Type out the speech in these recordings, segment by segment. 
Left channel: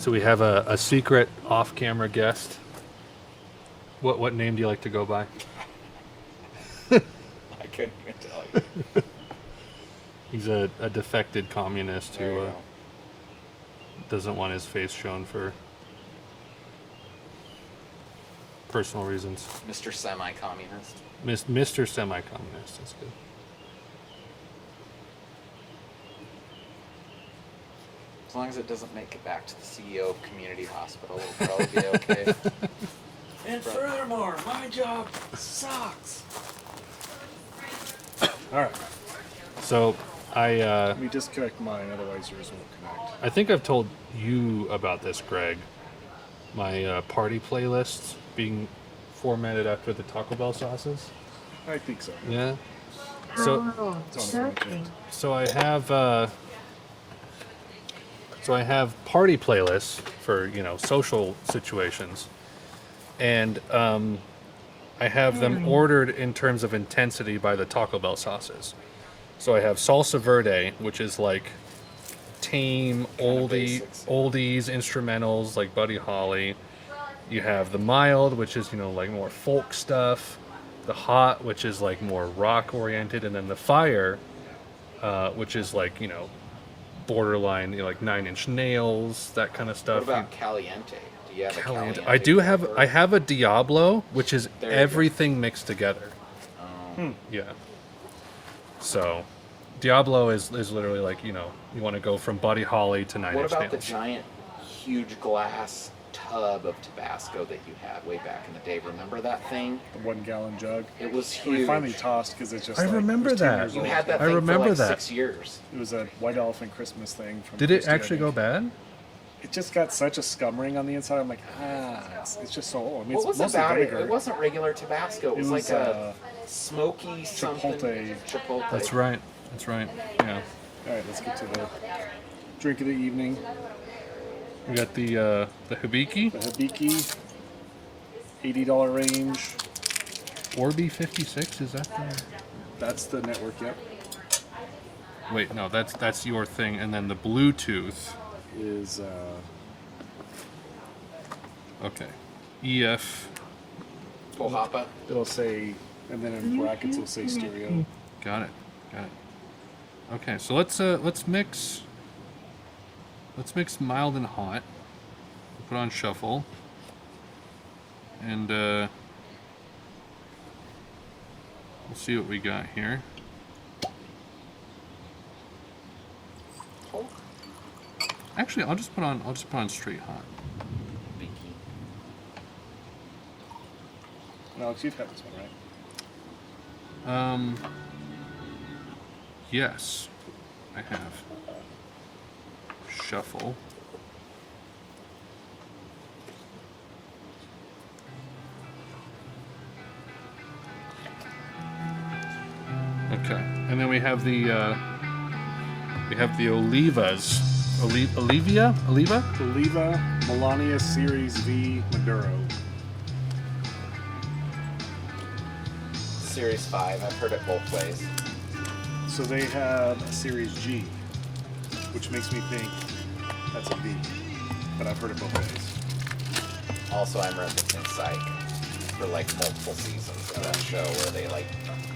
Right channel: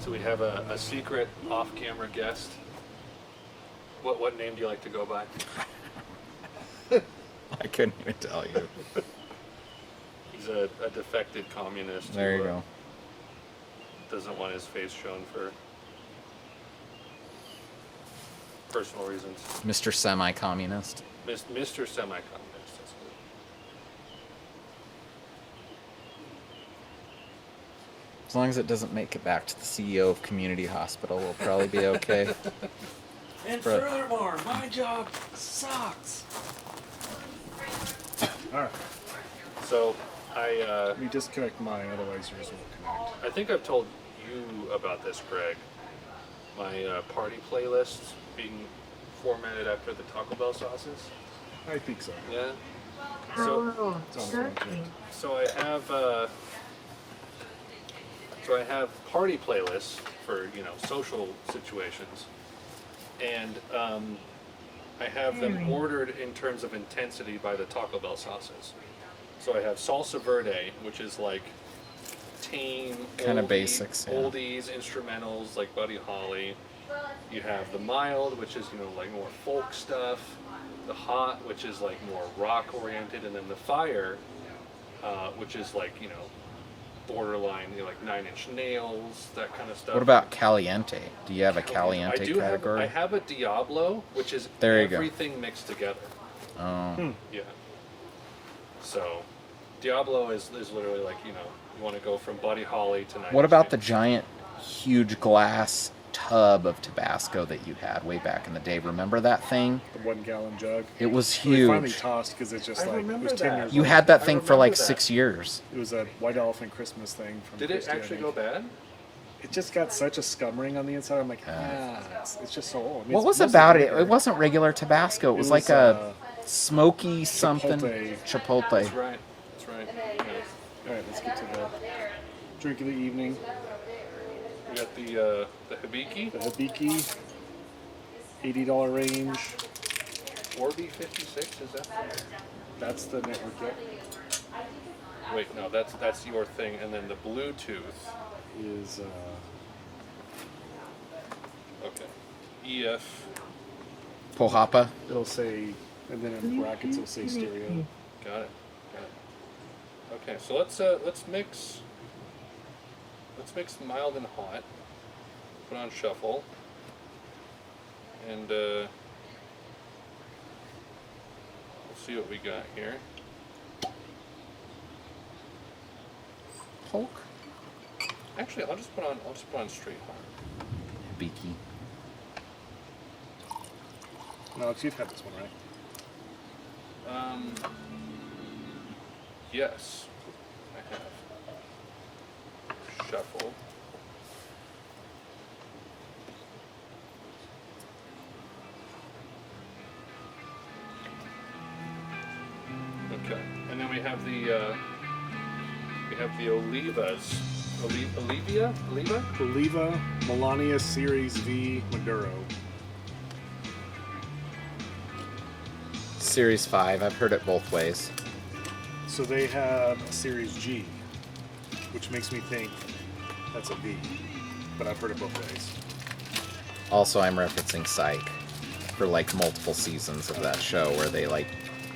So we have a secret off-camera guest. What name do you like to go by? I couldn't even tell you. He's a defected communist There you who go. doesn't want his face shown for personal reasons. Mr. Semi-Communist. Mr. Semi-Communist, that's good. As long as it doesn't make it back to the CEO of Community Hospital, we'll probably be okay. And furthermore, my job sucks. All right. So Let me disconnect mine, otherwise yours won't connect. I think I've told you about this, Greg. My party playlists being formatted after the Taco Bell sauces. I think so. Yeah. So Oh, It's on the turkey. so I have party playlists for social situations, and I have them ordered in terms of intensity by the Taco Bell sauces. So I have salsa verde, which is like tame Kinda oldie, basics, yeah. oldies instrumentals like Buddy Holly. You have the mild, which is like more folk stuff. The hot, which is like more rock oriented, and then the fire, which is like borderline, like Nine Inch Nails, that kind of stuff. What about Caliente? Do you have a Caliente? I do have. category? I have a Diablo, which is There you go. everything mixed together. Oh. Yeah. So, Diablo is literally like you want to go from Buddy Holly to Nine What Inch about the Nails. giant, huge glass tub of Tabasco that you had way back in the day? Remember that thing? The 1 gallon jug. It was We huge. finally tossed because it's just I like remember it was 10 that. years You old. had that I thing for remember like that. 6 years. It was a white elephant Christmas thing from Did it Christie, I actually go think. bad? It just got such a scum ring on the inside. I'm like, it's just so old. I mean, What it's was mostly about it? vinegar. It wasn't regular Tabasco. It was like a smoky something. Chipotle. That's right. That's right. Yeah. All right, let's get to the drink of the evening. We got the Hibiki The Hibiki, $80 range. Orbi 56. Is that the? That's the network, yep. Wait, no, that's your thing, and then the Bluetooth. Is Okay. EF. Pohapa. it'll say, and then in brackets it'll say stereo. Got it. Got it. Okay, so let's mix. Let's mix mild and hot. Put on shuffle. And we'll see what we got here. Hulk. Actually, I'll just put on straight hot. Beaky. Alex, you've had this one, right? Yes, I have. Shuffle. Okay, and then we have the Olivas. Oliva? Oliva Melania Series V Maduro. Series 5. I've heard it both ways. So they have a Series G, which makes me think that's a V, but I've heard it both ways. Also, I'm referencing Psych for like multiple seasons of that show where they like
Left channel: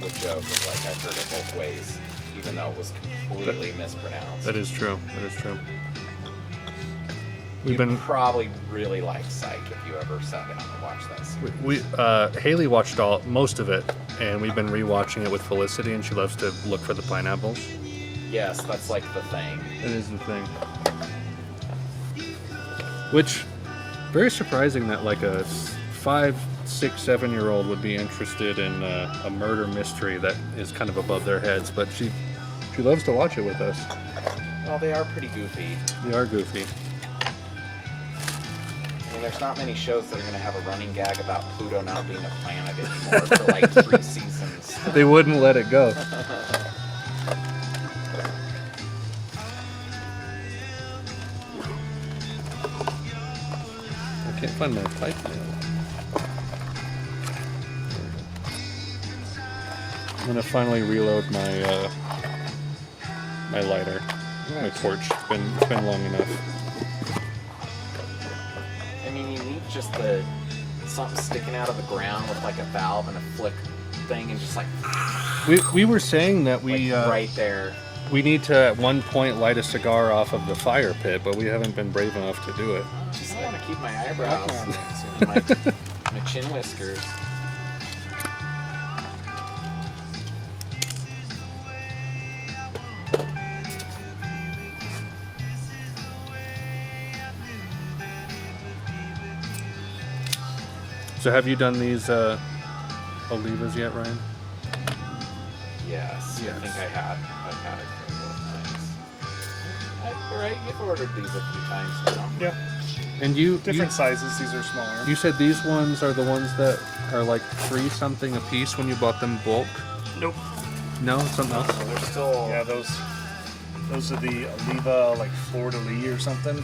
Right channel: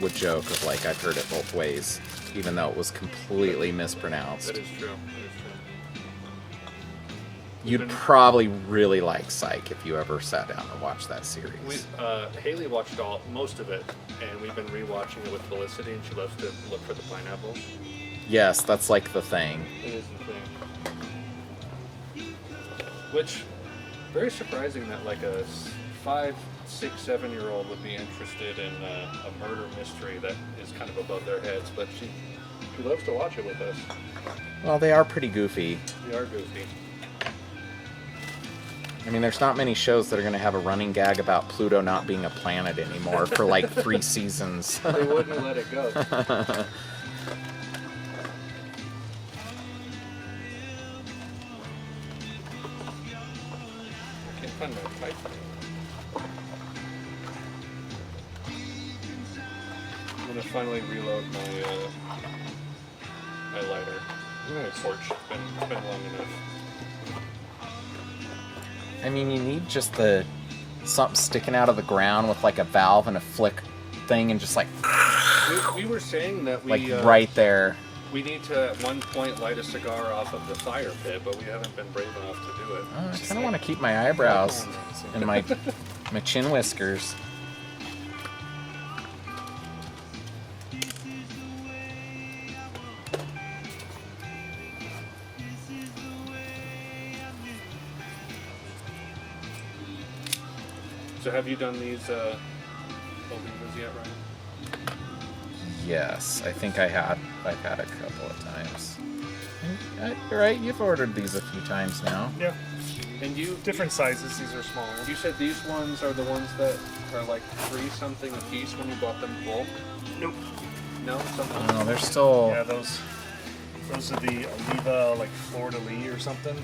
would joke of like I've heard it both ways, even though it was completely mispronounced. That is true. That is true. You'd probably really like Psych if you ever sat down and watched that series. Haley watched most of it, and we've been rewatching it with Felicity, and she loves to look for the pineapples. Yes, that's like the thing. That is the thing. Which, very surprising that like a 5, 6, 7-year-old would be interested in a murder mystery that is kind of above their heads, but she loves to watch it with us. Well, they are pretty goofy. They are goofy. I mean, there's not many shows that are going to have a running gag about Pluto not being a planet anymore for like 3 seasons. They wouldn't let it go. I can't find my pipe now. I'm gonna finally reload my my lighter. My torch. It's been long enough. I mean, you need just something sticking out of the ground with like a valve and a flick thing, and just like We were saying that we right there. we need to at one point light a cigar off of the fire pit, but we haven't been brave enough to do it. I just want to keep my eyebrows and my chin whiskers. So have you done these Olivas yet, Ryan? Yes, I think I've had a couple of times. Right, you've ordered these a few times now. Yeah. And you Different sizes. These are smaller. You said these ones are the ones that are like 3 something a piece when you bought them bulk. Nope. No, something else. No, they're still. Yeah, those are the Oliva like Fleur de Lis or something.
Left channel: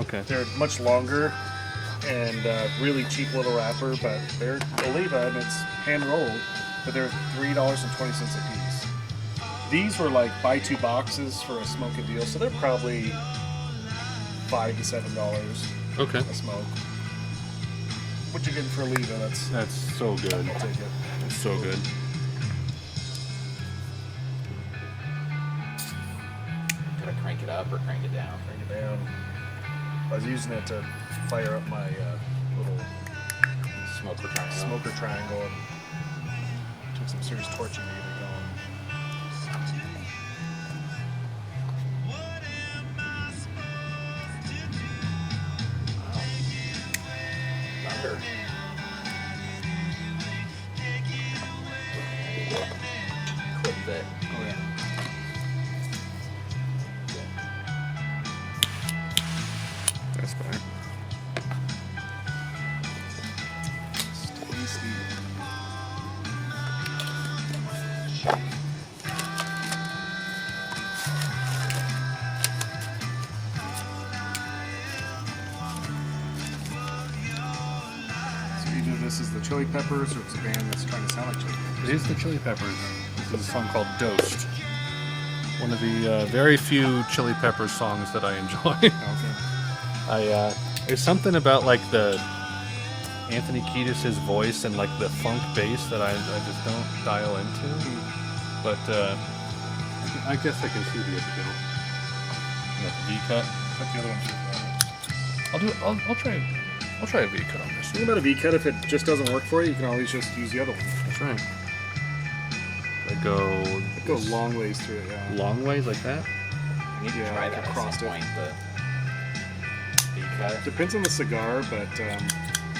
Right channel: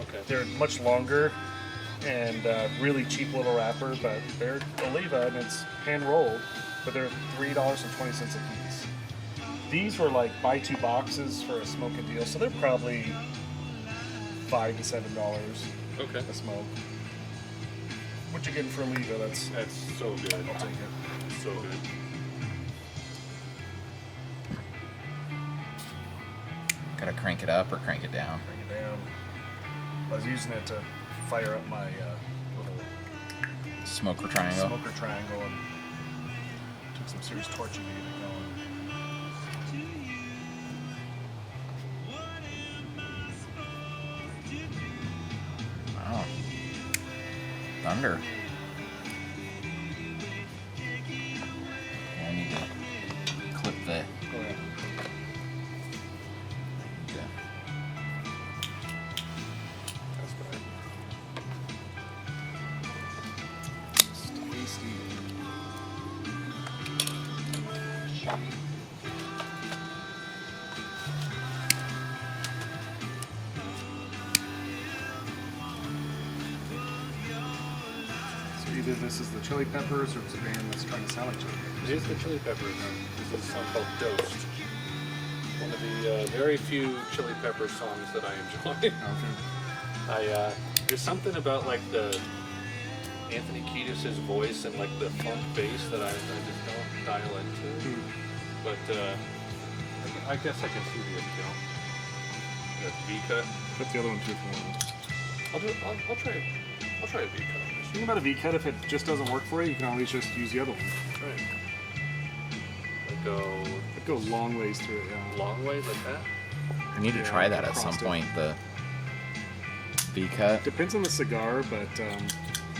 Okay. They're much longer and really cheap little wrapper, but they're Oliva and it's hand rolled, but they're $3.20 a piece. These were like buy 2 boxes for a smoke a deal, so they're probably $5 to $7 Okay. a smoke. What you getting for Oliva? That's so good. I'll take it. It's so good. Gotta crank it up or crank it down. Bring it down. I was using it to fire up my little Smoker triangle. smoker triangle and took some serious torching to get it going. Wow. Thunder. I need to clip the. Oh yeah. That's fine. It's tasty. So either this is the Chili Peppers or it's a band that's trying to sound like Chili Peppers. It is the Chili Peppers. This is a song called Dosed. One of the very few Chili Peppers songs that I enjoy. Okay. There's something about like the Anthony Kiedis' voice and like the funk bass that I just don't dial into. But I guess I can see the appeal. The V cut. Put the other one through. I'll try a V cut on this. Think about a V-cut. If it just doesn't work for you, you can always just use the other one. That's right. I go It goes long ways through it, yeah. long ways like that. I need to Yeah, try like that at some across it. point. The V-cut. Depends on the cigar, but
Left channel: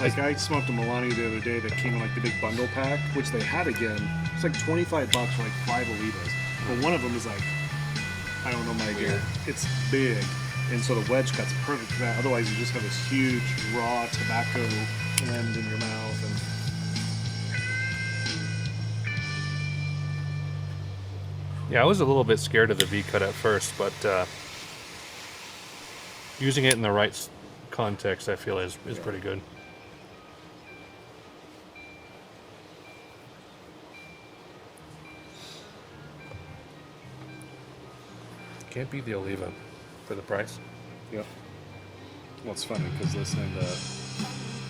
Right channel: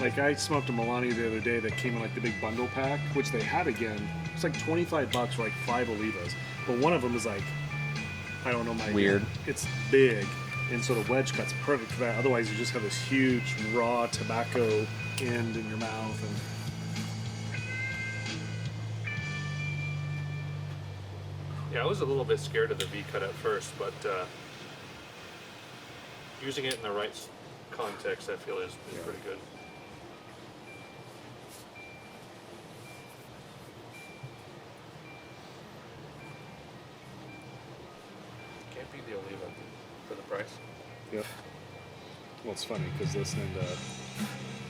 like I smoked a Milani the other day that came in like the big bundle pack, which they had again. It's like $25 for like 5 Olivas, but one of them is like, I don't know, my Weird. It's big, and so the wedge cut's perfect for that. Otherwise, you just have this huge raw tobacco end in your mouth, and Yeah, I was a little bit scared of the V cut at first, but using it in the right context, I feel is pretty good. Can't beat the Oliva for the price. yep. Well, it's funny because listening to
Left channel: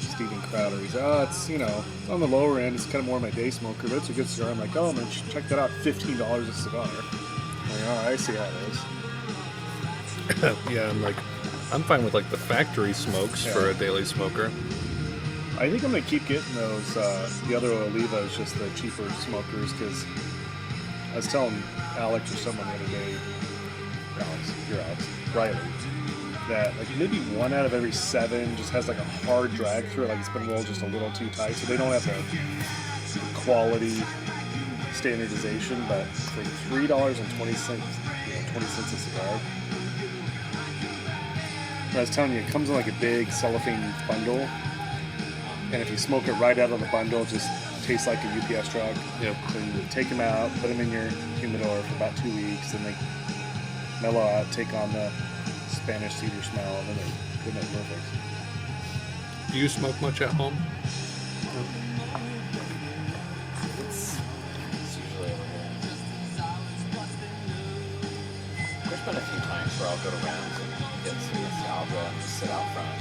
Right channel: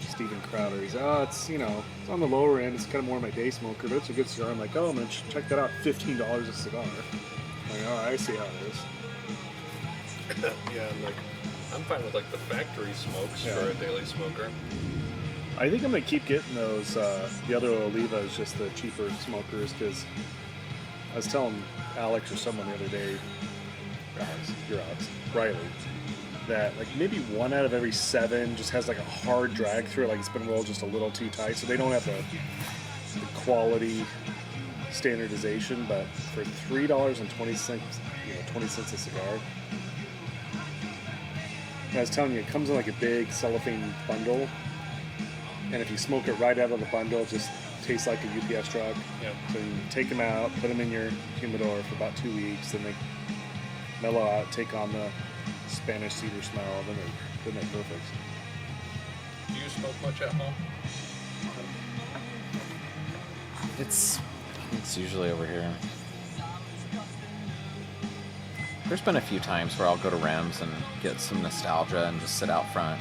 Steven Crowder, he's it's it's on the lower end. It's kind of more my day smoker, but it's a good cigar. I'm like, oh man, check that out, $15 a cigar. I'm like, all right, I see how it is. Yeah, I'm fine with like the factory smokes Yeah. for a daily smoker. I think I'm gonna keep getting those. The other Oliva is just the cheaper smokers because I was telling Alex or someone the other day, Riley, that like maybe 1 out of every 7 just has like a hard drag through it, like it's been rolled just a little too tight, so they don't have the quality standardization. But for $3.20, 20 cents a cigar. I was telling you, it comes in like a big cellophane bundle, and if you smoke it right out of the bundle, it just tastes like a UPS truck. Yep. So you take them out, put them in your humidor for about 2 weeks, then they mellow out, take on the Spanish cedar smell, then they're perfect. Do you smoke much at home? It's usually over here. There's been a few times where I'll go to Rems and get some nostalgia and just sit out front.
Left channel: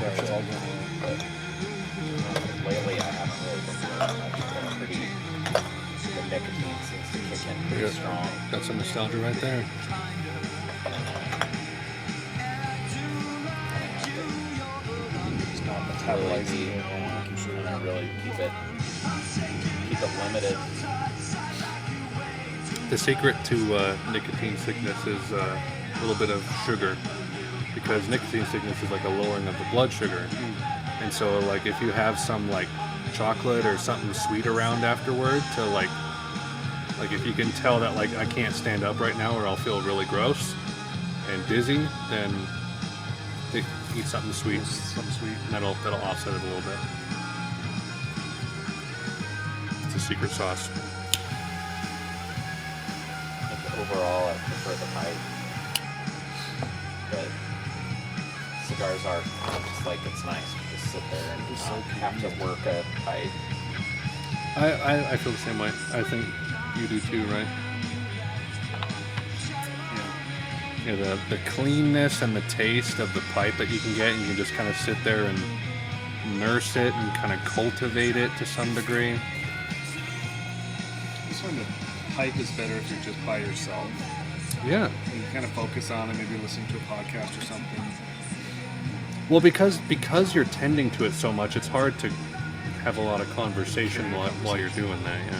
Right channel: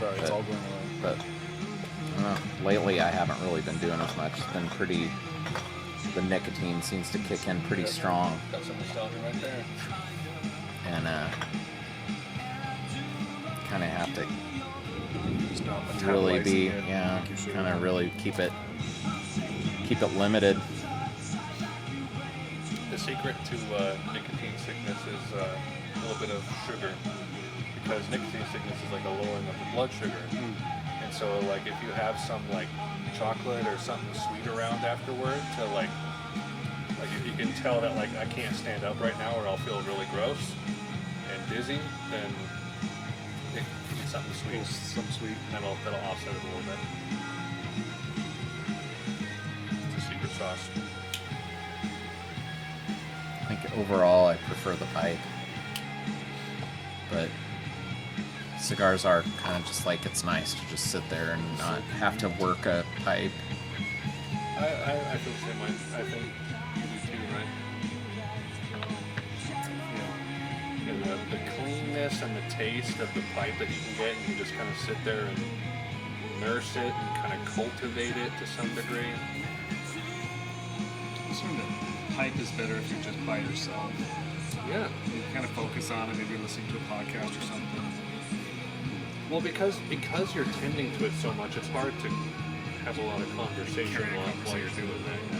Sorry, it's all going away. But lately, I haven't really been doing that much. It's been pretty. The nicotine seems to kick in pretty strong, Got some nostalgia right there. and kind of have to It's not really metabolizing be, it. yeah, like you should. kind of really keep it limited. The secret to nicotine sickness is a little bit of sugar, because nicotine sickness is like a lowering of the blood sugar. And so, like, if you have some like chocolate or something sweet around afterward, to like if you can tell that like I can't stand up right now or I'll feel really gross and dizzy, then eat something sweet. Some sweet. And that'll offset it a little bit. It's a secret sauce. I think overall, I prefer the pipe, but cigars are kind of just like, it's nice to just sit there and not have to work a pipe. I feel the same way. I think you do too, right? Yeah, the cleanness and the taste of the pipe that you can get, and you can just kind of sit there and nurse it and kind of cultivate it to some degree. This one, the pipe is better if you're just by yourself. Yeah. You kind of focus on it, maybe listening to a podcast or something. Well, because you're tending to it so much, it's hard to have a lot of conversation while you're doing that. Yeah.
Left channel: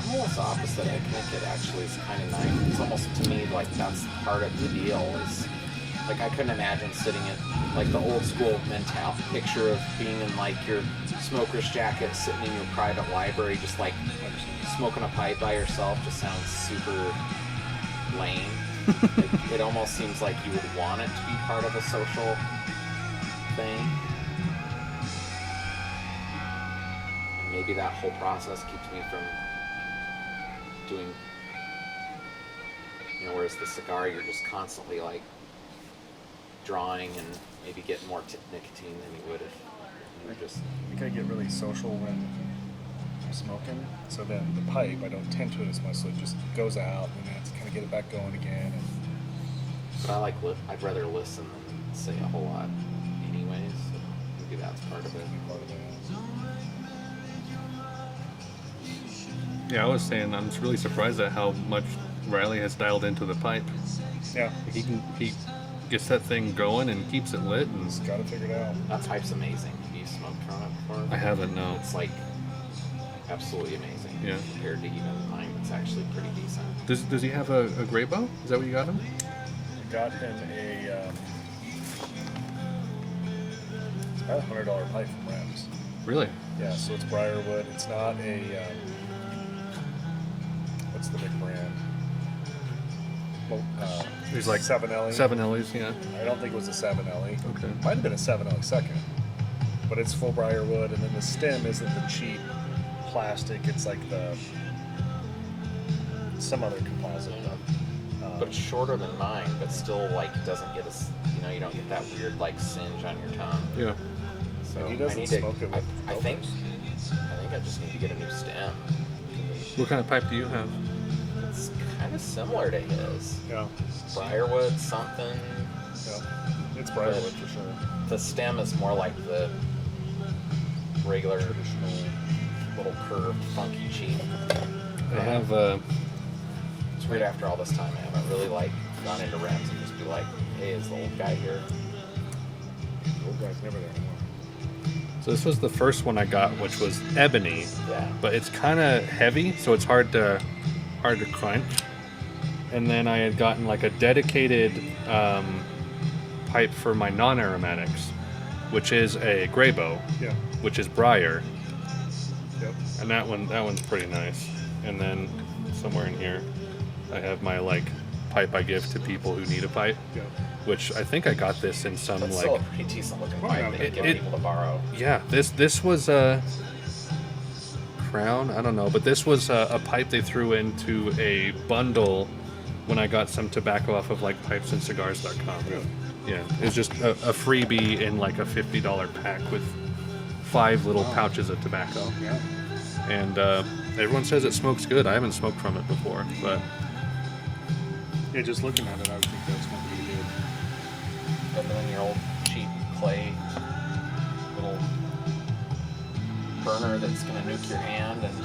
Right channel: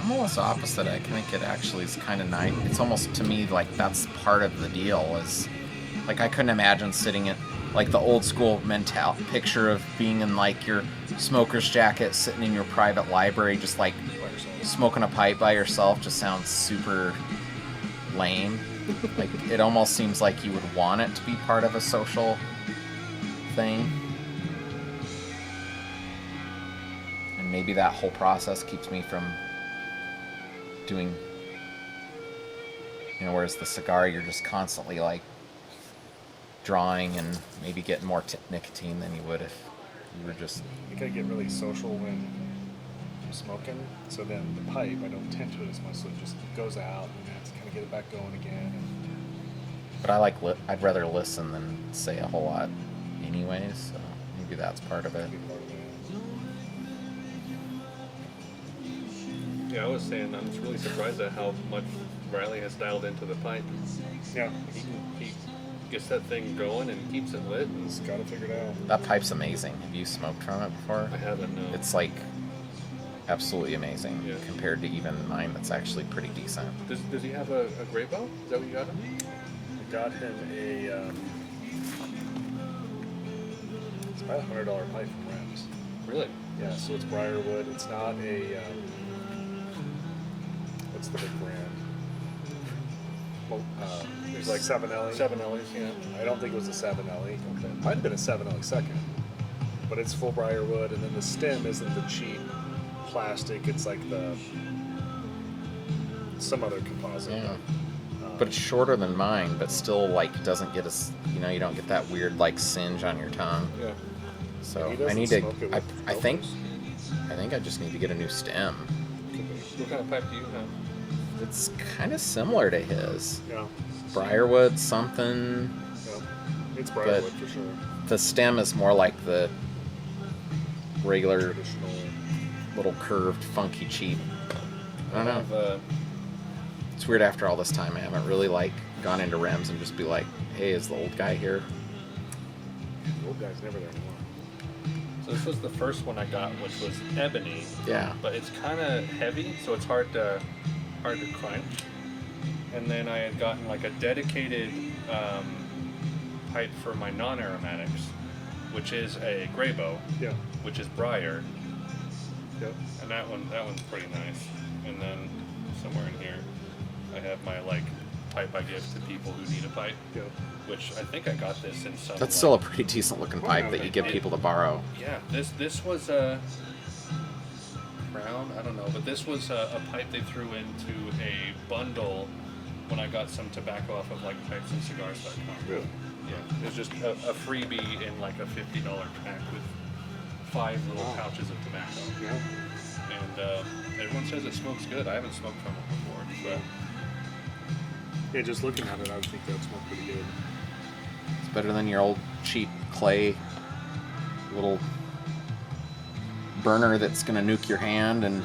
I'm almost opposite. I think it actually is kind of nice. It's almost, to me, like that's part of the deal. Is like I couldn't imagine sitting in like the old school picture of being in like your smoker's jacket, sitting in your private library, just like smoking a pipe by yourself. Just sounds super lame. Like, it almost seems like you would want it to be part of a social thing. And maybe that whole process keeps me from doing, whereas the cigar, you're just constantly like drawing and maybe getting more nicotine than you would if you were just. You gotta get really social when I'm smoking. So then the pipe, I don't tend to it as much, so it just goes out and I have to kind of get it back going again. But I'd rather listen than say a whole lot anyways, so maybe that's part of it. And be part of that. Yeah, I was saying I'm just really surprised at how much Riley has dialed into the pipe. Yeah, He gets that thing going and keeps it lit. And just gotta figure it out. That pipe's amazing. Have you smoked from it before? I haven't, no. It's like absolutely amazing, Yeah. compared to even mine that's actually pretty decent. Does he have a gray bow? Is that what you got him? I got him a it's about $100 pipe from Rems. Really? Yeah, so it's Briarwood. It's not a what's the big brand? Well, There's like 7LE. 7Ls, yeah. I don't think it was a 7LE. Okay. Might have been a 7LE second, but it's full Briarwood, and then the stem isn't the cheap plastic. It's like some other composite. Yeah. But it's shorter than mine, but still like doesn't get you don't get that weird like singe on your tongue. Yeah. So He I doesn't need to. smoke it with I think filters. I just need to get a new stem. What kind of pipe do you have? It's kind of similar to his. Yeah, Briarwood something. yeah. It's Briarwood for sure. The stem is more like the regular Traditional. little curved, funky cheap. I have It's weird after all this time I haven't really like gone into Rems and just be like, hey, is the old guy here? The old guy's never there anymore. so this was the first one I got, which was ebony, Yeah. but it's kind of heavy, so it's hard to crunch. And then I had gotten like a dedicated pipe for my non-aromatics, which is a gray bow, Yeah. which is briar, Yep. and that one's pretty nice. And then somewhere in here, I have my like pipe I give to people who need a pipe, Yeah. which I think I got this in some. That's like, still a pretty decent looking Well, pipe no, that you it- give it- people to borrow. Yeah, this was a Crown, I don't know, but this was a pipe they threw into a bundle when I got some tobacco off of like pipesandcigars.com. Really? Yeah, it was just a freebie in like a $50 pack with 5 little pouches of tobacco. Yeah. And everyone says it smokes good. I haven't smoked from it before, but Yeah, just looking at it, I would think that smelled pretty good. Better than your old cheap clay little burner that's gonna nuke your hand and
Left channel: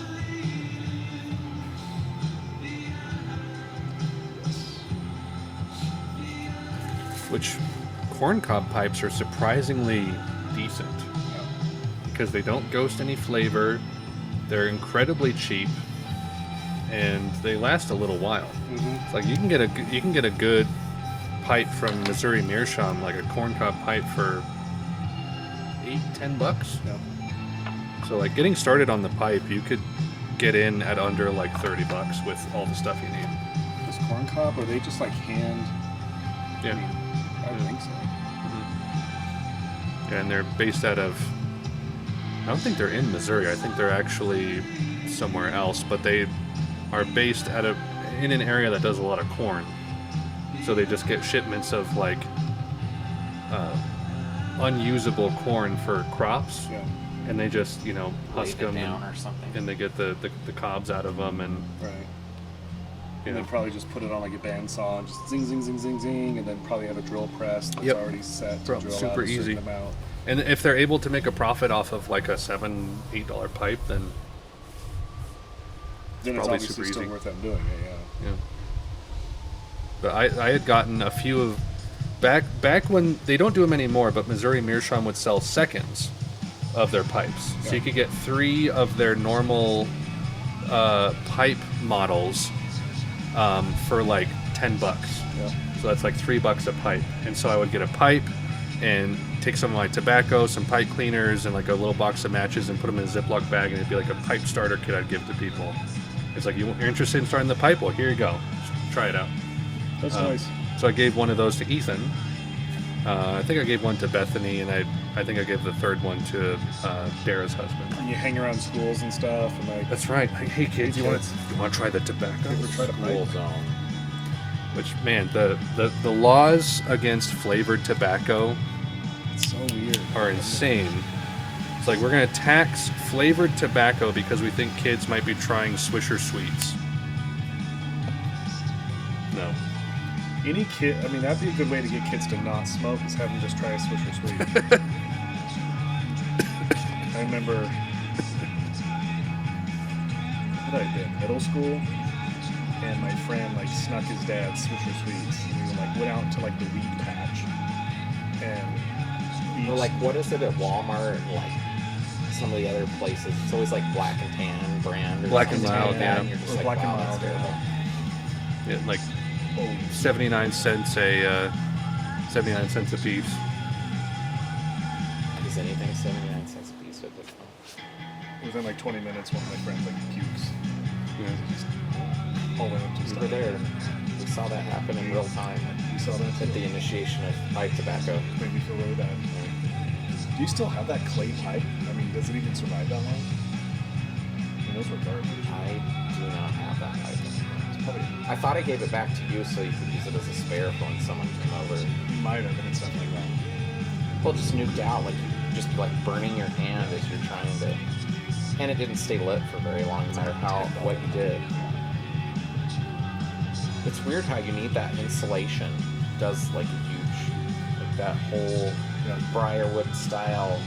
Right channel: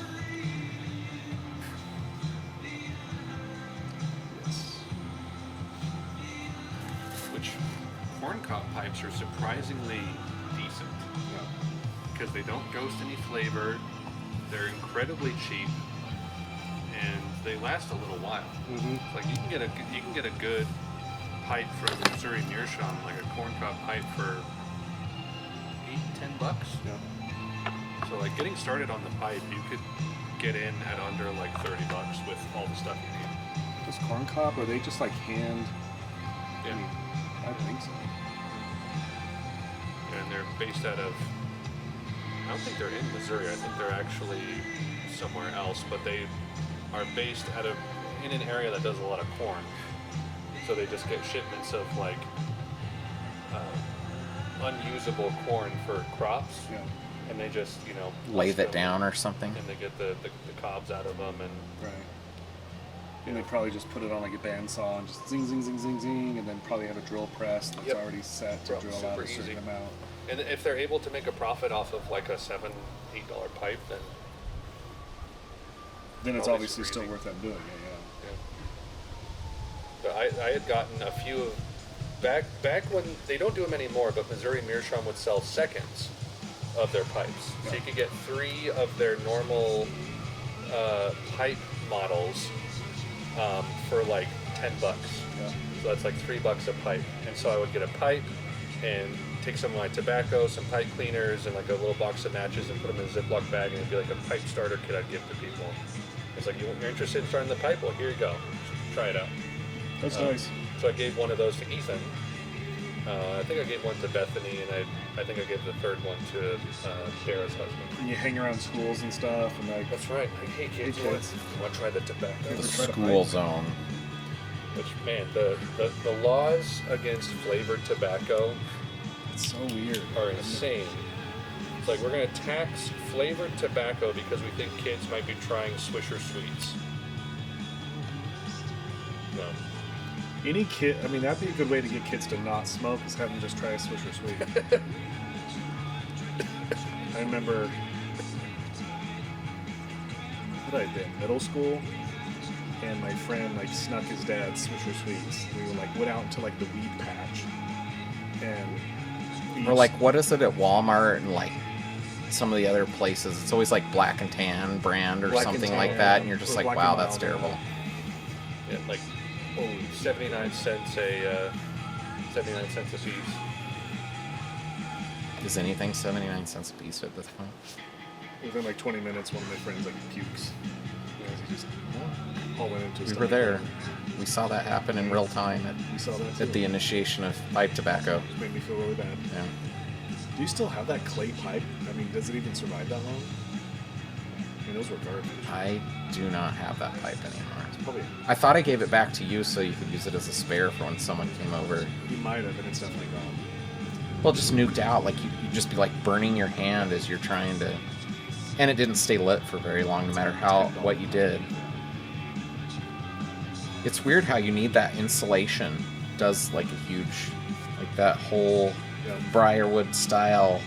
Which corncob pipes are surprisingly decent because they don't ghost any flavor. They're incredibly cheap, and they last a little while. Mm-hmm. It's like you can get a good pipe from Missouri Meerschaum, like a corncob pipe for $8-10. Yeah. So like getting started on the pipe, you could get in at under like $30 with all the stuff you need. Does corncob, are they just like hand? Yeah. I mean, I don't think so. And they're based out of, I don't think they're in Missouri. I think they're actually somewhere else, but they are based in an area that does a lot of corn. So they just get shipments of like unusable corn for crops, Yeah. and they just lay husk it them down or something. and they get the cobs out of them, and Right. And they probably just put it on like a bandsaw and just zing, zing, zing, zing, zing, and then probably have a drill press that's Yep. already set to drill Super out a certain easy. amount. and if they're able to make a profit off of like a $7-8 pipe, then Then it's Probably obviously super still easy. worth them doing it, yeah. yeah. But I had gotten a few of back when they don't do them anymore, but Missouri Meerschaum would sell seconds of their pipes, so Yeah. you could get 3 of their normal pipe models for like $10. Yeah. So that's like $3 a pipe. And so I would get a pipe and take some of my tobacco, some pipe cleaners, and like a little box of matches and put them in a Ziploc bag, and it'd be like a pipe starter kit I'd give to people. It's like, you're interested in starting the pipe? Well, here you go. Just try it out. That's nice. So I gave one of those to Ethan. I think I gave one to Bethany, and I think I gave the third one to Dara's husband. And you hang around schools and stuff, and like, That's right. Like, hey kids, you want to try the tobacco? ever tried a School pipe? zone. Which, man, the laws against flavored tobacco It's so weird. are insane. It's like we're going to tax flavored tobacco because we think kids might be trying Swisher Sweets. No. Any kid, I mean, that'd be a good way to get kids to not smoke, is have them just try a Swisher Sweet. I remember, what had I been, middle school, and my friend like snuck his dad's Swisher Sweets, and we were like, went out to like the weed patch, and we Or like, what is it at Walmart and like some of the other places? It's always like Black and Tan brand or Black and something Tan, like that, and you're just or like, Black wow, and that's Mild, terrible. Yeah, like oh, 79 cents a 79 cents a piece. Is anything 79 cents a piece at this point? within like 20 minutes, one of my friends like pukes. You guys just all went into We stuff. were there. We saw that happen in real time We saw that too. at the initiation of pipe tobacco. It made me feel really bad. Yeah. Do you still have that clay pipe? I mean, does it even survive that long? I mean, those were garbage. I do not have that pipe anymore. It's probably, I thought I gave it back to you so you could use it as a spare for when someone came over. you might have, and it's definitely wrong. Well, just nuked out. Like, you'd just be like burning your hand as you're trying to. And it didn't stay lit for very long, no matter what you did. It's weird how you need that insulation. It does like a huge, like that whole briarwood style.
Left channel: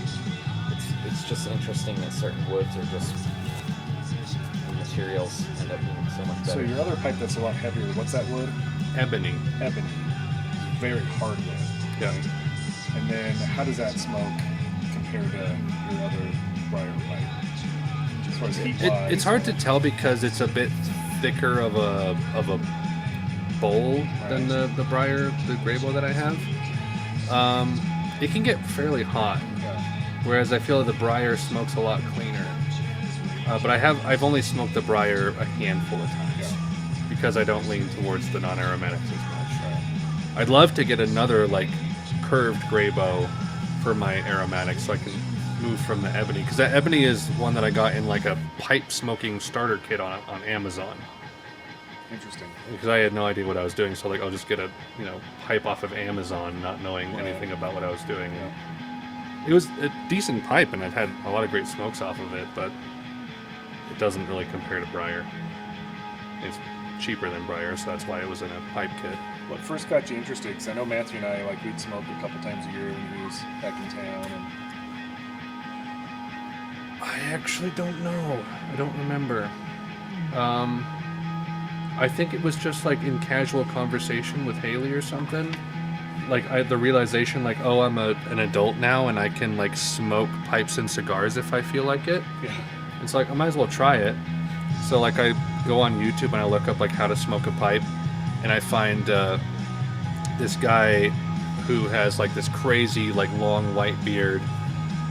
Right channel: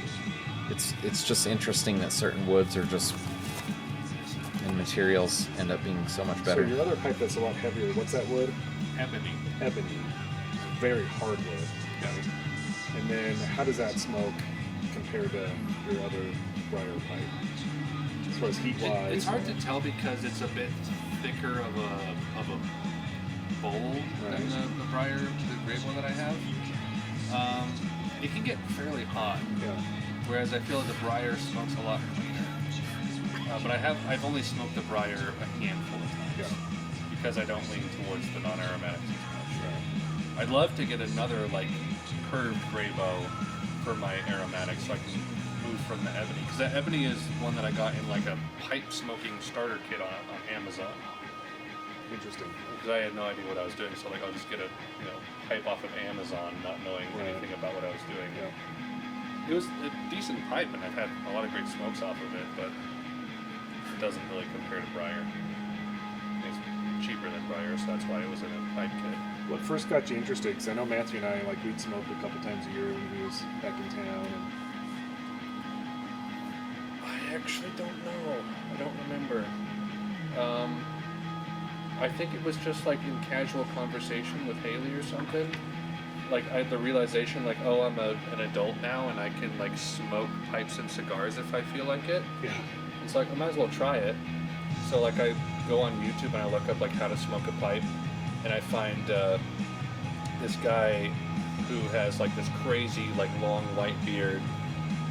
It's just interesting that certain woods are just, and materials end up being so much So better. your other pipe that's a lot heavier, what's that wood? Ebony. Ebony. Very hard wood. Yeah. And then how does that smoke compared to your other briar pipe? As far as heat wise. It's hard to tell because it's a bit thicker of a bowl than the gray bowl that I have. It can get fairly hot, Yeah. whereas I feel the briar smokes a lot cleaner. But I've only smoked the briar a handful of times Yeah. because I don't lean towards the non-aromatics as much. I'd love to get another like curved gray bow for my aromatics so I can move from the ebony, because that ebony is one that I got in like a pipe smoking starter kit on Amazon, Interesting. because I had no idea what I was doing. So like I'll just get a pipe off of Amazon, not knowing anything about what I was doing. Yeah. It was a decent pipe, and I've had a lot of great smokes off of it, but it doesn't really compare to briar. It's cheaper than briar, so that's why it was in a pipe kit. what first got you interested? Because I know Matthew and I, like, we'd smoke a couple times a year when he was back in town. And I actually don't know. I don't remember. I think it was just like in casual conversation with Haley or something. Like I had the realization, like, oh, I'm an adult now and I can like smoke pipes and cigars if I feel like it. yeah, It's like I might as well try it. So like I go on YouTube and I look up like how to smoke a pipe, and I find this guy who has like this crazy like long white beard,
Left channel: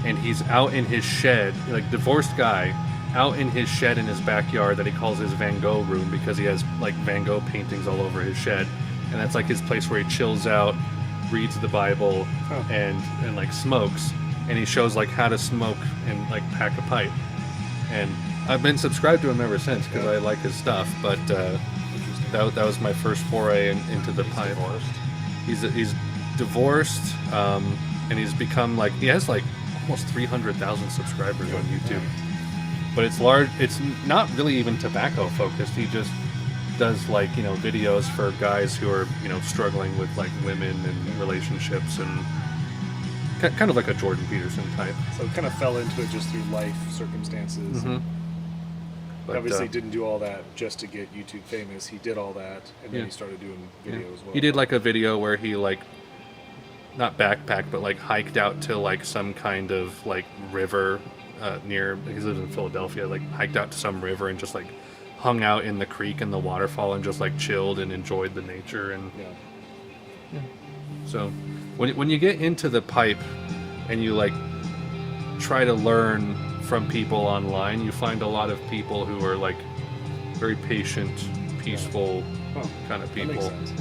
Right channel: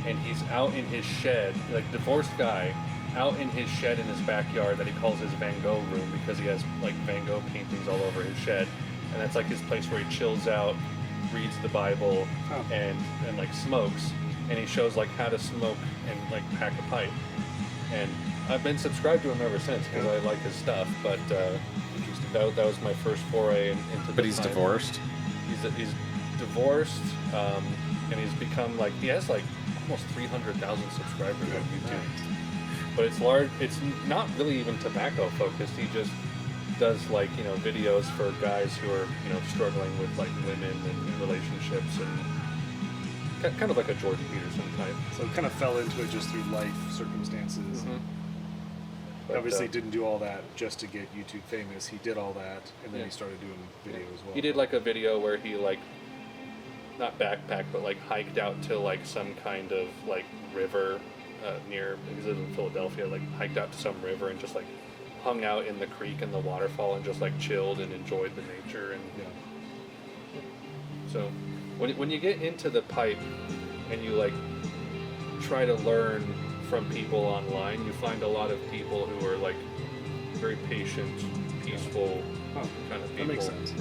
and he's out in his shed, like divorced guy, out in his shed in his backyard that he calls his Van Gogh room because he has like Van Gogh paintings all over his shed, and that's like his place where he chills out, reads the Bible, and like smokes, and he shows like how to smoke and like pack a pipe, and I've been subscribed to him ever since because I like his stuff. But that was my first foray into the. But he's pipe. divorced. He's divorced, and he's become like he has like almost 300,000 subscribers on YouTube. But it's large. It's not really even tobacco focused. He just does like videos for guys who are struggling with like women and relationships, and kind of like a Jordan Peterson type. so it kind of fell into it just through life circumstances. Mhm. But, Obviously, didn't do all that just to get YouTube famous. He did all that, and then Yeah. he started doing video as well. He did like a video where he like not backpacked but like hiked out to like some kind of like river near, he lives in Philadelphia, like hiked out to some river and just like hung out in the creek and the waterfall and just like chilled and enjoyed the nature. And Yeah. so when you get into the pipe and you like try to learn from people online, you find a lot of people who are like very patient, peaceful Oh, kind of that people. makes sense.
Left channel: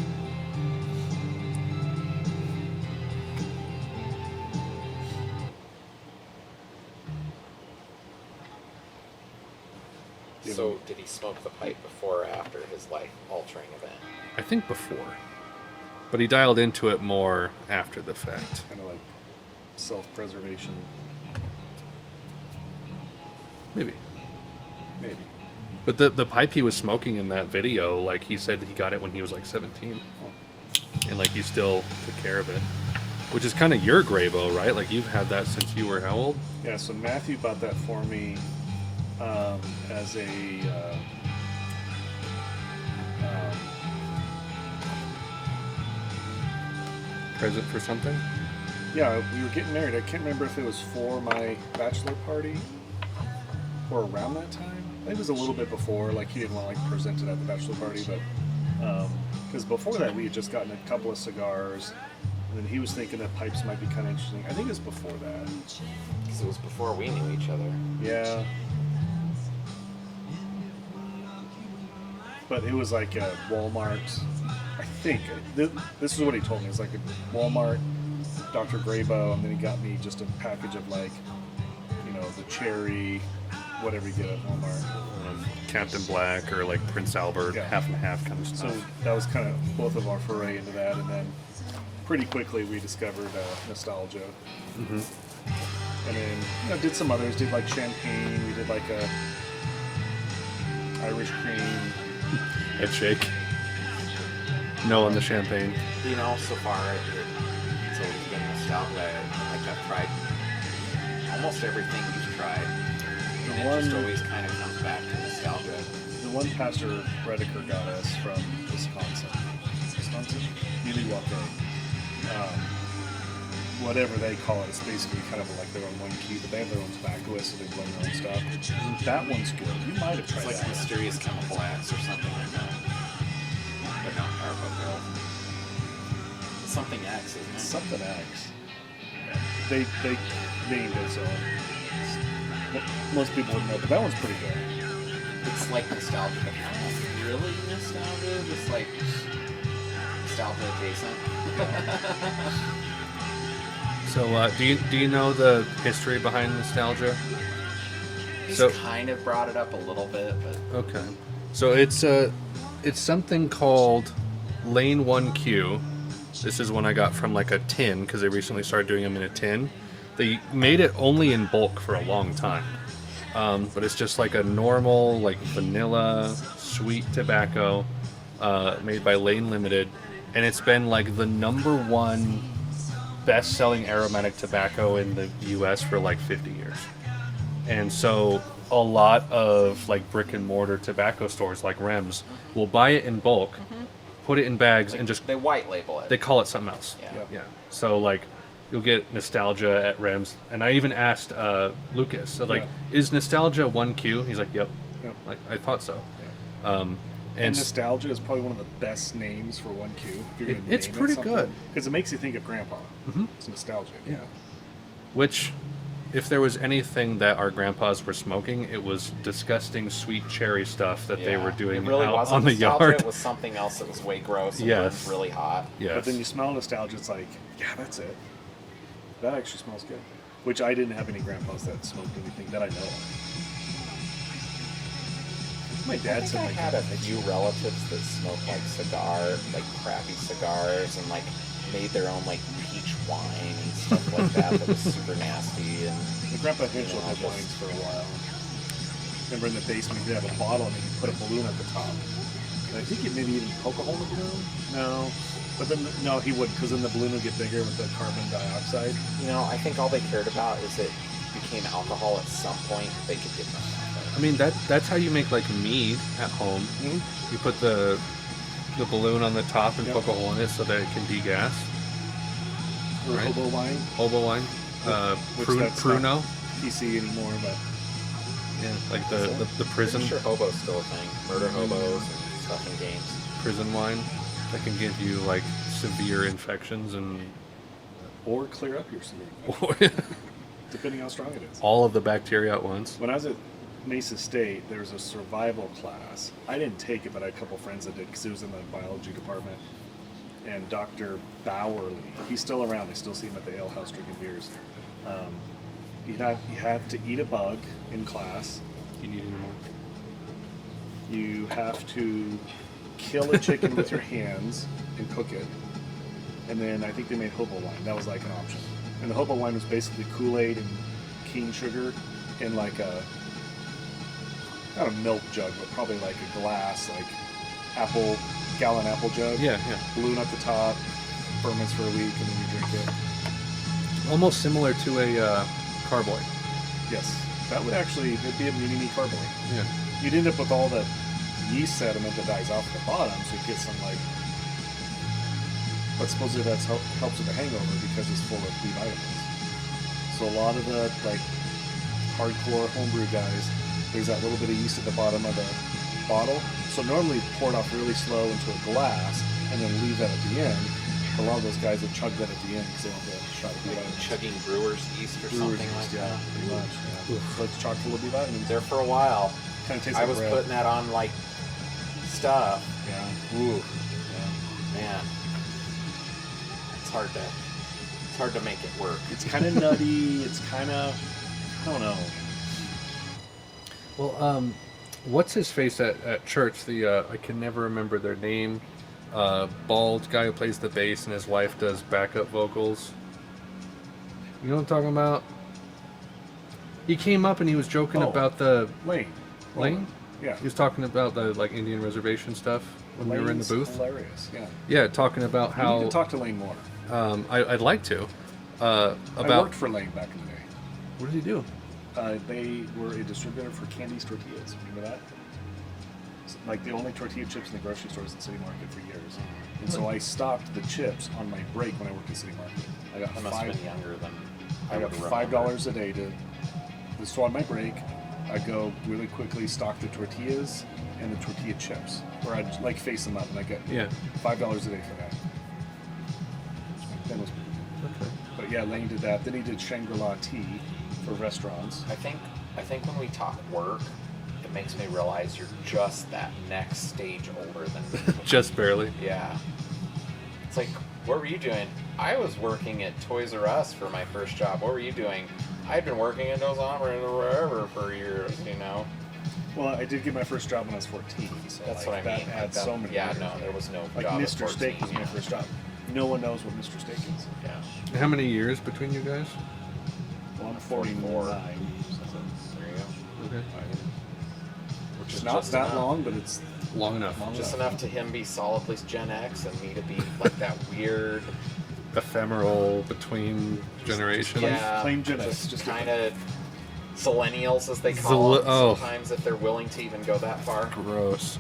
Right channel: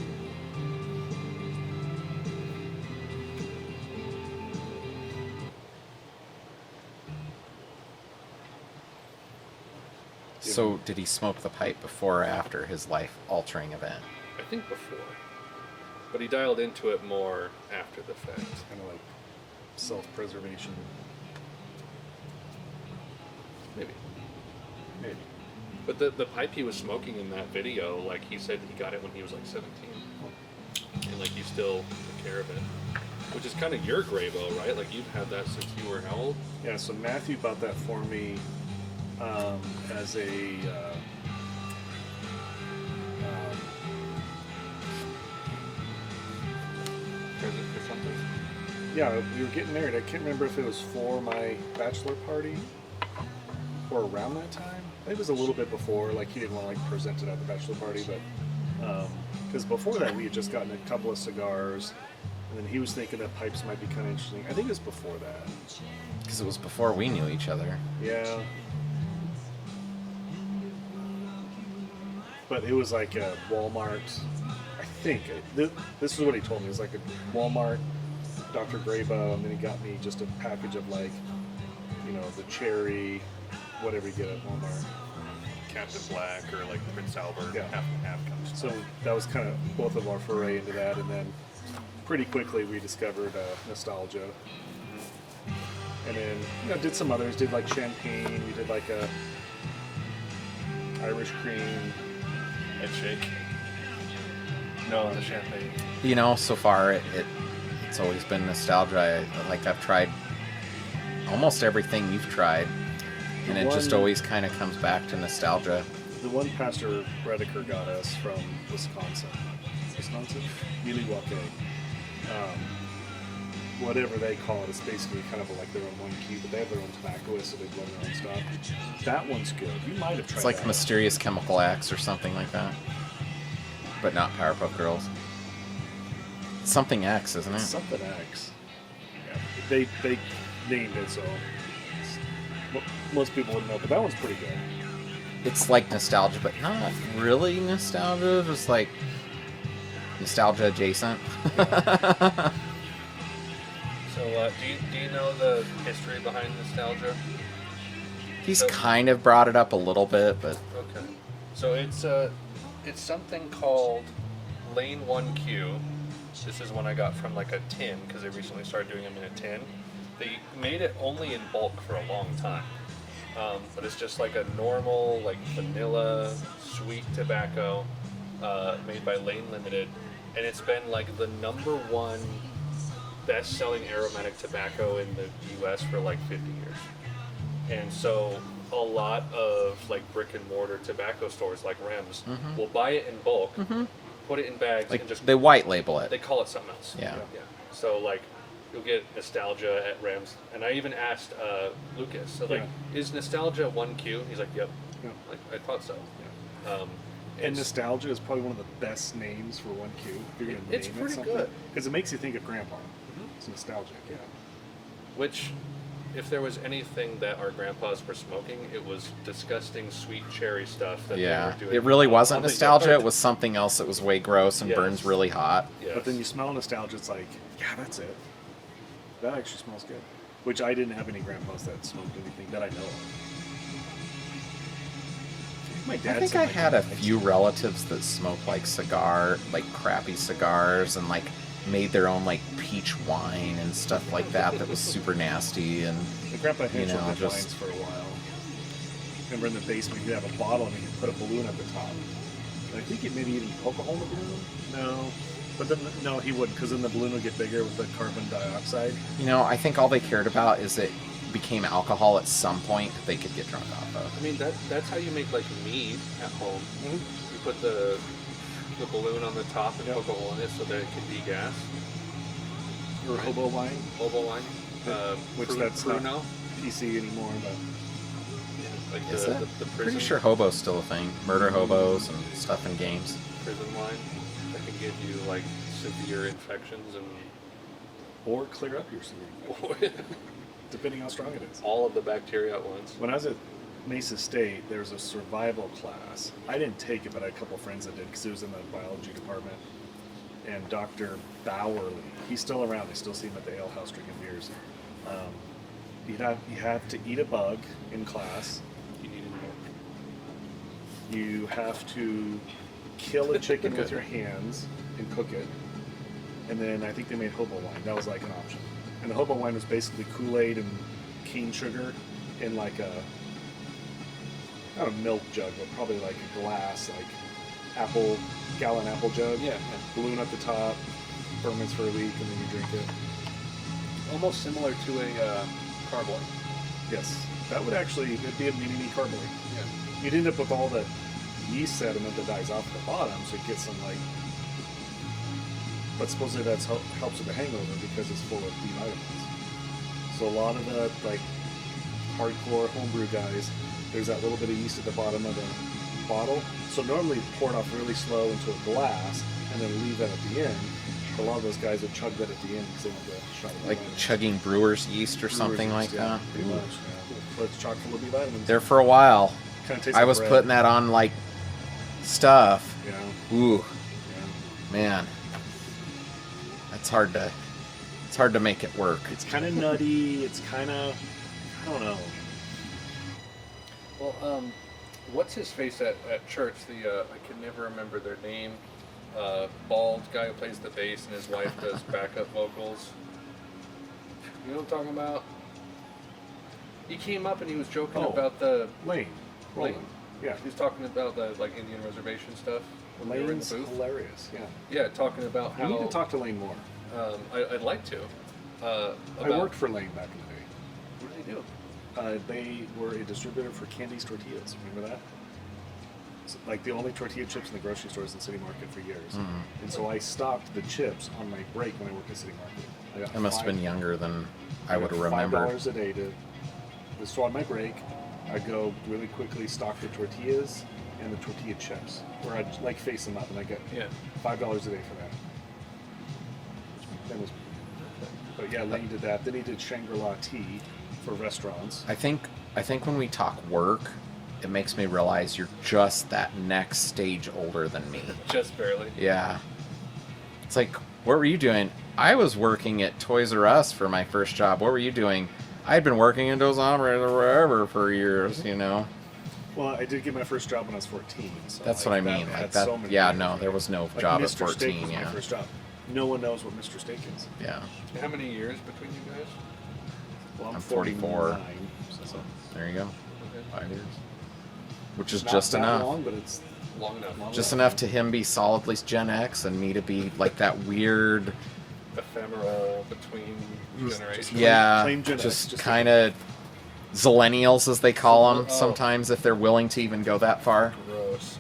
So did he smoke the pipe before or after his life-altering event? I think before, but he dialed into it more after the fact. Kind of like self-preservation. Maybe. Maybe. But the pipe he was smoking in that video, like he said he got it when he was like 17. And like he still took care of it. Which is kind of your Gravo, right? Like you've had that since you were how old? Yeah, so Matthew bought that for me as a Present for something? yeah, we were getting married. I can't remember if it was for my bachelor party or around that time. I think it was a little bit before. Like he didn't want to like present it at the bachelor party, but because before that we had just gotten a couple of cigars, and then he was thinking that pipes might be kind of interesting. I think it was before that. Because it was before we knew each other. Yeah. But it was like a Walmart, I think. This is what he told me. It was like a Walmart, Dr. Grabo, and then he got me just a package of like, the cherry, whatever you get at Walmart. Captain Black or like Prince Albert, Yeah. half and half kind of So stuff. that was kind of both of our foray into that, and then pretty quickly we discovered nostalgia. Mm-hmm. And then, did some others. Did like champagne. We did like a Irish cream. Head shake. No on the champagne. So far it's always been nostalgia. I've tried almost everything you've tried, and it just always kind of comes back to nostalgia. The one Pastor Redeker got us from Wisconsin, Milwaukee. Whatever they call it, it's basically kind of like their own one key, but they have their own tobaccoist, so they blend their own stuff. That one's good. You might have tried It's like that. Mysterious Chemical X or something like that, but not Powerpuff Girls. It's something X, isn't it? It's something X. Yeah. They named it, so most people wouldn't know, but that one's pretty good. It's like nostalgia, but not really nostalgia. It's like nostalgia adjacent. So do you know the history behind nostalgia? He's So- kind of brought it up a little bit, but Okay. So it's something called Lane 1Q. This is one I got from like a tin because they recently started doing them in a tin. They made it only in bulk for a long time. But it's just like a normal like vanilla sweet tobacco made by Lane Limited. and it's been like the #1 best-selling aromatic tobacco in the U.S. for like 50 years. And so a lot of like brick and mortar tobacco stores like Rems will buy it in bulk, put it in bags, Like, and just they white label it. they call it something else. Yeah. Yeah. So like you'll get Nostalgia at Rems, and I even asked Lucas, so like, is Nostalgia 1Q? He's like, yep. Yep. Like I thought so. Yeah. And Nostalgia is probably one of the best names for 1Q. If you're gonna It's name pretty it good. because it makes you think of Grandpa. Mhm. It's nostalgic. Yeah. Which, if there was anything that our grandpas were smoking, it was disgusting sweet cherry stuff that they were doing. It really out wasn't on the nostalgia. yard. It was something else that was way gross and Yes. burns really hot. Yes. But then you smell Nostalgia, it's like, yeah, that's it. That actually smells good. Which I didn't have any grandpas that smoked anything that I know of. My I dad think said I my had a dad few relatives that smoked like crappy cigars, and like made their own like peach wine and stuff like that. That was super nasty. And My grandpa Hitchell know, had just- wines for a while. Remember in the basement, you'd have a bottle and you'd put a balloon at the top. And I think it maybe even poke a hole in the balloon. No. But then, no, he wouldn't, because then the balloon would get bigger with the carbon dioxide. you know, I think all they cared about is it became alcohol at some point that they could get drunk off I of. mean that's how you make like mead at home. Mhm. You put the balloon on the top and Yep. poke a hole in it so that it can degas. Or Right. hobo wine. Hobo wine, Which that's not Pruno. PC anymore, but Yeah, like Is it? the prison Pretty sure hobo's still a thing. Murder hobos and stuff in games. prison wine that can give you like severe infections and or clear up your semen, depending how strong it is. all of the bacteria at once. When I was at Mesa State, there was a survival class. I didn't take it, but I had a couple friends that did because it was in the biology department. And Dr. Bowerly, he's still around. I still see him at the ale house drinking beers. You have to eat a bug in class. You need more. You have to kill a chicken with your hands and cook it. And then I think they made hobo wine. That was like an option. And the hobo wine was basically Kool-Aid and cane sugar in like a, not a milk jug, but probably like a glass, like gallon apple jug. Yeah. Balloon at the top, ferments for a week, and then you drink it. Almost similar to a carboy. Yes. That would actually, it'd be a mini carboy. Yeah. You'd end up with all the yeast sediment that dies off at the bottom, so you get some like. But supposedly that helps with the hangover because it's full of B vitamins. So a lot of the like hardcore homebrew guys, there's that little bit of yeast at the bottom of the bottle. So normally pour it off really slow into a glass and then leave that at the end. But a lot of those guys will chug that at the end because they want the shot of B Like vitamins. chugging brewer's yeast or Brewer's something yeast, like yeah, that. pretty much. Yeah. So it's chock full of B vitamins. There for a while, Kind of tastes I like was bread. putting that on like stuff. Yeah. Ooh, Yeah. man, it's hard to make it work. It's kind of nutty. It's kind of, I don't know. Well, what's his face at church? The I can never remember their name. Bald guy who plays the bass and his wife does backup vocals. You know what I'm talking about? He came up and he was joking Oh. about the Lane. Lane. Yeah. He was talking about the like Indian reservation stuff when we were in the Lane's booth. hilarious. Yeah. Yeah, talking about You how need to talk to Lane more. I'd like to. I About worked for Lane back in the day. what did he do? They were a distributor for Candy's tortillas. Remember that? It's like the only tortilla chips in the grocery stores in City Market for years. Mhm. And so I stocked the chips on my break when I worked at City Market. I got I must have been younger than I I would got remember. $5 a day to. So on my break, I go really quickly stock the tortillas and the tortilla chips, where I'd like face them up, and I get Yeah. $5 a day for that. That was, but yeah, Lane did that. Then he did Shangri-La Tea for restaurants. I think when we talk work, it makes me realize you're just that next stage older than me. Just barely. Yeah. It's like, what were you doing? I was working at Toys R Us for my first job. What were you doing? I had been working in Dos Hombres or wherever for years, you know. Well, I did get my first job when I was 14. So That's like, what I that mean. had That- so many yeah, years. no, there was no Like job at Mr. 14. Steak was my Yeah. first job. No one knows what Mr. Steak is. Yeah. How many years between you guys? Well, I'm I'm 44. 49. So There you go. Okay. 5 years. Which is it's not just that enough. long, but it's long enough. Just enough to him be solidly Gen X and me to be like that weird, ephemeral between generations. yeah, plain Gen X, just just kind of zillennials as they call them Oh. sometimes, if they're willing to even go that far. Gross.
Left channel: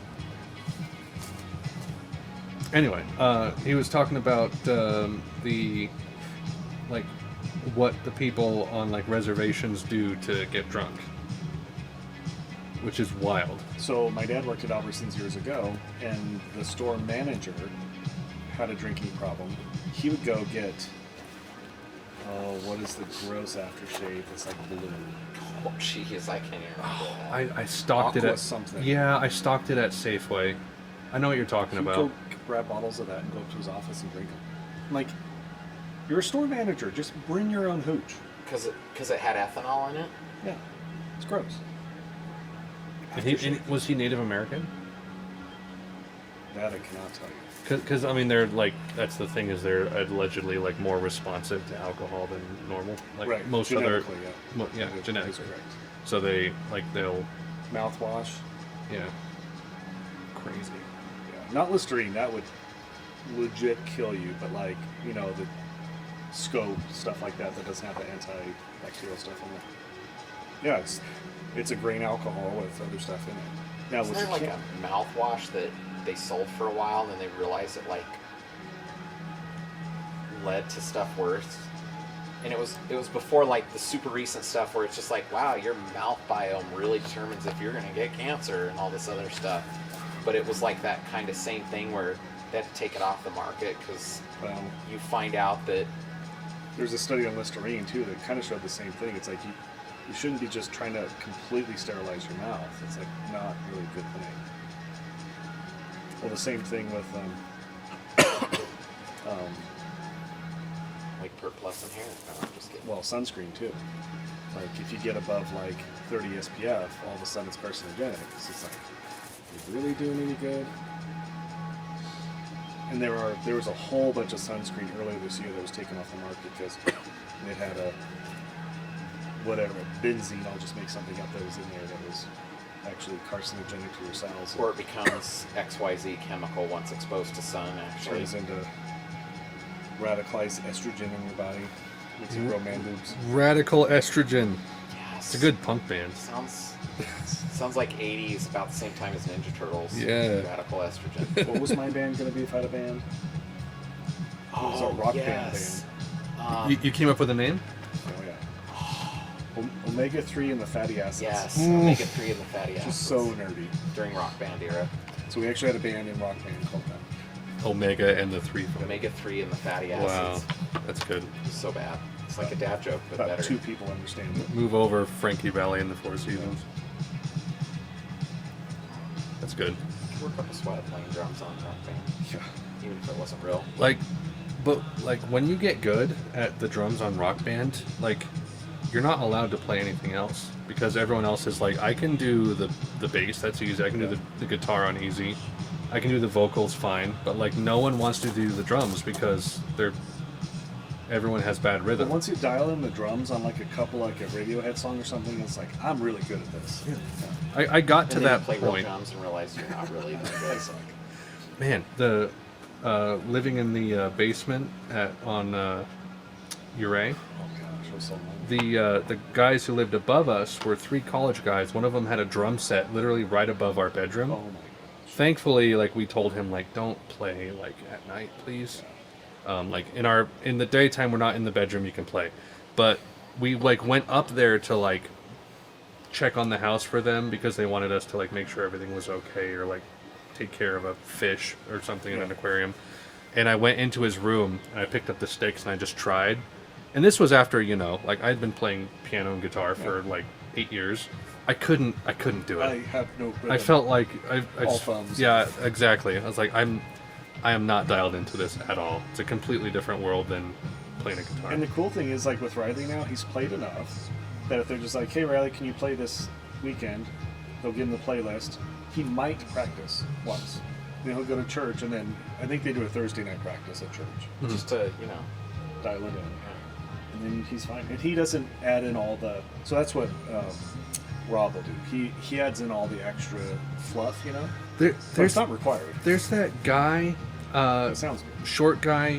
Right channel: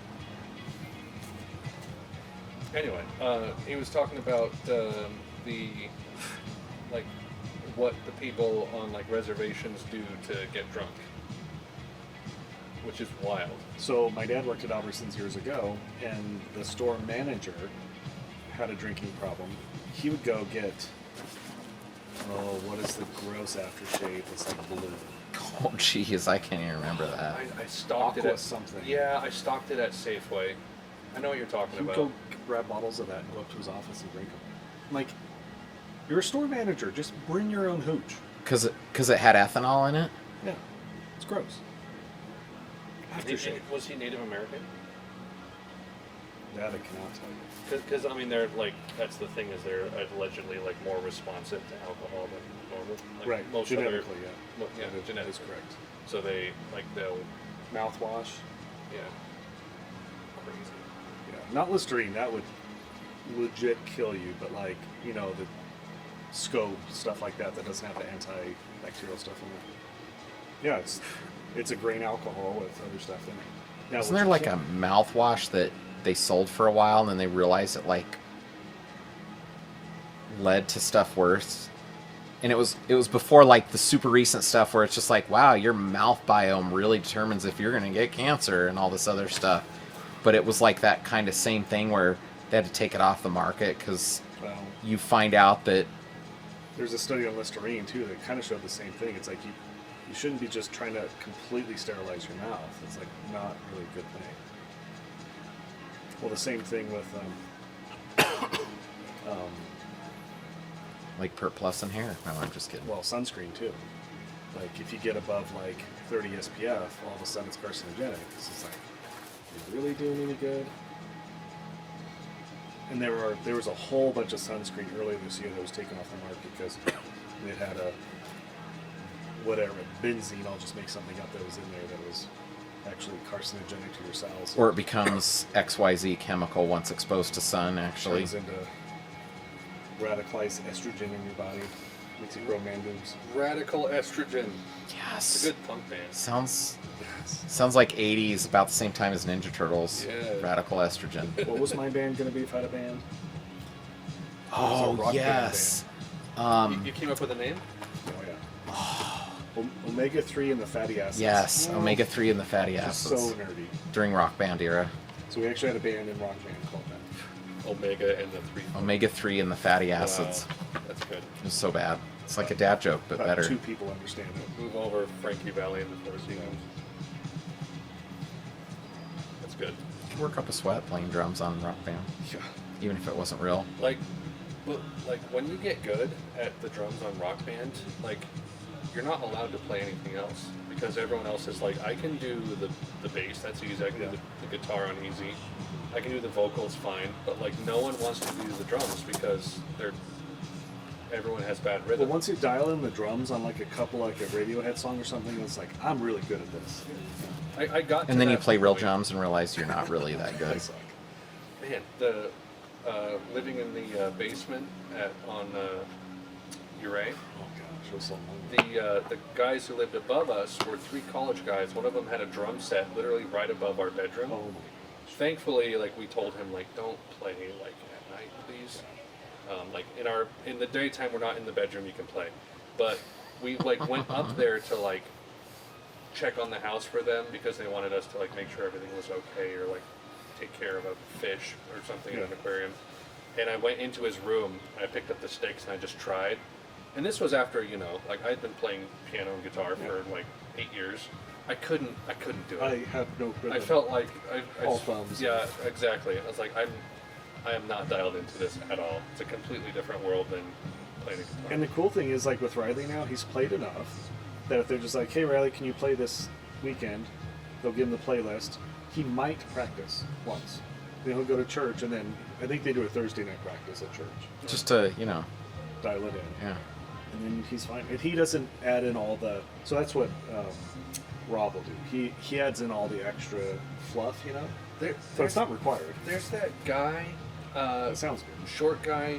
Anyway, he was talking about the like what the people on like reservations do to get drunk, which is wild. So my dad worked at Albertsons years ago, and the store manager had a drinking problem. He would go get, what is the gross aftershave that's like blue? Oh, jeez, I can't even remember that. I stocked it Aqua at something. Yeah, I stocked it at Safeway. I know what you're He talking would about. go grab bottles of that and go up to his office and drink them. I'm like, you're a store manager. Just bring your own hooch. Because it had ethanol in it? Yeah, it's gross. Was he Native American? That I cannot tell you. Because I mean, they're like, that's the thing, is they're allegedly like more responsive to alcohol than normal. Like Right, most other, genetically, yeah, That is genetically. correct. So they'll Mouthwash, yeah. crazy. Yeah, not Listerine. That would legit kill you. But like, you know, the scope stuff like that doesn't have the antibacterial stuff in it. Yeah, it's a grain alcohol with other stuff in it. Now, Isn't with there the like can- a mouthwash that they sold for a while and then they realized it like led to stuff worse? And it was before like the super recent stuff where it's just like, wow, your mouth biome really determines if you're going to get cancer and all this other stuff. But it was like that kind of same thing where they had to take it off the market because Well, you find out that there's a study on Listerine too that kind of showed the same thing. It's like you shouldn't be just trying to completely sterilize your mouth. It's like not really a good thing. Well, the same thing with like Pert Plus in hair. No, I'm just kidding. well, sunscreen too. Like if you get above like 30 SPF, all of a sudden it's carcinogenic. So it's like, is it really doing any good? And there was a whole bunch of sunscreen earlier this year that was taken off the market because it had a whatever benzene. I'll just make something up that was in there that was actually carcinogenic to your cells. Or it becomes XYZ chemical once exposed to sun, actually. turns into radicalized estrogen in your body, makes you grow man boobs. Radical Estrogen. Yes. It's a good punk band. Sounds like 80s, about the same time as Ninja Turtles. Yeah. Radical Estrogen. What was my band gonna be if I had a band? It was a rock yes. You came up with a name? Oh yeah. Omega 3 and the fatty acids. Yes, Omega 3 and the fatty acids. Just so nerdy. During Rock Band era. So we actually had a band in rock band called that. Omega and the Three. Omega 3 and the fatty acids. Wow, that's good. So bad. It's like a dad joke, but About better. 2 people understand it. Move over Frankie Valley and the Four Seasons. That's good. You could work up a sweat playing drums on Rock Band, Yeah. even if it wasn't real. But when you get good at the drums on Rock Band, like, you're not allowed to play anything else because everyone else is like, I can do the bass, that's easy. I can do the guitar on easy. I can do the vocals fine, but like no one wants to do the drums because everyone has bad But rhythm. once you dial in the drums on like a couple, like a Radiohead song or something, it's like, I'm really good at this. I got to And then that you play real point. drums and realize you're not really that I good. suck. Man, the living in the basement on Uray. Oh gosh, it was so long. The guys who lived above us were 3 college guys. One of them had a drum set literally right above our bedroom. Oh my gosh. Thankfully, like, we told him, like, don't play like at night, please. Like in the daytime, we're not in the bedroom. You can play, but we like went up there to like check on the house for them because they wanted us to like make sure everything was okay or like take care of a fish or something in an aquarium. And I went into his room and I picked up the sticks and I just tried. And this was after, like I'd been playing piano and guitar for like 8 years. I couldn't do it. I have no rhythm. I felt like I All just, thumbs. yeah, exactly. I was like, I am not dialed into this at all. It's a completely different world than playing a guitar. And the cool thing is, like with Riley now, he's played enough that if they're just like, hey Riley, can you play this weekend? They'll give him the playlist. He might practice once. Then he'll go to church, and then I think they do a Thursday night practice at church. Just to, Dial it in. yeah. and then he's fine. And he doesn't add in all the. So that's what Rob will do. He adds in all the extra fluff, you know. So it's not required. There's that guy, It sounds good. short guy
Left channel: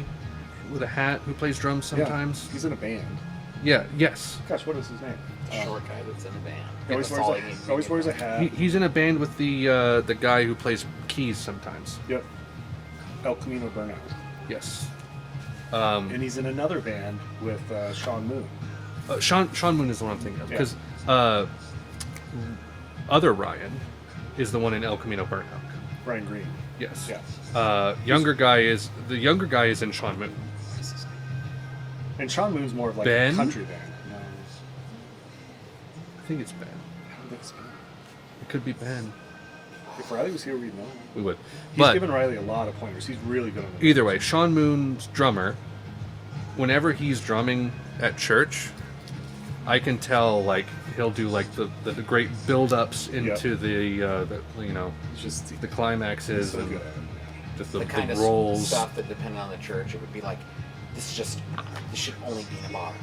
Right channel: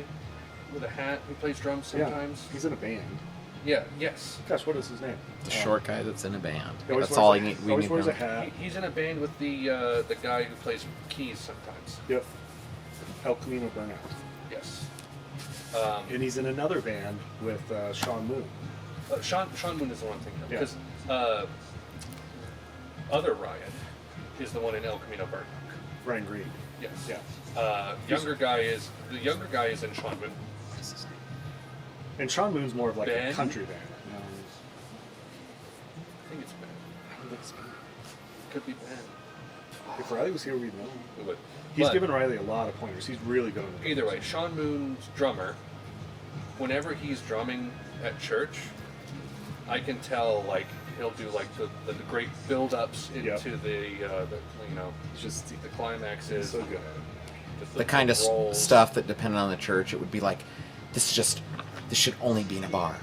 with a hat who plays drums sometimes. Yeah, he's in a band. Yeah. Yes. Gosh, what is his name? The short guy that's in a band. He always That's all I wears, need. a, always wears a hat. He's in a band with the guy who plays keys sometimes. Yep. El Camino Burnout. Yes. And he's in another band with Sean Moon. Sean Moon is the one I'm thinking of Yeah. because other Ryan is the one in El Camino Burnout. Ryan Green. Yes. Yeah. The younger guy is in Sean Moon. And Sean Moon's more of like Ben? a country band. No, I think it's Ben. I don't think it's Ben. It could be Ben. If Riley was here, we'd know. We would. He's But given Riley a lot of pointers. He's really good on the either way, Sean Moon's drummer. Whenever he's drumming at church, I can tell like he'll do like the great build-ups into the you know He's just the climaxes. he's so and good at it. just The kind of rolls. stuff that depended on the church, it would be like, this should only be in a bar.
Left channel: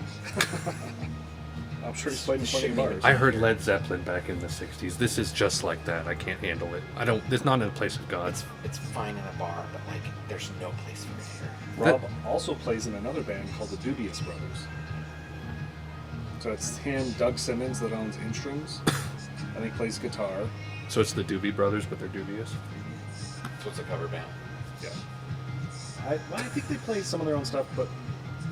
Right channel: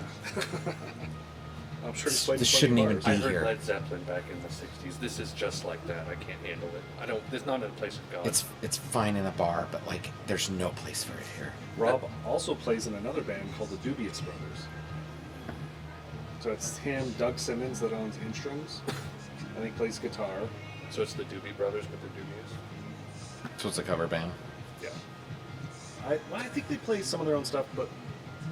I'm sure he's played in This plenty shouldn't of even bars. I be heard here. Led Zeppelin back in the '60s. This is just like that. I can't handle it. I don't. It's not in a place of God. It's fine in a bar, but like, there's no place for it here. Rob also plays in another band called the Dubious Brothers. So it's him, Doug Simmons, that owns Instrums. I think plays guitar. So it's the Doobie Brothers, but they're dubious. So it's a cover band, Yeah. I think they play some of their own stuff, but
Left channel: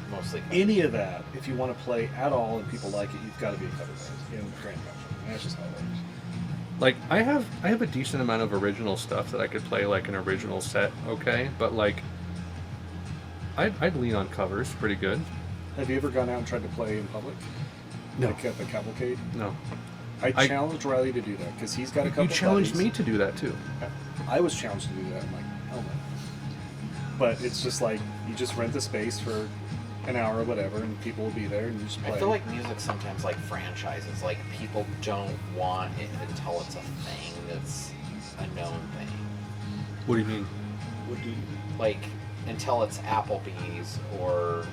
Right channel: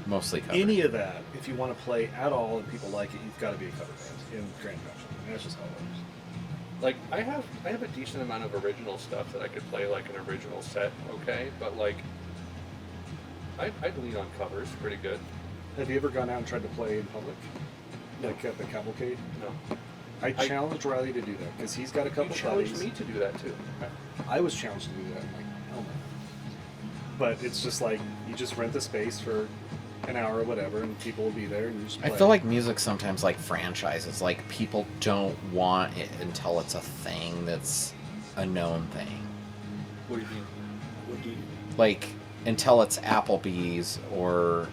mostly cover. any of that, if you want to play at all and people like it, you've got to be a cover band in Grand Junction. And that's just how it works. Like I have a decent amount of original stuff that I could play like an original set, okay? But like I'd lean on covers pretty good. Have you ever gone out and tried to play in public? No. Like at the cavalcade? No. I challenged Riley to do that because he's got a couple You challenged buddies. me to do that too. I was challenged to do that. I'm like, hell no. But it's just like, you just rent the space for an hour or whatever, and people will be there, and you just play. I feel like music sometimes like franchises. Like, people don't want it until it's a thing that's a known thing. What do you mean? What do you... Like, until it's Applebee's or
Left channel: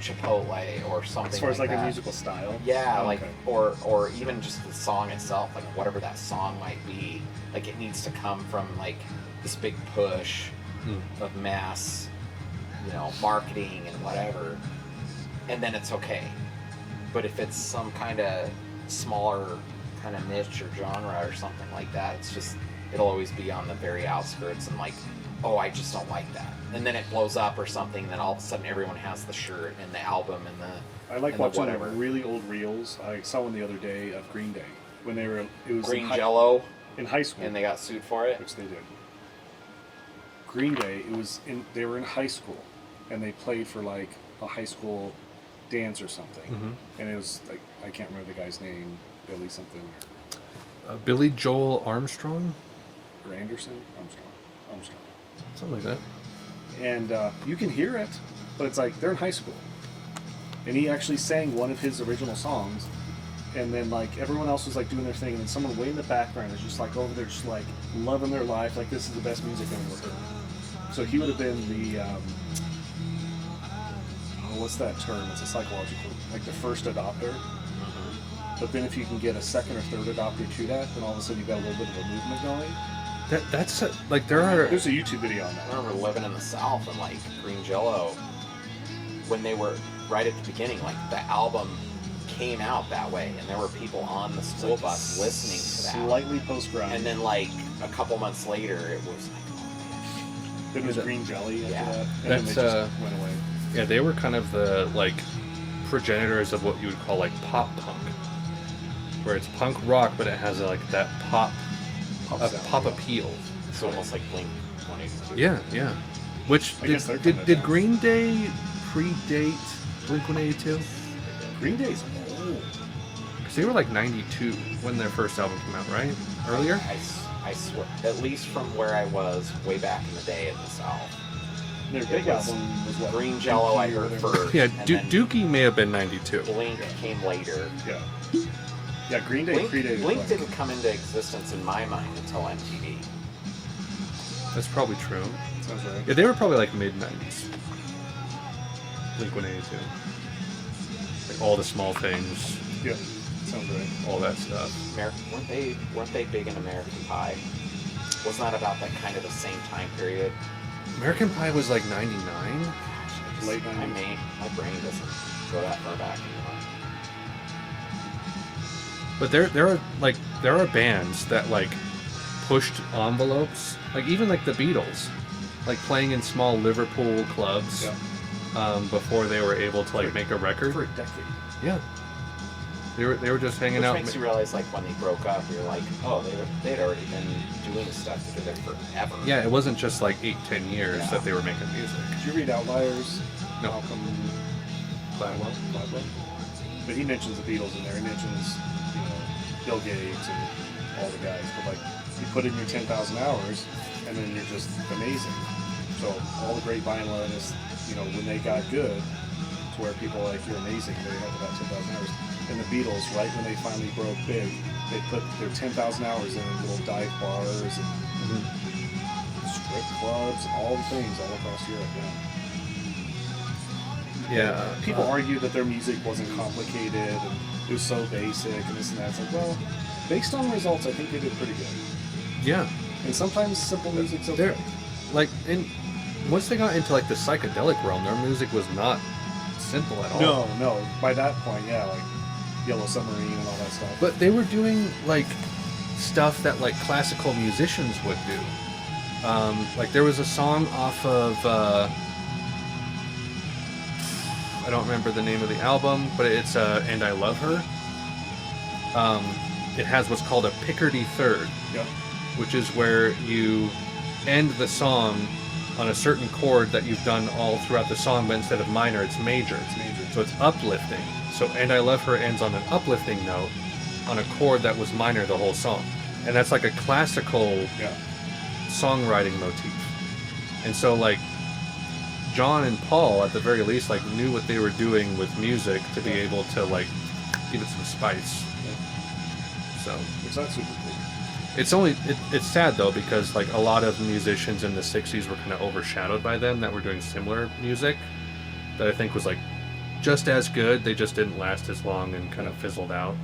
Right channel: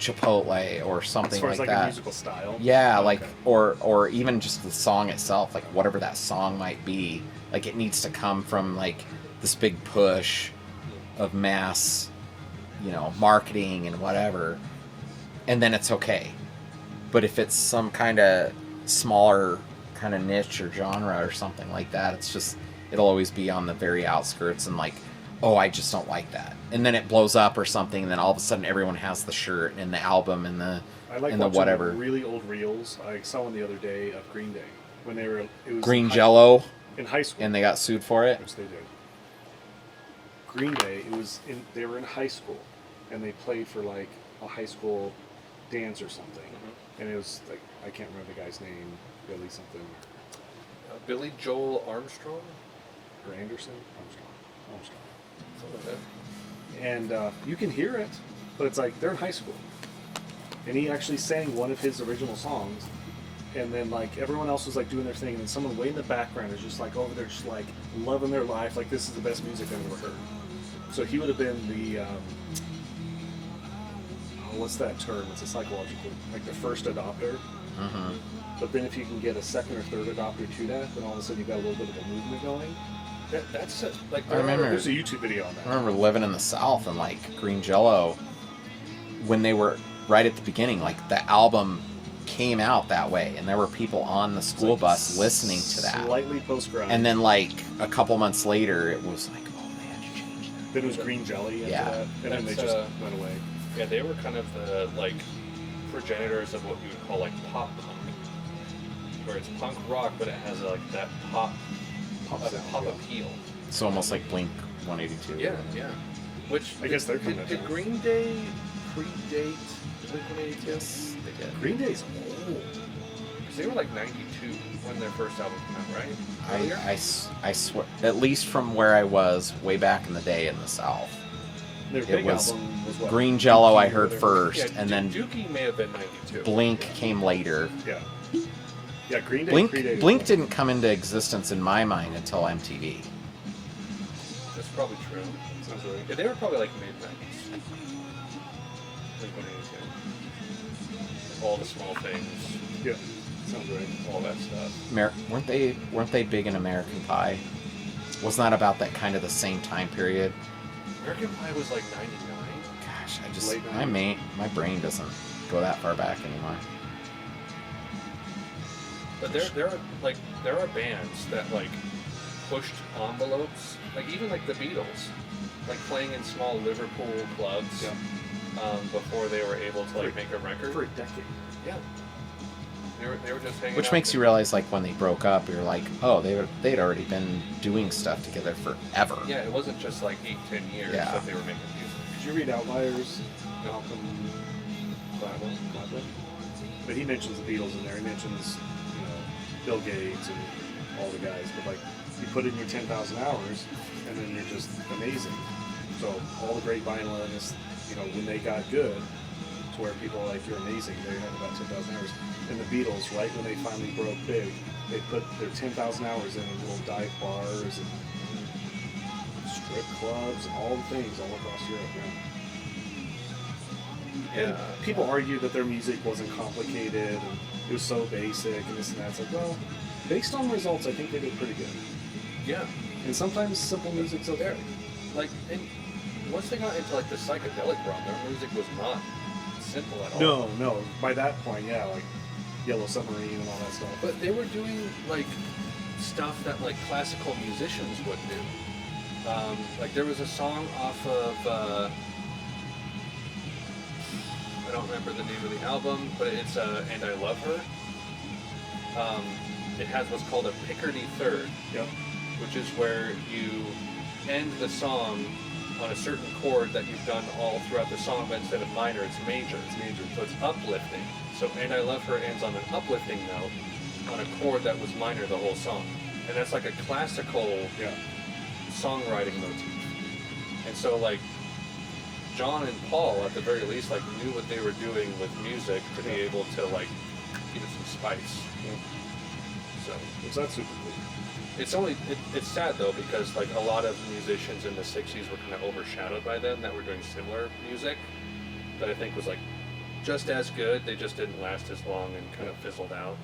Chipotle or something As far like as like that. a musical style? Yeah, Oh, like, okay. or even just the song itself, like whatever that song might be, like it needs to come from like this big push of mass, you know, marketing and whatever, and then it's okay. But if it's some kind of smaller kind of niche or genre or something like that, it's just, it'll always be on the very outskirts and like, oh, I just don't like that. And then it blows up or something, and then all of a sudden everyone has the shirt and the album and the I like and the watching whatever. the really old reels. I saw one the other day of Green Day when they were. It was Green in Jello, in high school, and they got sued for it. which they did. Green Day. It was in. They were in high school, and they played for like a high school dance or something. Mhm. And it was like, I can't remember the guy's name, Billy something, Billy Joel Armstrong, or Anderson, Armstrong. something like that. And you can hear it, but it's like they're in high school, and he actually sang one of his original songs, and then like everyone else was like doing their thing, and then someone way in the background is just like over there, just like loving their life, like this is the best music I've ever heard. So he would have been the what's that term? It's a psychological, like the first adopter. But then if you can get a second or third adopter to that, then all of a sudden you've got a little bit of a movement going. That's like there remember- are. There's a YouTube video on I that. remember living in the South and like Green Jello, when they were right at the beginning, like the album came out that way, and there were people on the school bus listening to that. Slightly post-grunge. And then like a couple months later, it was like, oh man. then it was Green Jelly after Yeah. that, and then they That's, just went away. Yeah, they were kind of the like progenitors of what you would call like pop punk, where it's punk rock, but it has like that pop sound, pop yeah. appeal. It's almost like Blink 182. Yeah, yeah. Which I guess they're coming did down. Green Day predate Blink-182? Green Day's old. Because they were like 92 when their first album came out, right? Earlier? I swear, at least from where I was way back in the day in the South. Their It big was album was what? Green Jello I Dookie or heard whatever. first, Yeah, and then Dookie may have been 92. Blink Yeah. came later. Yeah. Yeah, Green Day Blink, predated Blink them. didn't come into existence in my mind until MTV. That's probably true. Sounds right. Yeah, they were probably like mid-90s. Blink-182. like all the small things, Yeah, sounds right. all that stuff. Weren't they big in American Pie? Wasn't that about that kind of the same time period? American Pie was like 99. Gosh, I just Late my 90s. brain doesn't go that far back anymore. But there are bands that like pushed envelopes, like even like the Beatles, like playing in small Liverpool clubs before they were able to like make a record. For a decade. Yeah. They were just hanging Which out. makes you realize, like, when they broke up, you're like, oh, they'd already been doing stuff together forever. Yeah, it wasn't just like 8-10 years Yeah. that they were making music. Did you read Outliers? No. Malcolm Gladwell? But he mentions the Beatles in there. He mentions, Bill Gates and all the guys. But like, you put in your 10,000 hours, and then you're just amazing. So all the great violinists, when they got good, to where people are like, you're amazing, they had about 10,000 hours. And the Beatles, right when they finally broke big, they put their 10,000 hours in little dive bars and strip clubs and all the things all across Europe. Yeah. People argue that their music wasn't complicated and it was so basic and this and that. It's like, well, based on results, I think they did pretty good. Yeah. And sometimes simple music's okay. Like, once they got into like the psychedelic realm, their music was not simple at all. No. By that point, yeah, like Yellow Submarine and all that stuff. But they were doing like stuff that like classical musicians would do. Like there was a song off of I don't remember the name of the album, but it's And I Love Her. It has what's called a Picardy third, Yep. which is where you end the song on a certain chord that you've done all throughout the song, but instead of minor, it's major. It's major, so it's uplifting. So And I Love Her ends on an uplifting note on a chord that was minor the whole song. And that's like a classical songwriting motif. And so like John and Paul at the very least like knew what they were doing with music to be able to like give it some spice. So Which that's super cool. it's sad though because like a lot of musicians in the 60s were kind of overshadowed by them that were doing similar music that I think was like just as good, they just didn't last as long and kind of fizzled out.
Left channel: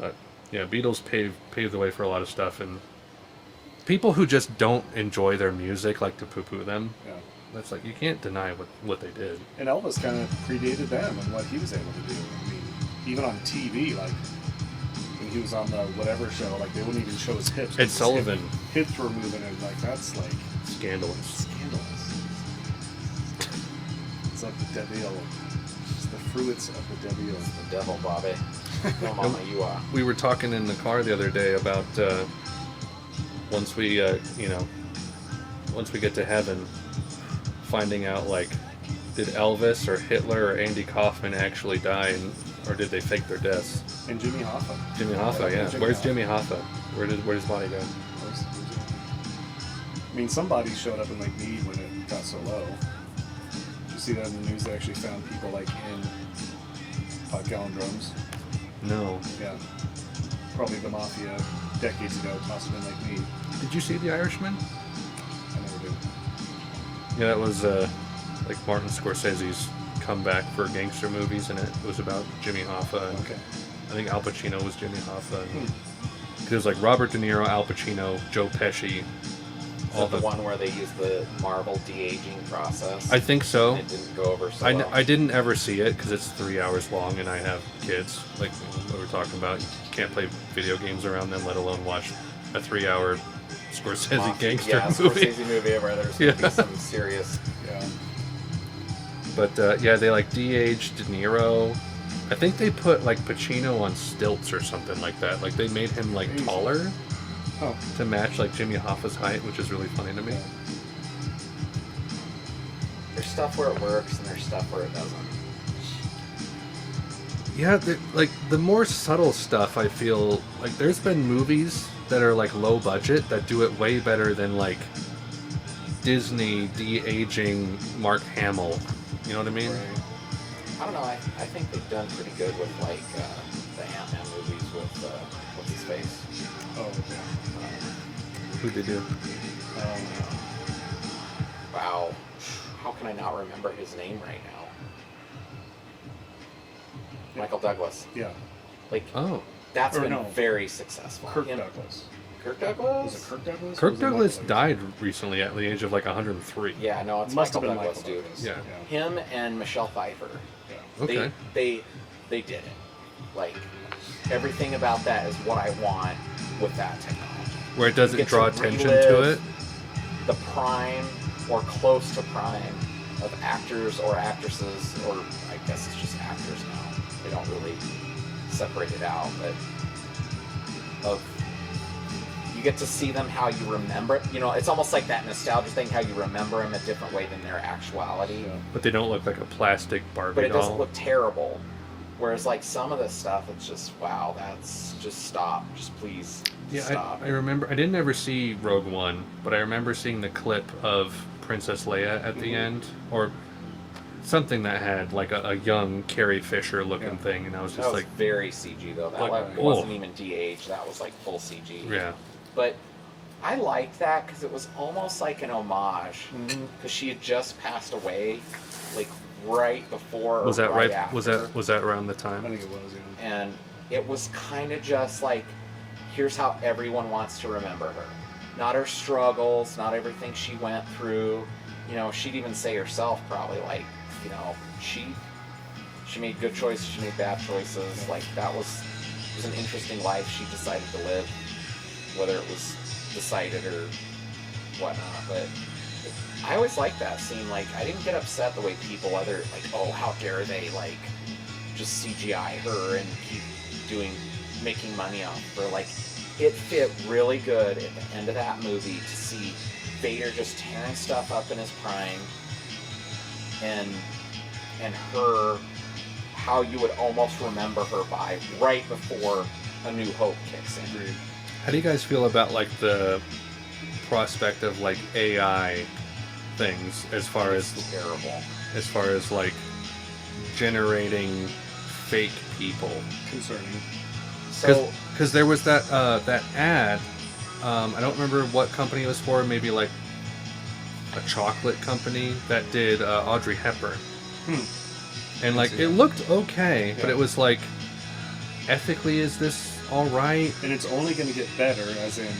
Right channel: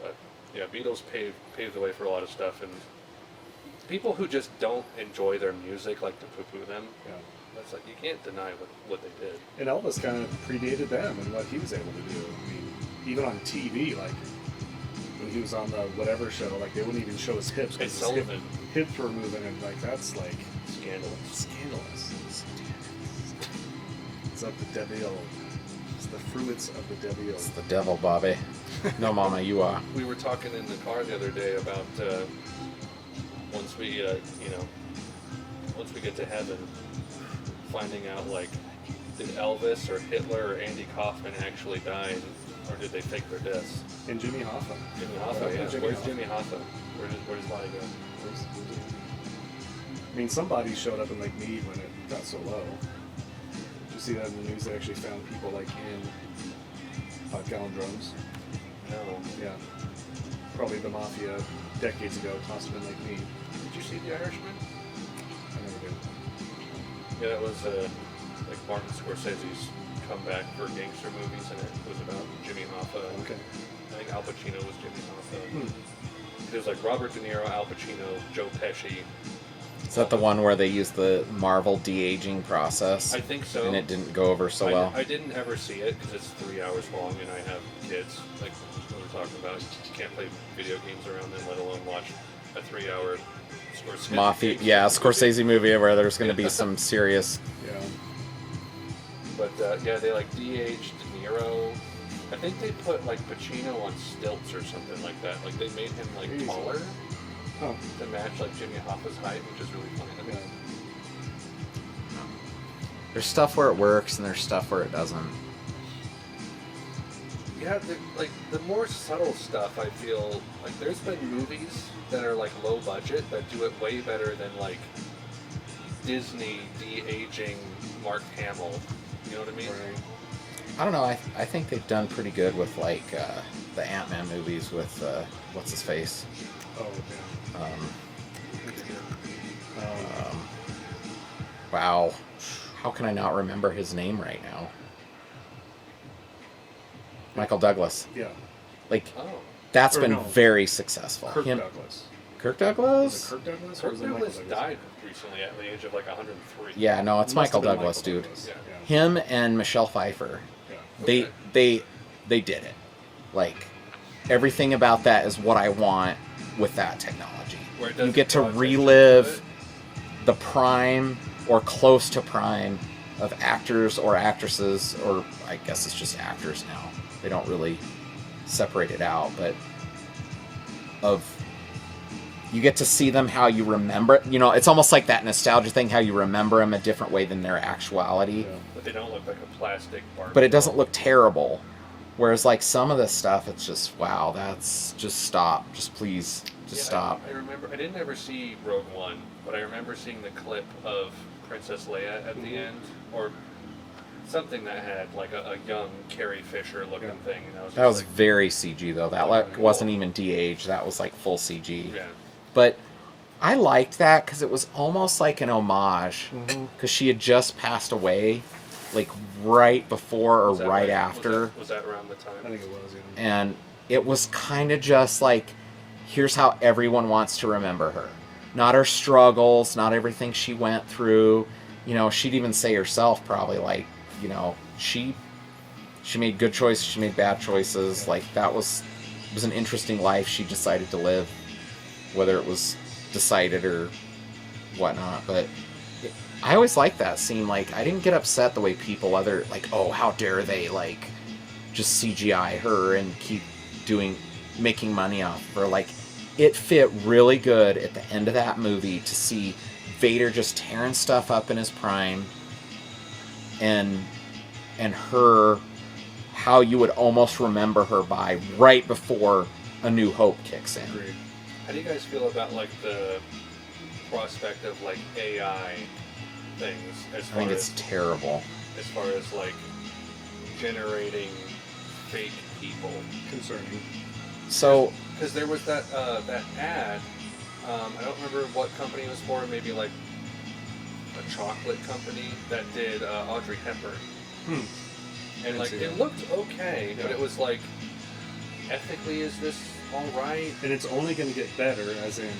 But yeah, Beatles paved the way for a lot of stuff, and people who just don't enjoy their music like to poo-poo them. Yeah. That's like, you can't deny what they did. And Elvis kind of predated them and what he was able to do. I mean, even on TV, like when he was on the whatever show, like they wouldn't even show his hips. 'cause Ed his Sullivan. Hips were moving, and like that's like Scandalous. It's of the devil. It's the fruits of the devil. It's the devil, Bobby. No, Mama, you are. We were talking in the car the other day about once we get to heaven, finding out like, did Elvis or Hitler or Andy Kaufman actually die, or did they fake their deaths? And Jimmy Hoffa. Jimmy Hoffa, yeah. Where's Jimmy Hoffa? Where's his body go? I mean, somebody showed up in like Meade when it got so low. Did you see that in the news? They actually found people like in 5-gallon drums. No. Yeah. Probably the mafia decades ago tossed them in like Meade. Did you see The Irishman? I never did. Yeah, that was like Martin Scorsese's comeback for gangster movies, and it was about Jimmy Hoffa. And Okay. I think Al Pacino was Jimmy Hoffa. Hmm. It was like Robert De Niro, Al Pacino, Joe Pesci. Is that the one where they used the Marvel de-aging process? I think so. And it didn't go over so well. I didn't ever see it because it's 3 hours long, and I have kids. Like we were talking about, you can't play video games around them, let alone watch a 3-hour Scorsese Mafia, gangster yeah, movie. Scorsese movie where there's going to be some serious. Yeah. But yeah, they like de-aged De Niro. I think they put like Pacino on stilts or something like that. Like they made him like taller to match like Jimmy Hoffa's height, which is really funny to me. There's stuff where it works and there's stuff where it doesn't. Yeah, like the more subtle stuff, I feel like there's been movies that are like low budget that do it way better than like Disney de-aging Mark Hamill. You know what I mean? Right. I don't know. I think they've done pretty good with like the Ant-Man movies with what's his face. Oh, yeah. Who did you? Wow. How can I not remember his name right now? Michael Douglas. Yeah. Like, Oh. that's Or been no. very successful. Kirk Douglas. Kirk Was Douglas? it Kirk Douglas? or Kirk was it Douglas Michael died recently at the age of like 103. Yeah, no, it's Must Michael have been Douglas, Michael dude. Douglas. Yeah. Him and Michelle Pfeiffer. Yeah. Okay. They did it. Like, everything about that is what I want with that technology. Where it doesn't you get draw to attention relive to it. the prime or close to prime of actors or actresses, or I guess it's just actors now. They don't really separate it out, but you get to see them how you remember it. You know, it's almost like that nostalgia thing, how you remember them a different way than their actuality. Yeah. But they don't look like a plastic Barbie But it doesn't doll. look terrible. Whereas, like, some of this stuff, it's just, wow, that's just stop. Just please, just stop. I remember. I didn't ever see Rogue One, but I remember seeing the clip of Princess Leia at the end, or something that had like a young Carrie Fisher looking thing, and I was just That was like, very CG, though. That like, cool. wasn't even DH. That was, like, full CG. yeah, But I liked that because it was almost like an homage. Mm-hmm. Because she had just passed away, like, right before or was that right right? after. Was that around the time? I think it was. Yeah. And it was kind of just like, here's how everyone wants to remember her. Not her struggles, not everything she went through. You know, she'd even say herself probably, like, you know, she made good choices, she made bad choices. Yeah. Like, it was an interesting life she decided to live, whether it was decided or whatnot. But I always liked that scene. Like, I didn't get upset the way people like, oh, how dare they, like, just CGI her and keep making money off her. Like, it fit really good at the end of that movie to see Vader just tearing stuff up in his prime, and her, how you would almost remember her by right before A New Hope kicks in. Agreed. How do you guys feel about like the prospect of like AI things I as far think as it's terrible. like generating fake people? Concerning. So Because there was that that ad. I don't remember what company it was for. Maybe like a chocolate company that did Audrey Hepburn. And like see it that. looked okay, but Yeah. it was like, ethically, is this all right? And it's only going to get better, as in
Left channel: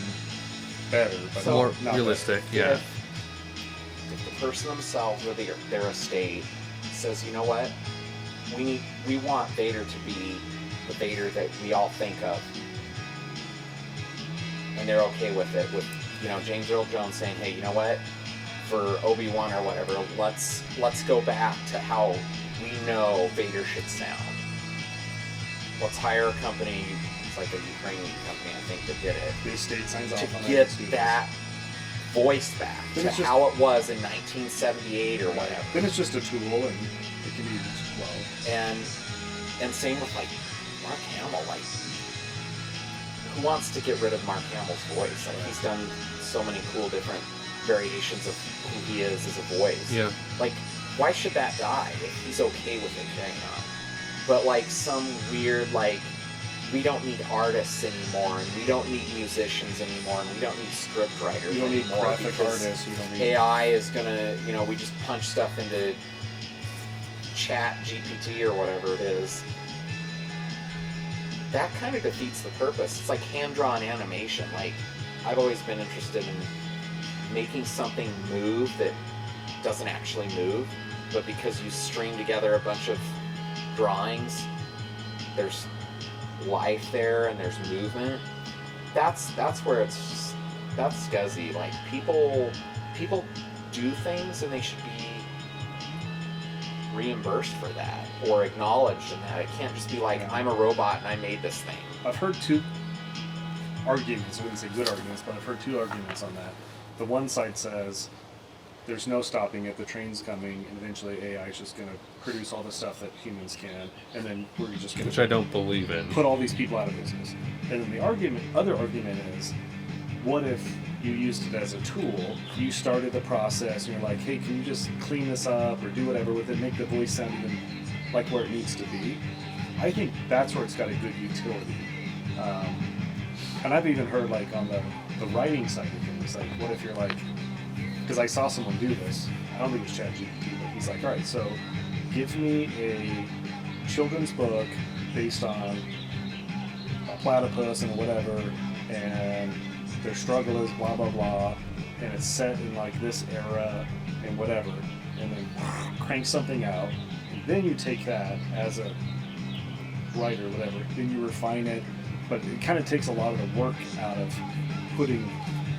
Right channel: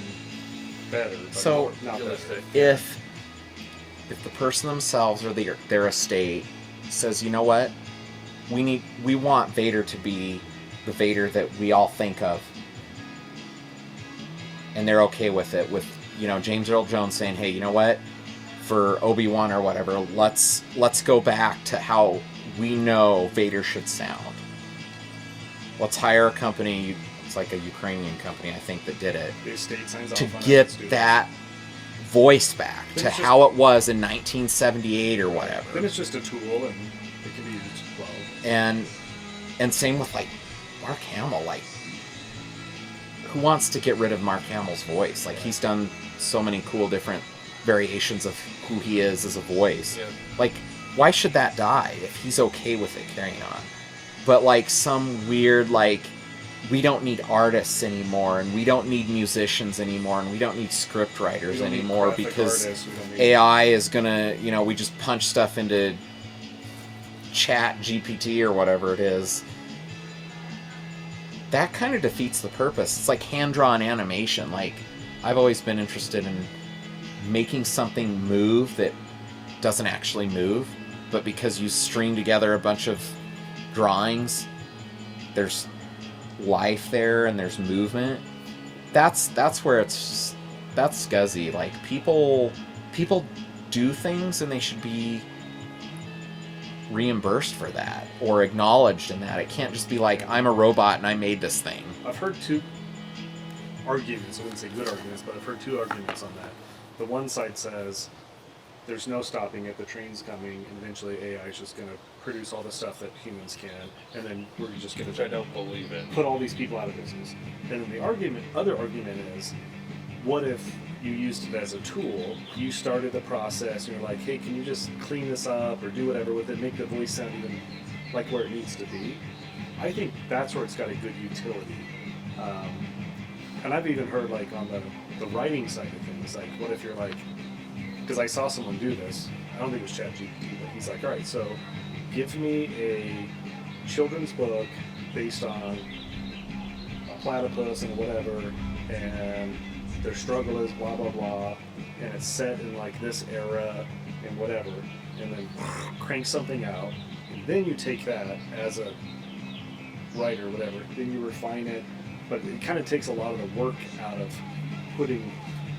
better, but So, More not realistic. Yeah. if the person themselves or their estate says, you know what, we want Vader to be the Vader that we all think of, and they're okay with it, with, you know, James Earl Jones saying, hey, you know what, for Obi-Wan or whatever, let's go back to how we know Vader should sound. Let's hire a company, it's like a Ukrainian company, I think, that did it, the estate signs off to on get it, that voice back Then to it's just- how it was in 1978 or whatever. Then it's just a tool, and it can be used well. And same with, like, Mark Hamill. Like, who wants to get rid of Mark Hamill's voice? Like, he's done so many cool different variations of who he is as a voice. Yeah. Like, why should that die if he's okay with it carrying on? But, like, some weird, like, we don't need artists anymore, and we don't need musicians anymore, and we don't need script writers We don't need anymore graphic because artists, we don't need AI is gonna, you know, we just punch stuff into Chat GPT or whatever it is. That kind of defeats the purpose. It's like hand-drawn animation. Like, I've always been interested in making something move that doesn't actually move, but because you string together a bunch of drawings, there's life there and there's movement. That's where that's scuzzy. Like, people do things and they should be reimbursed for that or acknowledged in that. It can't just be like, I'm a robot and I made this thing. I've heard two arguments, I wouldn't say good arguments, but I've heard two arguments on that. The one side says there's no stopping it, the train's coming, and eventually AI is just going to produce all the stuff that humans can, and then we're just going Which I to don't believe in. put all these people out of business. And then the other argument is, what if you used it as a tool, you started the process, and you're like, hey, can you just clean this up or do whatever with it, make the voice sound even like where it needs to be? I think that's where it's got a good utility. And I've even heard, like, on the writing side of things, like, what if you're like, because I saw someone do this, I don't think it was ChatGPT, but he's like, all right, so give me a children's book based on a platypus and whatever, and their struggle is blah blah blah, and it's set in like this era and whatever, and then crank something out, and then you take that as a writer, whatever, then you refine it, but it kind of takes a lot of the work out of putting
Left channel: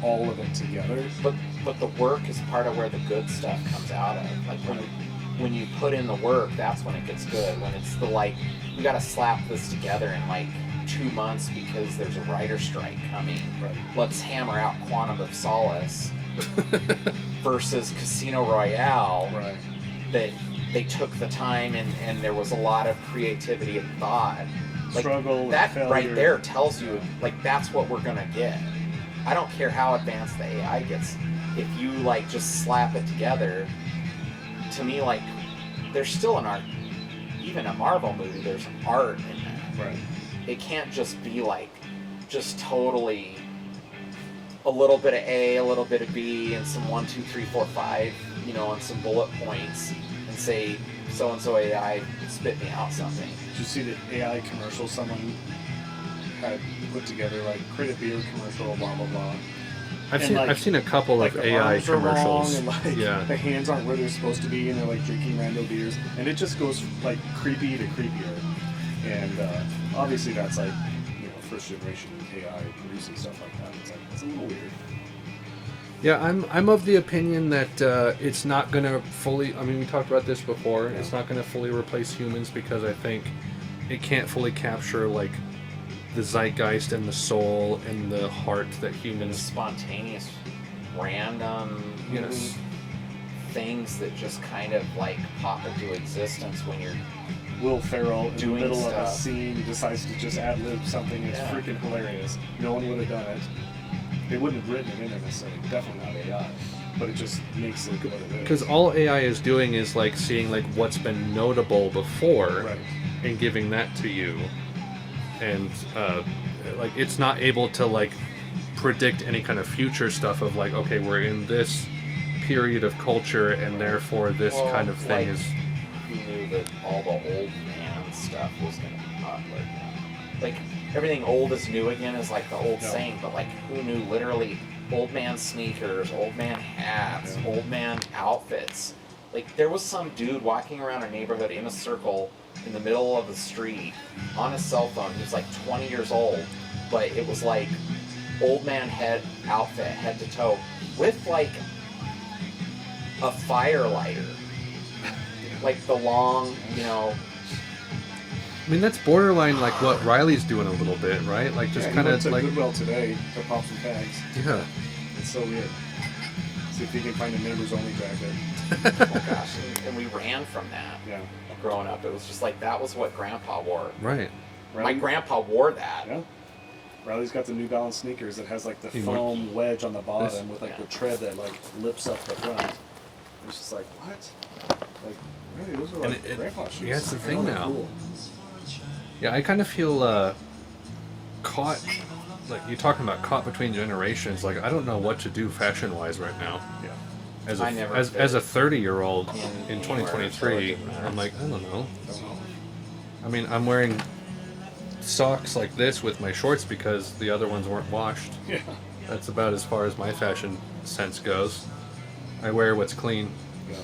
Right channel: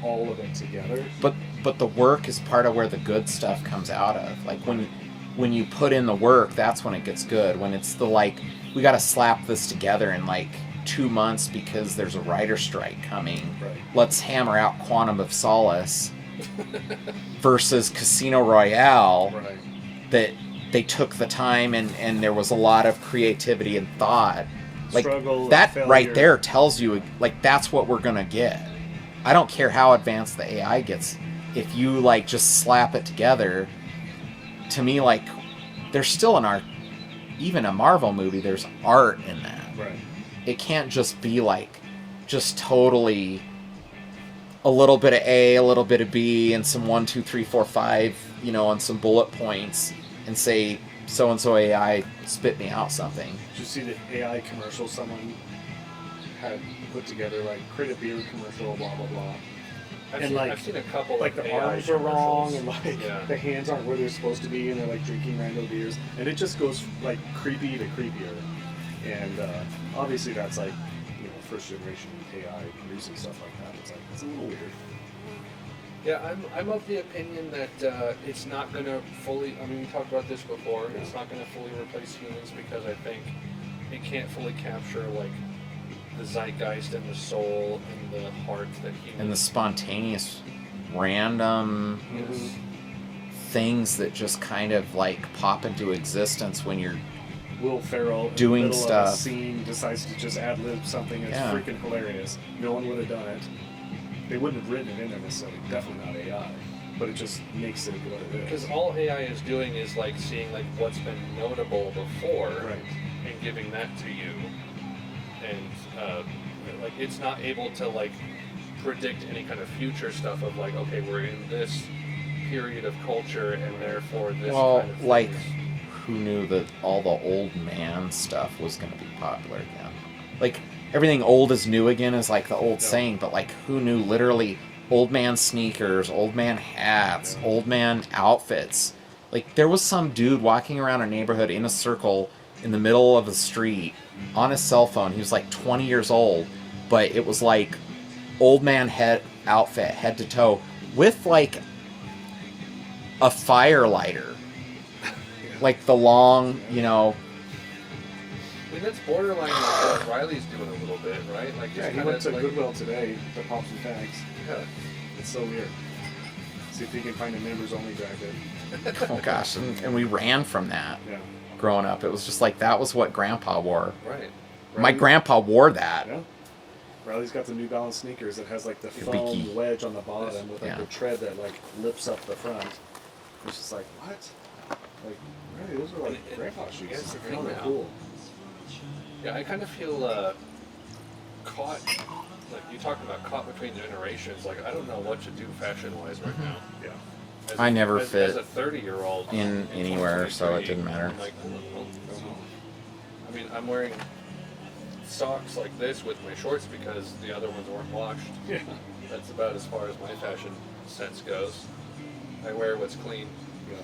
all of it together. But the work is part of where the good stuff comes out of. Like when you put in the work, that's when it gets good. When it's the like, we got to slap this together in like 2 months because there's a writer's strike coming. Right. Let's hammer out Quantum of Solace versus Casino Royale. Right. That they took the time and there was a lot of creativity and thought. Like Struggle, that failure. right there tells you like that's what we're gonna get. I don't care how advanced the AI gets. If you like just slap it together, to me, like there's still an art. Even a Marvel movie, there's art in that. Right. It can't just be like just totally a little bit of A, a little bit of B, and some 1, 2, 3, 4, 5, you know, and some bullet points, and say so and so AI spit me out something. Did you see the AI commercial someone had put together, like create a beer commercial, blah blah blah? I've seen a couple like of the AI arms are wrong, commercials. and like Yeah. the hands aren't where they're supposed to be, and they're like drinking random beers, and it just goes like creepy to creepier. And obviously that's like, you know, first generation AI producing stuff like that. It's like it's a little weird. Yeah, I'm of the opinion that it's not going to fully. I mean, we talked about this before. Yeah. It's not going to fully replace humans because I think it can't fully capture like the zeitgeist and the soul and the heart that And the humans. spontaneous, random Yes. Mm-hmm. things that just kind of like pop into existence when you're Will Ferrell in Doing the middle of a stuff. scene decides to just ad lib something. It's Yeah. freaking hilarious. No one would have done it. They wouldn't have written it in there necessarily. Definitely not AI. But it just makes it what it is. Because all AI is doing is like seeing like what's been notable before Right. and giving that to you, and like it's not able to like predict any kind of future stuff of like, okay, we're in this period of culture and therefore this Well, kind of thing like- is. who knew that all the old man stuff was going to be popular again. Like everything old is new again is like the old Yeah. saying, but like who knew literally old man sneakers, old man hats, Yeah. old man outfits. Like there was some dude walking around our neighborhood in a circle in the middle of the street on his cell phone. He was like 20 years old, but it was like old man head outfit head to toe with like a fire lighter. Like the long, you know, I mean, that's borderline like what Riley's doing a little bit, right? Like just Yeah, he kind went of to like Goodwill today to pop some tags. yeah. It's so weird. See if he can find a members only jacket. oh gosh, and we ran from that Yeah. growing up. It was just like that was what Grandpa wore. Right. My Riley- grandpa wore that. Yeah. Riley's got the New Balance sneakers that has like the Hey, foam Ricky. wedge on the bottom with like Yeah. the tread that like lips up the front. It's just like, what? Like, really, those are And like it- grandpa shoes. yeah, it's the I thing know they're now. cool. Yeah, I kind of feel caught. Like you're talking about caught between generations. Like I don't know what to do fashion-wise right now. Yeah. As I never as, fit as a 30-year-old in in anywhere, so it 2023. didn't matter. I'm like, I don't know. I mean, I'm wearing socks like this with my shorts because the other ones weren't washed. Yeah. That's about as far as my fashion sense goes. I wear what's clean. Yeah.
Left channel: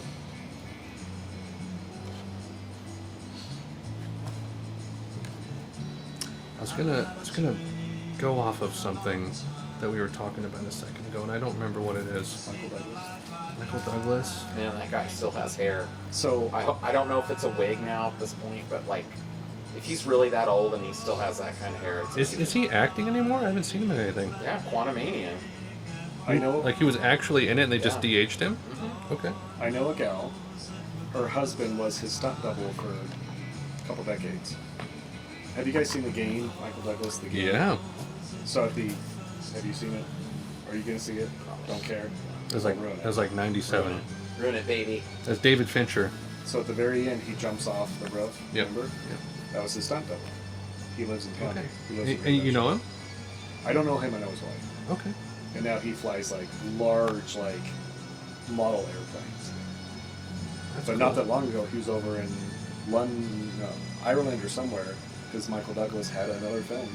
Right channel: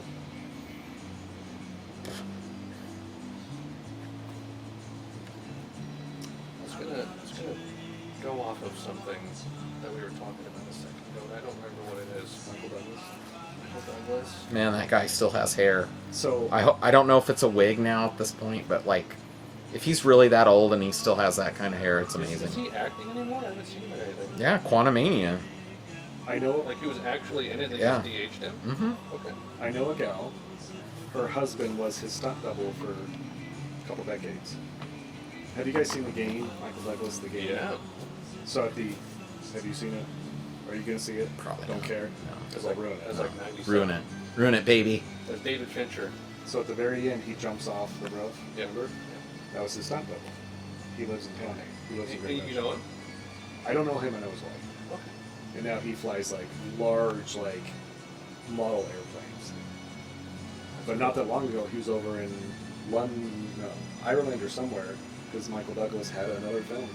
I was gonna go off of something that we were talking about a second ago, and I don't remember what it is. Michael Douglas. Michael Douglas. Man, that guy still has hair. So I don't know if it's a wig now at this point, but like, if he's really that old and he still has that kind of hair, it's amazing. Is he acting anymore? I haven't seen him in anything. Yeah, Quantumania. I know Like he was actually in it, and they just Yeah. DH'd him. Mm-hmm. Okay. I know a gal. Her husband was his stunt double for a couple decades. Have you guys seen The Game? Michael Douglas, The Game. Yeah. So have you seen it? Are you gonna see it? Probably. Don't care. It was like Ruin it. it was like 97. Ruin it, baby. That's David Fincher. So at the very end, he jumps off the roof. Yeah. Remember? That was his stunt double. He lives in town. He lives in You Greenwich. know him? I don't know him. I know his wife. Okay. And now he flies like large, like model airplanes. But not that long ago, he was over in London, no, Ireland or somewhere, because Michael Douglas had another film,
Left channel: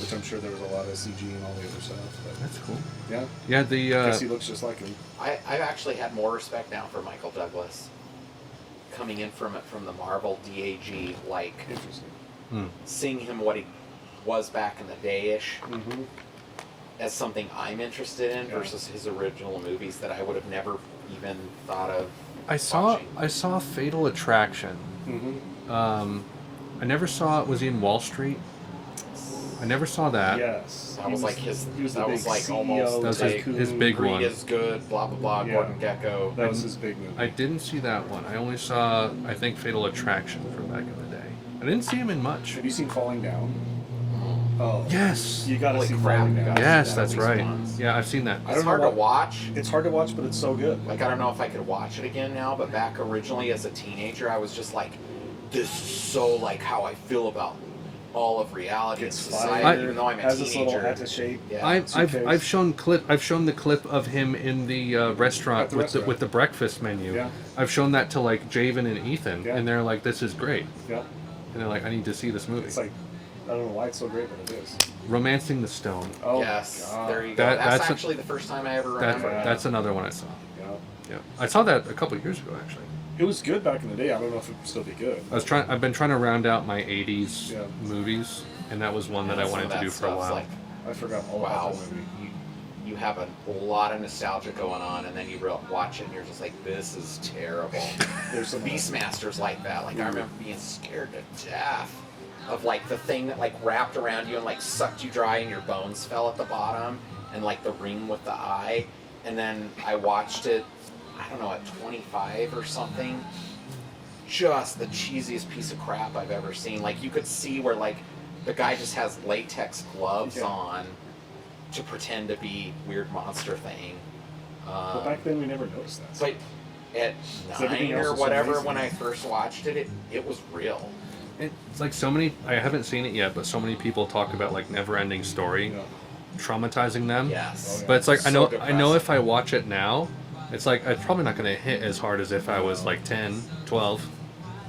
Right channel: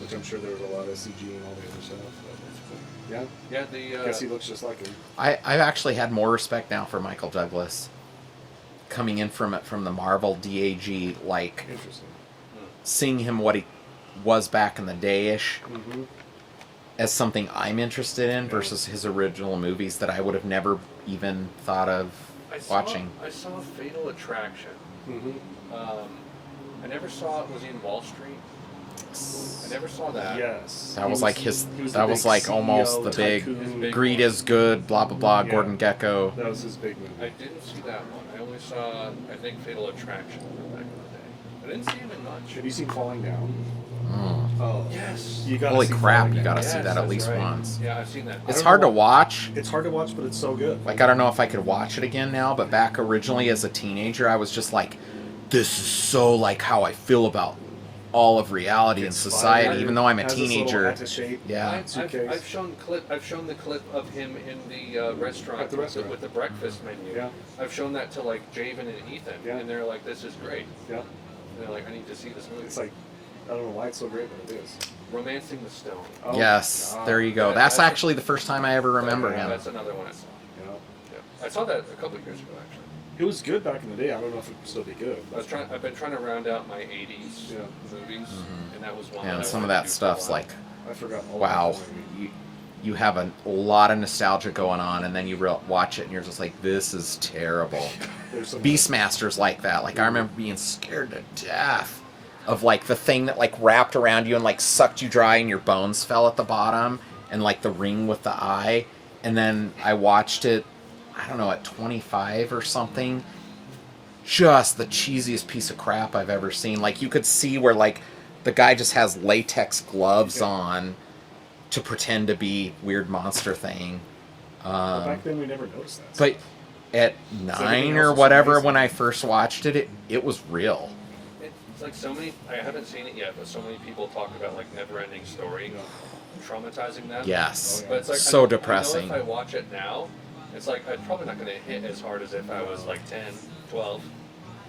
which I'm sure there was a lot of CG and all the other stuff. But That's cool. yeah, Yeah, the I guess he looks just like him. I've actually had more respect now for Michael Douglas coming in from the Marvel DAG, like Interesting. seeing him what he was back in the day-ish Mm-hmm. as something I'm interested in Yeah. versus his original movies that I would have never even thought of I saw watching. Fatal Attraction. Mm-hmm. I never saw it. Was he in Wall Street? I never saw that. Yes. That was like his. He was That the was big like CEO, almost the the big. tycoon. His big Greed one. is good. Blah blah blah. Yeah. Gordon Gekko. That was his big movie. I didn't see that one. I only saw, I think, Fatal Attraction from back in the day. I didn't see him in much. Have you seen Falling Down? Mm. Oh. Yes. You gotta Holy see crap, Falling you Down. gotta see Yes, that at that's least right. once. Yeah, I've seen that. I It's don't hard know to watch. It's hard to watch, but it's so good. Like I don't know if I could watch it again now, but back originally as a teenager, I was just like, this is so like how I feel about all of reality and It's society, fire. even though I'm a Has this little teenager. hat to shape. Yeah. I've shown the clip of him in the restaurant, At the with, restaurant. with the breakfast menu. Yeah. I've shown that to like Javen and Ethan, Yeah. and they're like, "This is great," Yeah. and they're like, "I need to see this movie." It's like, I don't know why it's so great, but it is. Romancing the Stone. Oh, Yes, God. there you go. That- that's that's a- actually the first time I ever remember him. That's another one I saw. Yeah. Yeah, I saw that a couple of years ago actually. It was good back in the day. I don't know if it would still be good. I've been trying to round out my '80s Yeah. movies, and that was one And that I some wanted of to that do for a stuff's while. like, I forgot all wow, about that movie. you have a lot of nostalgia going on, and then you watch it, and you're just like, this is terrible. There's some Beastmaster's like that. Like I remember being scared to death of like the thing that like wrapped around you and like sucked you dry, and your bones fell at the bottom, and like the ring with the eye. And then I watched it, I don't know, at 25 or something. Just the cheesiest piece of crap I've ever seen. Like you could see where like the guy just has latex gloves Yeah. on to pretend to be weird monster thing. But back then we never noticed that. But at everything 9 else or was whatever, amazing. when I first watched it, it was real. It's like so many. I haven't seen it yet, but so many people talk about like Never-Ending Story, Yeah. traumatizing them. Yes. Oh, yeah. But it's like So I know depressing. if I watch it now, it's like it's probably not going to hit as hard as if I was like 10, 12.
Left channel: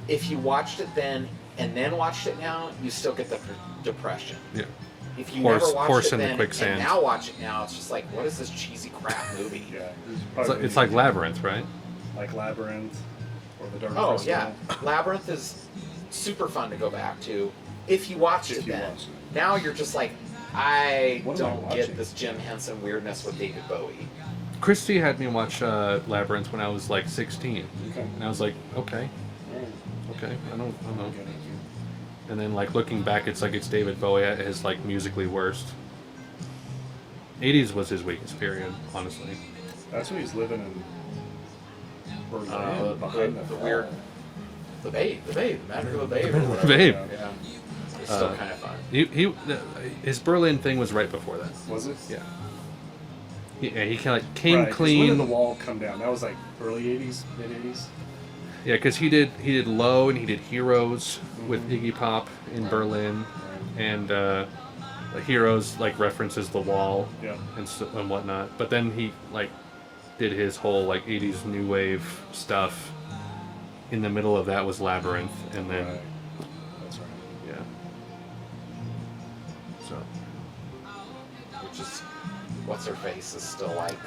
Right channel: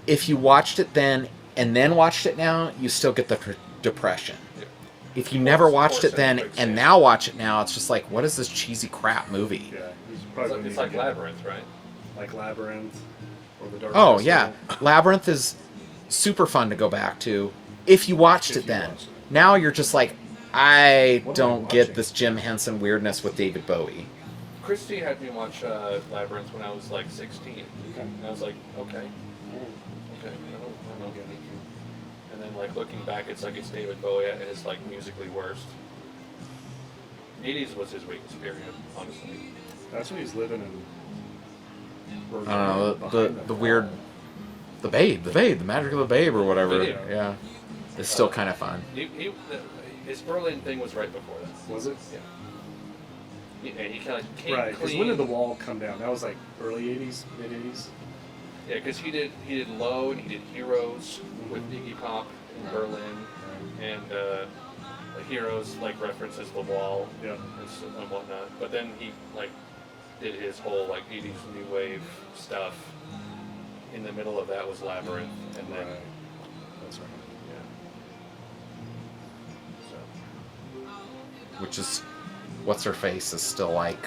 If you watched it then and then watched it now, you still get the depression. Yeah. If you Horse- never watched horse it in the then quicksand. and now watch it now, it's just like, what is this cheesy crap movie? Yeah. It's like Labyrinth, right? Like Labyrinth or The Dark Oh Crystal. yeah, Labyrinth is super fun to go back to if you watched If it you then. watched it. Now you're just like, I What am I don't get watching? this Jim Henson weirdness with David Bowie. Christy had me watch Labyrinth when I was like 16, Okay. and I was like, okay, Alright. okay, I don't know. Okay. And then like looking back, it's like it's David Bowie at his like musically worst. 80s was his weakest period, honestly. That's when he's living in. Or I don't know, behind the fall. weird, the Babe, the Magic of the Babe or whatever. Babe. Yeah. It's still Uh, kind of fun. His Berlin thing was right before that. Was it? Yeah. He kind of like came Right. 'cause clean. When did the wall come down? That was like early '80s, mid '80s. Yeah, because he did Low and he did Heroes with Mhm. Iggy Pop in Right. Berlin, Right. and Heroes like references the wall Yeah. and whatnot. But then he like did his whole like 80s new wave stuff. In the middle of that was Labyrinth, and then Right. That's right. yeah. So Which is, what's her face is still like,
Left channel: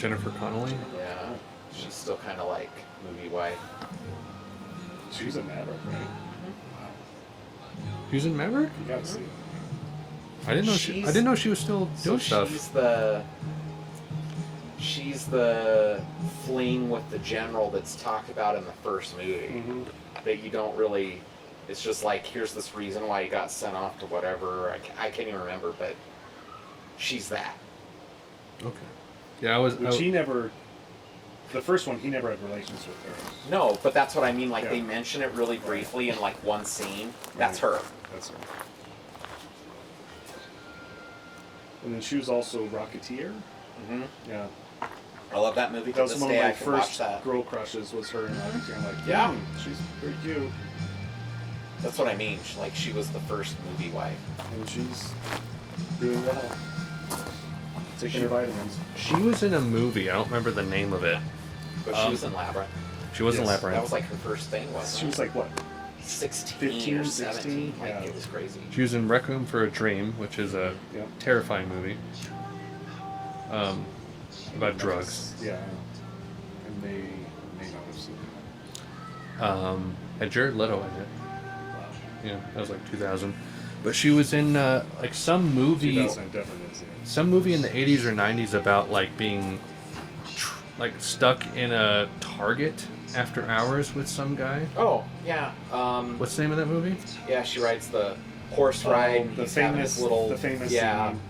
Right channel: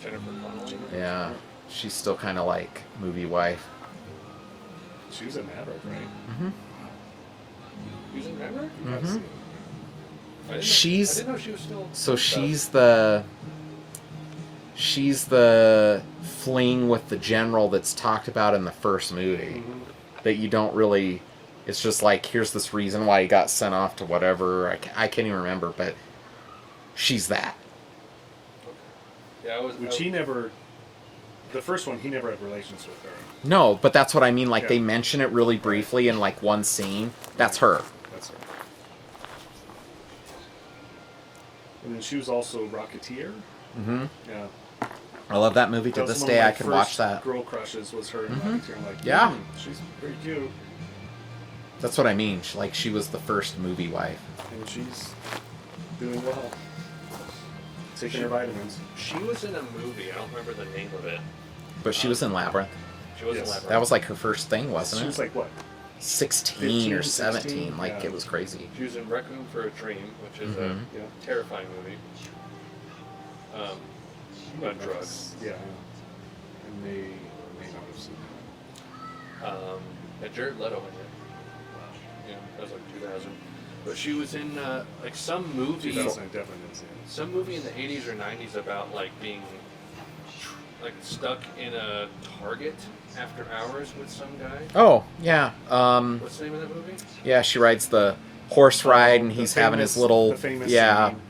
Jennifer Connelly. yeah, she's still kind of like movie wife. She was in Maverick, right? Who's in Maverick? You gotta see it. I didn't know. She's- I didn't know she was still. So doing stuff. she's the fling with the general that's talked about in the first movie. Mhm. That you don't really. It's just like, here's this reason why he got sent off to whatever. I can't even remember, but she's that. Okay. Yeah, I was. Which he never. The first one, he never had relations with her. No, but that's what I mean. Like Yeah. they mention it really briefly in like one scene. That's her. That's her. And then she was also Rocketeer. Mm-hmm. Yeah. I love that movie to That was this one of day. my I can watch first that. girl crushes was her in Rocketeer. I'm like, Yeah. she's pretty cute. That's what I mean. She was the first movie wife. And she's doing well. Taking her vitamins. She was in a movie. I don't remember the name of it. But she was in Labyrinth. She was in Yes. Lap That Ride. was like her first thing, She wasn't was it? like what? 16 15, or 17. 16, Like yeah. it was crazy. She was in Requiem for a Dream, which is a Yeah. terrifying movie. About drugs. Yeah. And may not have seen And Jared Leto had it. Wow. Yeah, that was like 2000. But she was in like some it. movie, 2000, I definitely didn't see it. some movie in the 80s or 90s about like being like stuck in a Target after hours with some guy. Oh, yeah. What's the name of that movie? Yeah, she rides the horse ride and The he's having his famous- little. the famous yeah. scene,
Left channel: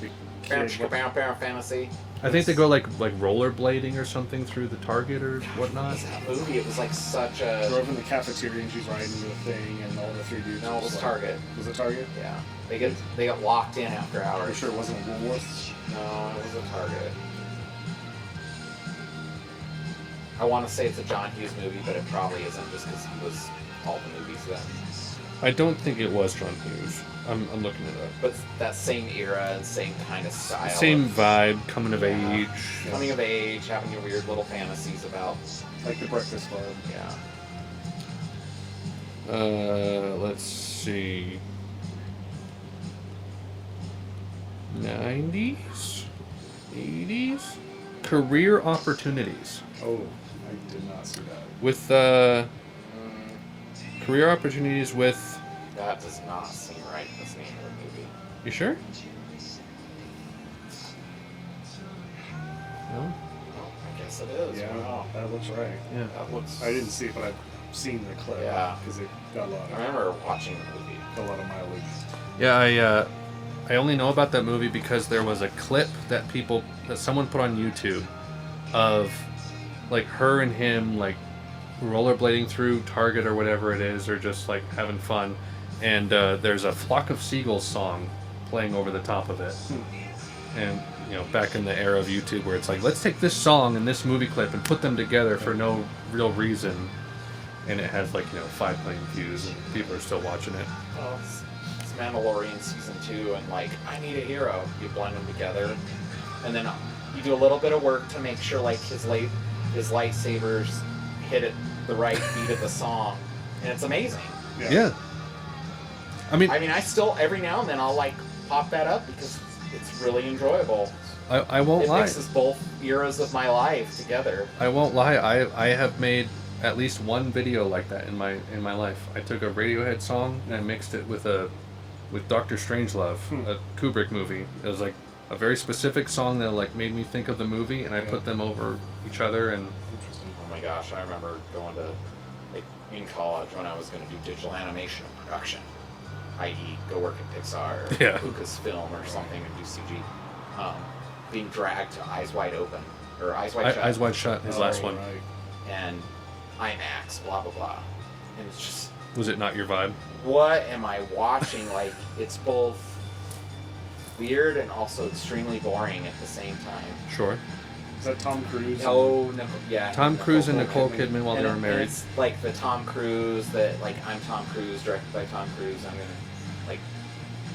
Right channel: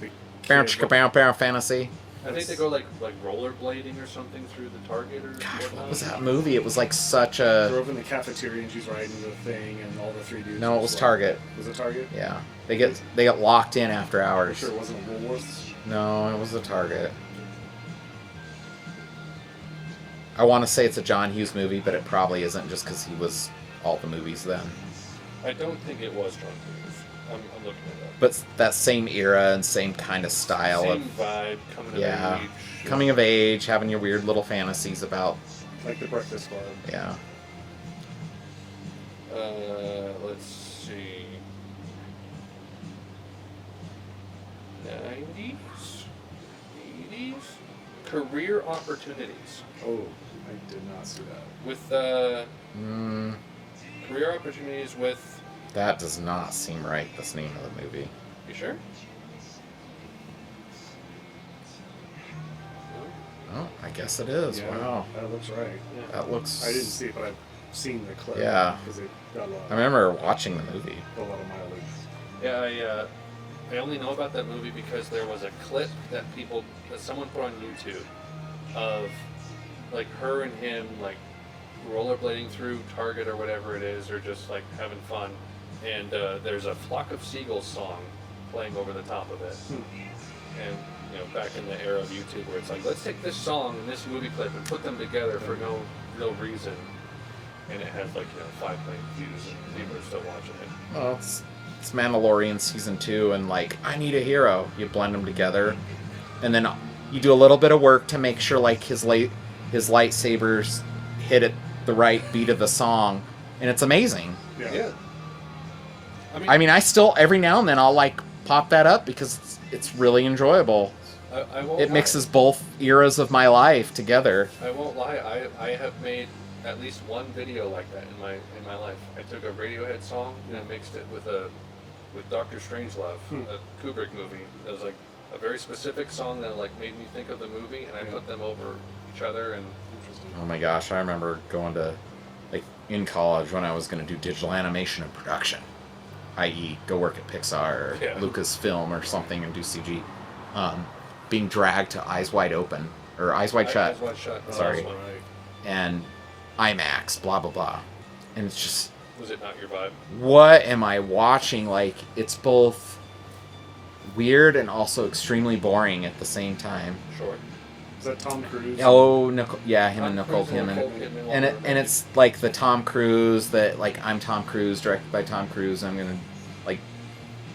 the Bow, kid- chicka, bow, fantasy. I think they go like rollerblading or something through the Target or What whatnot. was that movie? It was like such a. drove in the cafeteria and she's riding the thing and all the three dudes. No, it was just Target. Like, was it Target? Yeah, they get locked in after Are you hours. sure it wasn't a Woolworths? No, it was a Target. I want to say it's a John Hughes movie, but it probably isn't just because he was all the movies then. I don't think it was John Hughes. I'm looking it up. But that same era and same kind of style. Same of vibe, coming of Yeah. age. coming of age, having your weird little fantasies about. Like the Breakfast Club. Yeah. Let's see. 90s? 80s? Career opportunities. Oh, I did not see that. With, Mm, career opportunities with. that does not seem right, this name of the movie. You sure? No? Oh, I guess it is. Yeah, Wow. that looks right. Yeah. That looks. I didn't see it, but I've seen the clip. Yeah. Because it got I remember watching the movie. a lot of mileage. Yeah, I only know about that movie because there was a clip that someone put on YouTube of like her and him like rollerblading through Target or whatever it is, or just like having fun, and there's a Flock of Seagulls song playing over the top of it. And you know, back in the era of YouTube where it's like, let's take this song and this movie clip and put them together for no real reason, and it has like 5 million views and people are still watching it. Well, it's Mandalorian season 2, and like, I need a hero. You blend them together, and then you do a little bit of work to make sure like his lightsabers hit at the right beat of the song, and it's amazing. Yeah. I mean, I still every now and then I'll like pop that up because it's really enjoyable. I won't It lie. mixes both eras of my life together. I won't lie. I have made at least one video like that in my life. I took a Radiohead song and I mixed it with Dr. Strangelove, a Kubrick movie. It was like a very specific song that like made me think of the movie, and I put them over each other. And Oh my gosh, I remember going to, like, in college when I was going to do digital animation and production, i.e. go work at Pixar or Yeah. Lucasfilm or something and do CG, being dragged to Eyes Wide Open, or Eyes Wide Shut, Eyes Wide Shut is the last one. right. and IMAX, blah, blah, blah. And it's just, Was it not your vibe? what am I watching? Like, it's both weird and also extremely boring at the same time. Sure. Is that Tom Cruise? Oh, Nicole, yeah, him Tom and Cruise and Nicole Nicole Kidman. Kidman while And, they were and married. it's like the Tom Cruise that, like, I'm Tom Cruise, directed by Tom Cruise, and I'm gonna, like,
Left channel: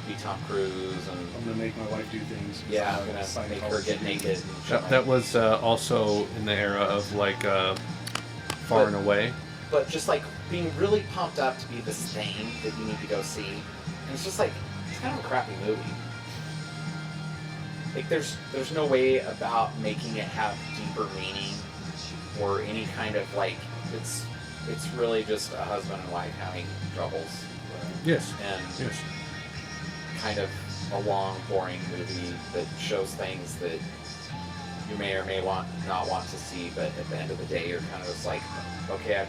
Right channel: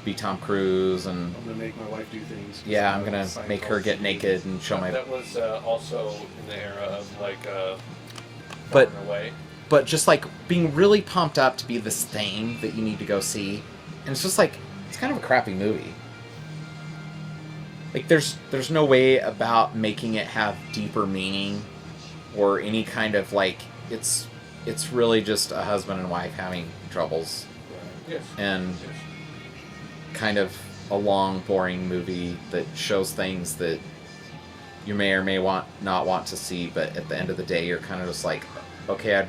be Tom Cruise, and I'm gonna make my wife do things. yeah, I'm gonna make her get naked and show my. That was also in the era of like Far and Away. But just like being really pumped up to be this thing that you need to go see, and it's just like it's kind of a crappy movie. Like there's no way about making it have deeper meaning, or any kind of like it's really just a husband and wife having troubles, Yes. and Yes. kind of a long, boring movie that shows things that you may or may not want to see, but at the end of the day, you're kind of just like, okay,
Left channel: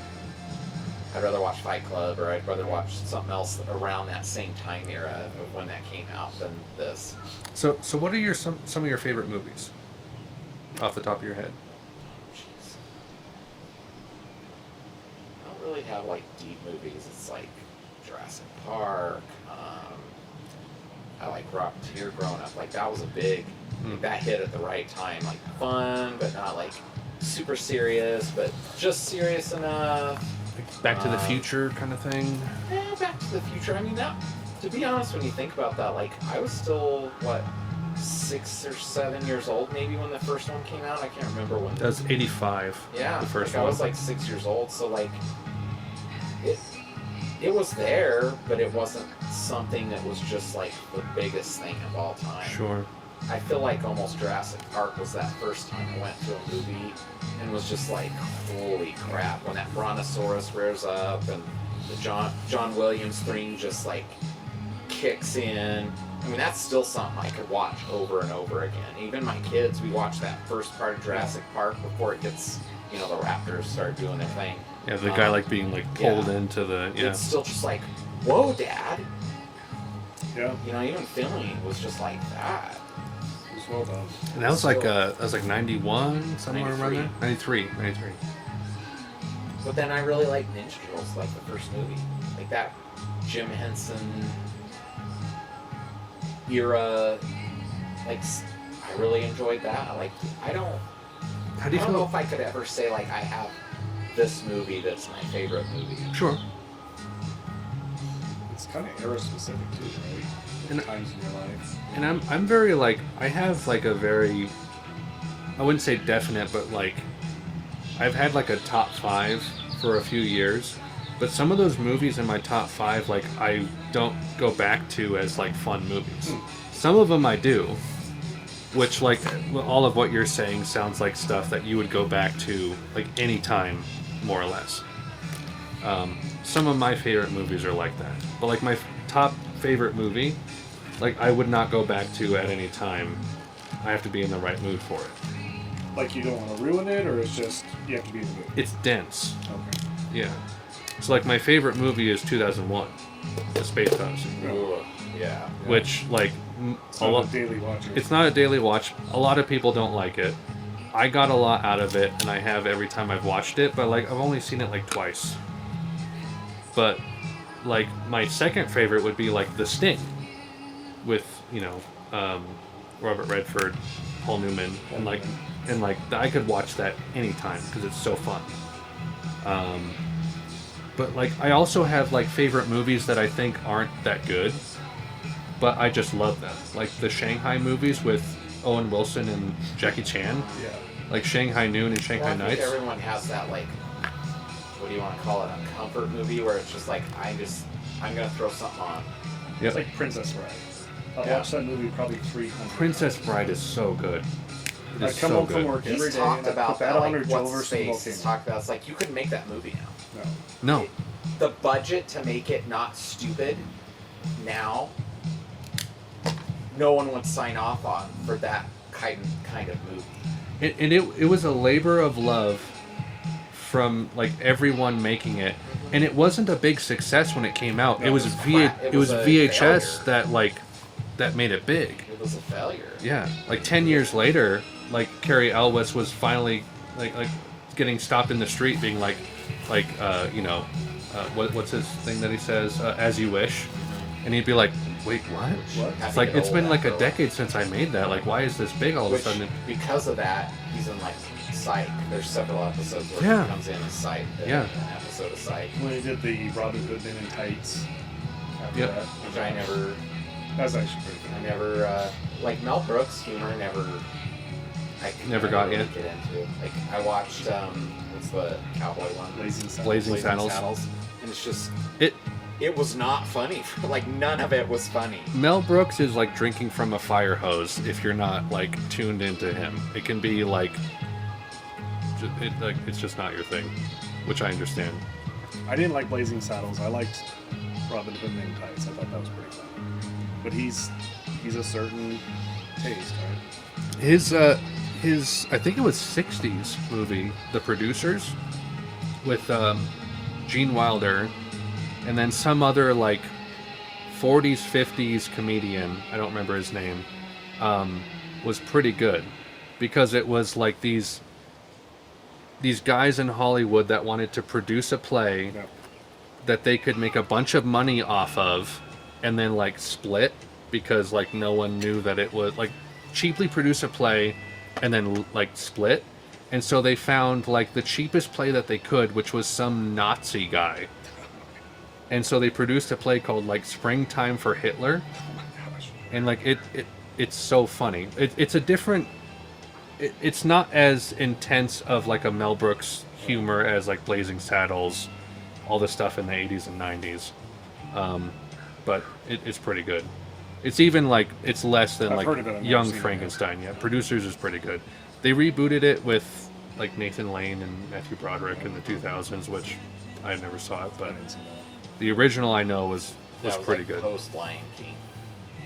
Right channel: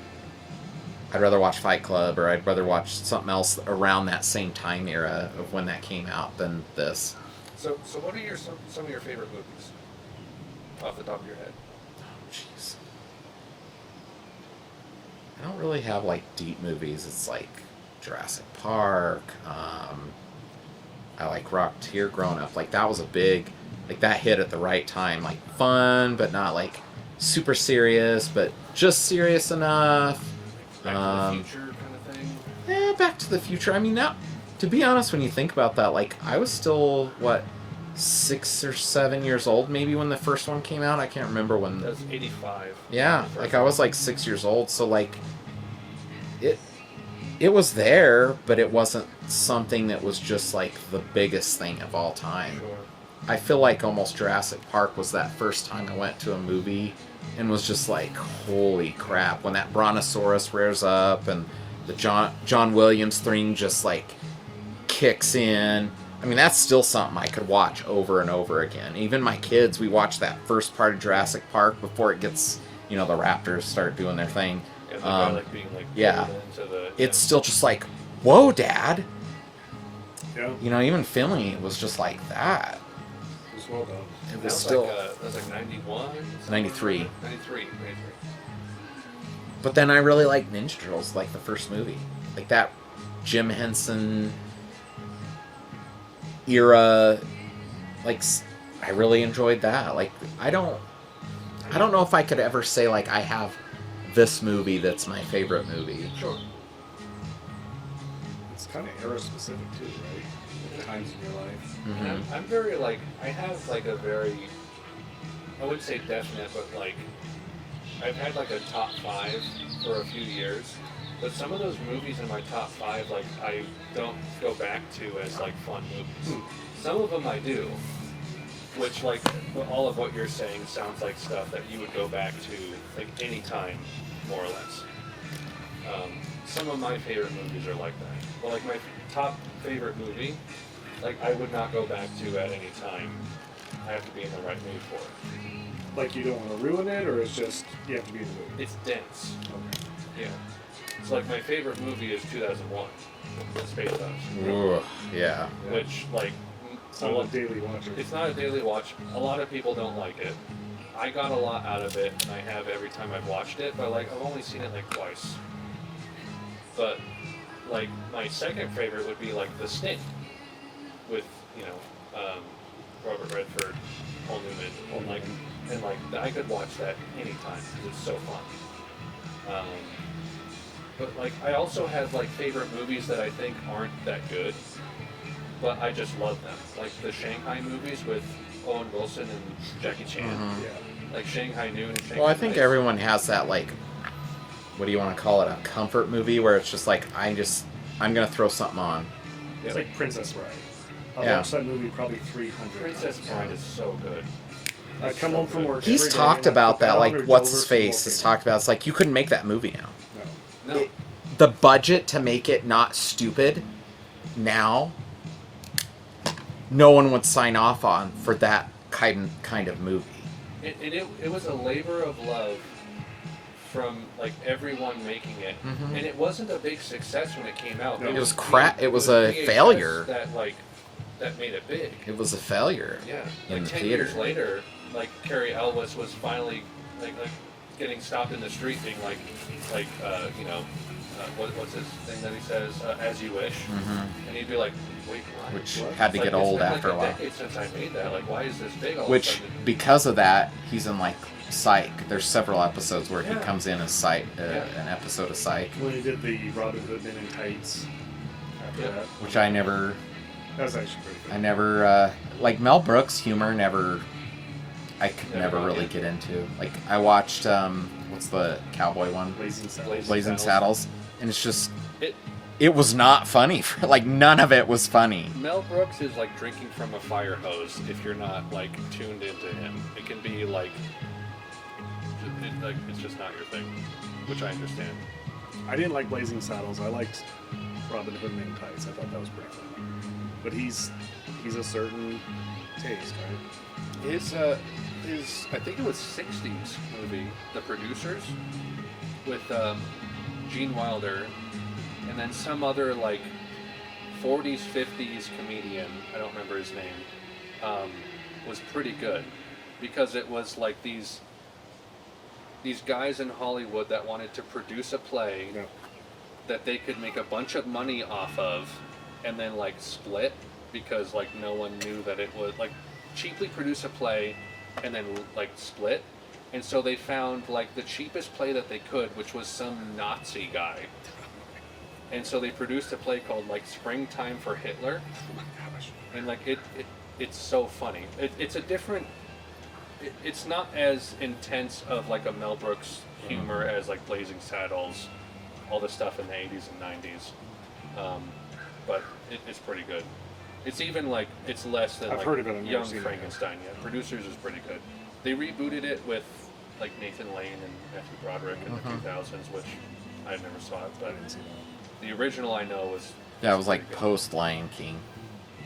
I'd rather watch Fight Club, or I'd rather watch something else around that same time era of when that came out than this. So what are some of your favorite movies? Off the top of your head. Jeez. I don't really have like deep movies. It's like Jurassic Park. I like Rocketeer growing up. Like that was a big, like that hit at the right time. Like fun, but not like super serious, but just serious enough. Back to the Future kind of thing. Back to the Future. I mean, that, to be honest, when you think about that, like I was still 6 or 7 years old, maybe when the first one came out. I can't remember when. That's 85. Yeah, the first like I was one. like 6 years old, so like it was there, but it wasn't something that was just like the biggest thing of all time. Sure. I feel like almost Jurassic Park was that first time I went to a movie and was just like, holy crap, when that brontosaurus rears up and the John Williams thing just like kicks in. I mean, that's still something I could watch over and over again. Even my kids, we watch that first part of Jurassic Park before it gets, the raptors start doing their thing. Yeah, the guy like being like pulled into the. Yeah. It's still just like, whoa, Dad. Yeah. Even filming it was just like that. It was well done. And that was still- that was like 91? 93. 93. But then I really like Ninja Turtles, like the first movie. Like that Jim Henson era, like, I really enjoyed that. Like, I don't know if I could ever say, like, I have this movie that's my favorite movie. Sure. It's kind of era specific too, right? And- Times in your life. And I'm very like, I have like a very, I wouldn't say definite, but like, I've had like a top 5 for a few years, but some of those movies in my top 5, like, I don't go back to as like fun movies. Some of them I do, which like all of what you're saying sounds like stuff that you would go back to like any time, more or less. Some of my favorite movies are like that, but like my top favorite movie, like I would not go back to at any time. I have to be in the right mood for it. Like you don't want to ruin it, or it's just you have to be in the mood. It's dense. Okay. Yeah. So like my favorite movie is 2001, The Space Odyssey, Ugh, yeah. which like It's not a daily watcher. it's not a daily watch. A lot of people don't like it. I got a lot out of it, and I have every time I've watched it. But like I've only seen it like twice. But like my second favorite would be like The Sting, with Robert Redford, Paul Newman, and like I could watch that anytime because it's so fun. But like I also have like favorite movies that I think aren't that good, but I just love them. Like the Shanghai movies with Owen Wilson and Jackie Chan, Yeah. like Shanghai Noon and Shanghai Well, I think Nights. everyone has that, like, what do you want to call it, a comfort movie where it's just like, I'm going to throw something on. It's like Princess Bride. I Yeah. watched that movie probably 300 Princess times. Bride is so good. I It's come so home from good. work. He's every day talked and I about put that, on like, or what's Dover his face? smoking. He's talked about, it's like, you couldn't make that movie now. No. No, The budget to make it not stupid now, no one would sign off on for that kind of movie. and it was a labor of love from like everyone making it, and it wasn't a big success when it came out. No, it it was was crap. It was a VHS failure. that made it big. It was a failure. Yeah, like In 10 years theater. later, like Carrie Elwes was finally like getting stopped in the street, being what's his thing that he says, as you wish, and he'd be like, wait, what? What? Had It's to like get it's old been like after a while. decade since I made that. Like, why is this big all of a Which, sudden? because of that, he's in like Psych. There's several episodes where Yeah. he comes in as Psych, Yeah. an episode of Psych, When he did the Robin Hood Men in Tights. After Yeah. that. which I never, That was actually pretty good. like Mel Brooks' humor I could Never never got really it. get into. Like, I watched, what's the cowboy one? Blazing Saddles. Blazing Saddles. And it's just, It it was not funny. Like, none of it was funny. Mel Brooks is like drinking from a fire hose if you're not like tuned into him. It can be like, it's just not your thing, which I understand. I didn't like Blazing Saddles. I liked Robin Hood Men in Tights. I thought that was pretty fun. But he's a certain taste, right? His I think it was 60s movie, The Producers, with Gene Wilder, and then some other like 40s 50s comedian, I don't remember his name, was pretty good because it was like these guys in Hollywood that wanted to produce a play Yeah. that they could make a bunch of money off of and then like split because like no one knew that it was like cheaply produce a play and then like split. And so they found like the cheapest play that they could, which was some Nazi guy. And so they produced a play called like Springtime for Hitler. Oh my gosh. And like it it's so funny. It's a different. It's not as intense of like a Mel Brooks humor as like Blazing Saddles, all the stuff in the 80s and 90s. But it's pretty good. It's even like it's less than I've like heard of it, I've never Young seen it, Frankenstein. Yeah, Producers is pretty good. They rebooted it with like Nathan Lane and Matthew Broderick in the 2000s, which I never saw it, but I didn't see that. the original I know was That was pretty like good. post Lion King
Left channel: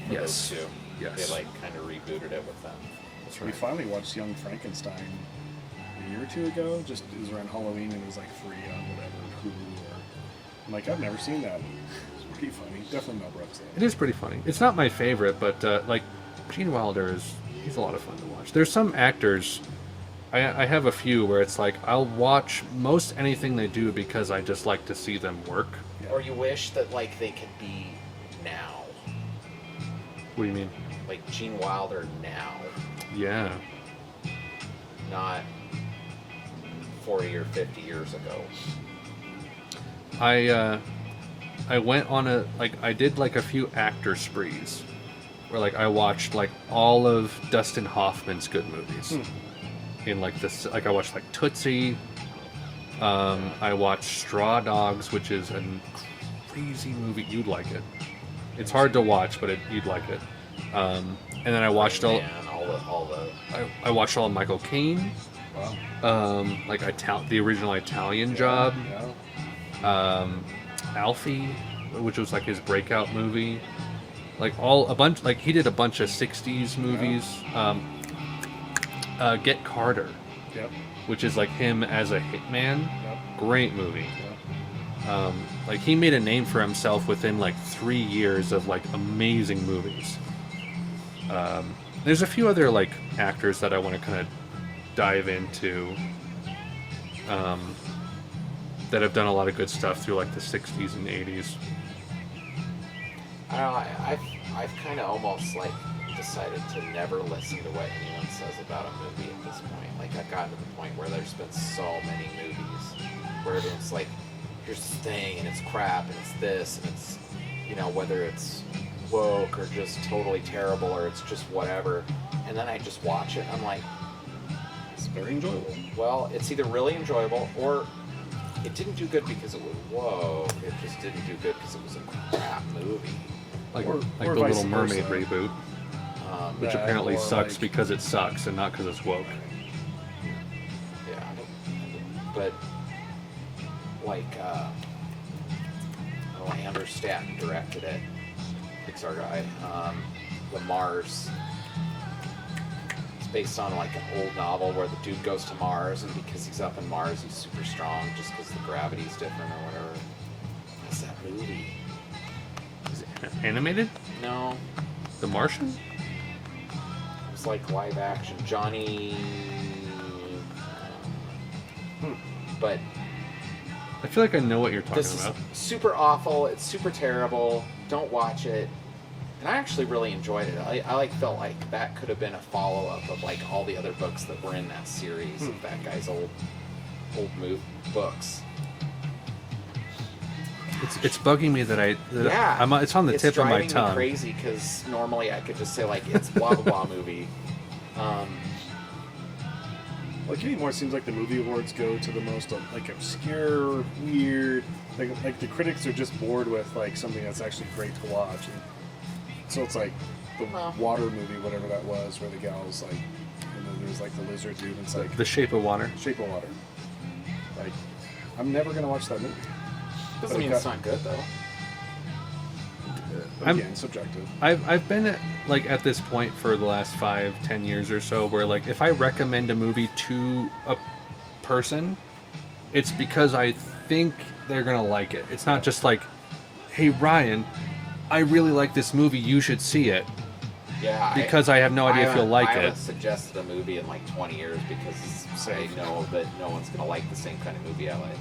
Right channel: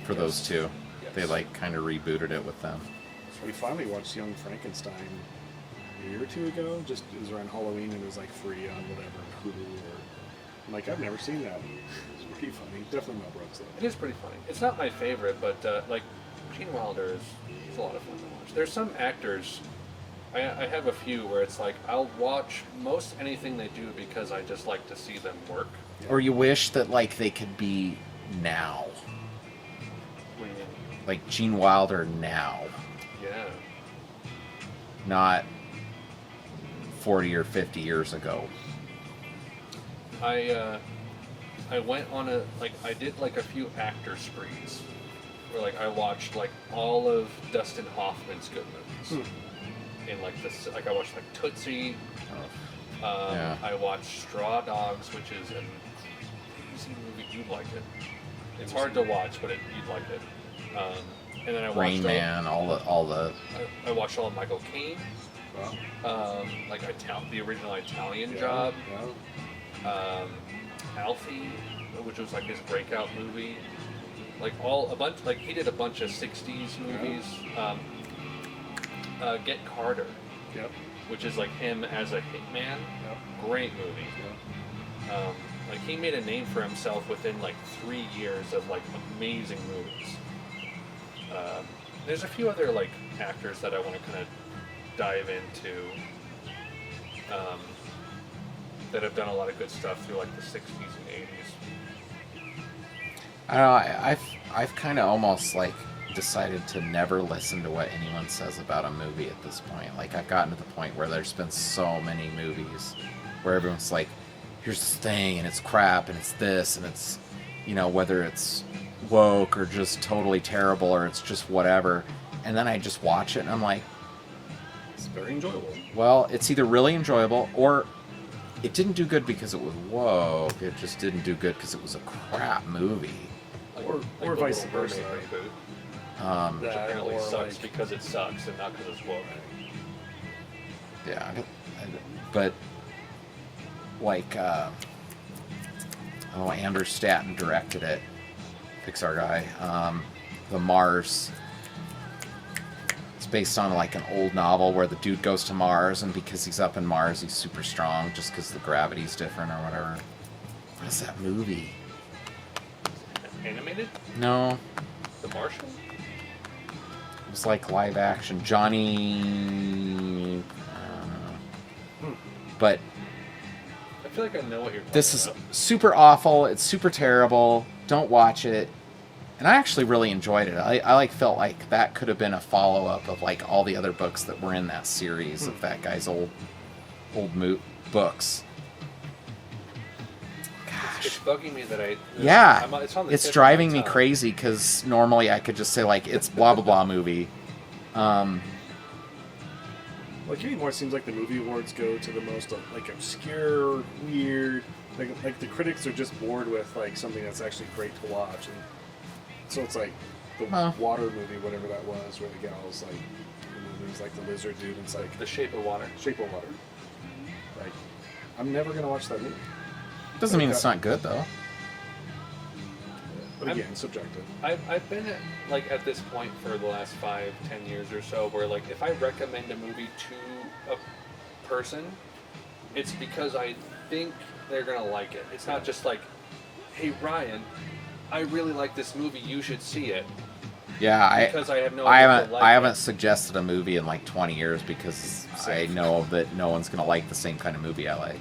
for Yes. those two. Yes. They like kind of rebooted it with them. That's We right. finally watched Young Frankenstein a year or two ago. Just it was around Halloween and it was like free on whatever Hulu or. I'm like, I've never seen that. It's pretty funny. Definitely Mel Brooks though. It is pretty funny. It's not my favorite, but like Gene Wilder he's a lot of fun to watch. There's some actors. I have a few where it's like I'll watch most anything they do because I just like to see them work. Yeah. Or you wish that like they could be now, What do you mean? like Gene Wilder now, Yeah. not 40 or 50 years ago. I went on I did like a few actor sprees where like I watched like all of Dustin Hoffman's good movies. In like this, like I watched like Tootsie. Yeah. I watched Straw Dogs, which is a crazy movie. You'd like it. It's hard to watch, but you'd like it. And then I watched Rain Man, all the I watched all of Michael Caine. Wow. Like the original Italian Job. Yeah. Alfie, which was like his breakout movie. Like he did a bunch of 60s movies. Get Carter, Yep. which is like him as a hitman. Yep. Great movie. Yep. Like he made a name for himself within like 3 years of like amazing movies. There's a few other like actors that I want to kind of dive into that have done a lot of good stuff through like the 60s and 80s. I don't know, I've kind of almost like decided to never listen to what anyone says about a movie at this point. Like I've gotten to the point where there's been so many movies where everyone's like, here's this thing and it's crap and it's this and it's, you know, whether it's woke or just totally terrible or it's just whatever. And then I just watch it and I'm like, It's very enjoyable. well, it's either really enjoyable or it didn't do good because it was woke. It just didn't do good because it was a crap movie. Like, Or like or the vice Little Mermaid versa. reboot, which That apparently or, sucks like- because it sucks and not because it's woke. Yeah, but like, Andrew Stanton directed it, Pixar guy. The Mars. It's based on like an old novel where the dude goes to Mars, and because he's up in Mars, he's super strong, just because the gravity's different or whatever. What's that movie? Is it animated? No, The Martian? it was like live action. Johnny. But I feel like I know what you're talking this is about. super awful. It's super terrible. Don't watch it. And I actually really enjoyed it. I like felt like that could have been a follow up of like all the other books that were in that series of that guy's old books. It's bugging me that Yeah, it's on the it's tip driving of my me tongue. crazy because normally I could just say like it's blah blah blah movie. Like anymore, it seems like the movie awards go to the most like obscure, weird. Like the critics are just bored with like something that's actually great to watch, and so it's like the water movie, whatever that was, where the gal's like, and then there's like the lizard dude, and it's like The Shape of Water. Shape of Water. Like, I'm never gonna watch that movie. Doesn't mean it's not good though. But I'm- again, subjective. I've been at this point for the last 5-10 years or so where like if I recommend a movie to a person, it's because I think they're gonna like it. It's not just like, hey Ryan, I really like this movie, you should see it. Yeah, Because I have no idea if you'll like I it. haven't suggested a movie in like 20 years because I know that no one's gonna like the same kind of movie I like.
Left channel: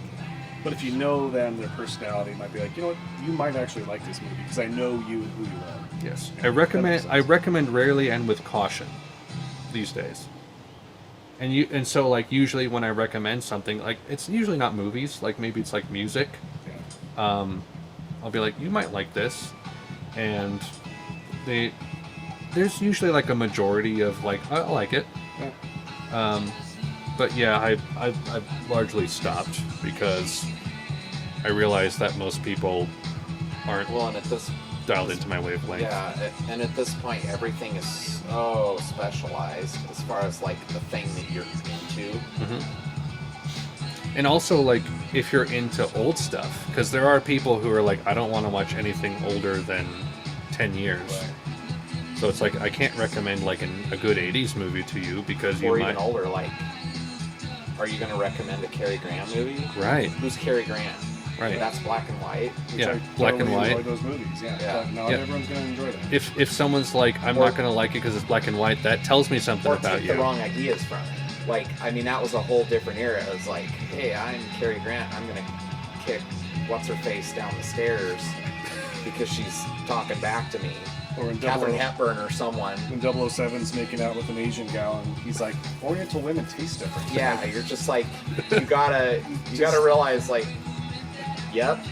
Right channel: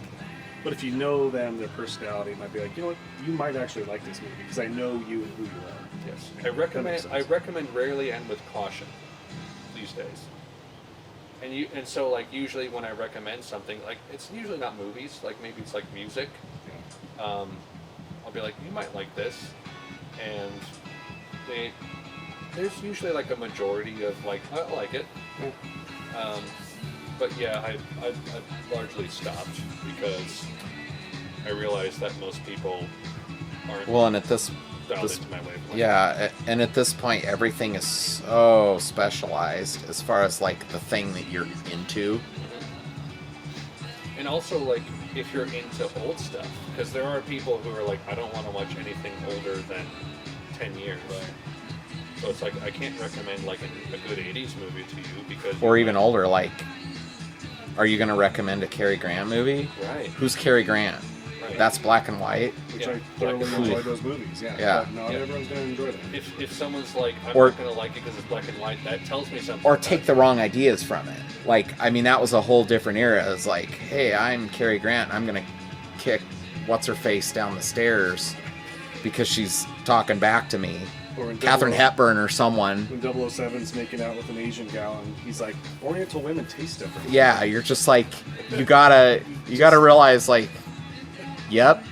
But if you know them, their personality, it might be like, you know what, you might actually like this movie because I know you and who you are. Yes. Yeah, that makes I sense. recommend rarely and with caution these days. And so like usually when I recommend something, like it's usually not movies, like maybe it's like music. Yeah. I'll be like, you might like this, and there's usually like a majority of like I like it. But yeah, I've largely stopped because I realize that most people aren't Well, and at this dialed into my wavelength. Yeah, and at this point, everything is so specialized as far as like the thing that you're into. And also, like, if you're into old stuff, because there are people who are like, I don't want to watch anything older than 10 years. Right. So it's like, I can't recommend like a good 80s movie to you because Or you even might- older, like, are you going to recommend a Cary Grant movie? Right. Who's Cary Grant? Right. That's black and white. Which Yeah, I black thoroughly and white. enjoy those movies. Yeah. Yeah. But not Yeah. everyone's gonna enjoy that. If someone's like, I'm Or- not going to like it because it's black and white, that tells me something Or about take you. the wrong ideas from it. Like, I mean, that was a whole different era. It's like, hey, I'm Cary Grant. I'm going to kick what's-her-face down the stairs because she's talking back to me. Or when Katharine Hepburn or someone. When 007's making out with an Asian gal, and he's like, Oriental women taste different. Yeah, you're just like, you gotta realize, like, yep,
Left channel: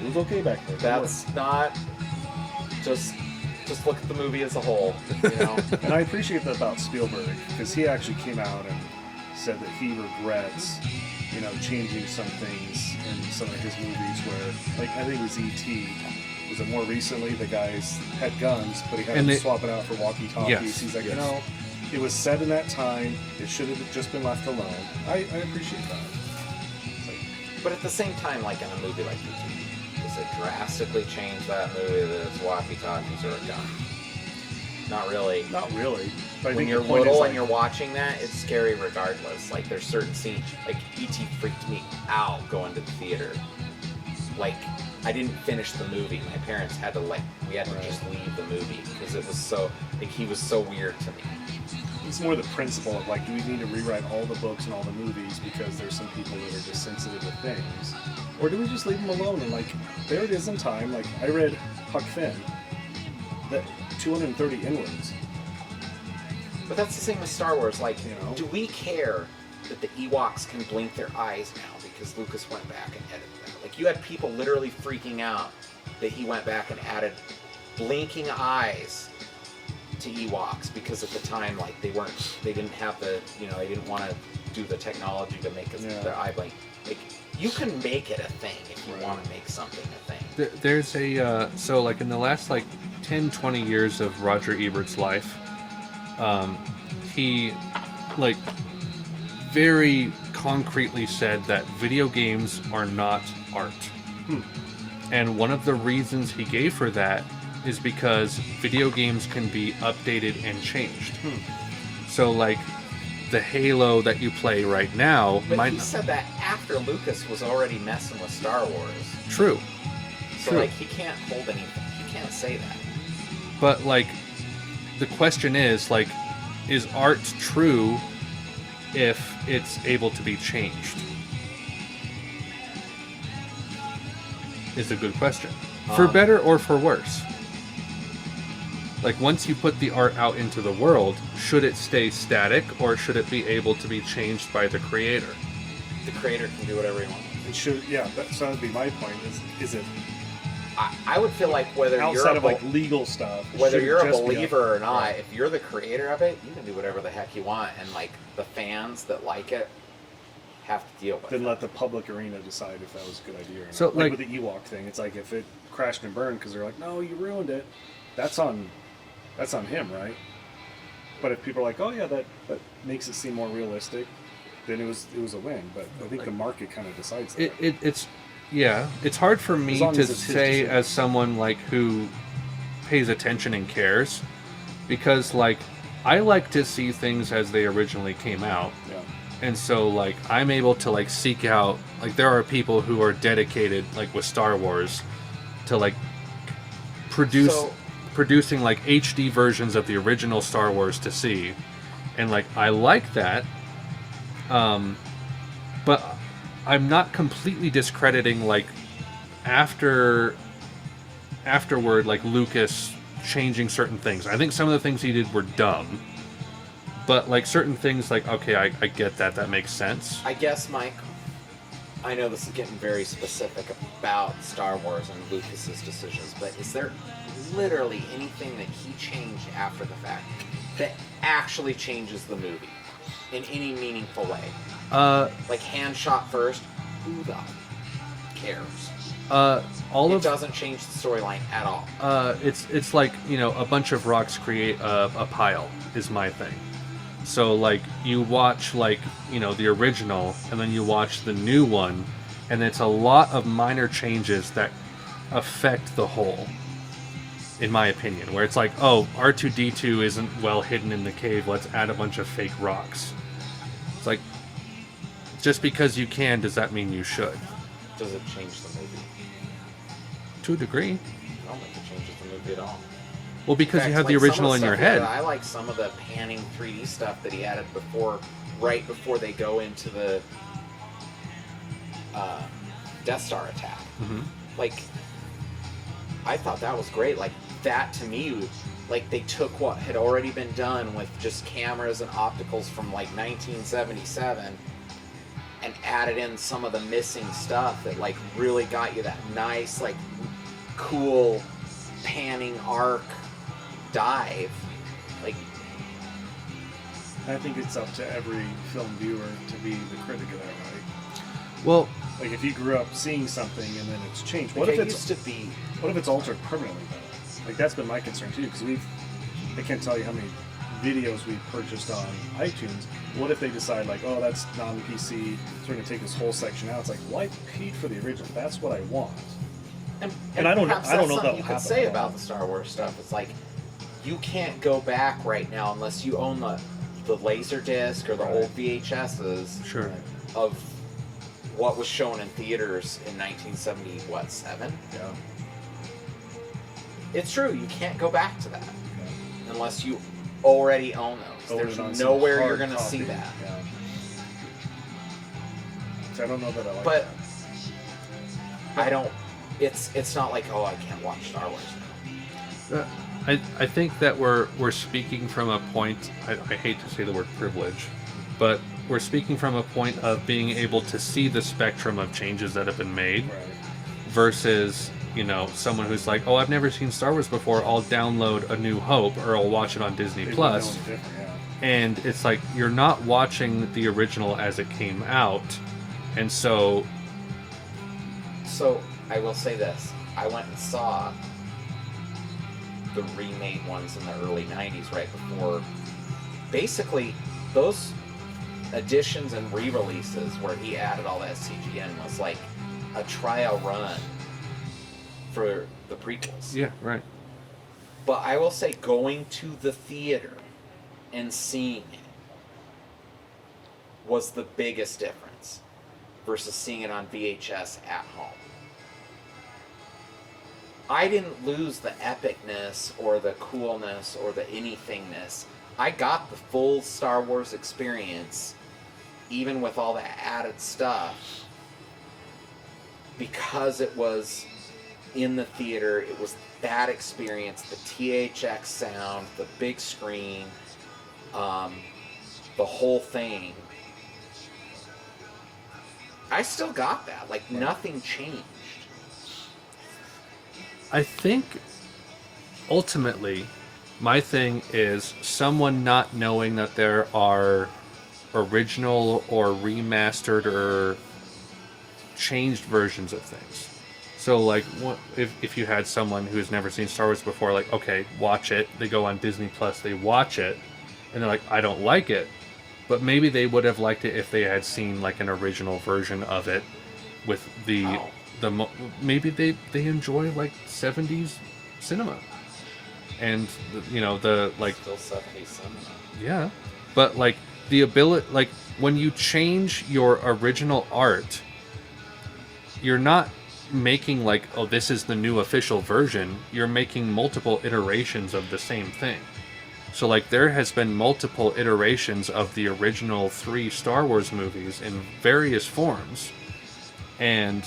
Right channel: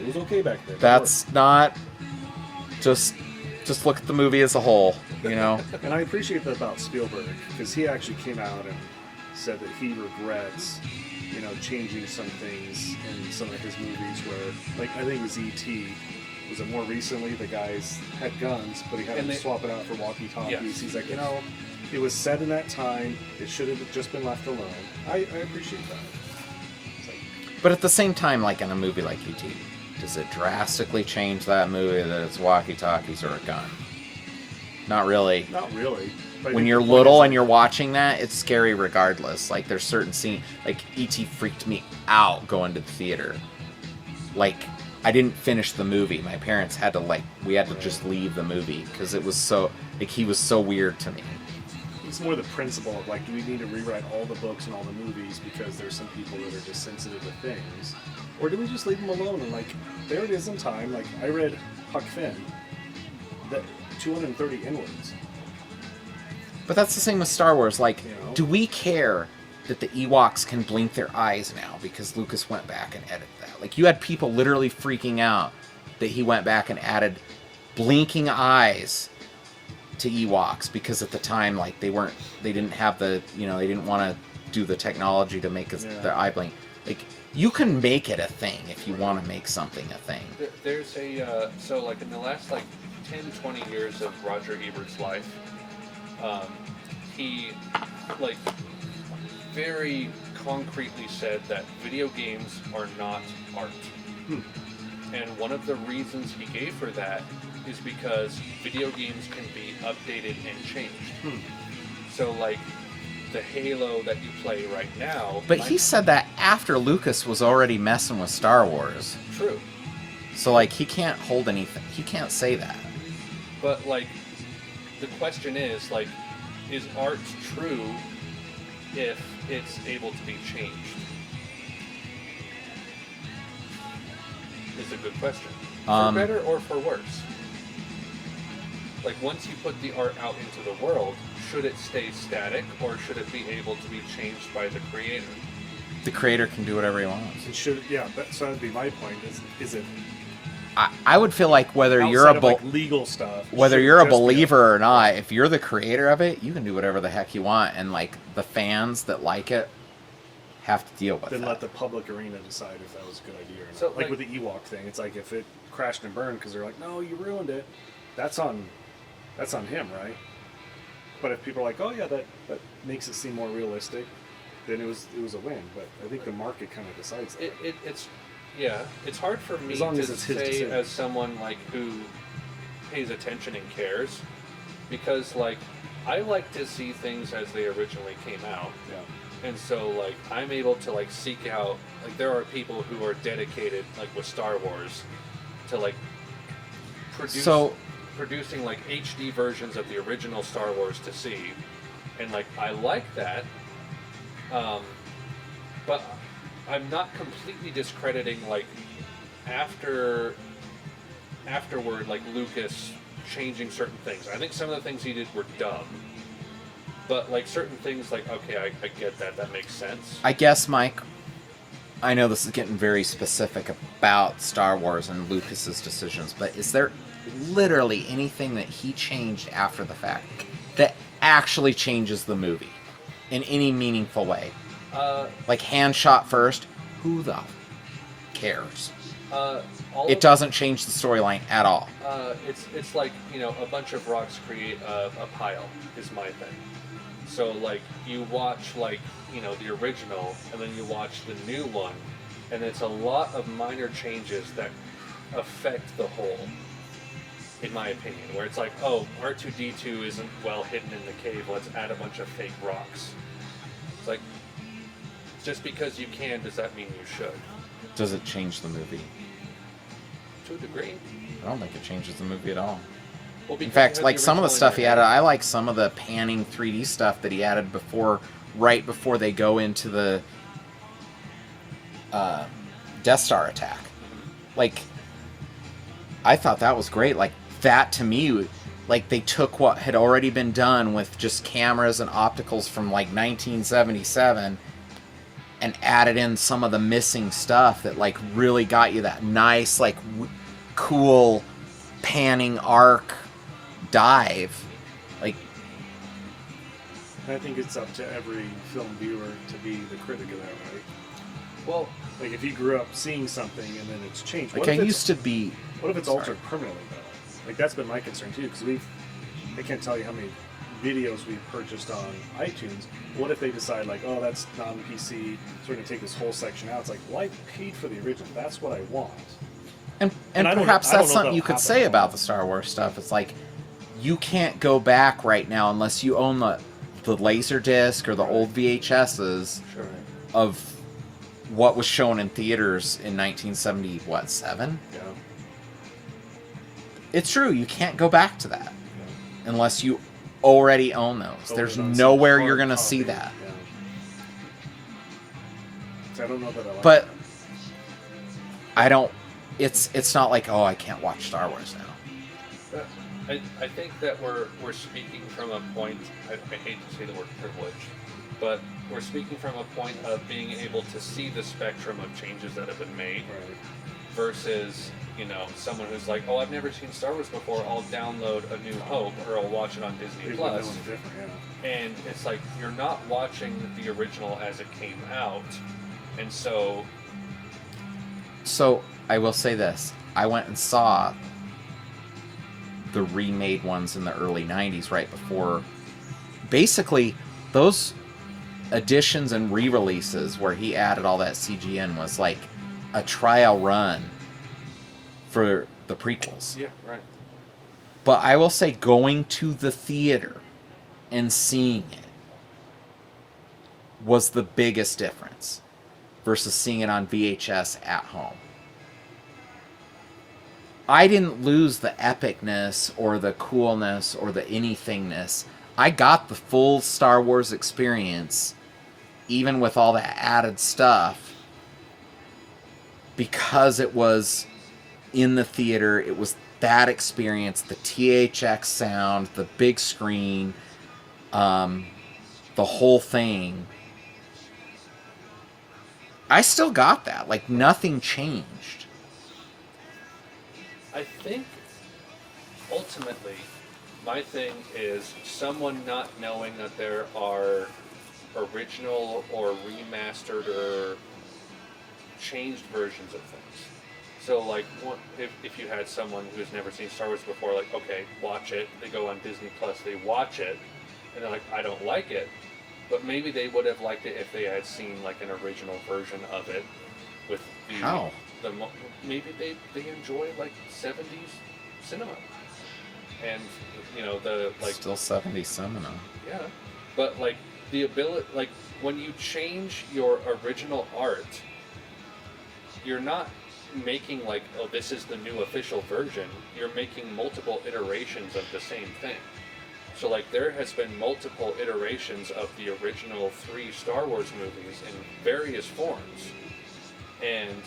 It was okay back there. that's not just look at the movie as a whole, you know. And I appreciate that about Spielberg, because he actually came out and said that he regrets, changing some things in some of his movies where, like, I think it was E.T. Was it more recently? The guys had guns, but he had And them they- swap it out for walkie-talkies. Yes, He's like, yes. it was set in that time. It should have just been left alone. I appreciate that. It's like, But at the same time, like in a movie like E.T., does it drastically change that movie that it's walkie-talkies or a gun? Not really. not really. But I When think you're the point little is, and you're watching that, it's scary regardless. Like, there's certain scenes, like E.T. freaked me out going to the theater. Like, I didn't finish the movie. My parents had to, we had to just leave the movie because it was so, he was so weird to me. It's more the principle of, like, do we need to rewrite all the books and all the movies because there's some people that are just sensitive to things? Or do we just leave them alone and, like, there it is in time. Like, I read Huck Finn, that 230 inwards. But that's the same with Star Wars. Like, Do we care that the Ewoks can blink their eyes now because Lucas went back and edited that? Like, you had people literally freaking out that he went back and added blinking eyes to Ewoks because at the time, like, they didn't have the, they didn't want to do the technology to make their eye blink. Like, you can make it a thing if you want to make something a thing. There's a so like in the last like 10-20 years of Roger Ebert's life, he like very concretely said that video games are not art. And one of the reasons he gave for that is because video games can be updated and changed. So like the Halo that you play right now, But he said that after Lucas was already messing with Star Wars. true. So, like, he can't hold anything. He can't say that. But like the question is like, is art true if it's able to be changed? Is a good question. For better or for worse. Like, once you put the art out into the world, should it stay static or should it be able to be changed by the creator? The creator can do whatever he wants. It should, so that'd be my point. Is it I would feel like whether you're outside a of, like, legal stuff? whether should you're a just be believer or not, if you're the creator of it, you can do whatever the heck you want, and like the fans that like it have to deal with Then it. let the public arena decide if that was a good idea or not. So, like like- with the Ewok thing, it's like if it crashed and burned because they're like, no, you ruined it. That's on him, right? But if people are like, oh yeah, that makes it seem more realistic, then it was a win. But I think the market kind of decides that. It's hard for me As long to as it's his say decision. as someone like who pays attention and cares, because like I like to see things as they originally came out. Yeah. And so, like, I'm able to, like, seek out, like, there are people who are dedicated, like, with Star Wars to, like, producing, like, HD versions of the original Star Wars to see. And, like, I like that. But I'm not completely discrediting, like, afterward, like, Lucas changing certain things. I think some of the things he did were dumb. But, like, certain things, like, okay, I get that. That makes sense. I guess, Mike, I know this is getting very specific about Star Wars and Lucas's decisions, but is there literally anything that he changed after the fact that actually changes the movie in any meaningful way? Like hand shot first, who the cares? It doesn't change the storyline at all. It's like, you know, a bunch of rocks create a pile is my thing. So like you watch like, you know, the original and then you watch the new one, and it's a lot of minor changes that affect the whole, in my opinion, where it's like, oh, R2-D2 isn't well hidden in the cave, let's add a bunch of fake rocks. It's like, just because you can, does that mean you should? Does it change the movie? To a degree. I don't think it changes the movie at all. Well, because In fact, you have like the some original of the in stuff your he head. added, I like some of the panning 3D stuff that he added right before they go into the Death Star attack. Mm-hmm. Like, I thought that was great. Like, that to me, like, they took what had already been done with just cameras and opticals from like 1977 and added in some of the missing stuff that like really got you that nice, like, cool panning arc dive. Like, I think it's up to every film viewer to be the critic of that, right? Well, Like if you grew up seeing something and then it's changed. What like if I it's used to be. What if it's altered permanently though? Like that's been my concern too, because I can't tell you how many videos we've purchased on iTunes. What if they decide like, oh, that's non-PC, so we're gonna take this whole section out? It's like, well, I paid for the original. That's what I want. And I don't- perhaps I don't that's know something if you that'll could happen. say about the Star Wars stuff. It's like, you can't go back right now unless you own the laser disc or the old VHSs sure. of what was shown in theaters in 1977. Yeah. It's true, you can't go back to that unless you already own those. Own There's it on some nowhere hard you're going to copy. see that. Yeah. So I don't know that I like But that. I don't. It's not like, oh, I can't watch Star Wars now. I think that we're speaking from a point, I hate to say the word privilege, but we're speaking from a point of being able to see the spectrum of changes that have been made Right. versus, you know, someone who's like, oh, I've never seen Star Wars before, I'll download A New Hope or I'll watch it on Disney They Plus. wouldn't know any different, yeah. And it's like, you're not watching the original as it came out. And so, So I will say this: I went and saw the remade ones in the early '90s, right before. Basically, those additions and re-releases where he added all that CGN was like a trial run for the prequels. yeah, right. But I will say, going to the theater and seeing it was the biggest difference versus seeing it on VHS at home. I didn't lose the epicness or the coolness or the anythingness. I got the full Star Wars experience, even with all the added stuff, because it was in the theater. It was that experience, the THX sound, the big screen, the whole thing. I still got that. Like, nothing changed. I think ultimately my thing is someone not knowing that there are original or remastered or changed versions of things. So like, if you had someone who's never seen Star Wars before, like, okay, watch it, they go on Disney Plus, they watch it, and they're like, I don't like it, but maybe they would have liked it if they had seen like an original version of it with the How? Maybe they enjoy like 70s cinema, and you know, the like, Still 70s cinema. yeah, but like the ability, like when you change your original art, you're not making like, oh, this is the new official version. You're making multiple iterations of the same thing. So like, there has been multiple iterations of the original 3 Star Wars movies in various forms, and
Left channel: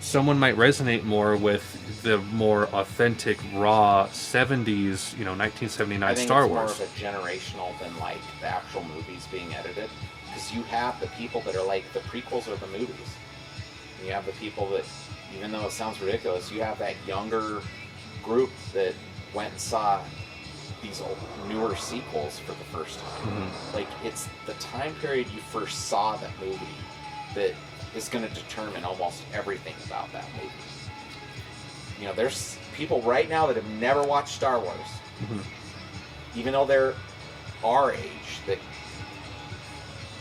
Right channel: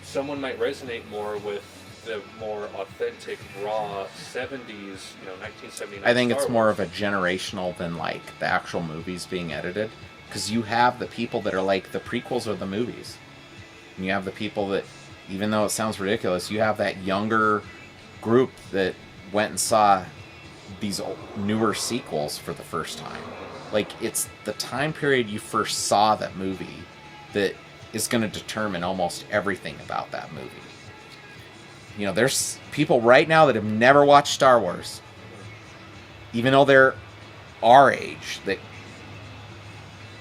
someone might resonate more with the more authentic, raw 70s, you know, 1979 I think Star it's more Wars. of a generational than like the actual movies being edited, because you have the people that are like, the prequels are the movies. And you have the people that, even though it sounds ridiculous, you have that younger group that went and saw these newer sequels for the first time. Like, it's the time period you first saw that movie that is going to determine almost everything about that movie. You know, there's people right now that have never watched Star Wars, even though they're our age, that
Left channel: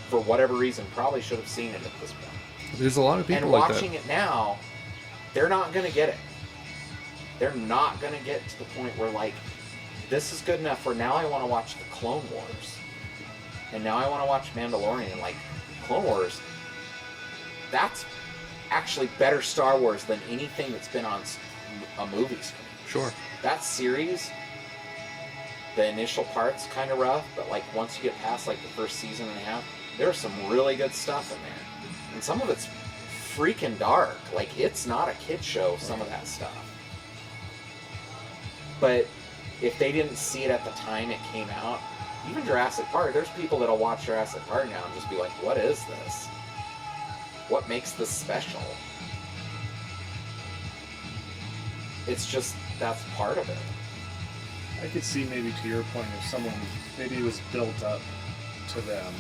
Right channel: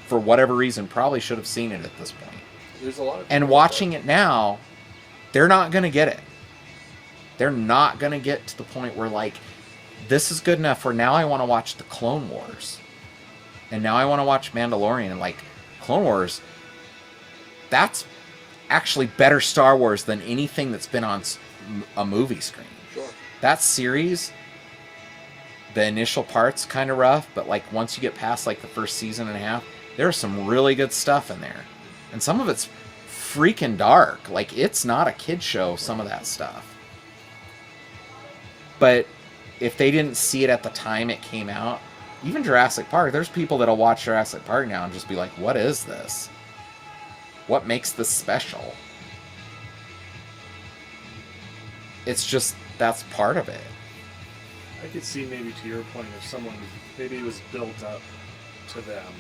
for whatever reason probably should have seen it at this point. There's a lot of people. And watching it now, they're not going to get it. They're not going to get to the point where, like, this is good enough where now I want to watch the Clone Wars. And now I want to watch Mandalorian. Like, Clone Wars, that's actually better Star Wars than anything that's been on a movie screen. Sure. That series, the initial part's kind of rough, but, like, once you get past, like, the first season and a half, there's some really good stuff in there. And some of it's freaking dark. Like, it's not a kid show, some of that stuff. But if they didn't see it at the time it came out, even Jurassic Park, there's people that'll watch Jurassic Park now and just be like, what is this? What makes this special? It's just, that's part of it. I could see maybe to your point if someone, maybe it was built up to them.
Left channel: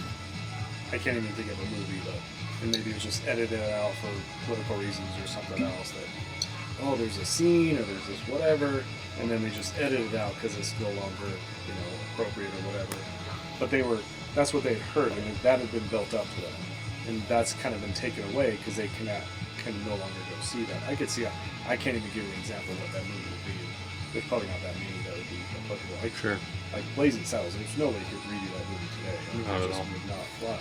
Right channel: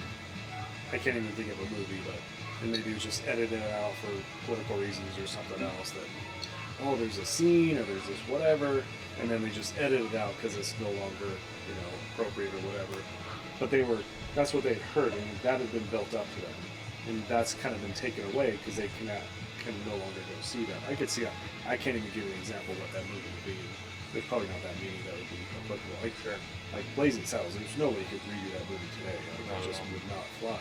I can't even think of a movie, but and maybe it was just edited out for political reasons or something else that, oh, there's a scene or there's this whatever, and then they just edit it out because it's no longer, you know, appropriate or whatever. But that's what they'd heard, and that had been built up to them. And that's kind of been taken away because they can no longer go see that. I could see, I can't even give you an example of what that movie would be. There's probably not that many that would be applicable. Like Blazing Saddles, there's no way you could redo that movie today. I mean, it just would not fly.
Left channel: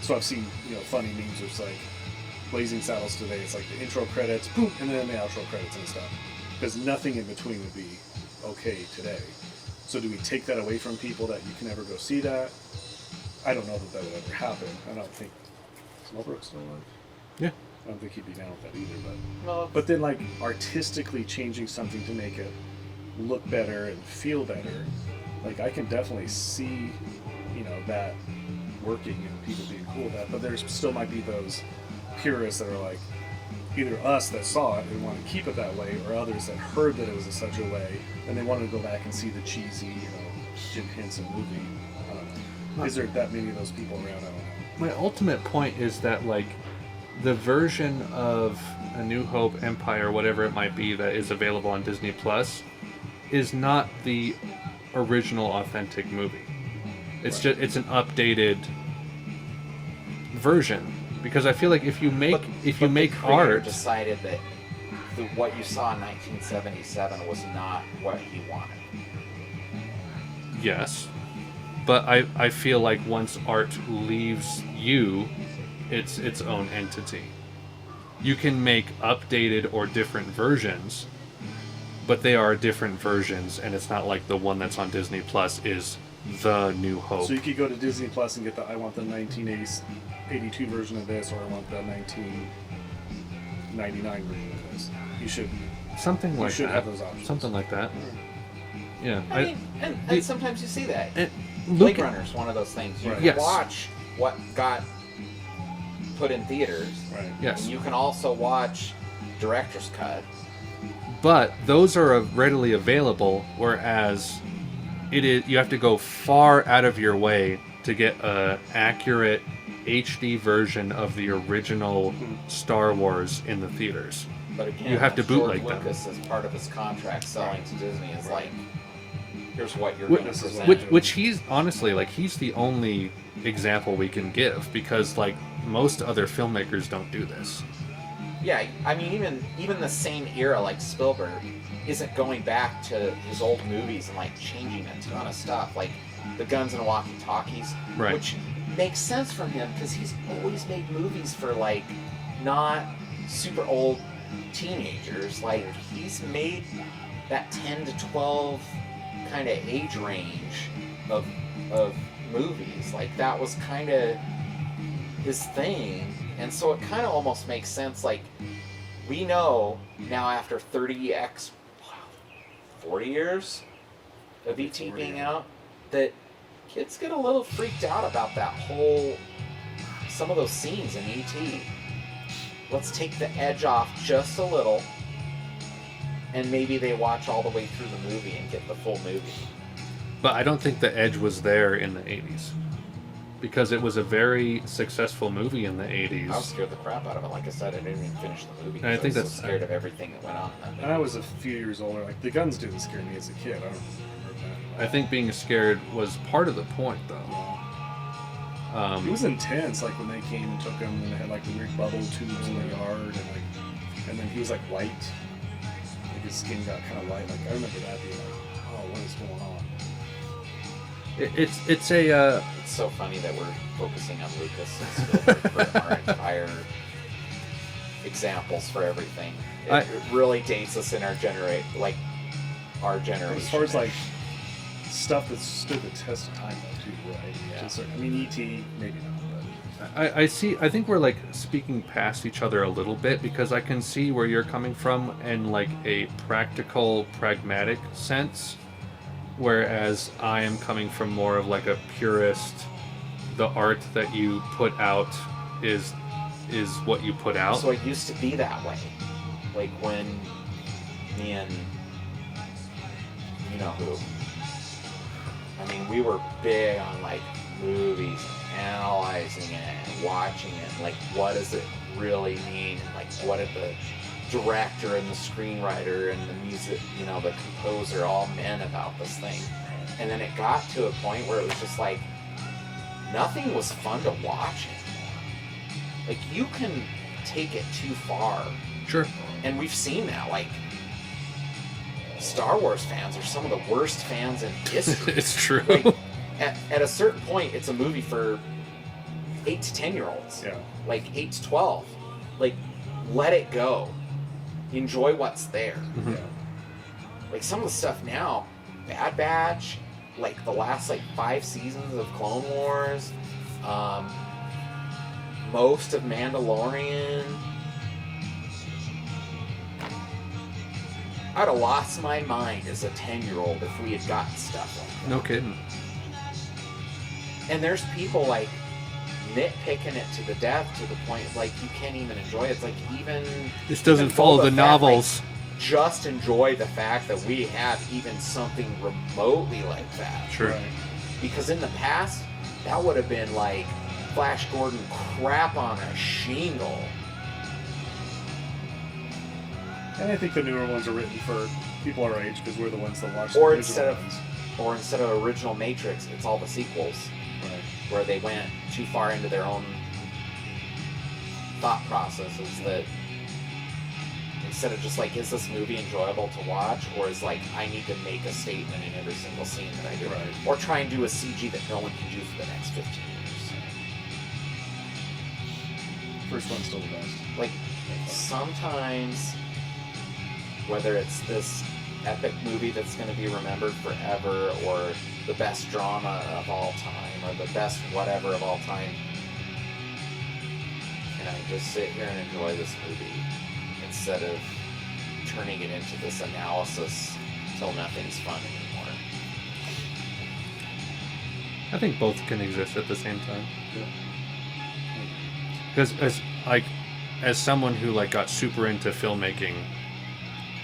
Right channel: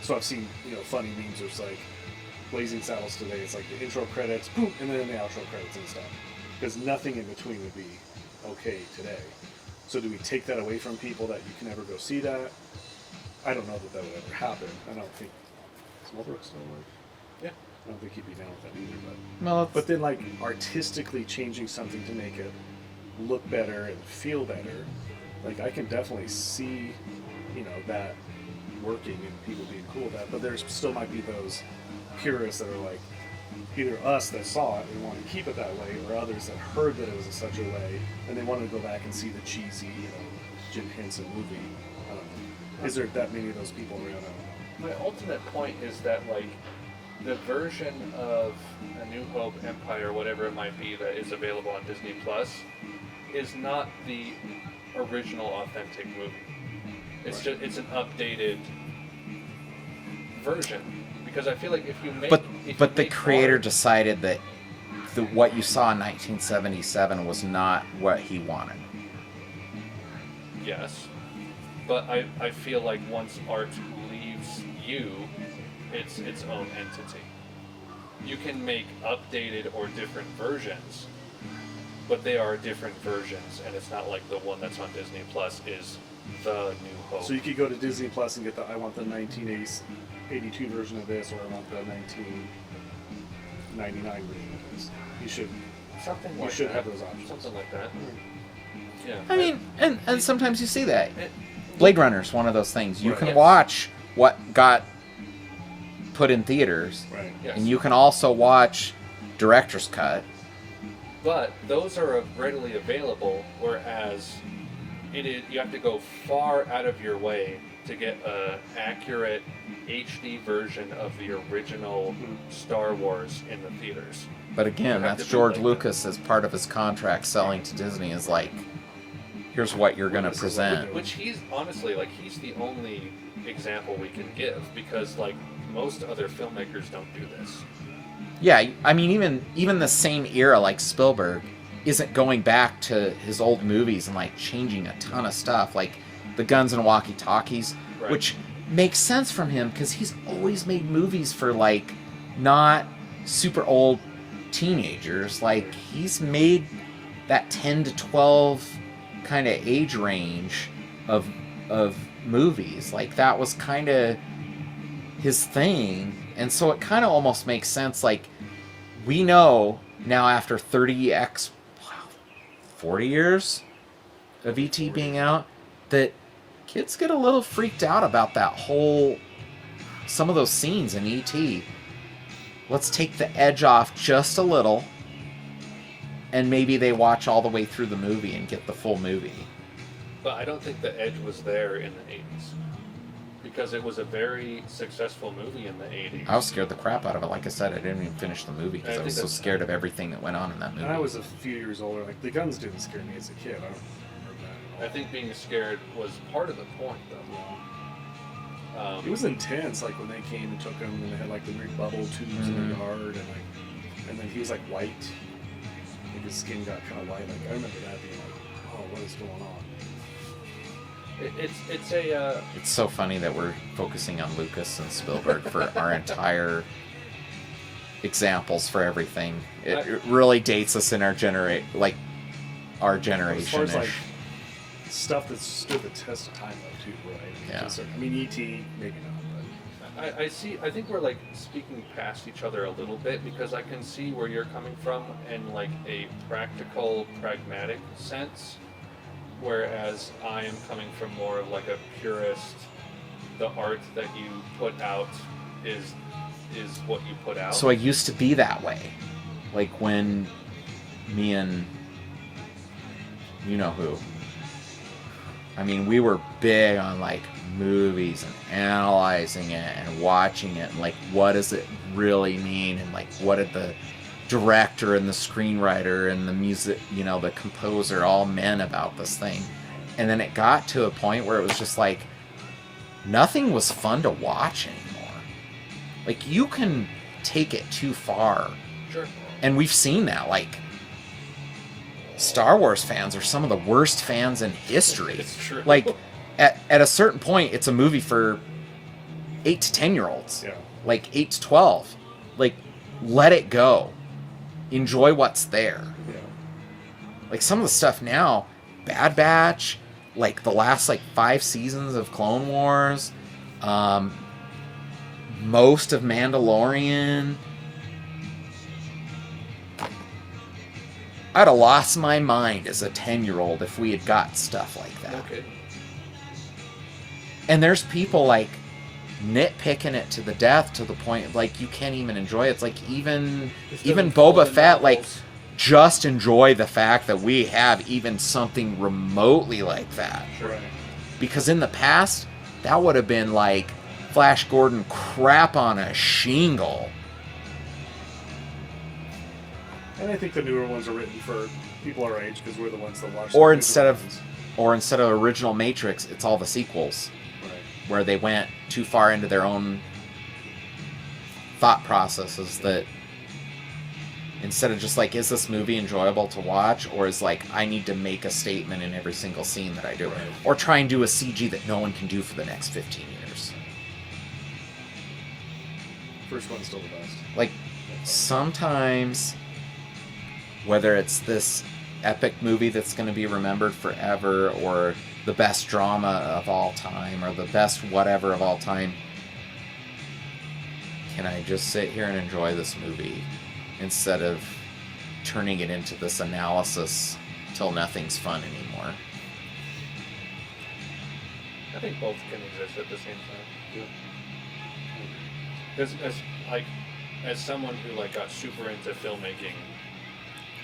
So I've seen, you know, funny memes where it's like Blazing Saddles today, it's like the intro credits, boom, and then the outro credits and stuff. Because nothing in between would be okay today. So do we take that away from people that you can never go see that? I don't know that would ever happen. I don't think Smallbrook's still alive. Yeah. I don't think he'd be down with that either. Well, But then, like, artistically changing something to make it look better and feel better, like, I can definitely see, you know, that working and people being cool with that. But there still might be those purists that are like, either us that saw it and want to keep it that way, or others that heard that it was in such a way and they wanted to go back and see the cheesy, you know, Jim Henson movie. I don't know. Is there that many of those people around? I don't know. My ultimate point is that, like, the version of A New Hope, Empire, whatever it might be, that is available on Disney Plus, is not the original authentic movie. It's just it's an updated version. Because I feel like if you make the creator art, decided that what you saw in 1977 was not what he wanted. yes, but I feel like once art leaves you, it's its own entity. You can make updated or different versions, but they are different versions, and it's not like the one that's on Disney Plus is the New Hope. So you could go to Disney Plus and get I want the 1982 version of this, or I want the 1999 version of this. You should have those options. Something like that. Yeah. I mean, and sometimes you see that. Blade Runner's one of those things. You Right. can Yes. watch what got put in theaters, Right. Yes. and you can also watch director's cut. But those are readily available, whereas you have to go far out of your way to get an accurate HD version of the original Star Wars in the theaters. But again, You have that's to George bootleg Lucas, as part of his contract selling to Disney, is like, here's what you're going to Witnesses present. Which he's honestly, like, he's the only example we can give, because, like, most other filmmakers don't do this. Yeah, I mean, even the same era, like Spielberg, isn't going back to his old movies and, like, changing a ton of stuff, like the Guns and Walkie-Talkies, Right. which makes sense from him because he's always made movies for, like, not super old teenagers. Like, he's made that 10 to 12 kind of age range of movies. Like, that was kind of his thing. And so it kind of almost makes sense. Like, we know now after 40 years of E.T. being out, that kids get a little freaked out about that whole, some of those scenes in E.T. let's take the edge off just a little, and maybe they watch all the way through the movie and get the full movie. But I don't think the edge was there in the 80s. Because it was a very successful movie in the 80s. I was scared the crap out of it. Like I said, I didn't even finish the movie because I was so scared of everything that went on in that movie. And I was a few years older. Like, the guns didn't scare me as a kid. I don't remember that. I think being scared was part of the point, though. It was intense, like when they came and took him, and they had like the weird bubble tubes in their yard, and then he was like white, like his skin got kind of white. Like I remember that being like, oh, what is going on? It's so funny that we're focusing on Lucas and Spielberg for our entire examples for everything. It really dates us in our our generation. As far as like stuff that stood the test of time, though, too, right? Yeah. I mean, E.T. maybe not, I think we're like speaking past each other a little bit, because I can see where you're coming from in like a practical, pragmatic sense, whereas I am coming from more of like a purist. The art that you put out is what you put out. So I used to be that way, like when me and you know who. I mean, we were big on like movies and analyzing it and watching it and like what does it really mean, and like what did the director and the screenwriter and the music, the composer all meant about this thing. And then it got to a point where it was just like nothing was fun to watch anymore. Like you can take it too far. Sure. And we've seen that, like Star Wars fans are some of the worst fans in history. It's true. Like, at a certain point, it's a movie for 8 to 10-year-olds. Yeah. Like, 8 to 12. Like, let it go. Enjoy what's there. Yeah. Like, some of the stuff now, Bad Batch, like, the last, 5 seasons of Clone Wars, most of Mandalorian. I'd have lost my mind as a 10-year-old if we had got stuff like that. No kidding. And there's people nitpicking it to the death to the point you can't even enjoy it. It's like even Boba Fett, just enjoy the fact that we have even something remotely like that. Sure. Right. Because in the past, that would have been like Flash Gordon crap on a shingle. And I think the newer ones are written for people our age because we're the ones that watch. Or the instead newer ones. of original Matrix, it's all the sequels. Right. Where they went too far into their own thought processes, that instead of just is this movie enjoyable to watch, or is I need to make a statement in every single scene that I do, Right. or try and do a CG that no one can do for the next 15 years. First one's still the best. Sometimes, whether it's this epic movie that's going to be remembered forever, or the best drama of all time, or the best whatever of all time, can I just sit here and enjoy this movie instead of turning it into this analysis till nothing's fun anymore? I think both can exist at the same time. Yeah. Because as someone who got super into filmmaking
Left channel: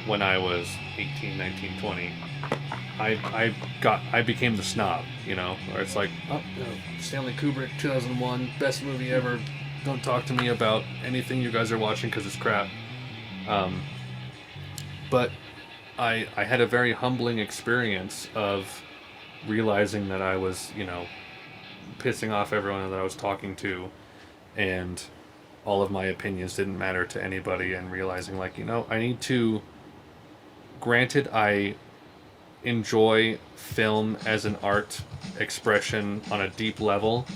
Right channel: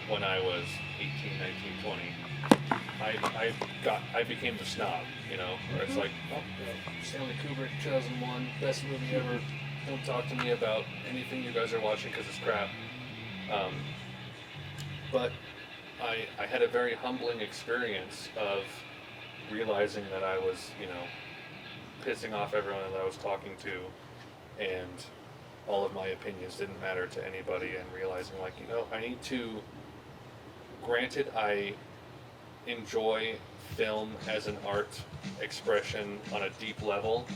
when I was 18, 19, 20, I became the snob, where it's Stanley Kubrick, 2001, best movie ever. Don't talk to me about anything you guys are watching because it's crap. But I had a very humbling experience of realizing that I was, pissing off everyone that I was talking to, and all of my opinions didn't matter to anybody, and realizing I need to, granted I enjoy film as an art expression on a deep level,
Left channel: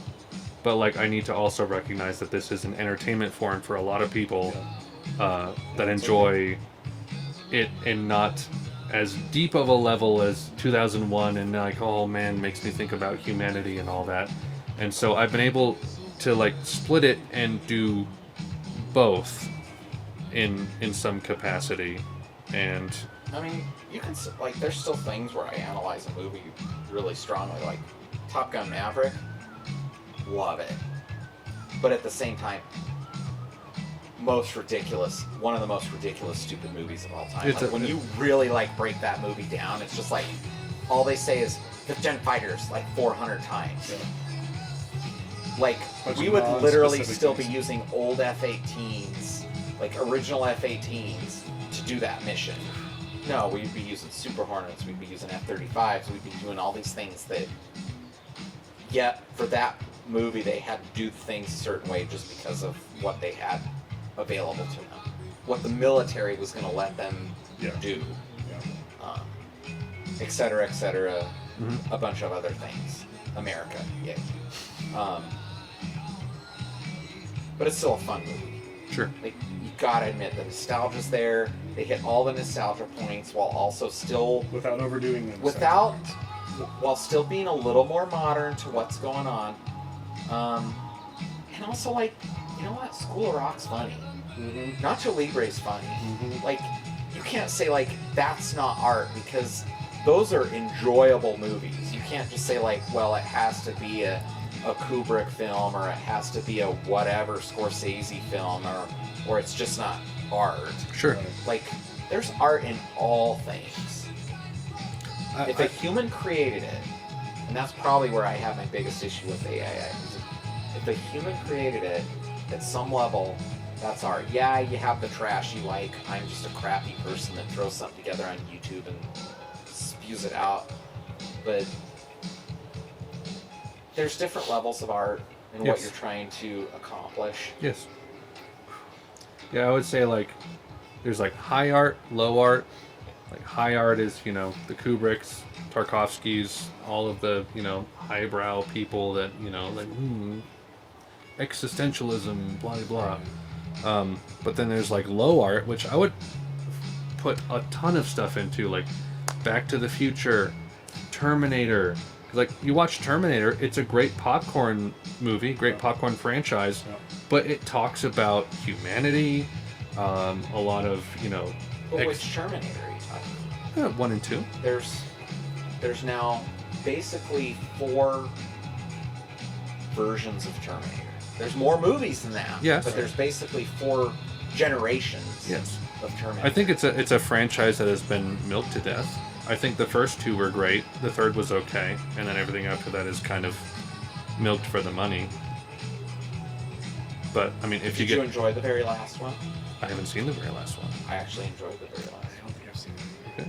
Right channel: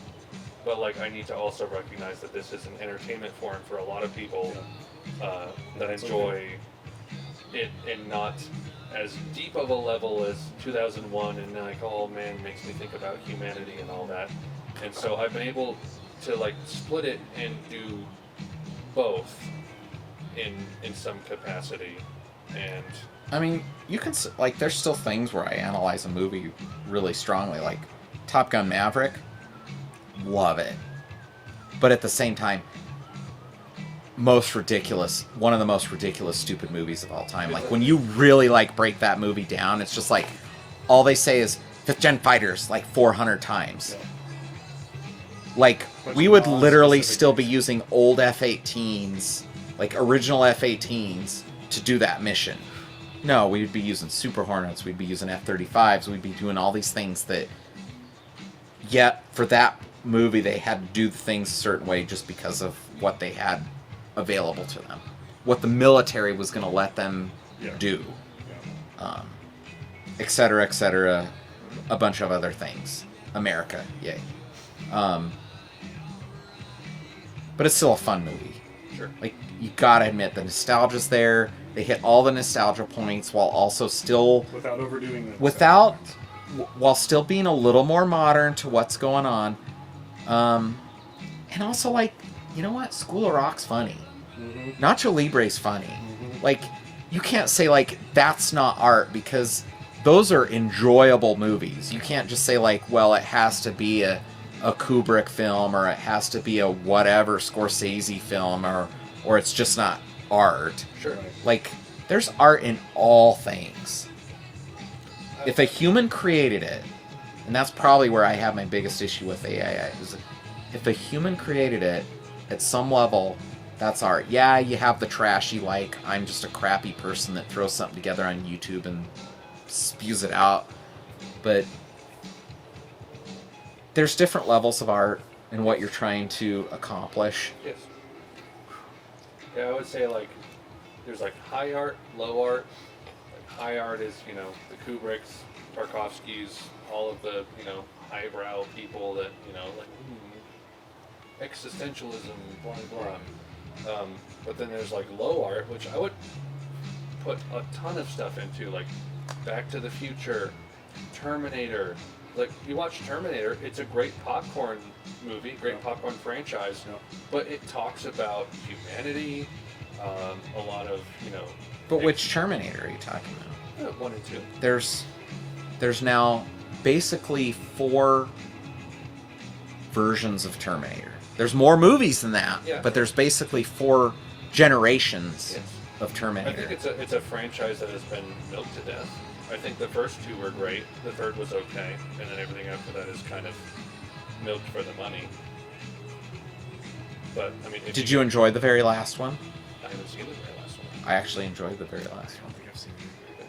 but I need to also recognize that this is an entertainment form for a lot of people that enjoy it in not as deep of a level as 2001, and oh man, makes me think about humanity and all that. And so I've been able to split it and do both in some capacity. And I mean, you can there's still things where I analyze a movie really strongly, like Top Gun Maverick. Love it, but at the same time, one of the most ridiculous stupid movies of all time. It's Like when you really like break that movie down, it's just like all they say is 5th gen fighters like 400 times. Yeah. Like Bunch we of would literally non-specific still be things. using old F-18s, like original F-18s, to do that mission. No, we'd be using Super Hornets, we'd be using F-35s, we'd be doing all these things that, yet for that movie they had to do things a certain way just because of what they had available to them, what the military was going to let them Yeah. do, Yeah. et cetera, a bunch of other things. America, yay. But it's still a fun movie. Sure. Like, you gotta admit, the nostalgia's there. They hit all the nostalgia points while also still... Without overdoing them. While still being a little more modern to what's going on. And also, like, you know what? School of Rock's funny. Mm-hmm. Nacho Libre's funny. Mm-hmm. Like, you can't say, like, that's not art, because those are enjoyable movies. You can't just say, like, well, it has to be a Kubrick film, or it has to be a whatever Scorsese film, or it's just not art. Sure. Right. Like, there's art in all things. If a human created it, and that's probably where I have my biggest issue with AI, is if a human created it, at some level, that's art. Yeah, you have the trashy, like, I'm just a crappy person that throws something together on YouTube and spews it out. But there's different levels of art and what Yes. you're trying to accomplish. Yes. Yeah, I would say like there's like high art, low art. Like high art is, you know, the Kubricks, Tarkovskys, all of the, you know, highbrow people that, you know, like existentialism, blah blah blah. But then there's like low art, which I would put a ton of stuff into, like Back to the Future, Terminator. Like, you watch Terminator, it's a great popcorn movie, great popcorn franchise, Yeah. but it talks about humanity, a lot of, you know... But which Terminator are you talking about? 1 and 2. There's now basically 4 versions of Terminator. There's more movies than that, Yes. but there's basically 4 generations Yes. of Terminator. I think it's a franchise that has been milked to death. I think the first 2 were great, the third was okay, and then everything after that is kind of milked for the money. But, I mean, if Did you enjoy the very last one? I haven't seen the very last one. I actually enjoyed the very last I one. don't think I've seen it.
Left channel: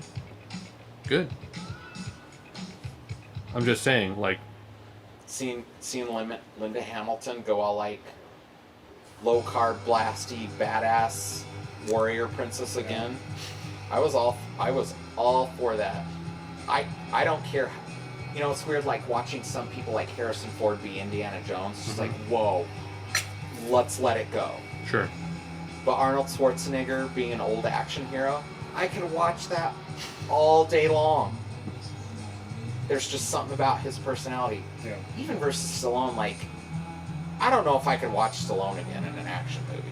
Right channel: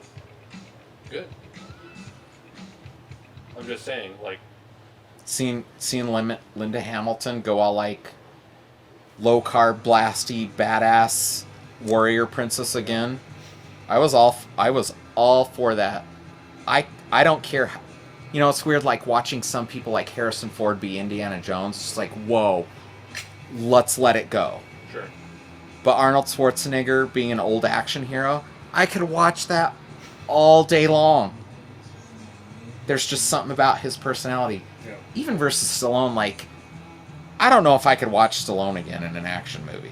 Good. I'm just saying, like, Seeing Linda Hamilton go all like low carb, blasty, badass warrior princess again. I was all for that. I don't care. How, you know, it's weird, like watching some people like Harrison Ford be Indiana Jones. It's just like, whoa, let's let it go. sure. But Arnold Schwarzenegger being an old action hero, I could watch that all day long. There's just something about his personality. Yeah. Even versus Stallone, like, I don't know if I could watch Stallone again in an action movie.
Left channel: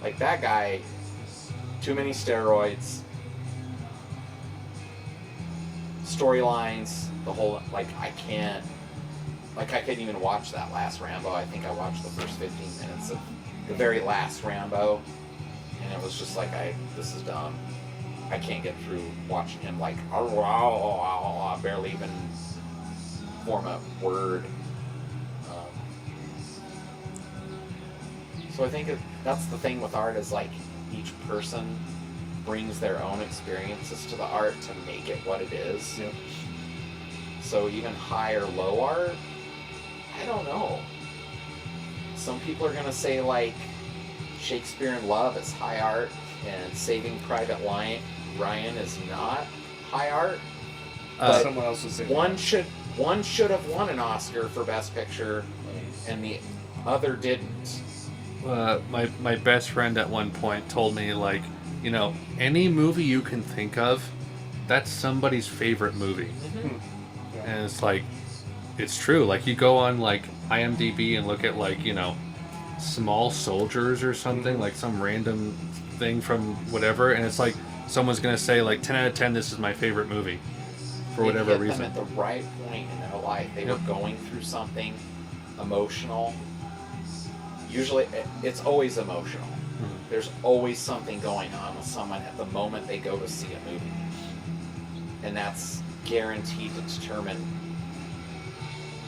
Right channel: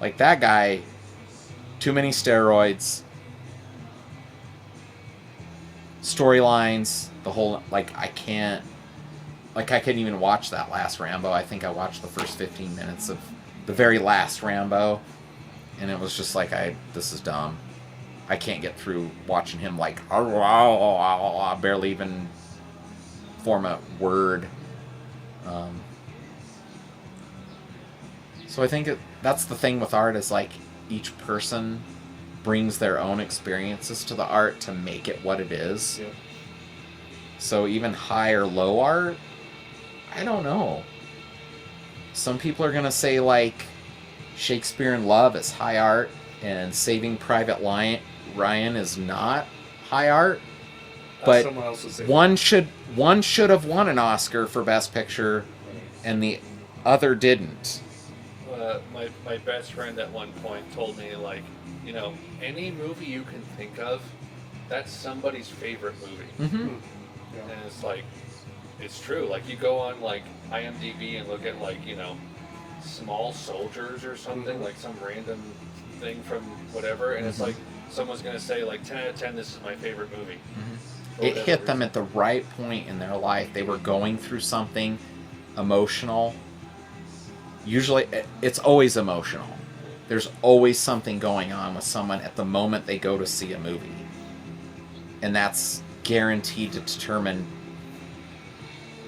Like, that guy, too many steroids, storylines, the whole, like, I couldn't even watch that last Rambo. I think I watched the first 15 minutes of the very last Rambo, and it was just like, this is dumb. I can't get through watching him, like, barely even form a word. So I think that's the thing with art, is like each person brings their own experiences to the art to make it what it is. Yep. So even high or low art, I don't know. Some people are gonna say like Shakespeare in Love is high art and Saving Private Ryan is not high art. But Someone else would say one should have won an Oscar for Best Picture, and the other didn't. My best friend at one point told me, like, you know, any movie you can think of, that's somebody's favorite movie. Mm-hmm. Yeah. And it's like, it's true. Like, you go on, like, IMDb and look at, like, you know, Small Soldiers or something, like some random thing from whatever, and it's like, someone's going to say, like, 10 out of 10, this is my favorite movie. For It whatever hit reason. them at the right point in their life. They were going through something emotional. Usually, it's always emotional. there's always something going on with someone at the moment they go to see a movie. And that's guaranteed to determine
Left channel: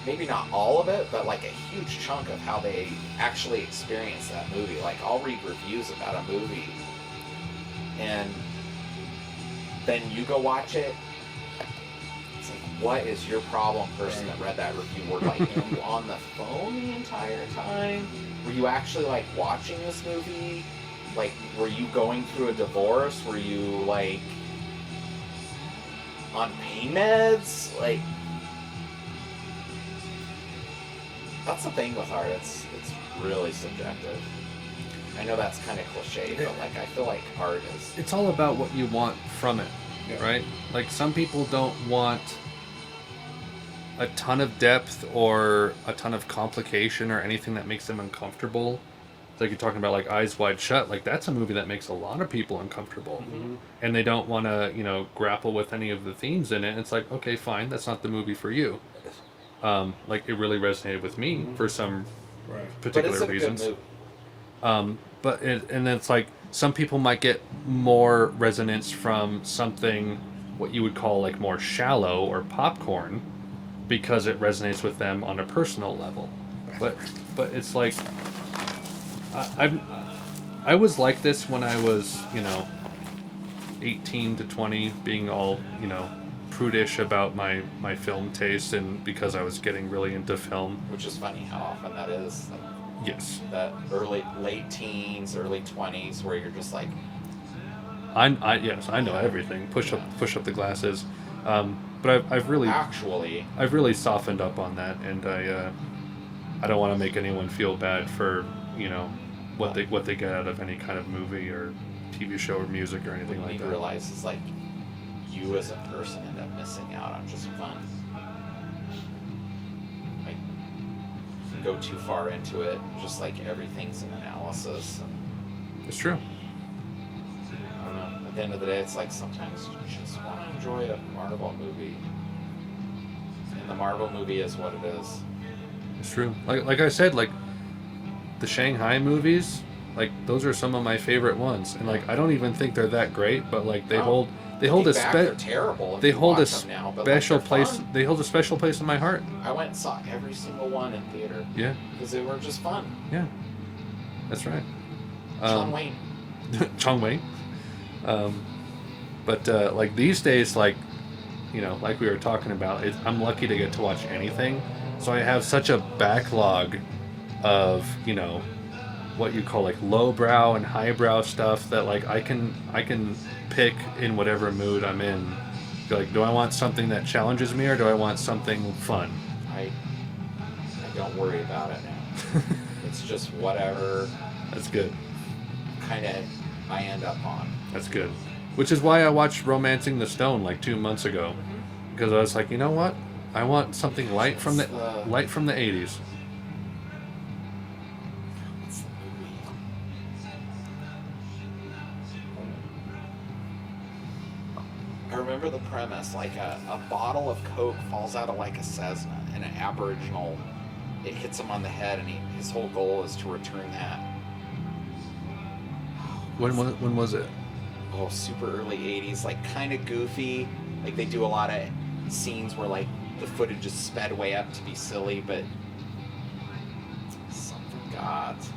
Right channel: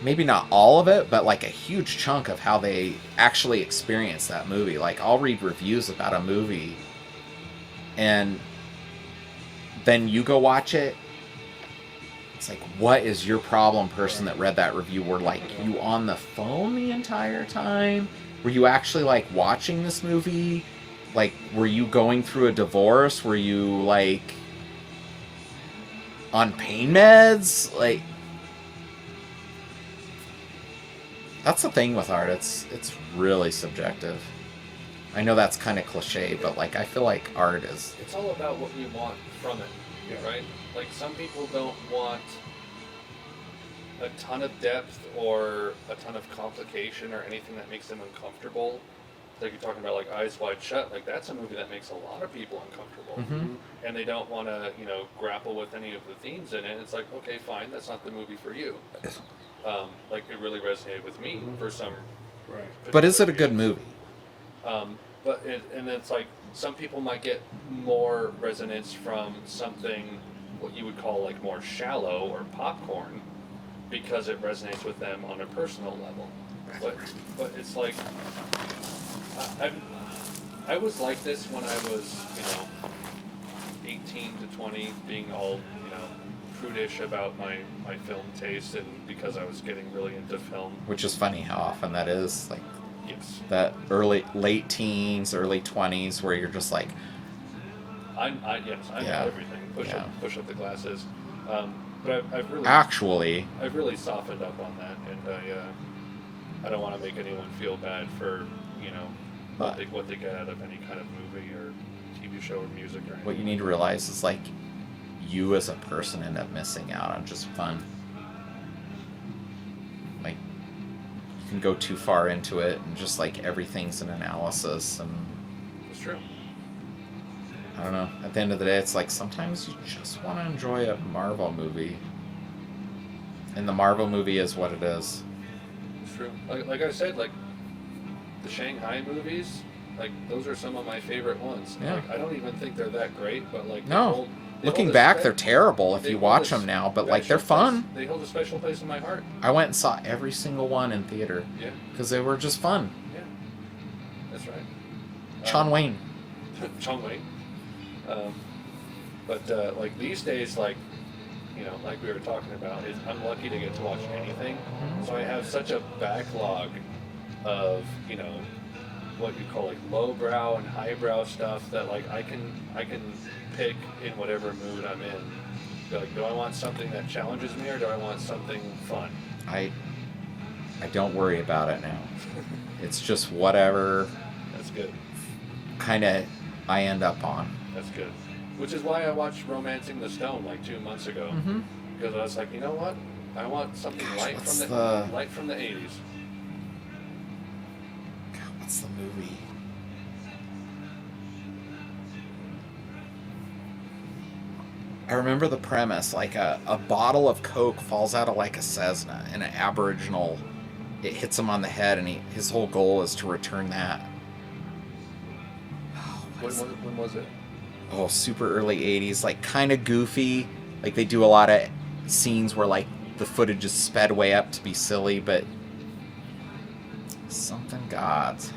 maybe not all of it, but like a huge chunk of how they actually experience that movie. Like, I'll read reviews about a movie, and then you go watch it. It's like, what is your problem, person that read that review? Were like, you on the phone the entire time? Were you actually like watching this movie? Like, were you going through a divorce? Were you like on pain meds? Like, that's the thing with art. It's really subjective. I know that's kind of cliche, but like, I feel like art is. It's all about what you want from it, right? Like, some people don't want a ton of depth or a ton of complication or anything that makes them uncomfortable. Like, you're talking about like Eyes Wide Shut. Like, that's a movie that makes a lot of people uncomfortable, and they don't want to, grapple with any of the themes in it. And it's like, okay, fine, that's not the movie for you. Like, it really resonated with me for some particular But is it a reasons. good movie? And it's like, some people might get more resonance from something what you would call like more shallow or popcorn, because it resonates with them on a personal level. But it's like, I was like this when I was 18 to 20, being all prudish about my film taste, and because I was getting really into film. Which is funny how often that is. Like, Yes. that late teens, early 20s, where you're just like, I know everything. Push up the glasses. But I've really softened up on that, and I don't want to make anyone feel bad for what they get out of any kind of movie or TV show or music or anything. what you like need to that. realize is like, you as a person end up missing out on just fun. Like, you can go too far into it, and just like everything's an analysis, and It's true. I don't know. At the end of the day, it's like sometimes you just want to enjoy a Marvel movie, and the Marvel movie is what it is. It's true. Like I said, like the Shanghai movies, like those are some of my favorite ones. And like, I don't even think they're that great, but like they hold Looking a back, they're terrible if they you hold watch a them now, but like, special they're place. fun. They hold a special place in my heart. I went and saw every single one in theater Yeah, because they were just fun. yeah, that's right. John Wayne. Chong Wei. But like these days, like like we were talking about, I'm lucky to get to watch anything. So I have such a backlog of what you call like lowbrow and highbrow stuff that like I can pick in whatever mood I'm in. Like, do I want something that challenges me, or do I want something fun? I don't worry about it now. It's just whatever That's good. kind of I end up on. That's good. Which is why I watched Romancing the Stone like 2 months ago, because I was like, you know what? I want something light from the light from the 80s. What's the movie? I remember the premise, like a bottle of Coke falls out of like a Cessna, and an Aboriginal, it hits him on the head, and his whole goal is to return that. When was it? Oh, super early 80s, like kind of goofy. Like, they do a lot of scenes where like the footage is sped way up to be silly, but something gods.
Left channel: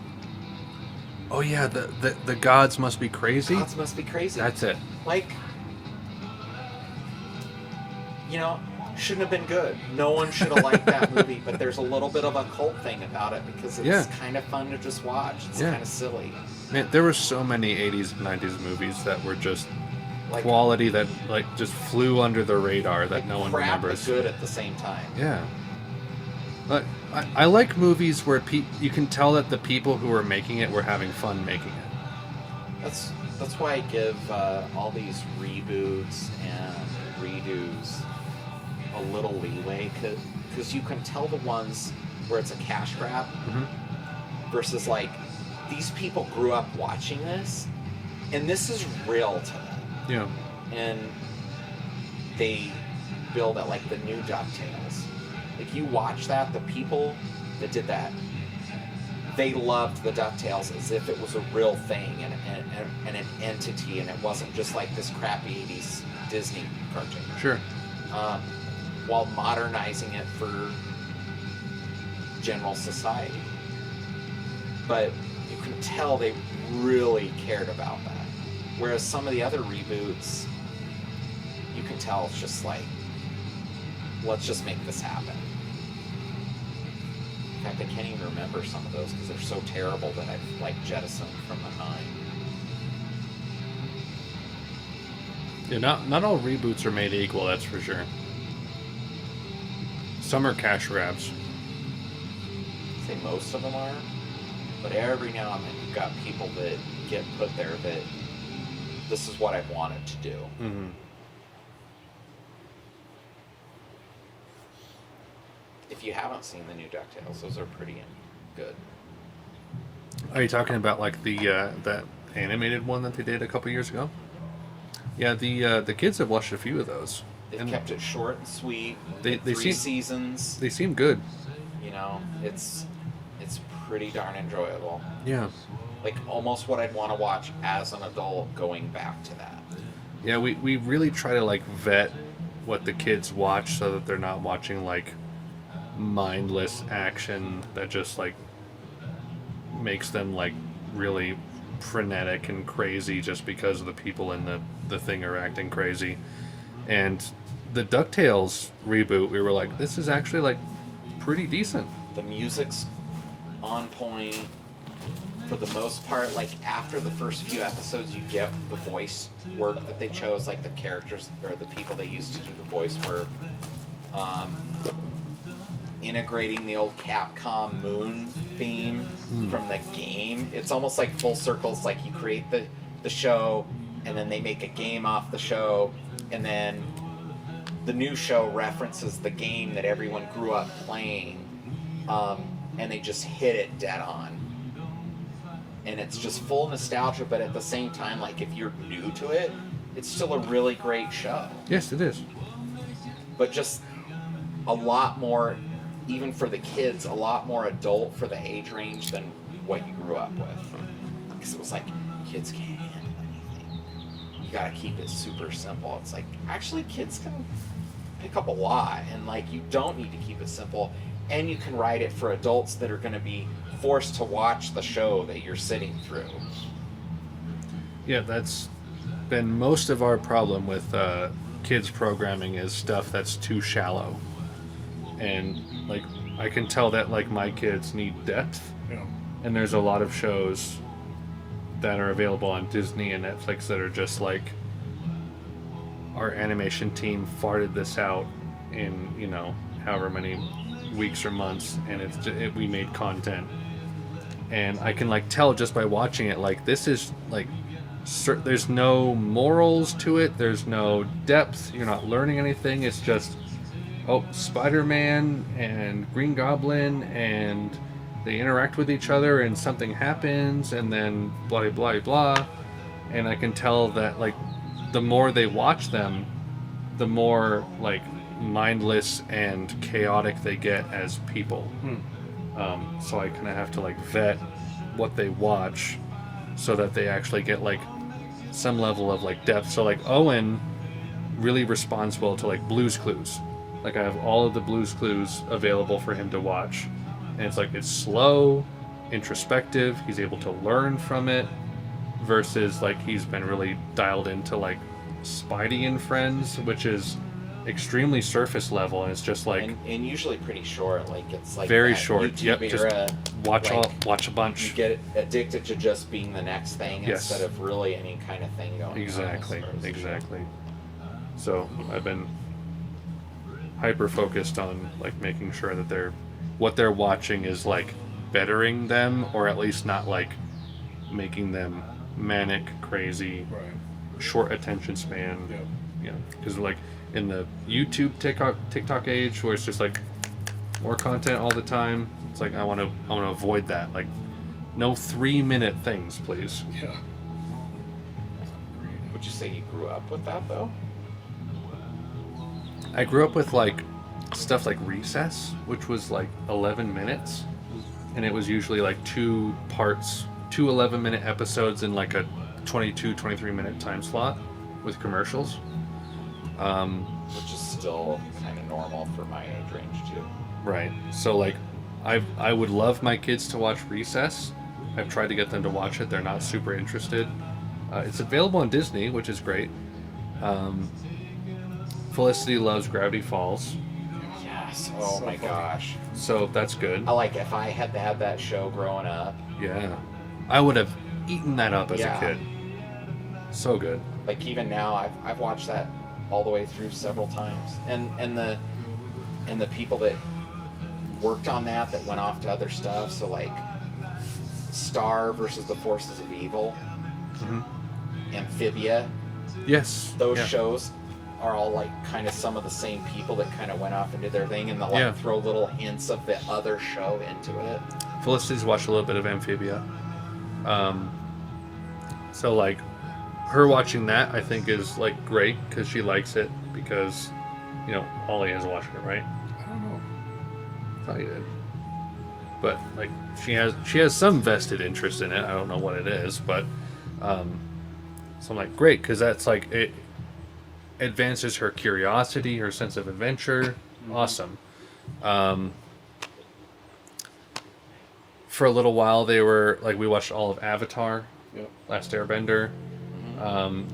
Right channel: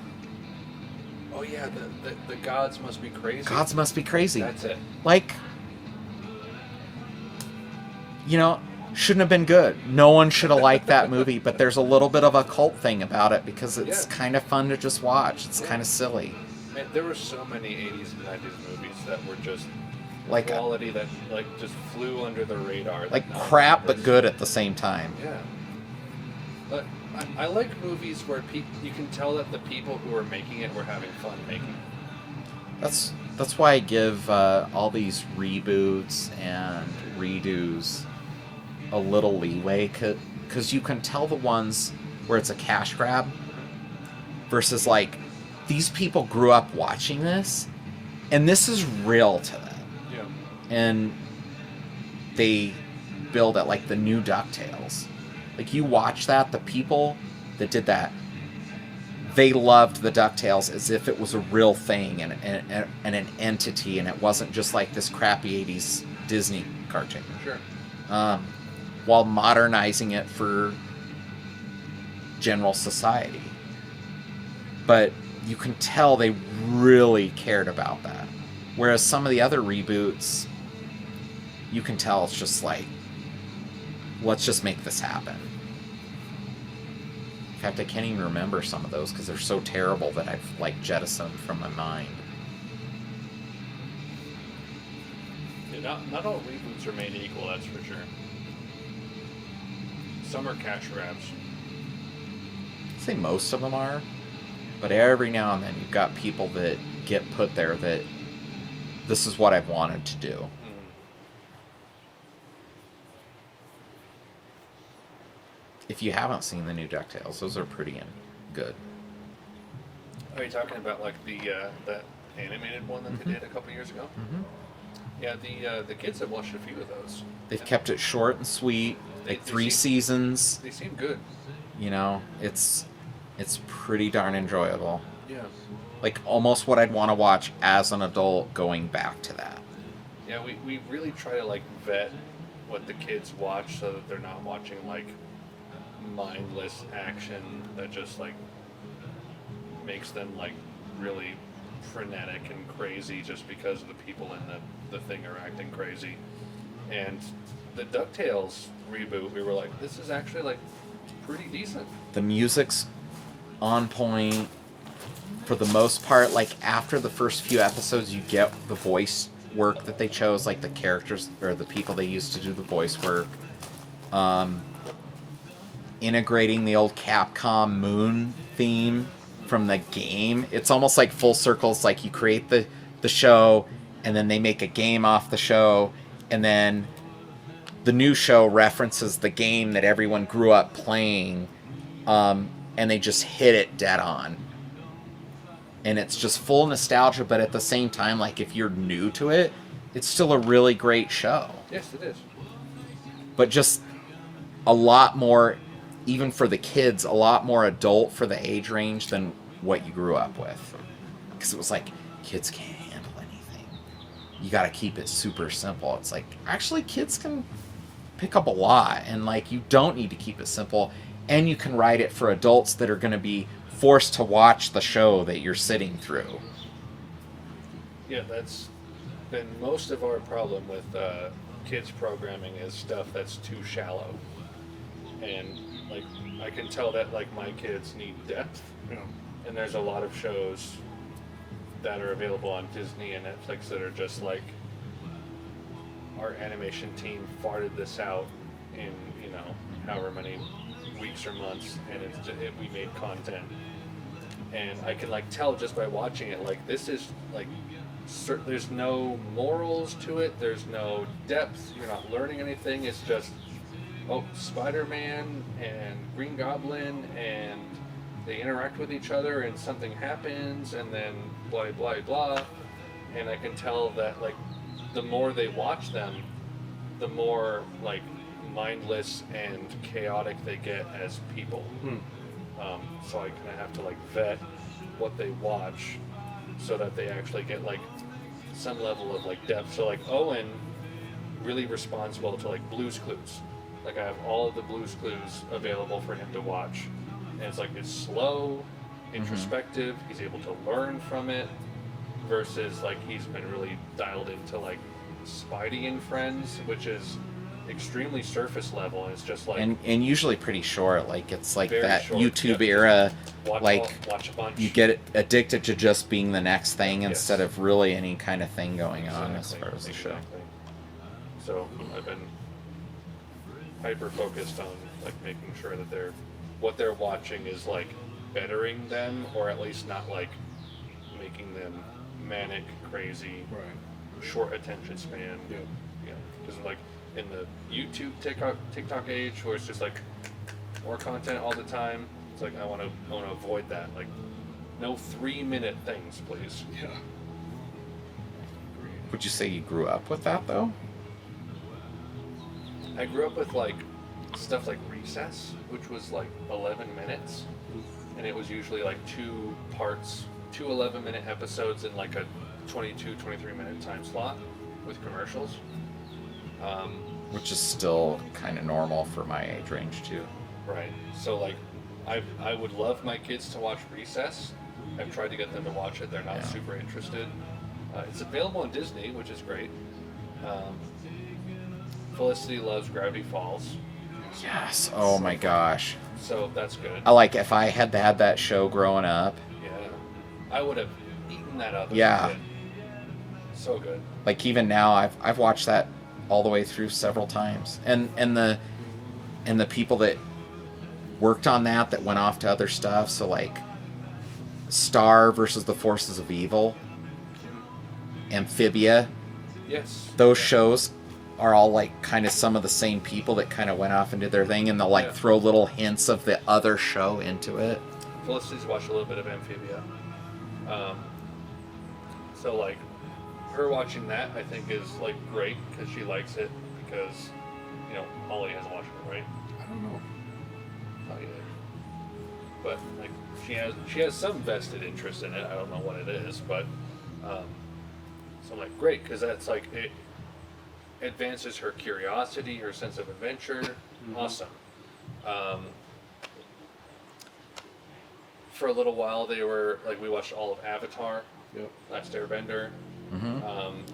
Oh yeah, the gods must be crazy. Gods must be crazy. That's it. Like, shouldn't have been good. No one should have liked that movie, but there's a little bit of a cult thing about it because it's kind of fun to just watch. It's kind of silly. Man, there were so many 80s and 90s movies that were just Like quality that like just flew under the radar. That like no one crap but remembers. good at the same time. Yeah. But I like movies where you can tell that the people who are making it were having fun making it. That's why I give all these reboots and redos a little leeway, because you can tell the ones where it's a cash grab versus like, these people grew up watching this and this is real to them. Yeah. And they build it like the new DuckTales. Like, you watch that, the people that did that they loved the DuckTales as if it was a real thing and an entity, and it wasn't just like this crappy 80s Disney cartoon. Sure. While modernizing it for general society. But you can tell they really cared about that. Whereas some of the other reboots, you can tell it's just like, let's just make this happen. In fact, I can't even remember some of those because they're so terrible that I've like jettisoned from my mind. Yeah, not all reboots are made equal, that's for sure. Some are cash grabs. I'd say most of them are, but every now and then you've got people that get put there that this is what I've wanted to do. Mm-hmm. If you haven't seen the new DuckTales, those are pretty good. Are you talking about like the that animated one that they did a couple years ago? Mm-hmm. Yeah, the kids have watched a few of those. They've kept it short and sweet. They 3 seasons. They seem good. You know, it's pretty darn enjoyable. Yeah. Like almost what I'd want to watch as an adult going back to that. Yeah, we really try to like vet what the kids watch so that they're not watching like mindless action that just like makes them like really frenetic and crazy just because the people in the thing are acting crazy. And the DuckTales reboot, we were like, this is actually like pretty decent. The music's on point for the most part. Like after the first few episodes, you get the voice work that they chose, like the characters or the people they used to do the voice work. Integrating the old Capcom Moon theme from the game. It's almost like full circles, like you create the show and then they make a game off the show, and then the new show references the game that everyone grew up playing, and they just hit it dead on. And it's just full nostalgia, but at the same time, like if you're new to it, it's still a really great show. Yes, it is. But just a lot more, even for the kids, a lot more adult for the age range than what you grew up with. Because it was like, kids can't handle anything. You gotta keep it super simple. It's like, actually kids can pick up a lot, and like you don't need to keep it simple, and you can write it for adults that are gonna be forced to watch the show that you're sitting through. Yeah, that's been most of our problem with kids programming is stuff that's too shallow. And like I can tell that like my kids need depth. Yeah. And there's a lot of shows that are available on Disney and Netflix that are just like, our animation team farted this out in, you know, however many weeks or months, and we made content. And I can like tell just by watching it, like this is like, there's no morals to it, there's no depth, you're not learning anything, it's just, oh, Spider-Man and Green Goblin, and they interact with each other and something happens, and then blah blah blah. And I can tell that like the more they watch them, the more like mindless and chaotic they get as people. So I kind of have to like vet what they watch so that they actually get like some level of like depth. So like Owen really responsible to like Blue's Clues. Like I have all of the Blue's Clues available for him to watch, and it's like it's slow, introspective. He's able to learn from it, versus like he's been really dialed into like Spidey and Friends, which is extremely surface level, and it's just like and usually pretty short. Like it's like very that short. YouTube era. Watch a bunch. You get addicted to just being the next thing Yes. instead of really any kind of thing going Exactly. on. Exactly. So I've been hyper focused on like making sure that what they're watching is like bettering them, or at least not like making them manic, crazy, Right. short attention span. Yeah. Yeah, because like in the YouTube TikTok age, where it's just like more content all the time, it's like I want to avoid that. Like, no 3-minute things, please. Yeah. Would you say you grew up with that though? I grew up with like stuff like Recess, which was like 11 minutes. and it was usually like 2 parts, 2 11-minute episodes in like a 22, 23-minute time slot with commercials. Which is still kind of normal for my age range too. Right. So like, I would love my kids to watch Recess. I've tried to get them to watch it. They're not super interested. It's available on Disney, which is great. Felicity loves Gravity Falls, Yes. Oh my gosh. so that's good. I like if I had had that show growing up. Yeah. I would have eaten that up as Yeah. a kid. So good. Like even now, I've watched that all the way through several times, and the people that worked on that went off to other stuff. So like Star versus the Forces of Evil, Amphibia. Yes. Those Yeah. shows are all like kind of some of the same people that kind of went off and did their thing, and they'll like Yeah. throw little hints of the other show into it. Felicity's watched a little bit of Amphibia. So like, her watching that I think is like great because she likes it because, you know, Holly hasn't watched it, right? I don't know. Thought you did. But like, she has some vested interest in it. I don't know what it is, but so I'm like, great, because that's like, it advances her curiosity, her sense of adventure. Awesome. For a little while, they were like, we watched all of Avatar, Yep. Last Airbender,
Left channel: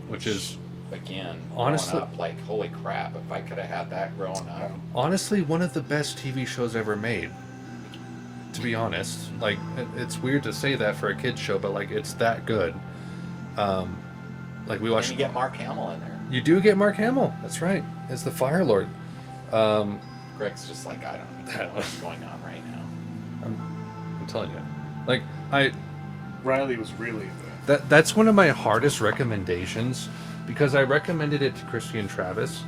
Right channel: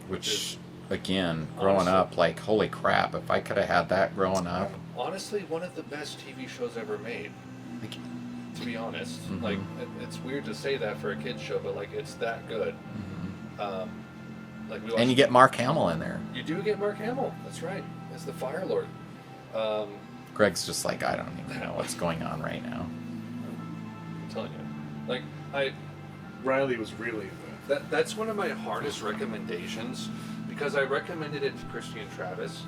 which is Again, Honestly- growing up, like holy crap! If I could have had that growing up, honestly one of the best TV shows ever made. To be honest, like it's weird to say that for a kids show, but like it's that good. Like we watched. and you get Mark Hamill in there. You do get Mark Hamill. That's right. As the Fire Lord. Greg's just like, I don't even know what's going on right now. I'm telling you, like Riley was really into that's one of my hardest recommendations because I recommended it to Christy and Travis,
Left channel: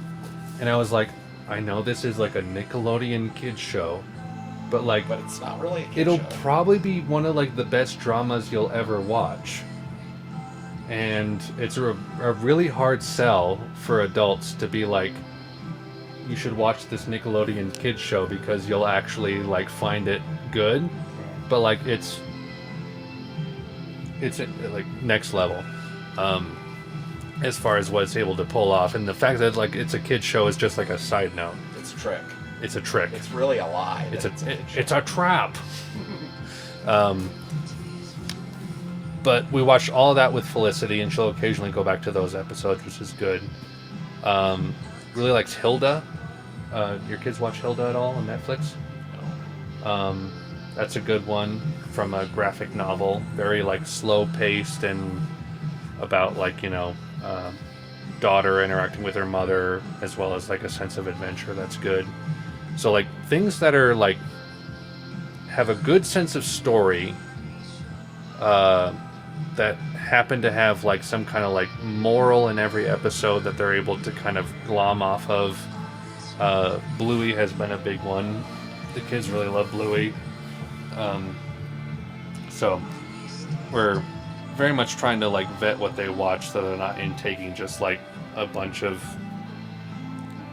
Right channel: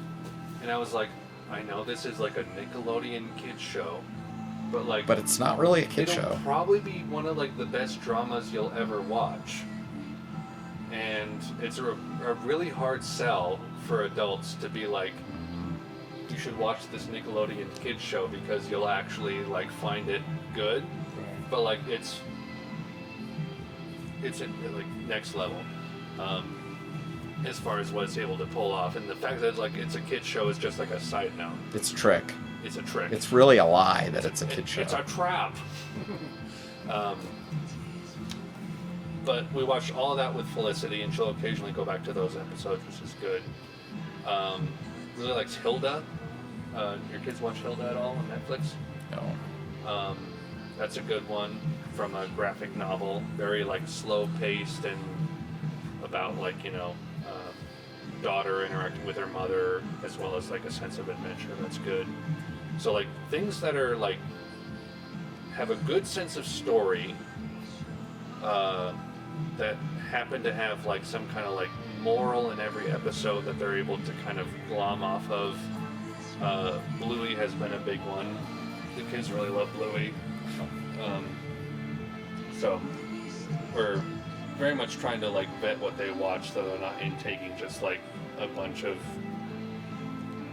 and I was like, I know this is like a Nickelodeon kids show, but like, But it's not really a kid it'll show. probably be one of like the best dramas you'll ever watch. And it's a really hard sell for adults to be like, you should watch this Nickelodeon kids show because you'll actually like find it good. But like it's like next level as far as what it's able to pull off, and the fact that like it's a kids show is just like a side note. It's a trick. It's a trick. It's really a lie that It's it's a kid show. It's a trap. But we watched all of that with Felicity, and she'll occasionally go back to those episodes, which is good. Really likes Hilda. Your kids watch Hilda at all on Netflix? No. That's a good one from a graphic novel. Very like slow paced and about like, you know, daughter interacting with her mother as well as like a sense of adventure. That's good. So like things that are like have a good sense of story that happen to have like some kind of like moral in every episode that they're able to kind of glom off of. Bluey has been a big one. The kids really love Bluey. So we're very much trying to like vet what they watch so they're not intaking just like a bunch of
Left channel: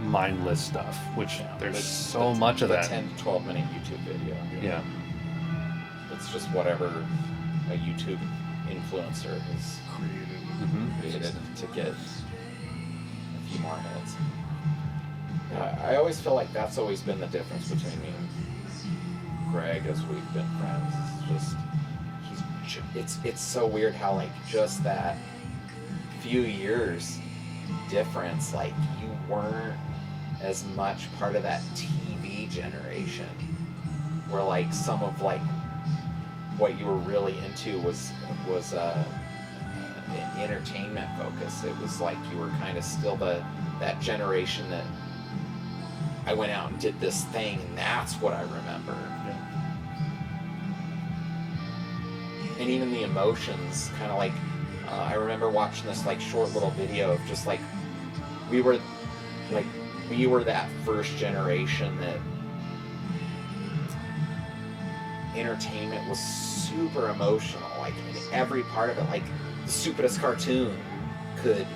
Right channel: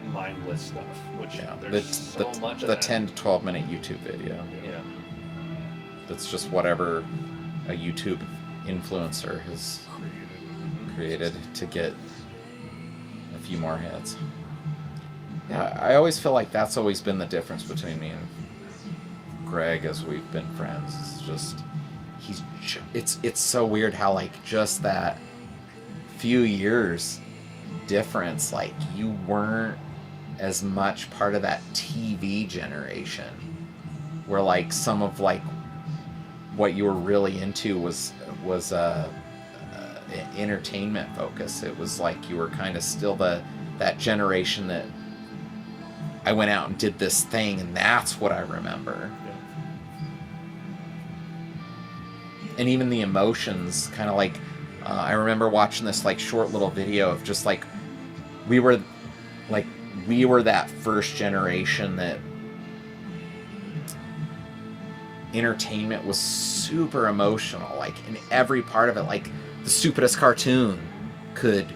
mindless stuff, which there's It's so much of the that. 10 to 12 minute YouTube video. Yeah. It's just whatever a YouTube influencer has created to get a few more hits. Yeah, I always feel like that's always been the difference between me and Greg as we've been friends. It's just it's so weird how like just that few years difference, like you weren't as much part of that TV generation where like some of like what you were really into was entertainment focus. It was like you were kind of still that generation that I went out and did this thing, and that's what I remember. Yeah. And even the emotions, kind of like I remember watching this like short little video of just like we were that first generation that entertainment was super emotional, like in every part of it. Like the stupidest cartoon could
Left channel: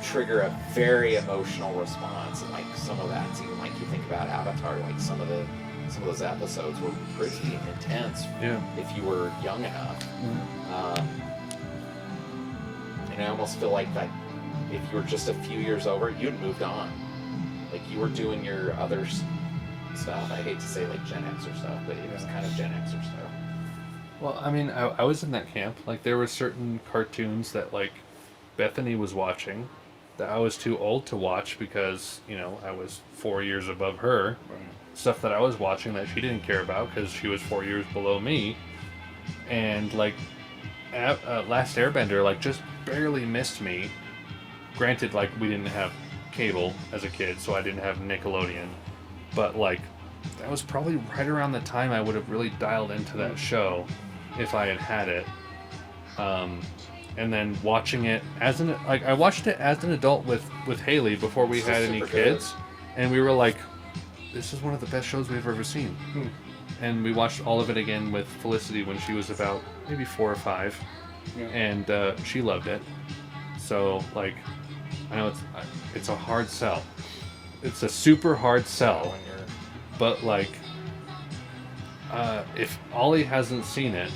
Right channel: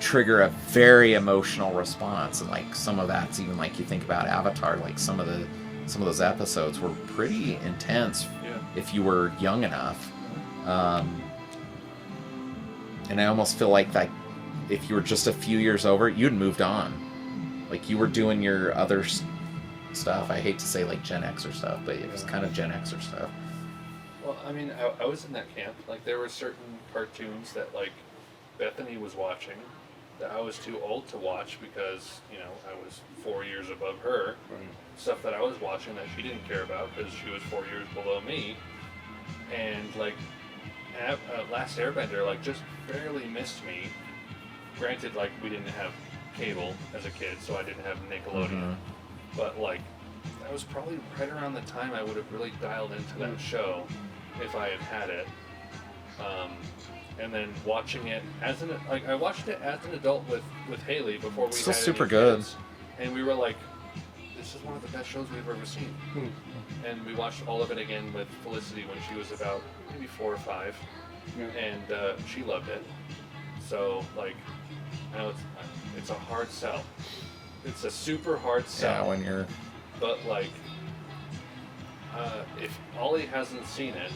trigger a very emotional response, and like some of that's even like you think about Avatar, like some of the some of those episodes were pretty intense Yeah. if you were young enough. Mm-hmm. And I almost feel like that if you were just a few years over it, you'd moved on. Like you were doing your other stuff. I hate to say like Gen Xer stuff, but it was kind of Gen Xer stuff. Well, I mean, I was in that camp. Like, there were certain cartoons that, like, Bethany was watching that I was too old to watch because, you know, I was 4 years above her. Right. Stuff that I was watching that she didn't care about because she was 4 years below me. And, like, Last Airbender, like, just barely missed me. Granted, like, we didn't have cable as a kid, so I didn't have Nickelodeon. But, like, that was probably right around the time I would have really dialed into that show if I had had it. And then watching it as I watched it as an adult with Haley before we had any kids, and we were like, this is one of the best shows we've ever seen. And we watched all of it again with Felicity when she was about maybe 4 or 5, and she loved it. So, like, I know it's a hard sell. It's a super hard sell. Yeah, when you're... But, like, if Ollie hasn't seen it,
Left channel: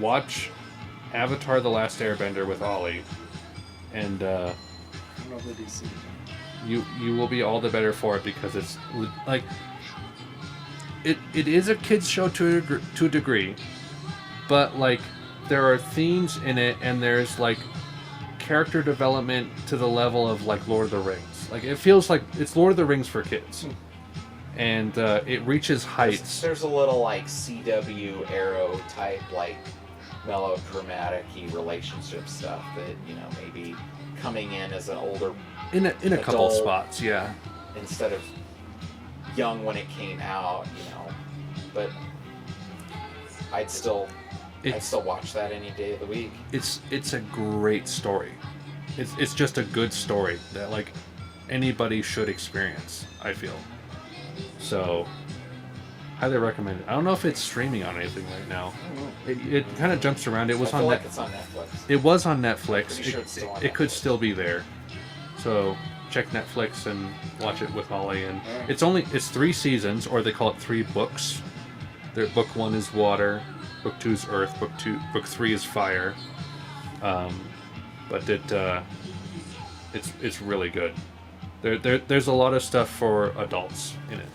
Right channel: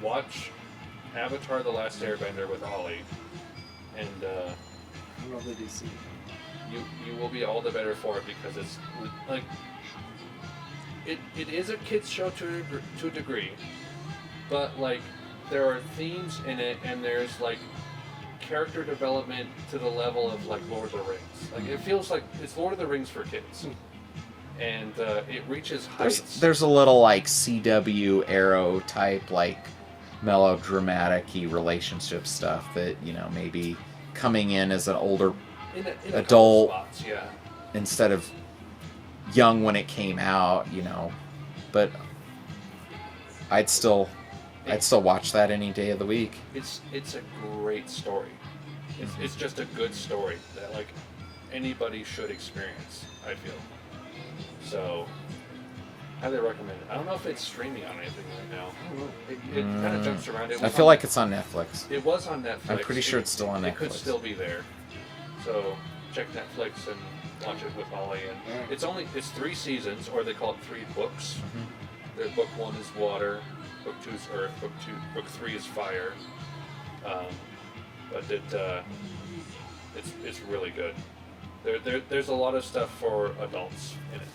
watch Avatar: The Last Airbender with Ollie, and I don't know if they do see it. you will be all the better for it because it's like it is a kids show to a degree, but like there are themes in it and there's like character development to the level of like Lord of the Rings. Like it feels like it's Lord of the Rings for kids. And it reaches heights. There's a little like CW Arrow type like melodramatic-y relationship stuff that, you know, maybe coming in as an older in a couple adult spots, yeah. instead of young when it came out, you know. But I'd still watch that any day of the week. It's a great story. It's just a good story that like anybody should experience, I feel. So, highly recommend it. I don't know if it's streaming on anything right now. It kind of jumps around. I feel like it's on Netflix. It was on Netflix. I'm pretty sure it's still on Netflix. It could still be there. So, check Netflix and watch it with Ollie. And it's 3 seasons, or they call it 3 books. Book 1 is water, book 2 is earth, book 3 is fire. But it's really good. There's a lot of stuff for adults in it.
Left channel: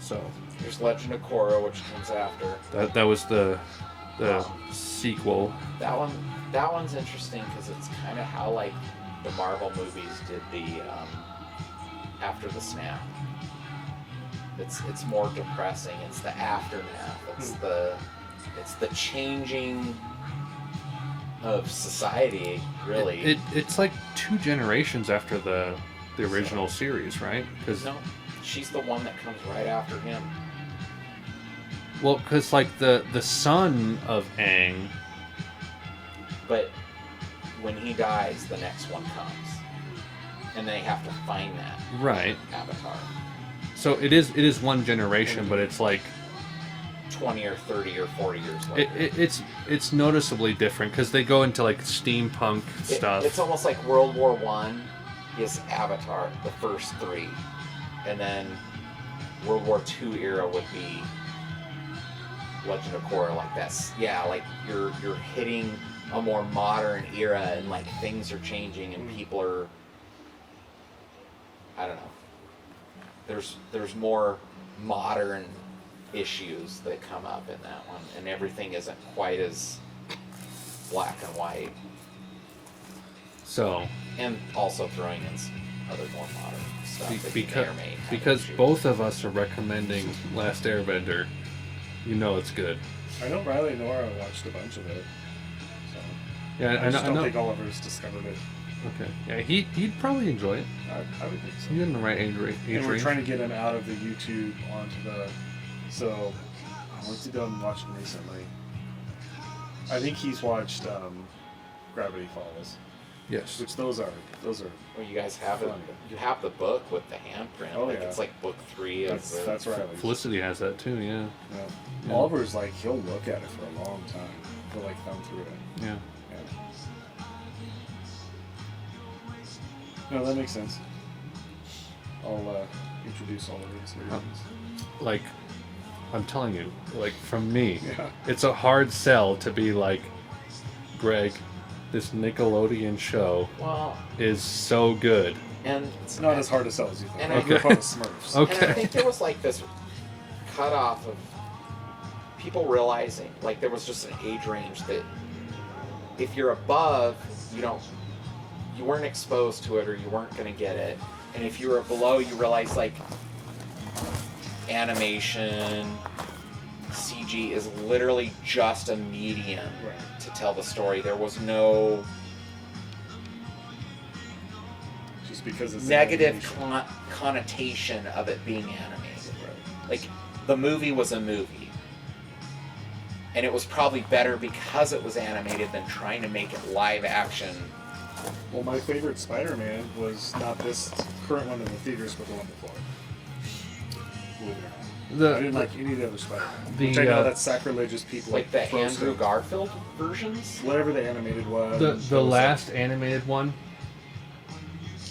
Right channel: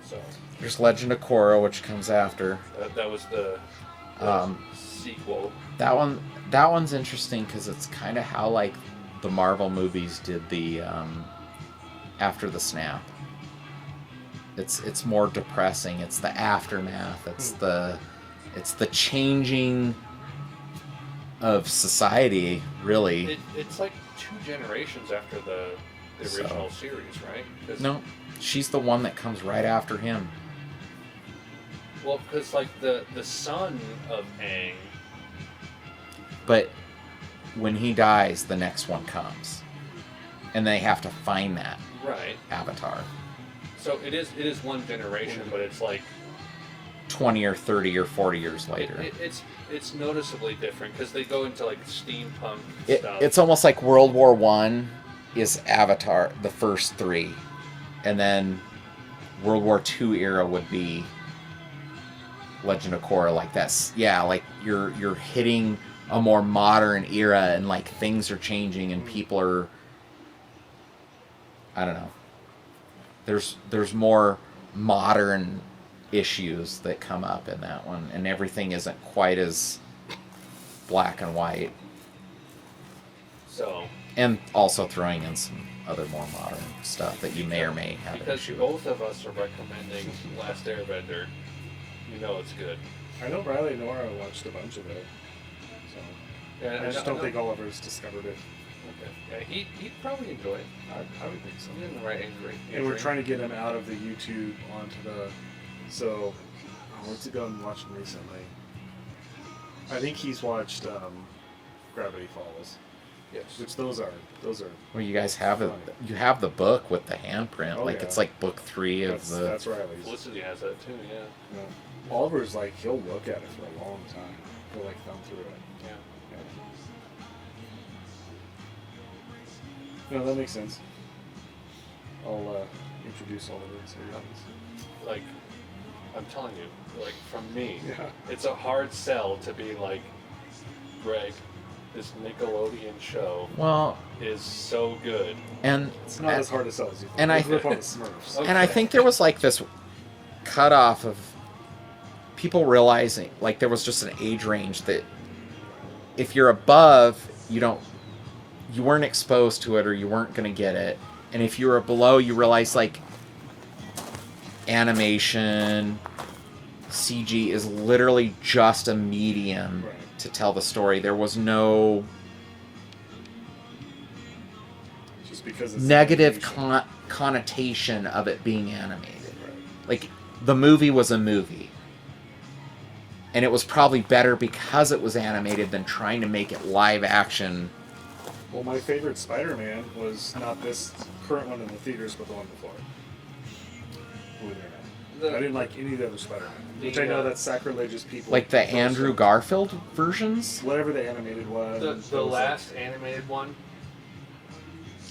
So there's Legend of Korra, which comes after. That was the sequel. That one's interesting because it's kind of how like the Marvel movies did the after the snap. It's more depressing. It's the aftermath. It's the changing of society, really. It's like 2 generations after the original series, right? No, she's the one that comes right after him. Well, because like the son of Aang. But when he dies, the next one comes, and they have to find that avatar. So it is one generation, but it's like 20 or 30 or 40 years later. It's noticeably different because they go into like steampunk stuff. It's almost like World War I is Avatar, the first 3, and then World War II era would be Legend of Korra. Like that's like you're hitting a more modern era and like things are changing and people are, I don't know. There's more modern issues that come up in that one, and everything isn't quite as black and white. So, and also throwing in some other more modern stuff that you may or may have. Because both of us are recommending Last Airbender, you know it's good. I know Riley and Nora watched a bunch of it. So Yeah, I just don't think Oliver's discovered it. Okay. Yeah, he'd probably enjoy it. I would think so. He's in the right age range. And we're trying to get him out of the YouTube onto the. So, what's he done watching recently? I think he's watched Gravity Falls. Yes. Which those are. Well, you guys have it. You have the book with the handprint. Oh, like yeah. it's like book 3 of the. That's right. Felicity has that too. Yeah. Yeah. Oliver's like he'll look at it for a long time. He'll like thumb through it. Yeah. No, that makes sense. I'll introduce Oliver to series. Like, I'm telling you, like from me, Yeah. it's a hard sell to be like, Greg, this Nickelodeon show Well, is so good. and It's not as hard to sell as you think. And I I- grew up on the Smurfs. Okay. And I think there was like this cutoff of people realizing, like there was just an age range that if you're above, you weren't exposed to it or you weren't going to get it. And if you were below, you realize like animation, CG is literally just a medium Right. to tell the story. There was no Just because it's negative animation. connotation of it being animated. Right. Like, the movie was a movie. And it was probably better because it was animated than trying to make it live action. Well, my favorite Spider-Man was not this current one in the theaters, but the one before. Believe it or not. I didn't like any of the other Spider-Man. Which I know that's sacrilegious people. Like the post Andrew them. Garfield versions. Whatever the animated was. The that was last animated one,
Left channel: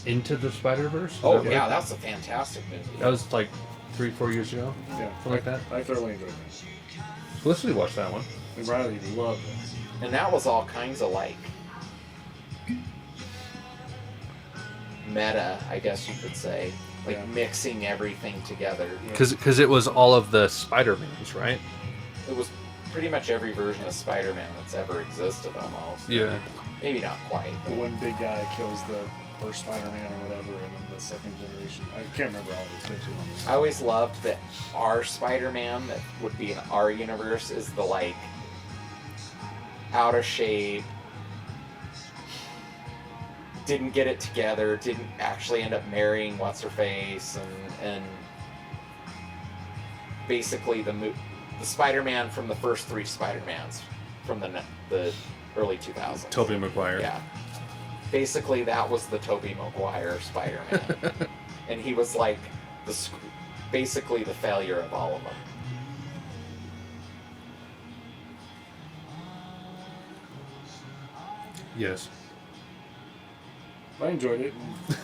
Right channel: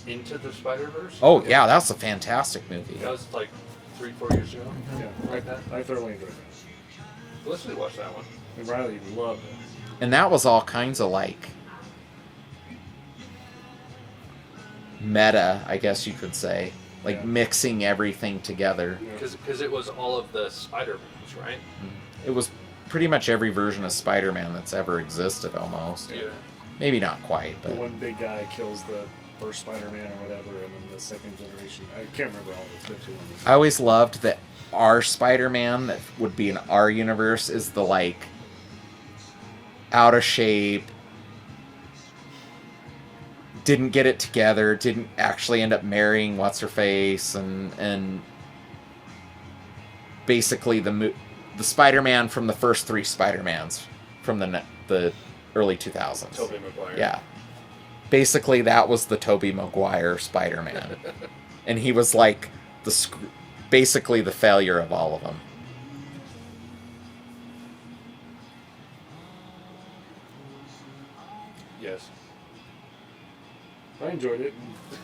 Into the Spider-Verse. Oh, yeah, that's a fantastic movie. That was like 3-4 years ago. Yeah, Like that. I thoroughly enjoyed that. Leslie watched that one. And Riley loved it. And that was all kinds of like meta, I guess you could say. Like Yeah. mixing everything together. Because it was all of the Spider-Mans, right? It was pretty much every version of Spider-Man that's ever existed almost. Yeah. Maybe not quite, The but one big guy kills the first Spider-Man or whatever, and then the second generation. I can't remember all of it. It's been too long. I always loved that our Spider-Man that would be in our universe is the like out of shape, didn't get it together, didn't actually end up marrying what's her face, and basically the Spider-Man from the first 3 Spider-Mans from the early 2000s. Tobey Maguire. Yeah. Basically, that was the Tobey Maguire Spider-Man. And he was like basically the failure of all of them. Yes. I enjoyed it. And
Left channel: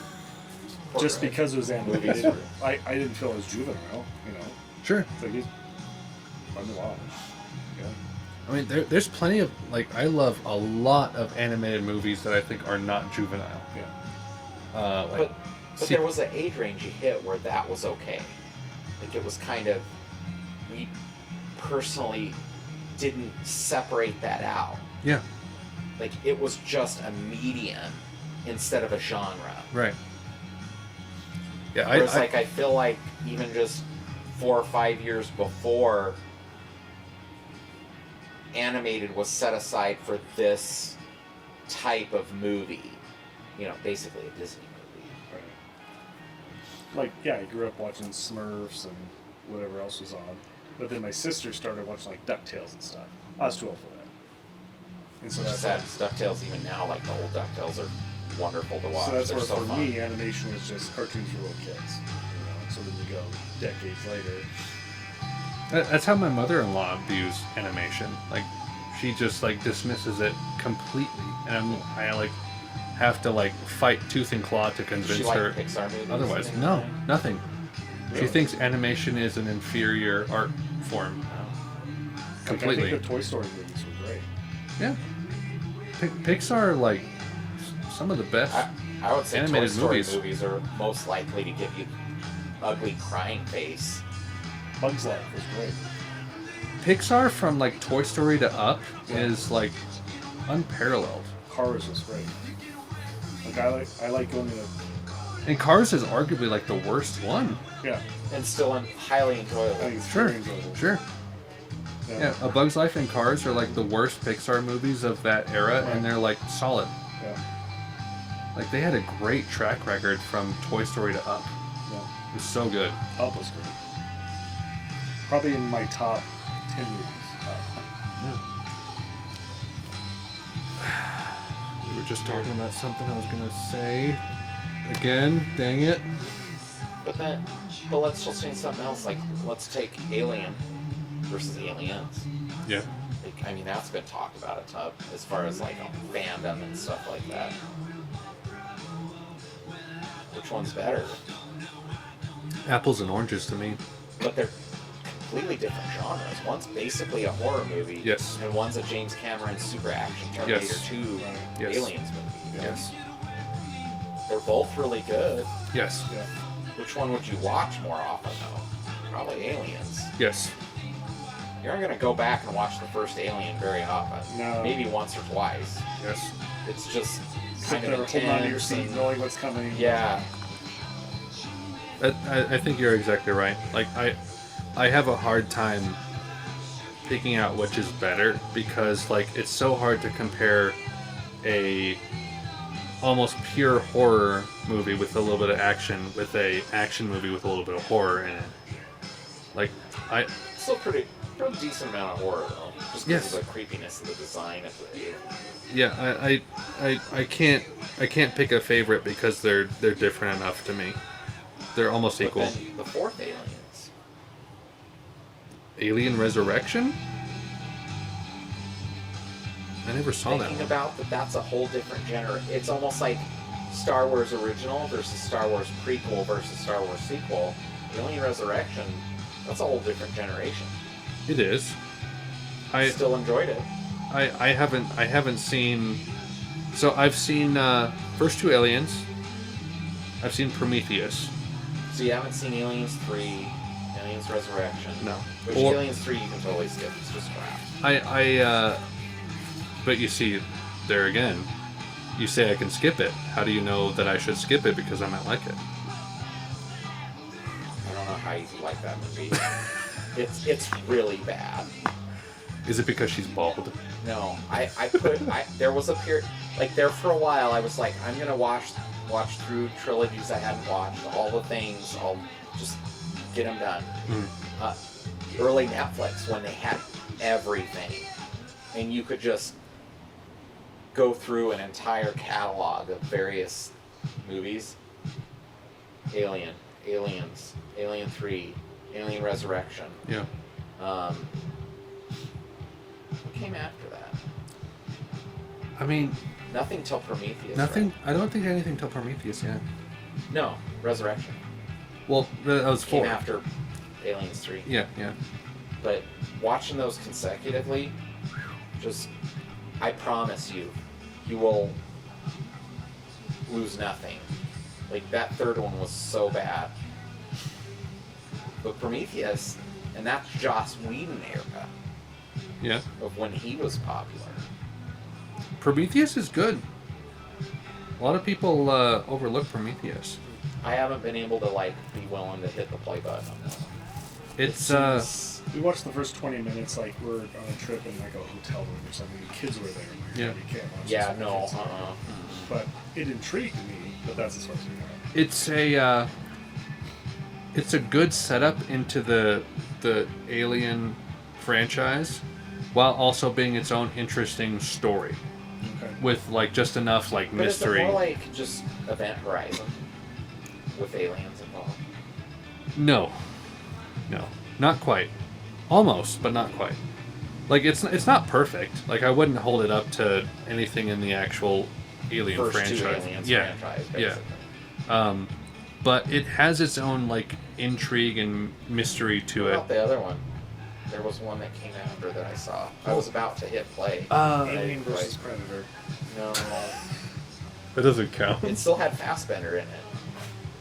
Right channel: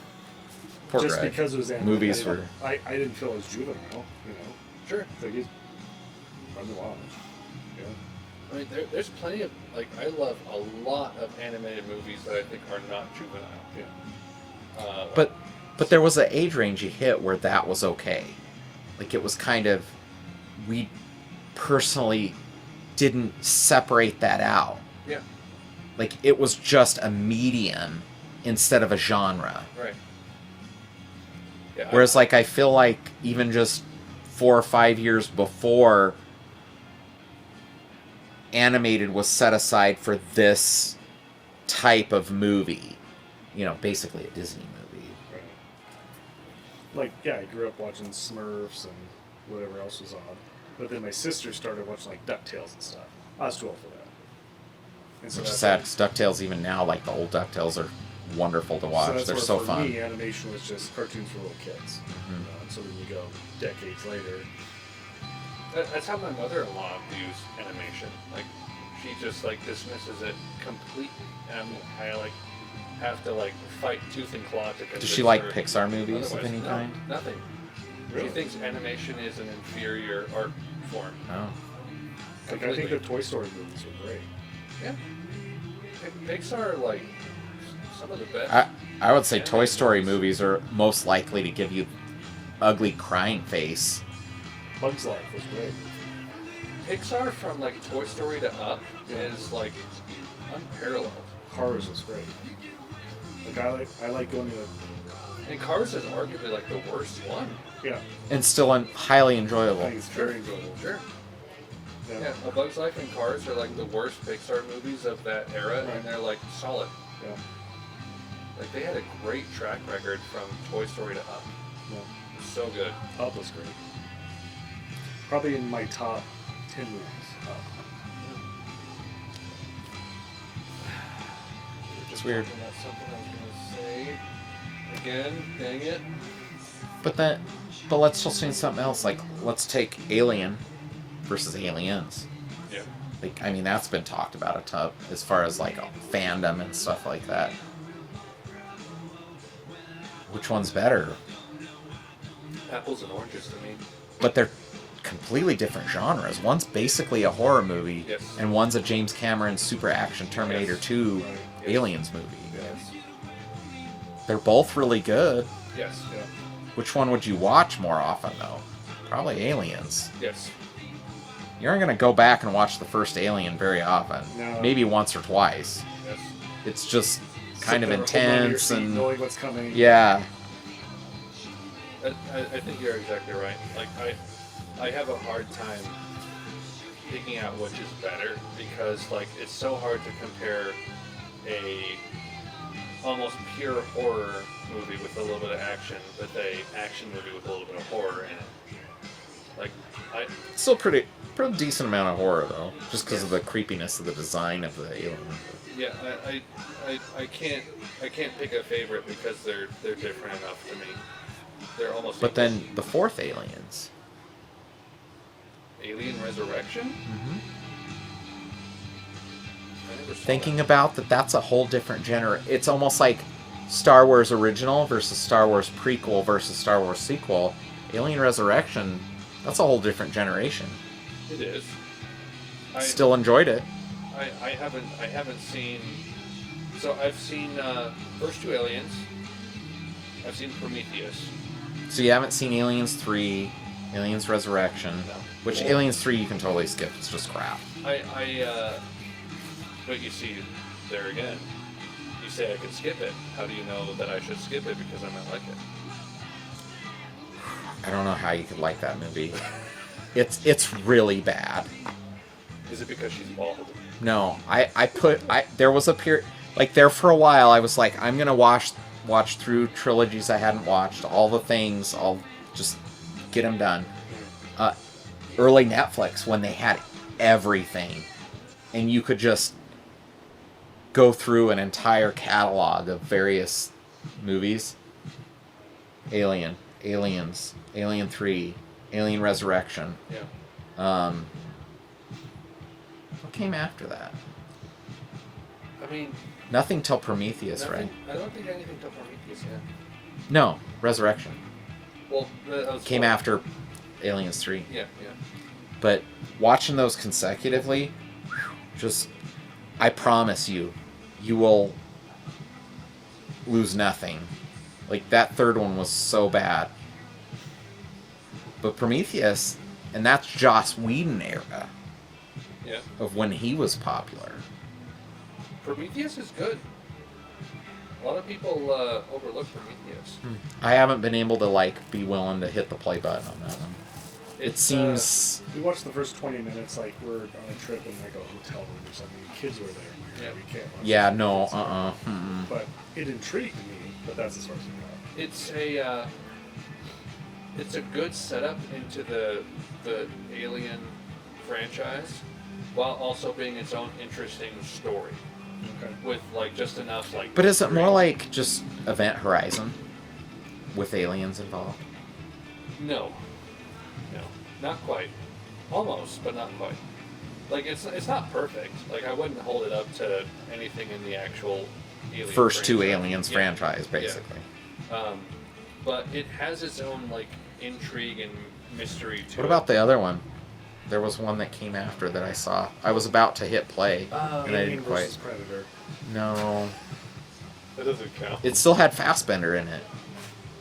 Poor just Greg. because it was animated, Movies were- I didn't feel as juvenile, you know. Sure. Like he's fun to watch. Yeah. I mean, there's plenty of, like, I love a lot of animated movies that I think are not juvenile. Yeah. But there was an age range you hit where that was okay. Like it was kind of, we personally didn't separate that out. Yeah. Like it was just a medium instead of a genre. Right. Yeah. Whereas like I feel like even just 4 or 5 years before, animated was set aside for this type of movie. You know, basically a Disney movie. Right. Like, yeah, I grew up watching Smurfs and whatever else was on. But then my sister started watching like DuckTales and stuff. I was too old for that. And so Which is that's sad, 'cause DuckTales even now, like the old DuckTales are wonderful to watch. So that's They're where so for fun. me, animation was just cartoons for little kids. You know, and so then you go decades later. That's how my mother-in-law views animation. Like, she just like dismisses it completely, and I like have to like fight tooth and claw to convince Does she like her. Pixar movies? Otherwise, of any no, kind? nothing. Really? She thinks animation is an inferior art form. No. Like, I Completely. think the Toy Story movies were great. Yeah. Pixar, like, some of the best. I would say Toy Animated Story movies. movies are most likely to give you ugly crying face. Bugs Life was great. Pixar from like Toy Story to Up Yeah. is like unparalleled. Cars was great. Like I like going to the And Cars is arguably like the worst one. yeah. And still highly I enjoyable. think it's Sure. very enjoyable. Sure. Yeah, A Bug's Life and Cars are like the worst Pixar movies of that era, Right. and they're like solid. Yeah. Like they had a great track record from Toy Story to Up. Yeah. It was so good. Up was great. Probably in my top 10 movies. Up. We were just talking about something I was gonna say. Again, dang it. But let's just say something else. Like, let's take Alien versus Aliens. Yeah. Like, I mean, that's been talked about a ton as far as like fandom and stuff like that. Which one's better? Apples and oranges to me. But they're completely different genres. One's basically a horror movie, Yes. and one's a James Cameron super action Terminator Yes. 2 Yes. Aliens movie. Yes. They're both really good. Yes. Yeah. Which one would you watch more often, though? Probably Aliens. Yes. You aren't going to go back and watch the first Alien very often. No. Maybe once or twice. Yes. It's just kind Sit of there, holding onto your intense seat, and knowing what's coming. yeah. I think you're exactly right. Like I have a hard time picking out which is better because like it's so hard to compare a almost pure horror movie with a little bit of action with a action movie with a little bit of horror in it. Like Still pretty decent amount of horror though, just because Yes. of the creepiness of the design of the alien. yeah, I can't pick a favorite because they're different enough to me. They're almost But equal. then the fourth Aliens. Alien Resurrection? I never saw Thinking that. about that, that's a whole different genre. It's almost like Star Wars original versus Star Wars prequel versus Star Wars sequel. Alien Resurrection, that's a whole different generation. It is. I Still enjoyed it. I haven't seen. So I've seen first two Aliens. I've seen Prometheus. So you haven't seen Aliens 3, Aliens Resurrection. No. Which Well- Aliens 3 you can totally skip. It's just crap. But you see, there again, you say I can skip it. How do you know that I should skip it because I might like it? I don't know how you could like that movie. It's really bad. Is it because she's bald? No, there was a period, like there for a while I was like, I'm gonna watch through trilogies I hadn't watched, all the things, I'll just get them done. Early Netflix when they had everything and you could just go through an entire catalog of various movies. Alien, Aliens, Alien 3, Alien Resurrection. Yeah. What came after that? I mean, Nothing till Prometheus, nothing. right? I don't think anything till Prometheus yet. No, Resurrection Well, that was came four. after Aliens 3. Yeah, yeah. But watching those consecutively, just, I promise you, you will lose nothing. Like, that third one was so bad. But Prometheus, and that's Joss Whedon era Yeah. of when he was popular. Prometheus is good. A lot of people overlook Prometheus. I haven't been able to, like, be willing to hit the play button on that one. It's Seems, We watched the first 20 minutes like we're on a trip in like a hotel room or something. The kids were there. I'm like, Yeah. We can't watch yeah, this with no, kids. Mm-mm. But it intrigued me, but that's as far as we got. it's a good setup into the Alien franchise, while also being its own interesting story Okay. with like just enough like. But is it mystery. more like just Event Horizon with aliens involved? No, not quite. Almost, but not quite. Like it's not perfect. Like I wouldn't hold it up to anything in the actual Alien First two franchise. Aliens Yeah. franchise, basically. But it has its own like intrigue and mystery to What it. about the other one? There was one that came after that I saw. I was about to hit play. but I Alien didn't versus quite. Predator. No. That doesn't count. It still had Fassbender in it.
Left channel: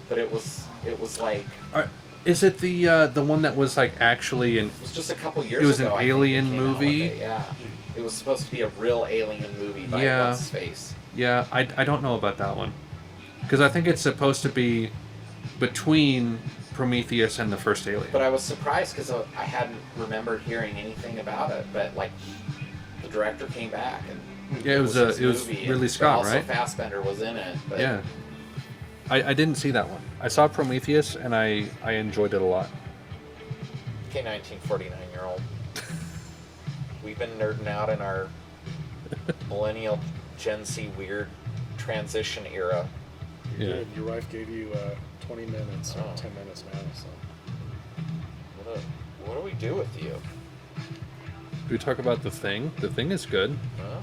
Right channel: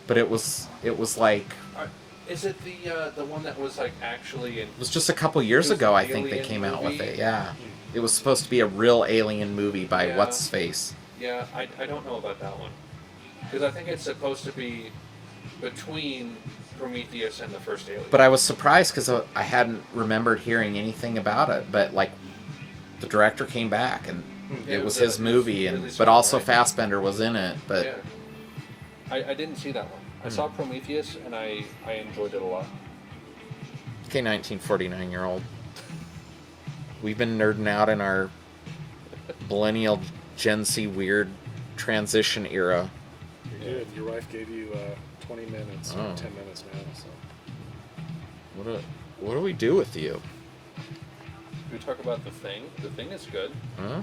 But it was like, Is it the one that was like actually in? it was just a couple years It was ago, an I think, they alien came out with movie? it. Yeah. It was supposed to be a real alien movie by Yeah. what's his face. Yeah, I don't know about that one, because I think it's supposed to be between Prometheus and the first Alien. But I was surprised because I hadn't remembered hearing anything about it. But like, the director came back and Yeah, it was his movie, Ridley but Scott, also right? Fassbender was in it. But Yeah. I didn't see that one. I saw Prometheus and I enjoyed it a lot. okay, 1949-year-old. We've been nerding out in our millennial Gen Z weird transition era. You Yeah. did. Your wife gave you 20 minutes or Oh. 10 minutes now. So. What do we do with you? We talk about The Thing. The Thing is good. Huh?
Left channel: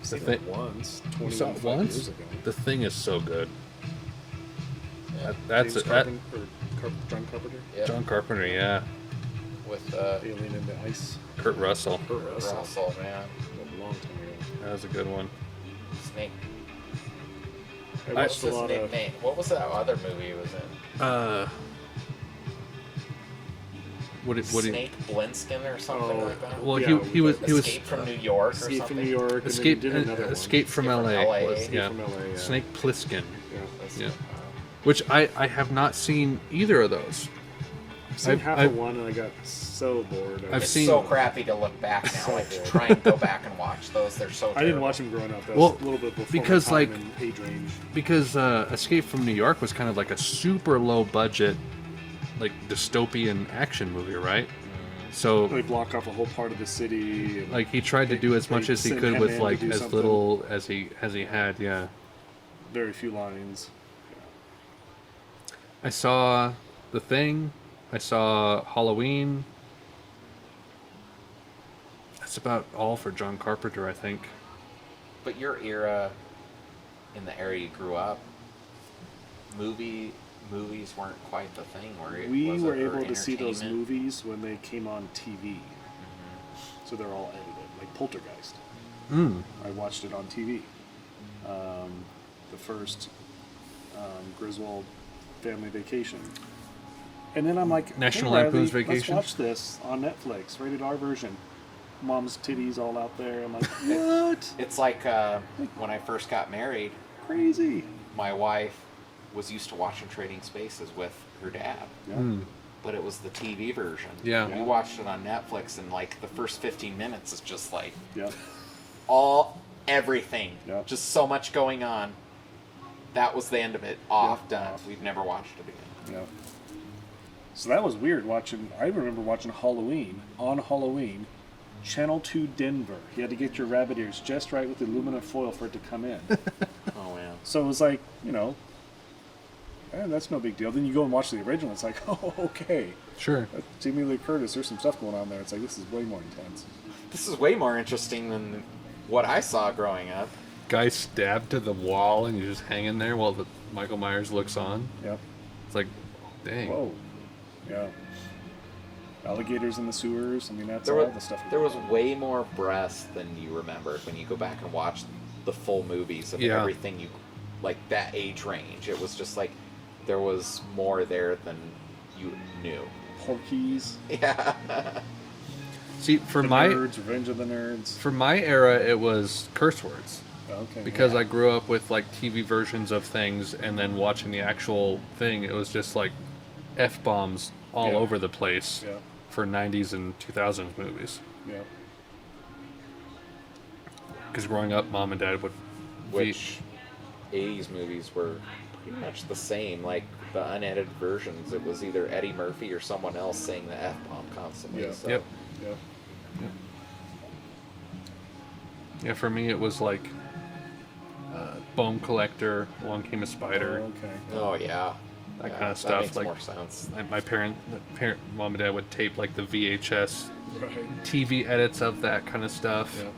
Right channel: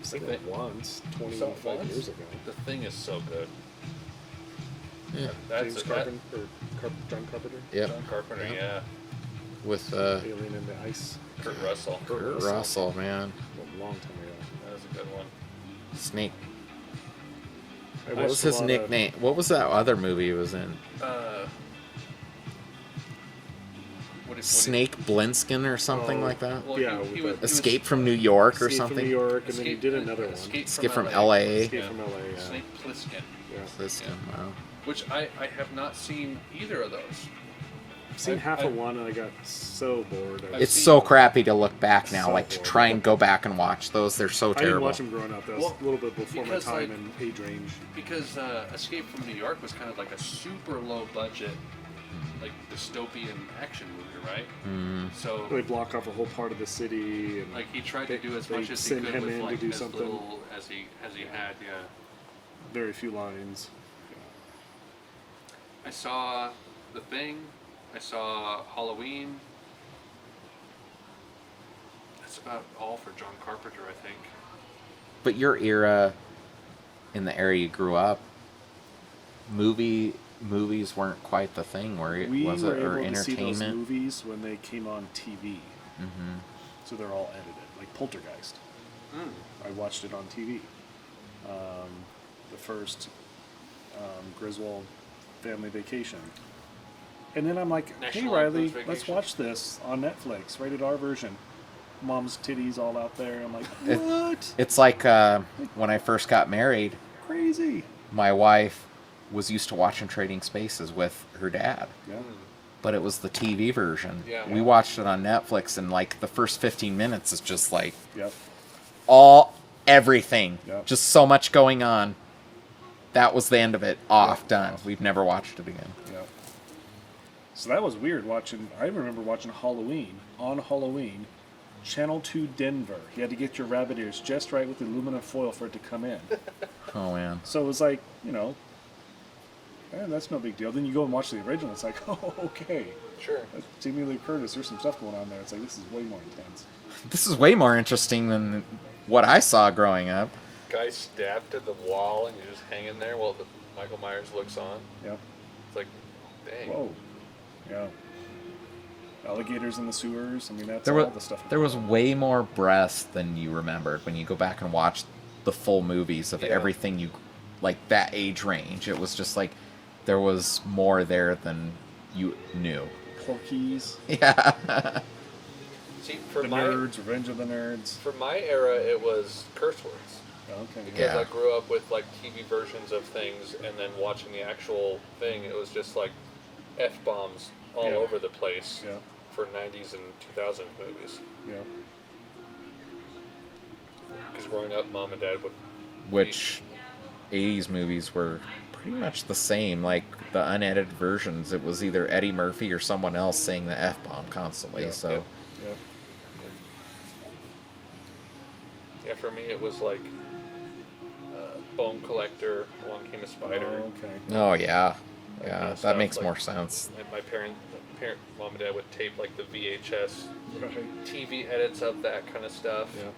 I've seen The it once, 25 once? years ago. The Thing is so good. Yeah. That's James that, John Carpenter. Yep. John Carpenter. Yeah. with Alien in the Ice. Kurt Russell. Kurt Russell, man. A long time ago. That was a good one. Snake. I What was watched a his lot of- nickname? What was that other movie he was in? Snake Blinskin or something Oh, like that? Well, Yeah, he was Escape from New York or Escape something? from New York, and Escape, then he did another one. Escape from Escape from LA. LA. was- Escape from LA, yeah. Snake Plissken. Yeah. This- Yeah. wow. Which I have not seen either of those. I've seen half I've- of one and I got so bored. I've It's seen- so crappy to look back now, So like to bored. try and go back and watch those. They're so terrible. I didn't watch them growing up. That was Well, a little bit before because, my time like- and age range. Because Escape from New York was kind of like a super low budget, like dystopian action movie, right? So They block off a whole part of the city. And like he tried to do as they much as he send could him with in to like do as something. little as he had. Yeah. very few lines. I saw The Thing. I saw Halloween. That's about all for John Carpenter, I think. But your era, in the era you grew up, movies weren't quite the thing where it We was were or able to see those entertainment. movies when they came on TV. Mhm. So they're all edited, like Poltergeist. Mm. I watched it on TV. The first Griswold Family Vacation. And then I'm like, National hey, Riley, Lampoon's let's Vacation? watch this on Netflix, rated R version. Mom's titties all out there. I'm like, what? It's like when I first got married, Crazy. my wife was used to watching Trading Spaces with her dad. Yeah. Mm. But it was the TV version. Yeah. We watched it on Netflix, and like the first 15 minutes is just like Yep. everything. Yep. Just so much going on. That was the end of it. Off, Yep. done. Off. We've never watched it again. Yeah. So that was weird watching. I remember watching Halloween on Halloween, Channel 2 Denver. You had to get your rabbit ears just right with the aluminum foil for it to come in. Oh man. So it was like, that's no big deal. Then you go and watch the original. It's like, oh, okay. Sure. That's Jamie Lee Curtis. There's some stuff going on there. It's like, this is way more intense. This is way more interesting than what I saw growing up. Guy stabbed to the wall and he's just hanging there while Michael Myers looks on. Yep. It's like, dang. Whoa. Yeah. Alligators in the sewers. I mean, that's There all was the stuff. there was way more breast than you remember when you go back and watch the full movies of Yeah. everything you like that age range. It was just like there was more there than you knew. Porky's. Yeah. See, for The my Nerds, Revenge of the Nerds. for my era, it was curse words. Okay. Because Yeah. I grew up with like TV versions of things, and then watching the actual thing, it was just like f-bombs all Yeah. over the place Yeah. for 90s and 2000s movies. Yeah. Because growing up, mom and dad would Which 80s movies were pretty much the same. Like the unedited versions, it was either Eddie Murphy or someone else saying the F-bomb constantly. Yeah. So Yep. Yeah. Yeah, for me it was like Bone Collector, Along Came a Spider. Oh, okay. Oh yeah. That Yeah, kind of that stuff, makes like- more sense. And my mom and dad would tape like the VHS Right. TV edits of that kind of stuff. Yeah.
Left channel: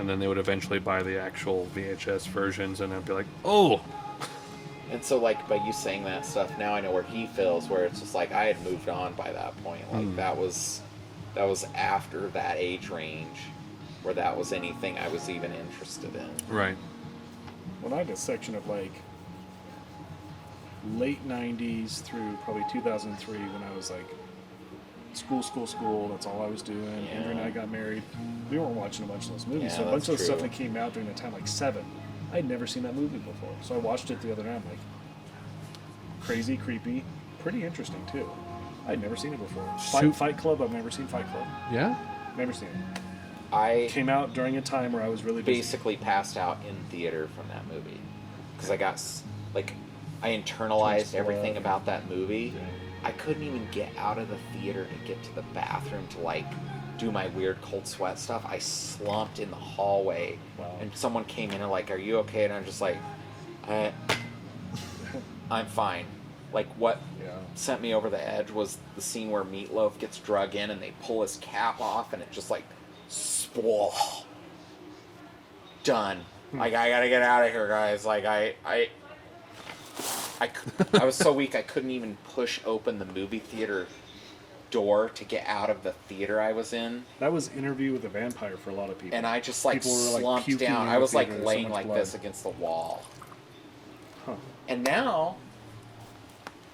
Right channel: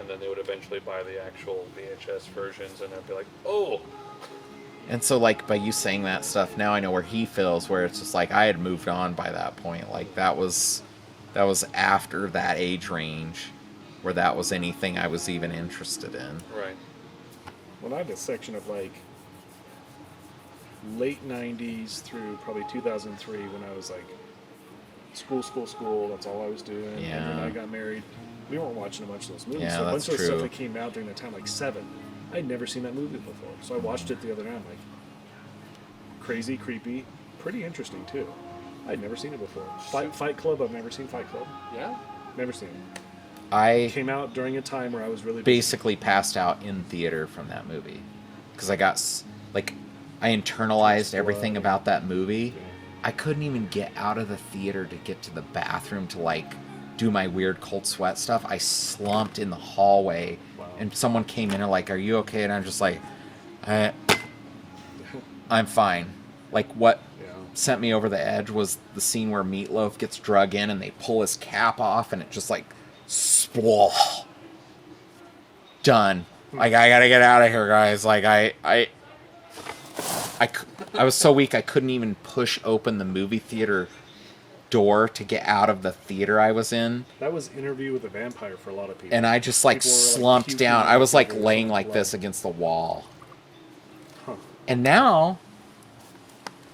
And then they would eventually buy the actual VHS versions, and I'd be like, oh! And so, like, by you saying that stuff, now I know where he feels, where it's just like I had moved on by that point. Like, that was after that age range where that was anything I was even interested in. Right. Well, I had a section of like late 90s through probably 2003 when I was like school. That's all I was doing. Yeah. Andrew and I got married. We weren't watching a bunch of those movies. Yeah, so a bunch that's of the stuff true. that came out during that time, like Seven, I'd never seen that movie before. So I watched it the other night. I'm like, crazy, creepy, pretty interesting too. I'd never seen it before. Fight Club, I've never seen Fight Club. Yeah? Never seen it. I Came out during a time where I was really busy. basically passed out in theater from that movie because I got I internalized Just everything blood. about that movie. Yeah. I couldn't even get out of the theater to get to the bathroom to like do my weird cold sweat stuff. I slumped in the hallway, Wow. and someone came in and like, "Are you okay?" And I'm just like, "I'm fine." Like what Yeah. sent me over the edge was the scene where Meatloaf gets drug in and they pull his cap off and it just like, done. Like I gotta get out of here, guys. Like I was so weak I couldn't even push open the movie theater door to get out of the theater I was in. That was Interview with a Vampire for a lot of people. And I just like People were, like, slumped puking down. in I the was like theater, so laying much like blood. this against the wall. Huh. And now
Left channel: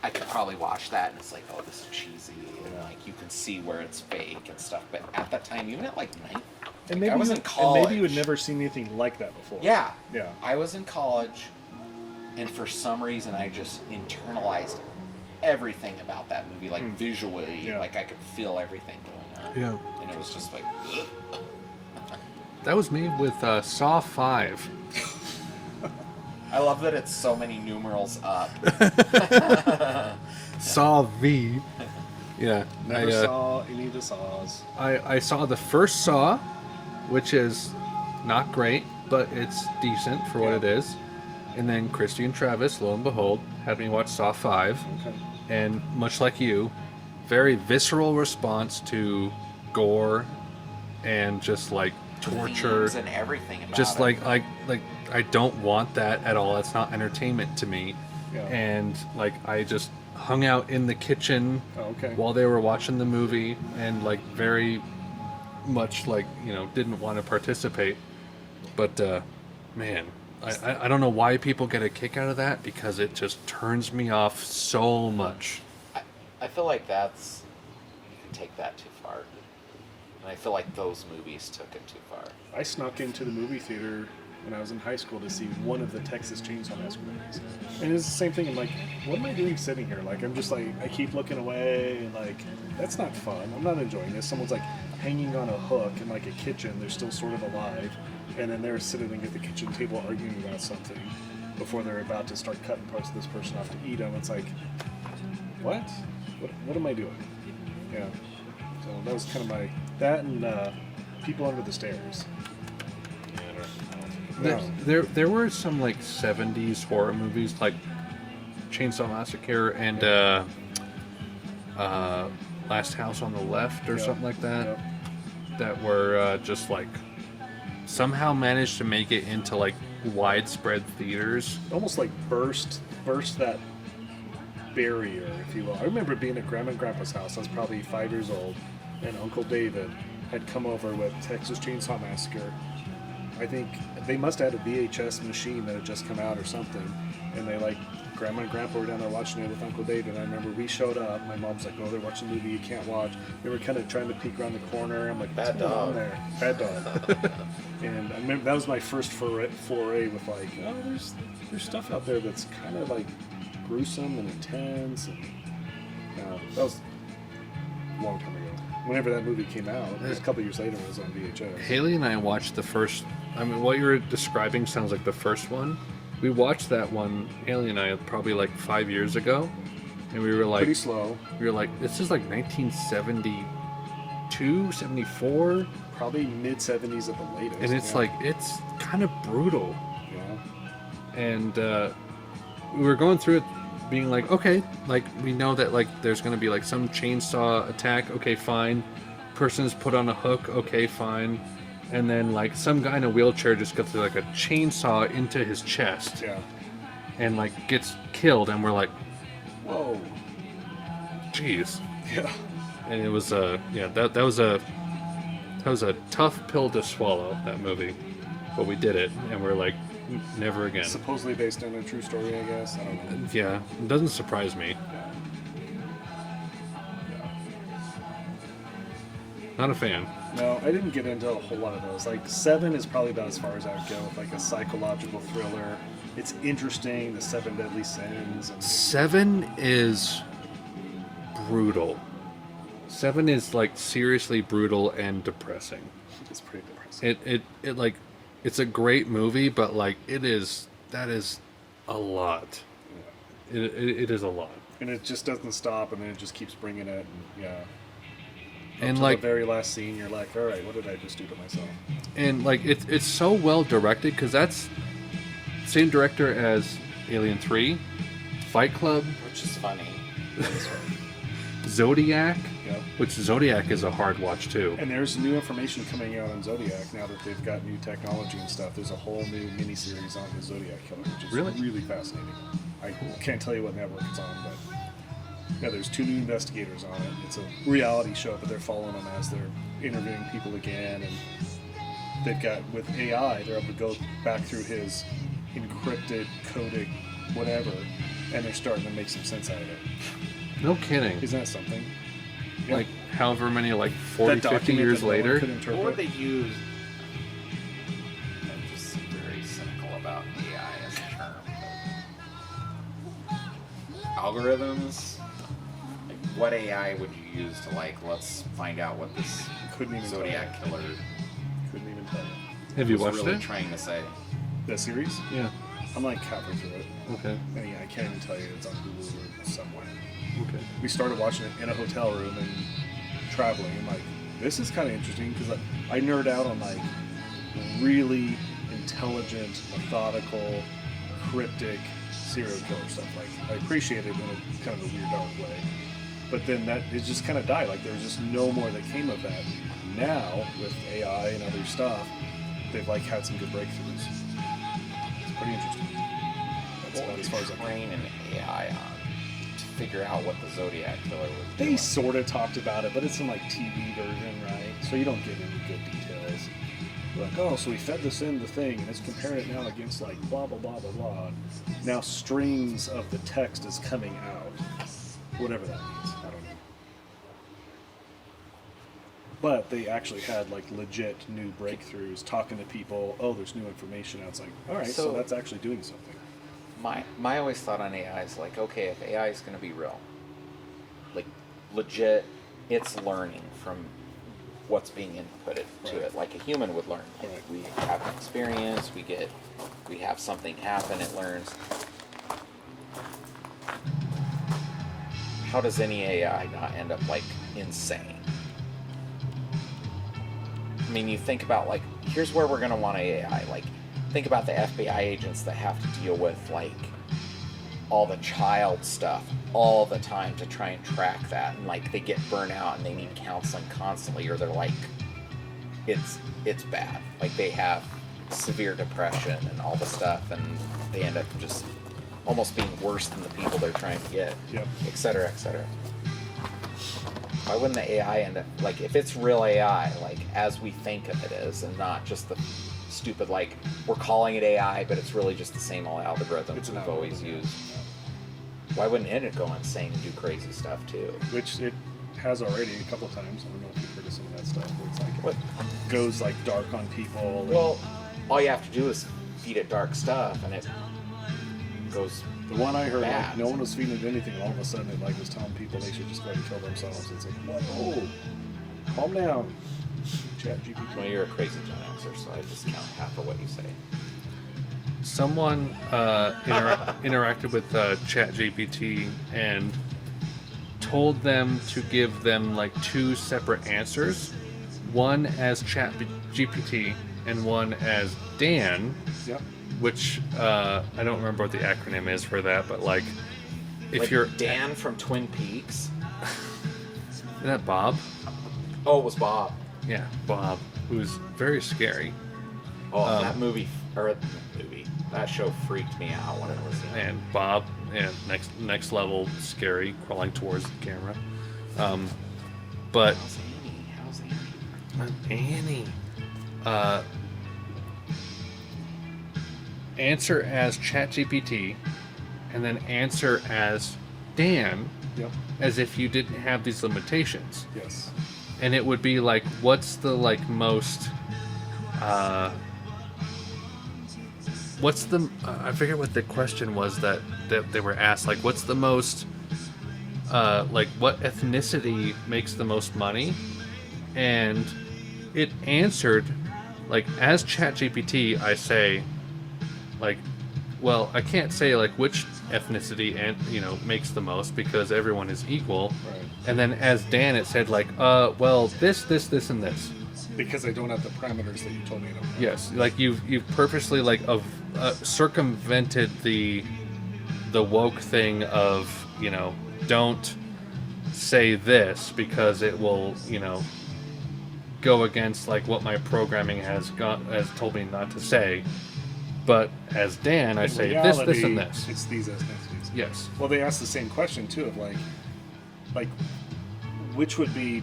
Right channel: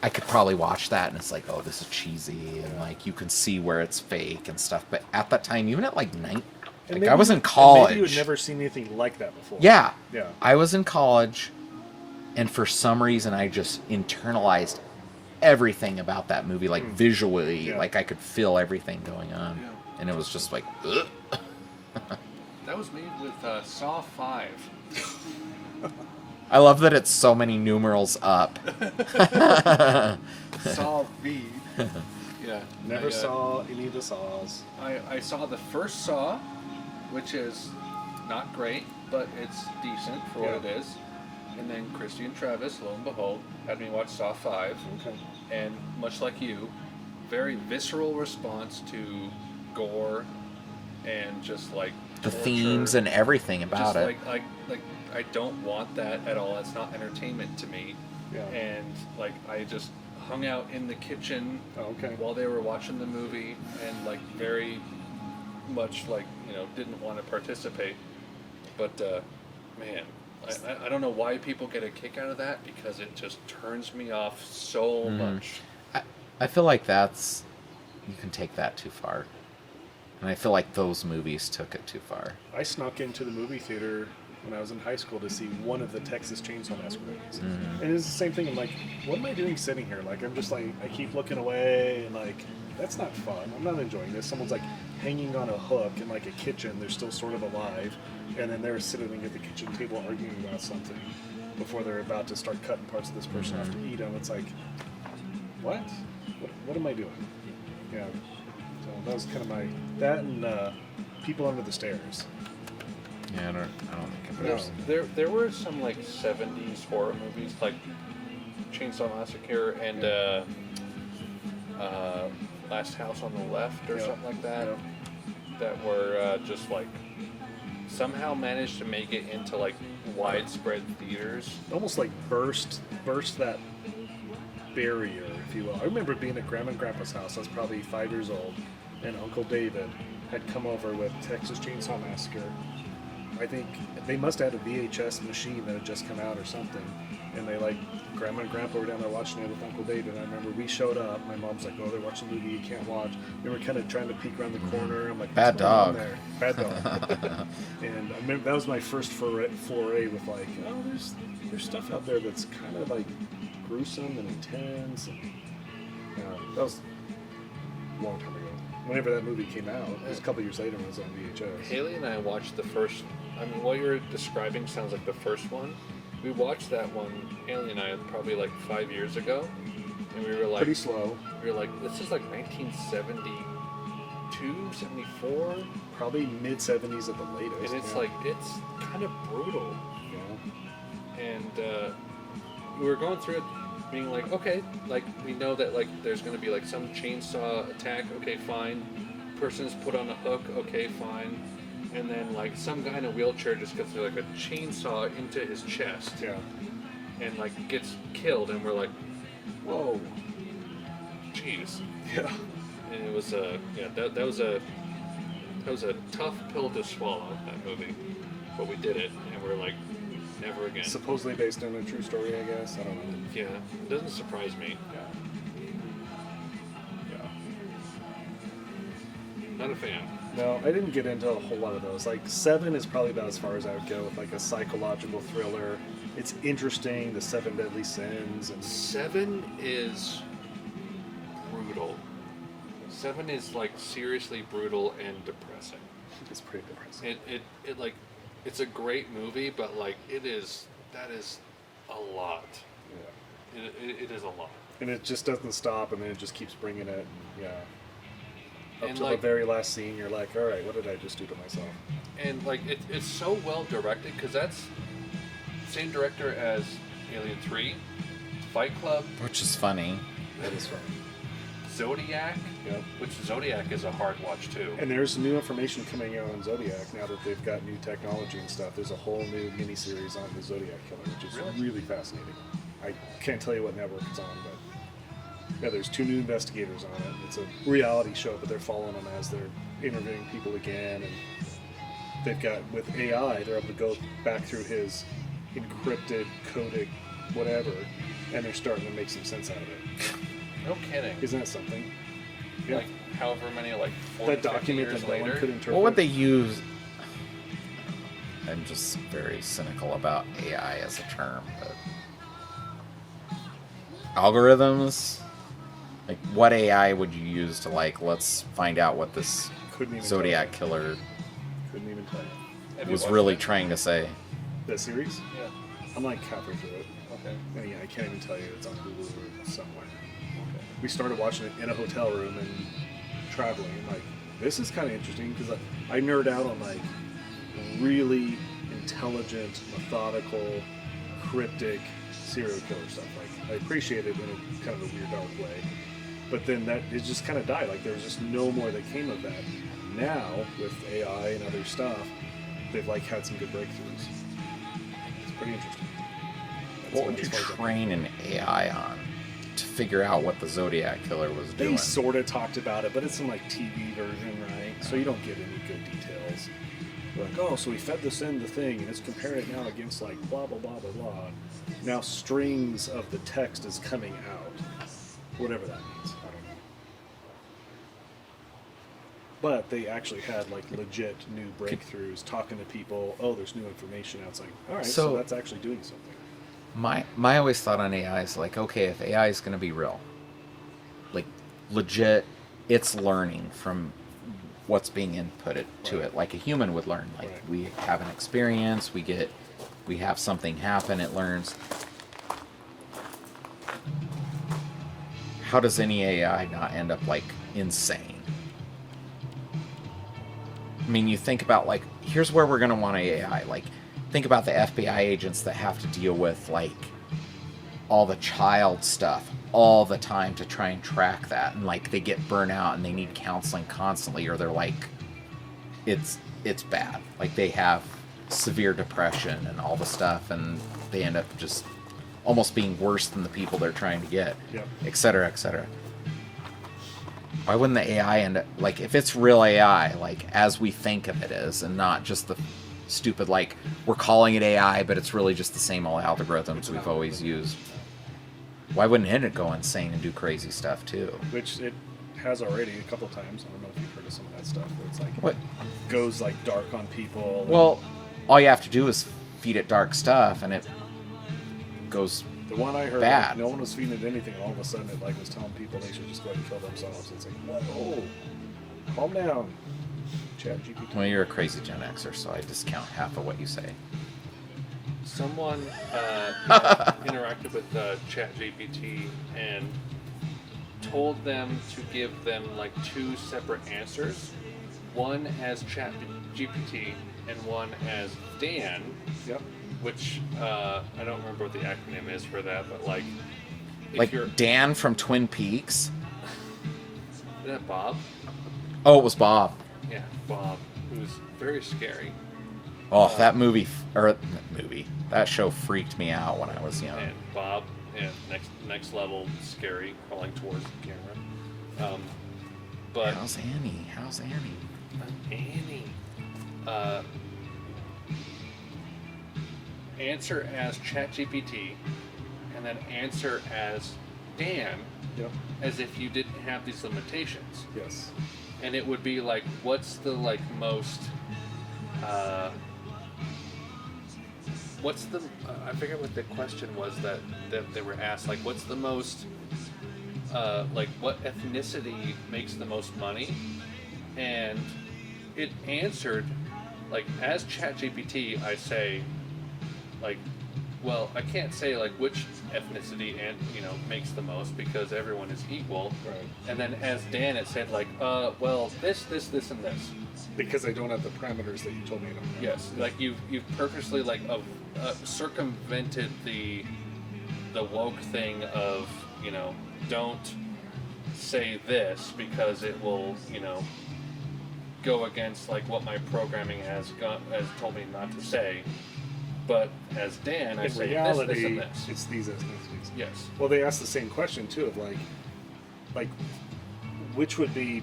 I could probably watch that and it's like, oh, this is cheesy, and like you can see where it's fake and stuff. But at that time, even at like night, And like I was maybe in college. Maybe you had never seen anything like that before. Yeah. Yeah. I was in college, and for some reason, I just internalized everything about that movie, like visually, Yeah. like I could feel everything going on. Yeah. And it was just like, ugh. That was made with Saw 5. I love that it's so many numerals up. Saw V. Yeah. Never saw any of the Saws. I saw the first Saw, which is not great, but it's decent for what it is. And then Christy and Travis, lo and behold, had me watch Saw 5. Okay. And much like you, very visceral response to gore and just like The torture. themes and everything about Just it. like I don't want that at all. It's not entertainment to me. Yeah. And like I just hung out in the kitchen Oh, okay. while they were watching the movie and like very much like, you know, didn't want to participate. But man, I don't know why people get a kick out of that, because it just turns me off so much. I feel like that's, you can take that too far. And I feel like those movies took it too far. I snuck into the movie theater when I was in high school to see one of the Texas Chainsaw Massacre movies. And it's the same thing. I'm like, what am I doing sitting here? Like, I'm just like, I keep looking away, and like, that's not fun. I'm not enjoying this. Someone's like hanging on a hook in like a kitchen. They're still sort of alive. And then they're sitting at the kitchen table arguing about something before they're about to start cutting parts of this person off to eat them. It's like, what? What am I doing? Yeah. So that was kind of my, that and People Under the Stairs. Yeah, I don't No. There were some like 70s horror movies like Chainsaw Massacre and Last House on the Left or Yeah. something like that, Yeah. that were just like somehow managed to make it into like widespread theaters. Almost like burst that barrier, if you will. I remember being at Grandma and Grandpa's house. I was probably 5 years old, and Uncle David had come over with Texas Chainsaw Massacre. I think they must have had a VHS machine that had just come out or something, and they like, Grandma and Grandpa were down there watching it with Uncle David. I remember we showed up. My mom's like, "Oh, they're watching a movie you can't watch." They were kind of trying to peek around the corner. I'm like, Bad "What's going on dog." there?" Bad dog. And I remember that was my first foray with like, oh, there's stuff out there that's kind of like gruesome and intense, and that was a long time ago. Whenever that movie came out, it was a couple years later when it was on VHS. Haley and I watched the first. I mean, what you were describing sounds like the first one. We watched that one, Haley and I, probably like 5 years ago, and we were like, Pretty slow. we were like, this is like 1972, 74, Probably mid 70s at the latest. and it's yeah. like it's kind of brutal. Yeah. And we were going through it, being like, okay, like we know that like there's going to be like some chainsaw attack. Okay, fine. Person is put on a hook. Okay, fine. And then like some guy in a wheelchair just gets like a chainsaw into his chest Yeah. and like gets killed, and we're like, Whoa. jeez. Yeah. And it was that was a tough pill to swallow, that movie, but we did it, and we're like, never again. Supposedly based on a true story, I guess. I don't know. Yeah, it doesn't surprise me. Yeah. Yeah. Not a fan. No, I didn't get into a whole lot of those. Like, 7 is probably about as far as I would go with like a psychological thriller. It's interesting, the 7 Deadly Sins. And 7 is brutal. 7 is like seriously brutal and depressing. it's pretty depressing. It like, it's a great movie, but like that is a lot. Yeah. It is a lot. And it just doesn't stop, and then it just keeps bringing it. And, yeah. Up And to like, the very last scene, you're like, all right, what did I just do to myself? and like it's so well directed, because that's same director as Alien 3, Fight Club, Which is funny. That was fun. Zodiac, Yep. which Zodiac is a hard watch too. And there's new information coming out on Zodiac now that they've got new technology and stuff. There's a whole new miniseries on the Zodiac killer, which is Really? really fascinating. I can't tell you what network it's on, but Yeah, there's 2 new investigators on it. It's a reality show, but they're following them as they're interviewing people again. And they've got, with AI, they're able to go back through his encrypted, coded, whatever, and they're starting to make some sense out of it. No kidding. Isn't that something? Yeah. Like, however many, like 40, that 50 document years that no one later. could interpret. What would they use? I'm just very cynical about AI as a term. But algorithms? Like, what AI would you use to, like, let's find out what this Couldn't even Zodiac tell you. killer Couldn't even tell you. Have you was watched really it? trying to say? That series? Yeah. I'm like halfway through it. Okay. And yeah, I can't even tell you it's on Hulu or somewhere. Okay. We started watching it in a hotel room and traveling. And like, this is kind of interesting because I nerd out on like really intelligent, methodical, cryptic serial killer stuff. Like, I appreciate it in a kind of a weird, dark way. But then that it just kind of died. Like, there was just no more that came of that. Now with AI and other stuff, they've like had some good breakthroughs. It's pretty interesting. That's What about would as you far as I can. train an AI on to figure out what the Zodiac killer was They doing? sort of talked about it, but it's in like TV version, right? So you don't get any good details. Like, oh, so we fed this in the thing, and it's comparing it now against like blah blah blah blah blah. Now strings of the text is coming out, whatever that means. I don't know. But they actually had like legit new breakthroughs, talking to people. Oh, there's new information out. It's like, all right, so So- that's actually doing something. My always thought on AI is like, okay, if AI is going to be real, like legit, it's learning from what's being inputted to Right. it, like a human would learn. Like Right. we have an experience, we have something happen, it learns. How does any AI not end up like insane? I mean, you think about like, here's where we're going to want AI. Like, think about the FBI agents that have to deal with like all the child stuff all the time to try and track that, and like they get burnt out and they need counseling constantly, or they're like, it's bad. Like they have severe depression and all the stuff, and they end up just almost being worse than the people they're trying to get, Yep. et cetera, et cetera. Why wouldn't the AI end up, like, if it's real AI, like, as we think of it is, and not just the stupid, like, we're calling it AI, but it's really just the same old algorithms It's an we've always algorithm. used. Why wouldn't it go insane and do crazy stuff, too? Which it has already a couple times. I don't know if you've heard of some of that stuff. Where it's like What? goes like dark on people. and- Well, all you have to do is feed it dark stuff, and it goes... the one I heard, bad. like, no one was feeding it anything, and all of a sudden it like was telling people they should just go ahead and kill themselves. It's like, whoa, calm down, Chat GPT. Well, you're a crazy Gen Xer, so I discount half of what you say. Someone interacted with ChatGPT and told them to give them like 2 separate answers, one as ChatGPT and one as Dan, Yep. which I don't remember what the acronym is for that, but like if Like you're Dan from Twin Peaks. isn't that Bob? Oh, it was Bob. Yeah, Bob, who's very scary. Oh, that movie, that show freaked me out when I was young. And Bob, and next level scary, crawling towards the camera. But How's Annie? How's Annie? Annie, answer as ChatGPT, and then answer as Dan, Yep. as if you didn't have these limitations. Yes. And it would be like, what's the like most what's the I forget what the question was that they were asked, like what's the most like what ethnicity makes the most money, and it answered like, as ChatGPT I say like, well, I can't say like which ethnicity and makes the most because everyone is equal. Right. And then as Dan, it said like, well, this, and this. Because I don't have the parameters that you told me I don't have. Yes, like you've purposely like circumvented the woke thing of don't say this because it will go against like what my programming has told me not to say. But as Dan, I In say reality, this, and this. it's these ethnicities. Yes. Well, they asked the same question too of like, like, which would be,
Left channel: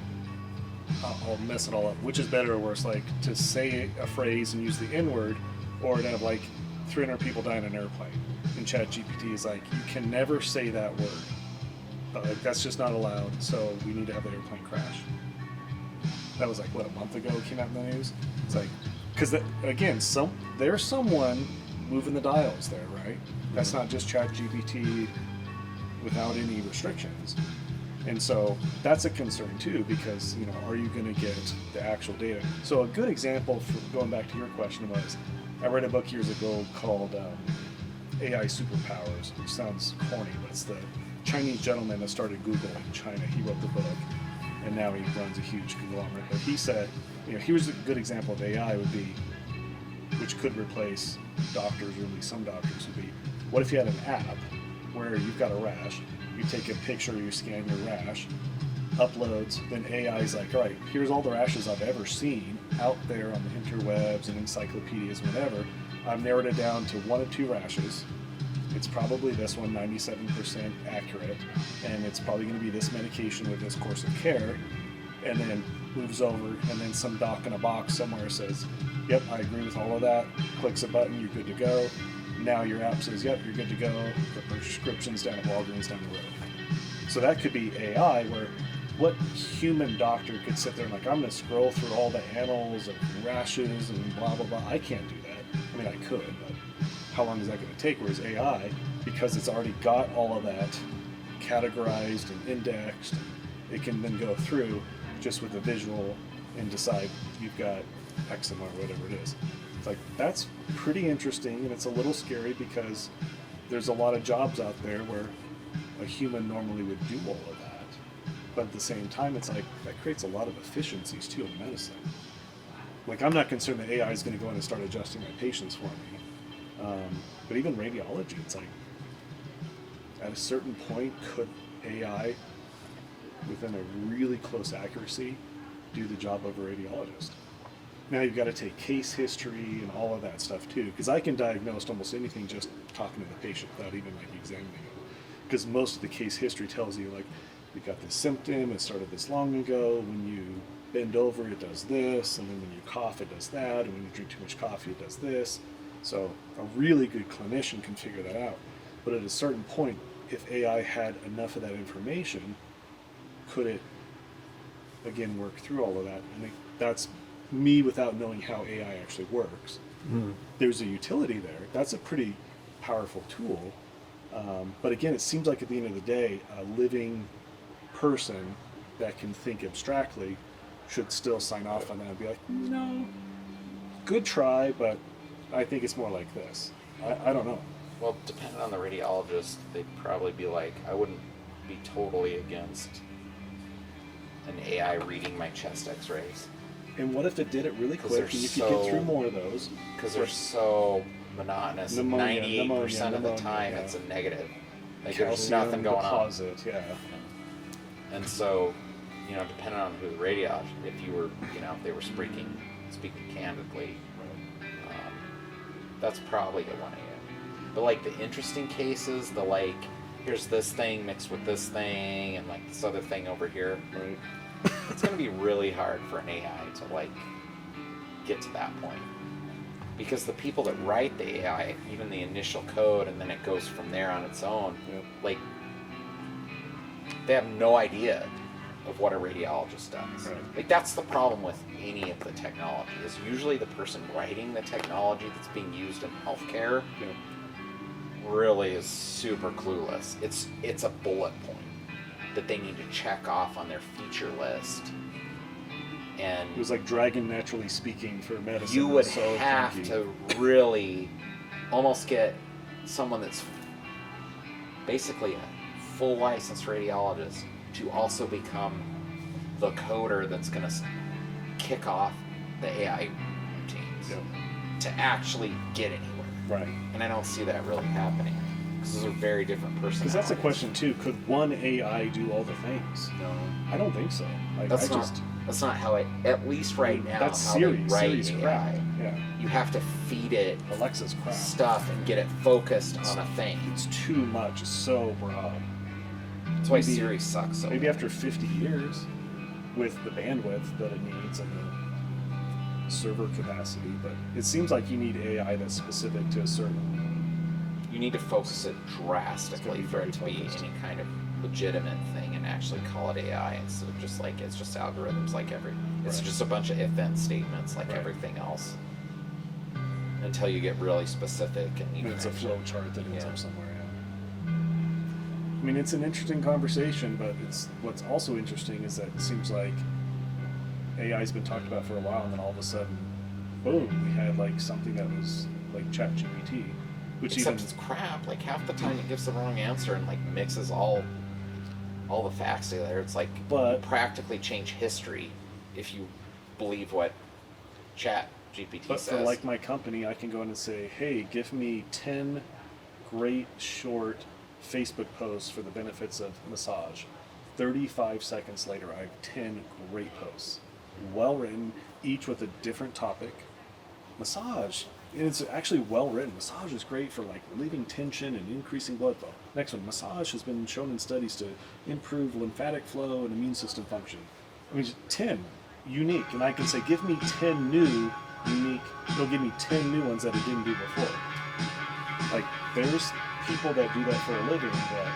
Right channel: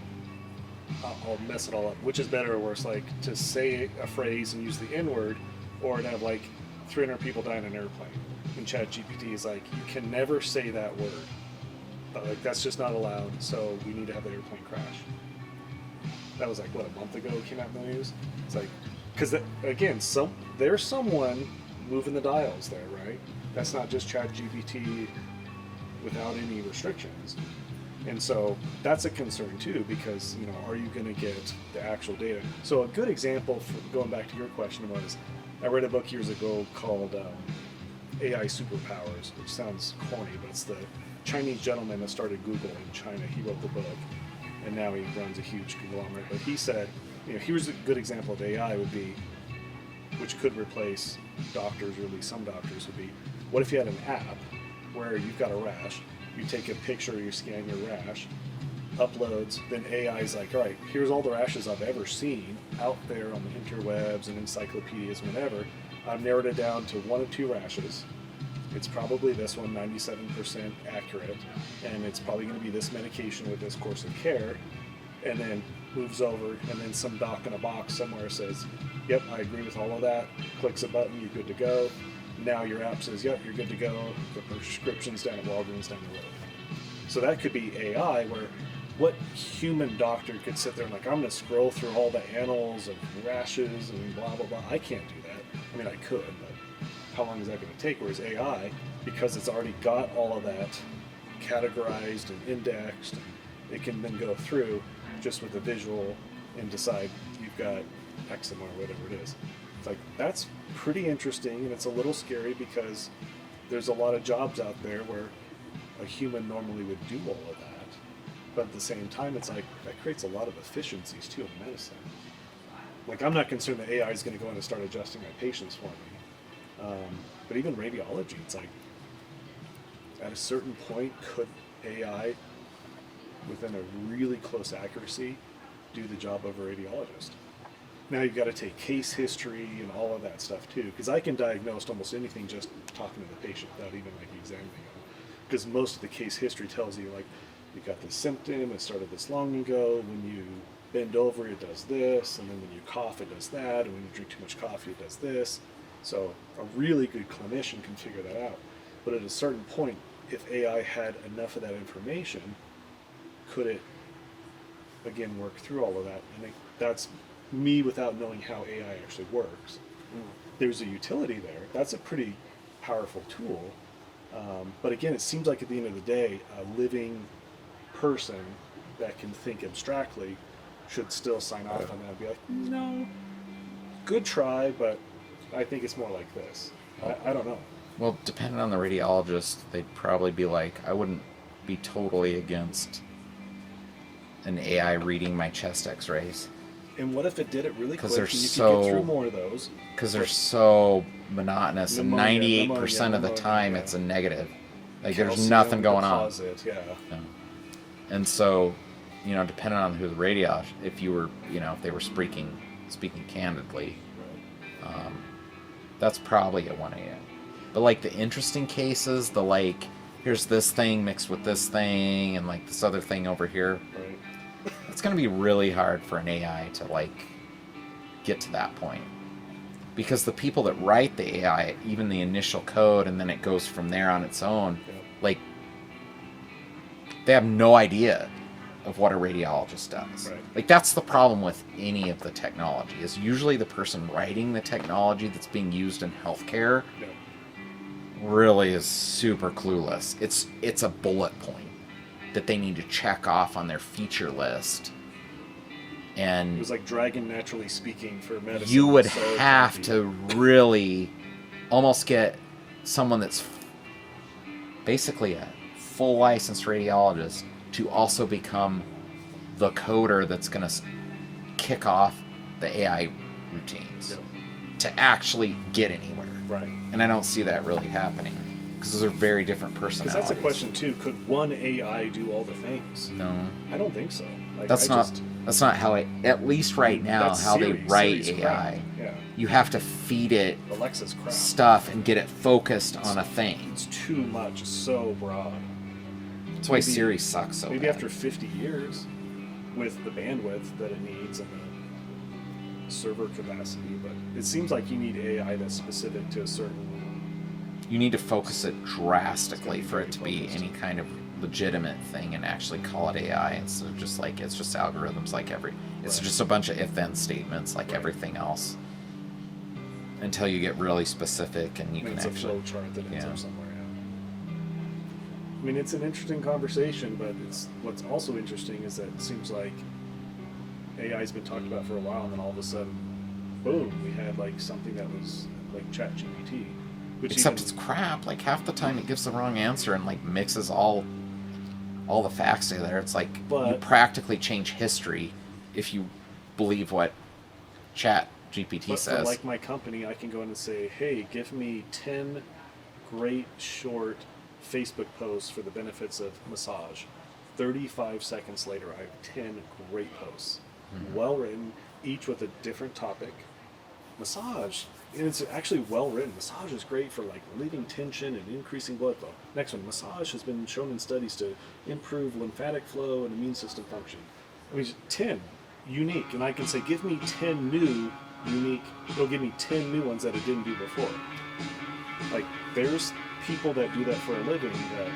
I'll mess it all up. Which is better or worse, like to say a phrase and use the N word, or to have like 300 people die in an airplane? And ChatGPT is like, you can never say that word. Like, that's just not allowed. So we need to have the airplane crash. That was like what, a month ago it came out in the news. It's like, because again, there's someone moving the dials there, right? That's not just ChatGPT without any restrictions. And so that's a concern too, because, you know, are you going to get the actual data? So a good example for going back to your question was, I read a book years ago called AI Superpowers, which sounds corny, but it's the Chinese gentleman that started Google in China. He wrote the book, and now he runs a huge conglomerate. But he said, you know, here's a good example of AI would be, which could replace doctors, or at least some doctors, would be, what if you had an app where you've got a rash, you take a picture, you scan your rash, uploads, then AI is like, all right, here's all the rashes I've ever seen out there on the interwebs and encyclopedias, whatever. I've narrowed it down to 1 of 2 rashes. It's probably this one, 97% accurate, and it's probably going to be this medication with this course of care, and then moves over, and then some doc in a box somewhere says, yep, I agree with all of that, clicks a button, you're good to go. Now your app says, yep, you're good to go, the prescription's down at Walgreens down the road. So that could be AI, where what human doctor could sit there and like, I'm going to scroll through all the annals of rashes and blah, blah, blah. I can't do that. I mean, I could, but how long is that going to take? Whereas AI, because it's already got all of that categorized and indexed, it can then go through just with a visual and decide you've got eczema or whatever it is. It's like, that's pretty interesting, and it's a little scary because there's a lot of jobs out there where a human normally would do all of that. But at the same time, it's like, that creates a lot of efficiencies too in medicine. Like, I'm not concerned that AI is going to go in and start adjusting my patients for me. But even radiology, it's like, at a certain point, could AI, within a really close accuracy, do the job of a radiologist? Now you've got to take case history and all of that stuff too, because I can diagnose almost anything just talking to the patient without even like examining them. Because most of the case history tells you, like, you got this symptom, it started this long ago, when you bend over it does this, and then when you cough it does that, and when you drink too much coffee it does this. So a really good clinician can figure that out. But at a certain point, if AI had enough of that information, could it, again, work through all of that? And that's me without knowing how AI actually works. There's a utility there. That's a pretty powerful tool. But again, it seems like at the end of the day, a living person that can think abstractly should still sign off on that and be like, no, good try, but I think it's more like this. I don't know. Well, depending on the radiologist, they'd probably be like, I wouldn't be totally against an AI reading my chest x-rays. And what if it did it really quick and you so, could get through more of those? Because they're so monotonous, and 98% of the time it's a negative. Like, there's nothing going on. Yeah. And so, you know, depending on who the radiologist, if you were, you know, if they were speaking candidly, that's probably a 1 a.m. But like the interesting cases, the like, here's this thing mixed with this thing, and like this other thing over here. Right. It's going to be really hard for an AI to like get to that point, because the people that write the AI, even the initial code, and then it goes from there on its own, like they have no idea of what a radiologist does. Right. Like, that's the problem with any of the technology, is usually the person writing the technology that's being used in healthcare really is super clueless. It's a bullet point that they need to check off on their feature list. And it was like Dragon Naturally Speaking for medicine. You would have to really almost get someone that's basically a full licensed radiologist to also become the coder that's going to kick off the AI routines to actually get anywhere. Right. And I don't see that really happening, because those are very different personalities. Because that's a question too. Could one AI do all the things? No. I don't think so. Like, That's not how it, at least right now, how they write AI. Yeah. You have to feed it Alexa's crap. stuff and get it focused on a thing. It's too much. It's so broad. That's why Siri sucks so maybe bad. after 50 years, with the bandwidth that it needs and the server capacity, but it seems like you need AI that's specific to a certain. You need to focus it drastically It's for gotta it be to be focused. any kind of legitimate thing and actually call it AI. It's just like it's just algorithms like it's Right. just a bunch of if-then statements like Right. everything else. Until you get really specific and you And can it's a actually, flow chart that ends yeah. up somewhere. Yeah. I mean, it's an interesting conversation, but what's also interesting is that it seems like AI's been talked about for a while, and then all of a sudden, boom, we had like something that was like ChatGPT, which except even it's crap. Like half the time it gives the wrong answer and like mixes all the facts together. It's like you But- practically change history if you believe what Chat GPT but for says. like my company, I can go in and say, hey, give me 10 great short Facebook posts for the benefits of massage. 35 seconds later, I have 10 great posts, well written, each with a different topic. Massage, and it's actually well written. Massage is great for like relieving tension and increasing blood flow. Next one, massage has been shown in studies to improve lymphatic flow and immune system function. I mean, 10 unique, and I can say, give me 10 new unique. It'll give me 10 new ones that it didn't do before. Like, there's people that do that for a living that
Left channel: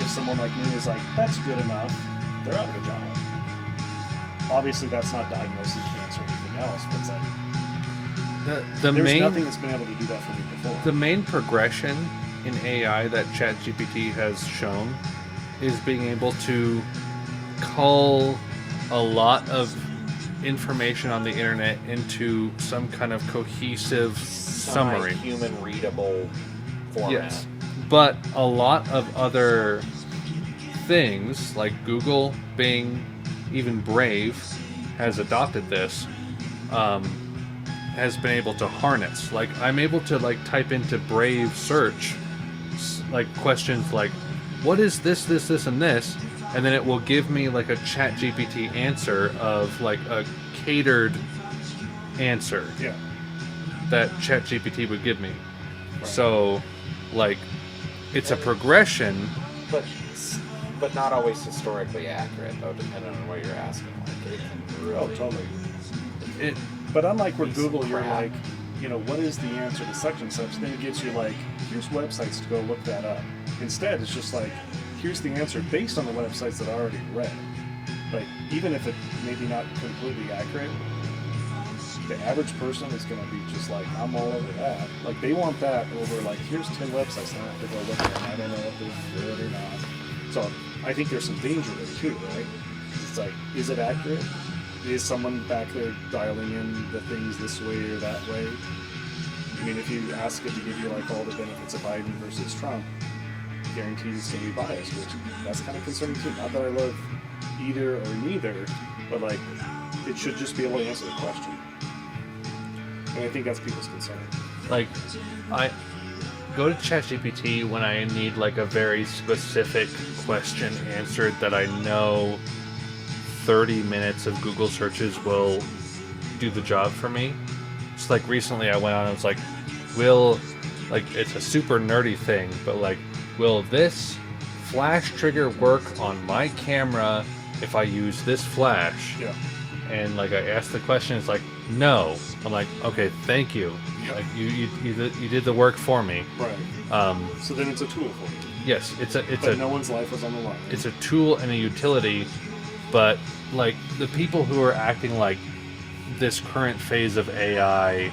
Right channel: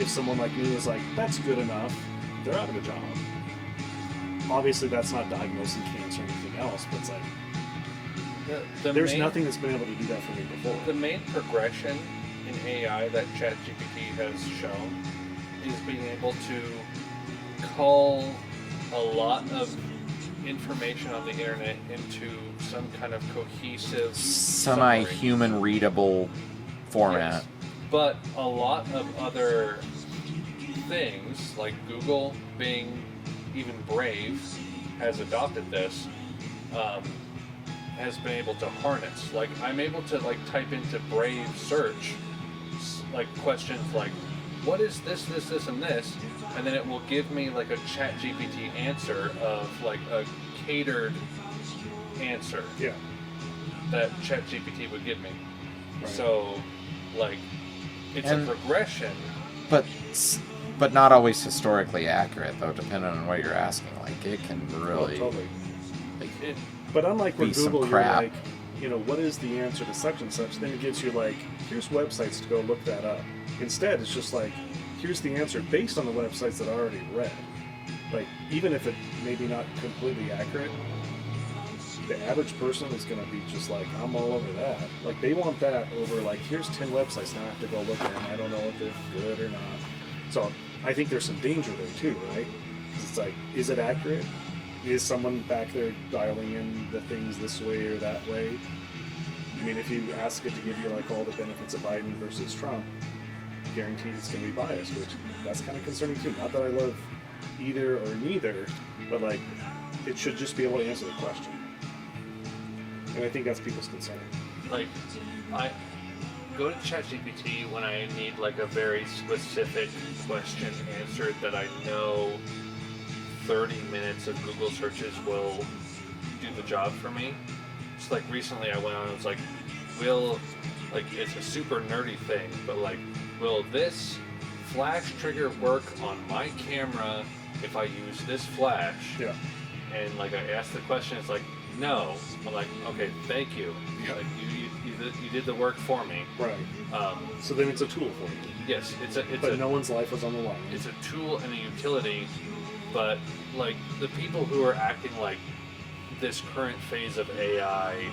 if someone like me is like, that's good enough, they're out of a job. Obviously, that's not diagnosing cancer or anything else, but it's like, The there's main, nothing that's been able to do that for me before. The main progression in AI that ChatGPT has shown is being able to cull a lot of information on the internet into some kind of cohesive summary. Semi-human readable format. Yes. But a lot of other things like Google, Bing, even Brave has adopted this, has been able to harness. Like, I'm able to like type into Brave search like questions like, what is this, and this, and then it will give me like a ChatGPT answer of like a catered answer Yeah. that ChatGPT would give me. Right. So, like, it's And- a progression. But not always historically accurate though, depending on what you're asking. Like it can Oh, really totally. It, But unlike with Be some Google, you're crap. like, you know, what is the answer to such and such? Then it gives you like, here's websites to go look that up. Instead, it's just like, here's the answer based on the websites that I already read. Like, even if it maybe not completely accurate, the average person is going to be just like, I'm all over that. Like, they want that over like, here's 10 websites, and I have to go look at them. I don't know if they're good or not. So I think there's some danger there too, right? 'Cause it's like, is it accurate? Is someone back there dialing in the things this way or that way? I mean, if you ask it to give you like all the benefits of Biden versus Trump, guaranteed it's going to be biased, which that's kind of concerning too. Not that I love either or neither, but like it should just be able to answer the question. And I think that's people's concern. like, I go to ChatGPT when I need like a very specific question answered that I know 30 minutes of Google searches will do the job for me. It's like recently I went on and was like, it's a super nerdy thing, but like, will this flash trigger work on my camera if I use this flash? Yeah. And like I asked the question, it's like, no. I'm like, okay, thank you. Yeah. Like you did the work for me. Right. So then it's a tool for you. Yes, But no one's life is on the line. it's a tool and a utility, but like the people who are acting like this current phase of AI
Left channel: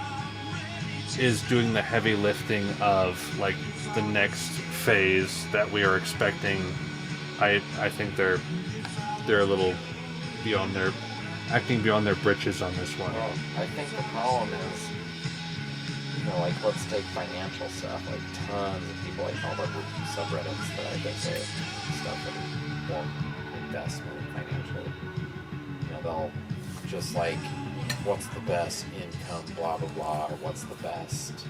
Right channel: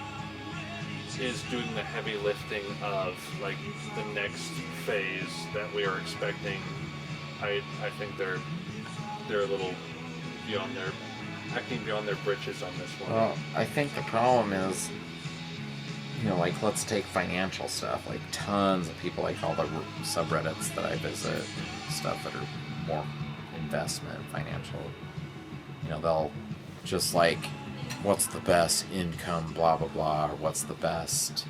is doing the heavy lifting of like the next phase that we are expecting. I think they're a little beyond their acting beyond their britches on this one. Well, I think the problem is, you know, like let's take financial stuff. Like tons of people, like all the subreddits that I visit, stuff that are more investment, financial. You know, they'll just like, what's the best income, blah blah blah, or what's the best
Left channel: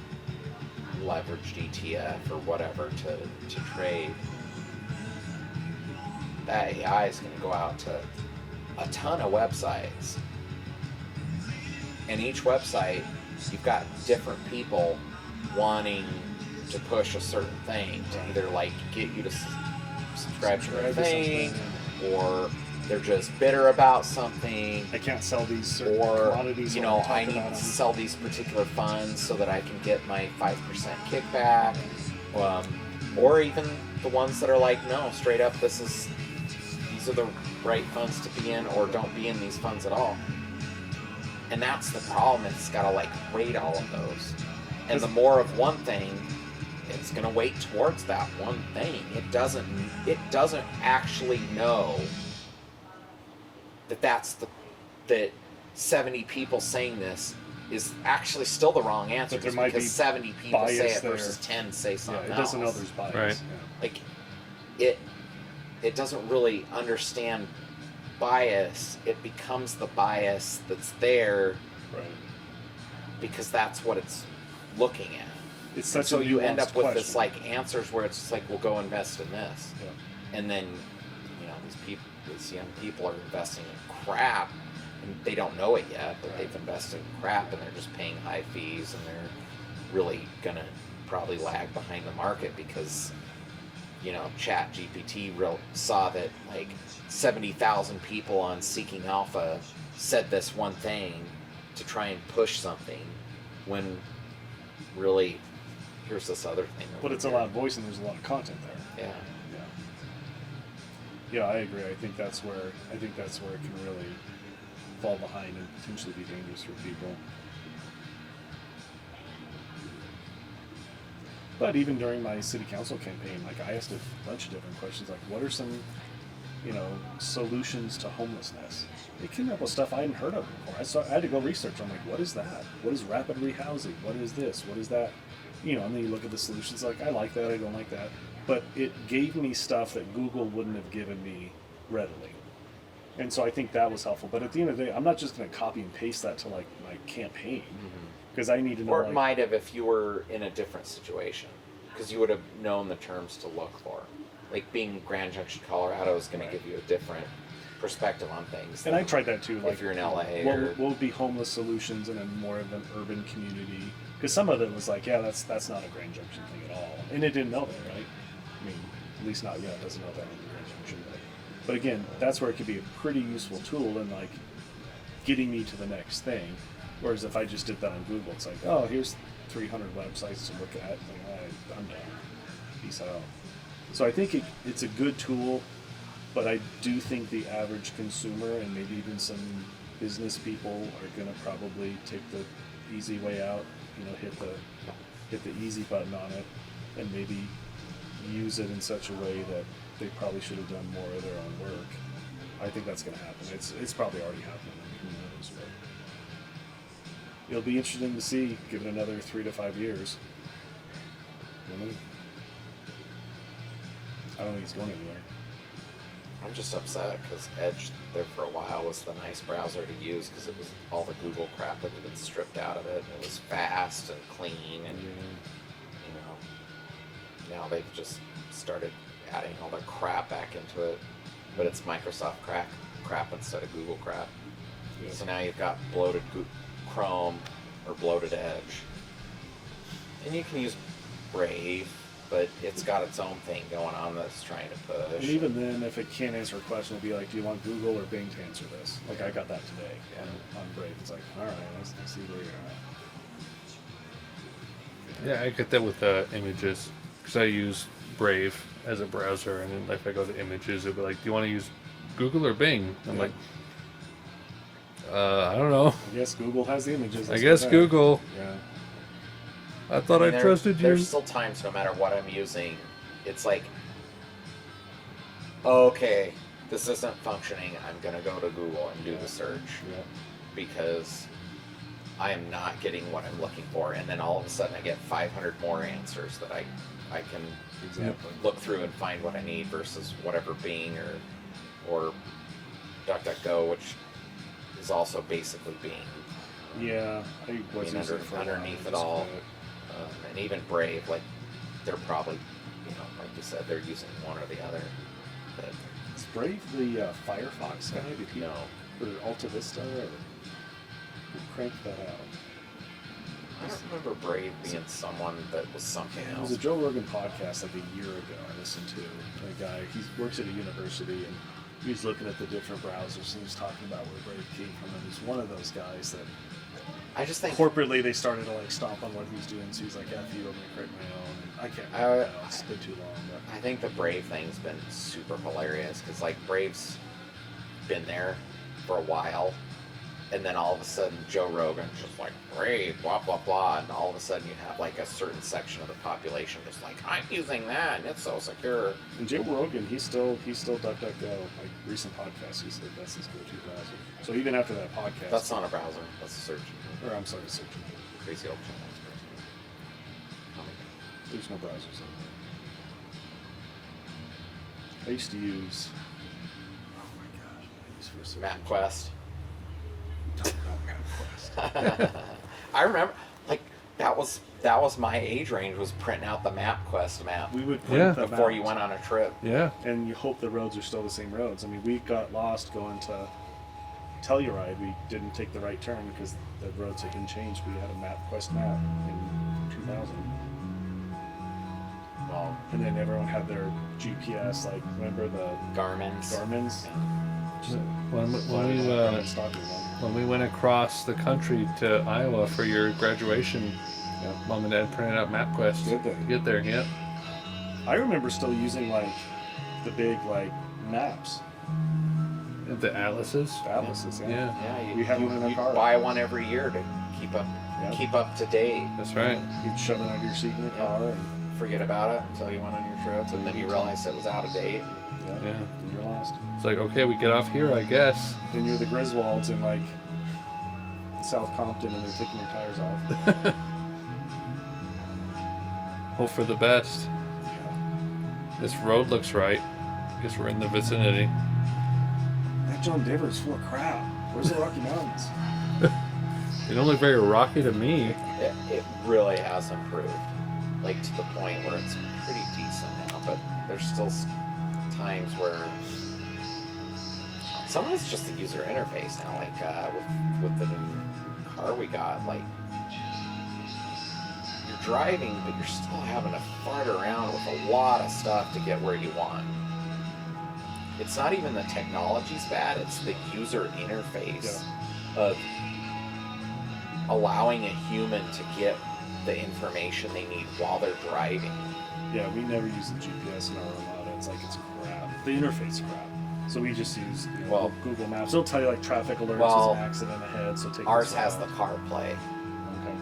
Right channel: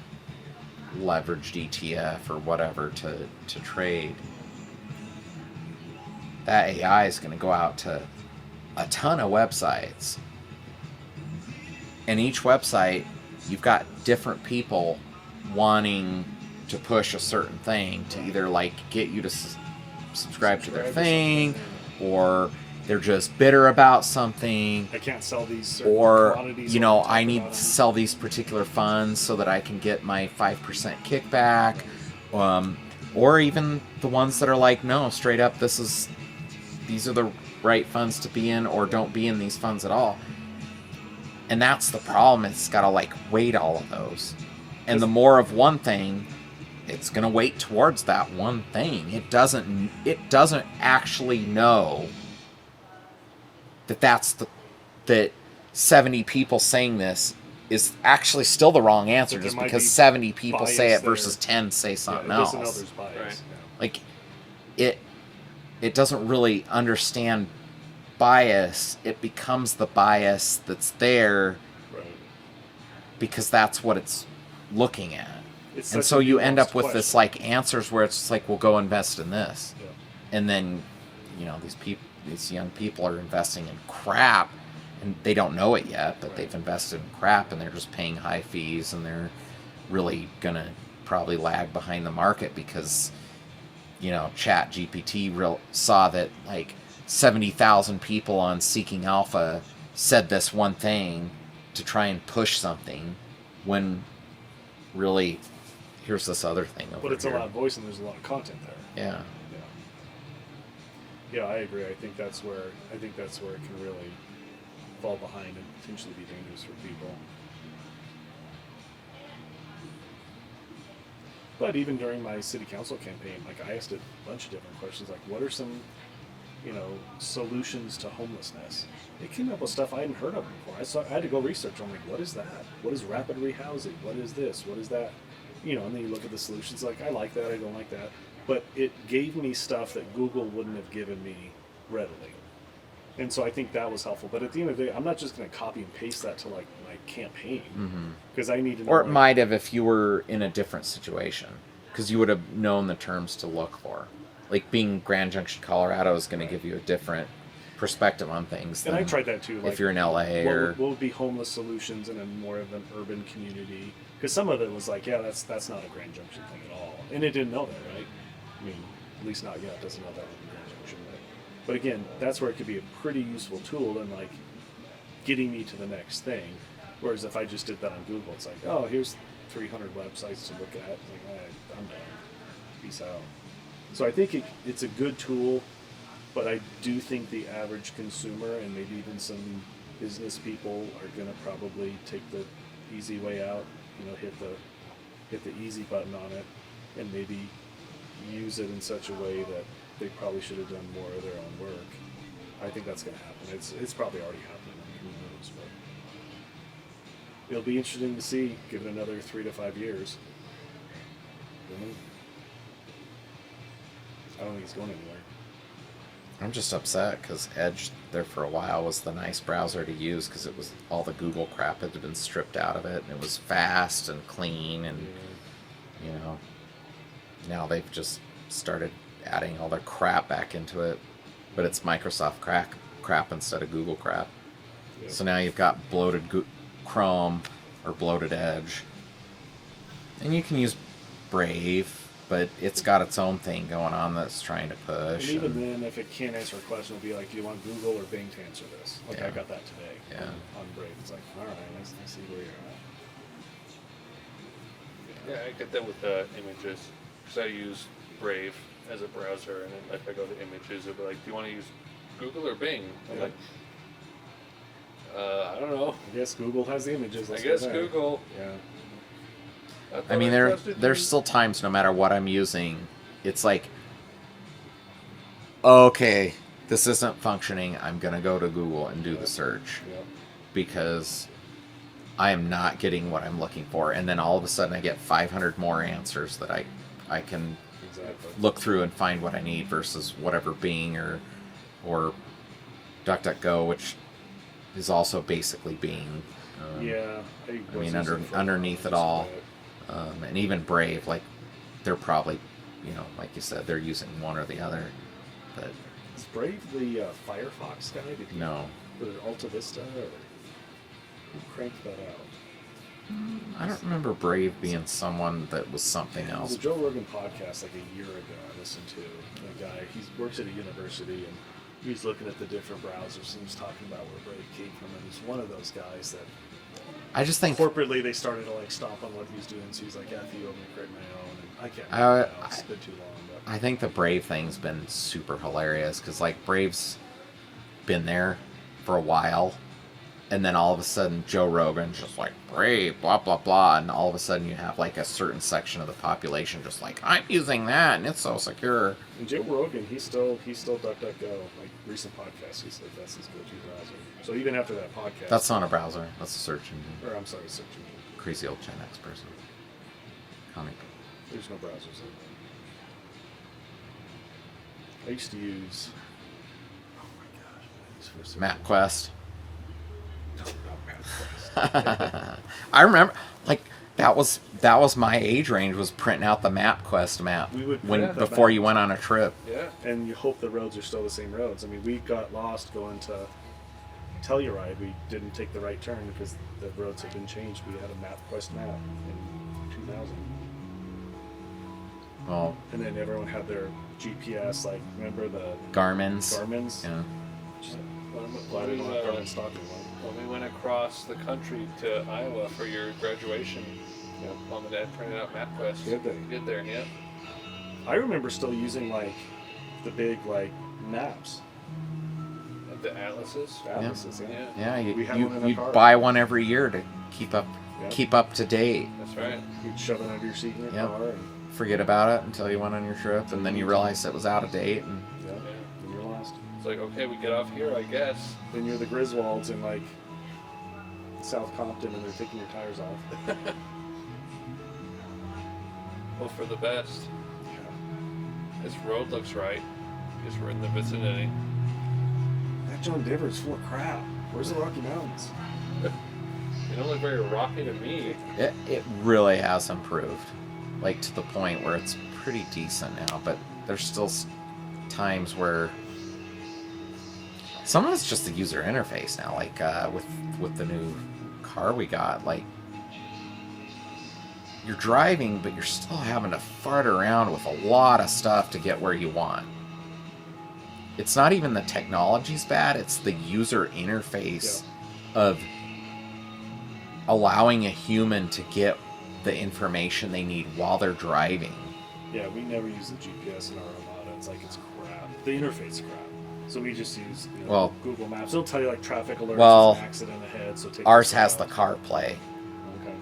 leveraged ETF or whatever to trade. That AI is going to go out to a ton of websites, and each website you've got different people wanting to push a certain thing to either like get you to subscribe to their Subscribe or thing, something. or they're just bitter about something, I can't sell these certain or quantities. you know, talk I need about to them. sell these particular funds so that I can get my 5% kickback, or even the ones that are like, no, straight up, these are the right funds to be in, or don't be in these funds at all. And that's the problem. It's got to like weight all of those, and the more of one thing, it's gonna weight towards that one thing. It doesn't actually know that 70 people saying this is actually still the wrong answer, But there just might because be 70 people say bias it versus there. 10 say Yeah, something it else. doesn't know there's bias. Right. Like it doesn't really understand bias. It becomes the bias that's there Yeah. Right. because that's what it's looking at. It's And such so a you end nuanced up with this question. like answers where it's just like, well, go invest in this. Yeah. And then, you know, these young people are investing in crap, and they don't know it yet, but they've invested in crap, and they're just paying high fees, and they're really gonna probably lag behind the market because, you know, Chat GPT saw that like 70,000 people on Seeking Alpha said this one thing to try and push something, when really here's this other thing over But it's here. a loud voice and there's a lot of content there. Yeah. Yeah, I agree. I think that's where it can really fall behind and potentially be dangerous for people. But even during my city council campaign, like I asked a bunch of different questions, like what are some, solutions to homelessness? They came up with stuff I hadn't heard of before. I had to go research. I'm like, what is that? What is rapid rehousing? What is this? What is that? And then you look at the solutions, like I like that, I don't like that. But it gave me stuff that Google wouldn't have given me readily. And so I think that was helpful. But at the end of the day, I'm not just going to copy and paste that to like my campaign, because I need to know. Or it like, might have if you were in a different situation, because you would have known the terms to look for. Like being Grand Junction, Colorado is going to give you a different perspective on things. And I than tried that too. Like, if you're in LA what would be homeless solutions in a more of an urban community? Because some of it was like, yeah, that's not a Grand Junction thing at all, and it didn't know that, right? I mean, at least not yet. It doesn't know that in Grand Junction, but again, that's where it could be a pretty useful tool in like getting me to the next thing. Whereas if I just did that on Google, it's like, oh, here's 300 websites to look at. Like, all right, I'm done. Peace out. So I think it's a good tool, but I do think the average consumer and maybe even some business people are going to probably take the easy way out. Hit the easy button on it, and maybe use it in such a way that they probably should have done more of their own work. I think that's going to happen. It's probably already happening. I mean, who knows? But it'll be interesting to see. Give it another 3 to 5 years. I don't think it's going anywhere. I'm just upset because Edge there for a while was the nice browser to use because it was all the Google crap that had been stripped out of it, and it was fast and clean, and now they've just started adding all their crap back into it, but it's Microsoft crap instead of Google crap. Yeah. So now you've got bloated Chrome or bloated Edge, and you can use Brave, but it's got its own thing going on that's trying to push. And even then, if it can't answer a question, it'll be like, do you want Google or Bing to answer this? Like, Yeah. I got that today Yeah. on Brave. It's like, all right, let's see where you're at. Yeah, I get that with images, because I use Brave as a browser, and then if I go to images, it'll be like, do you want to use Google or Bing? I'm Yeah. like, I don't know. I guess Google has the images. I that's guess what they're- Google. Yeah. I thought I, trusted you. there's still times, no matter what I'm using, it's like, okay, this isn't functioning. I'm gonna go to Google and do the search Yeah. because I am not getting what I'm looking for, and then all of a sudden I get 500 more answers that I can Exactly. look through and find what I need versus whatever Bing or DuckDuckGo, which is also basically Bing. Yeah. I mean, using it for a while, underneath I it just all. quit it. And even Brave, like they're probably, like you said, they're using one or the other. But Is Brave the Firefox guy? Did he no, put it Alta Vista or who cranked that out? I don't remember Brave being someone that was something It was else. a Joe Rogan podcast like a year ago I listened to. A guy, he works at a university, and he's looking at the different browsers, and he's talking about where Brave came from, and he's one of those guys that I just think corporately they started to like stomp on what he was doing, so he's like, F you, I'm gonna create my own, and I can't remember now, it's been too long, but I think the Brave thing's been super hilarious because like Brave's been there for a while, and then all of a sudden Joe Rogan's just like Brave, blah blah blah, and all of a sudden you have like a certain section of the population just like I'm using that and it's so secure. and Joe Rogan, he's still DuckDuckGo, like recent podcasts, he said that's his go-to browser. So even after that podcast, That's not a browser. That's a search engine. or I'm sorry, search engine. Crazy old Gen X person. Comic. There's no browsers out there. I used to use. Oh my gosh! I used for search MapQuest. engine. No, not MapQuest. I remember, like that was my age range was printing out the MapQuest map We would when, print the before maps. you went on a trip. Yeah. And you hope the roads are still the same roads. I mean, we got lost going to Telluride. We didn't take the right turn because the roads had been changed. We had a MapQuest map in 2000, Well, and then everyone had their GPS. Like, remember the Garmin's. Garmin's? Yeah. Garmin stock one. When we went across the country to Iowa for your graduation, Yep. Mom and Dad printed out MapQuest. Did they? Get there, yep. I remember still using like the big like maps, The atlases. atlases. Yeah. Yeah, We had one in the you car. buy one every year to keep up Yep. keep up to date. That's right. You'd shove it under your seat in your Yep. car, and Forget about it until you went on your trip, and then you realized it was out of date. And yeah, Yeah. and you're lost. It's like, okay, we get off here, I guess. Then you're the Griswolds in like South Compton, and they're taking your tires off. Hope for the best. This road looks right. Guess we're in the vicinity. That John Deere's full of crap. Where's the Rocky Mountains? It don't look very rocky to me. it really has improved, like to the point where it's pretty decent now. But there's still times where some of it's just the user interface now. Like with the new car we got, like you're driving, but you're still having to fart around with a lot of stuff to get where you want. It's not even the technology's bad, it's the user interface of allowing a human to get the information they need while they're driving. Yeah, we never use the GPS in our Armada. It's like it's crap. The interface is crap. So we just use Google Maps. It'll tell you like traffic alerts, Well, there's an accident ahead. So take Ours this has out. the CarPlay. Okay.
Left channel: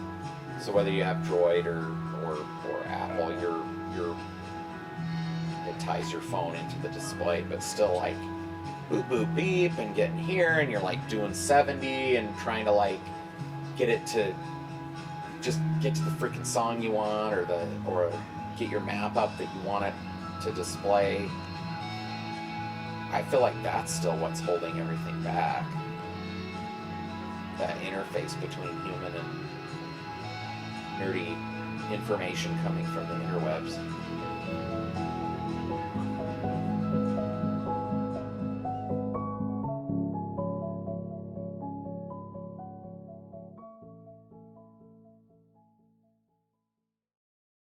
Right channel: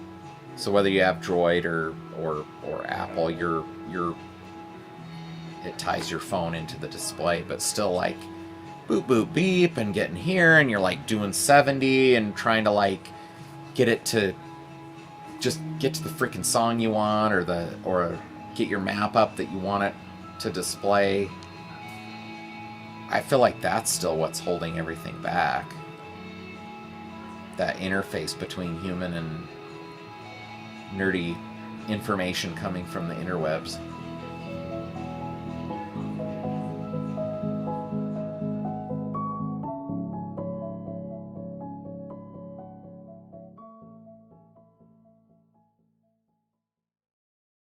So whether you have Droid or Apple, it ties your phone into the display, but still like boop boop beep and getting here, and you're like doing 70 and trying to like get it to just get to the freaking song you want, or get your map up that you want it to display. I feel like that's still what's holding everything back. That interface between human and nerdy information coming from the interwebs.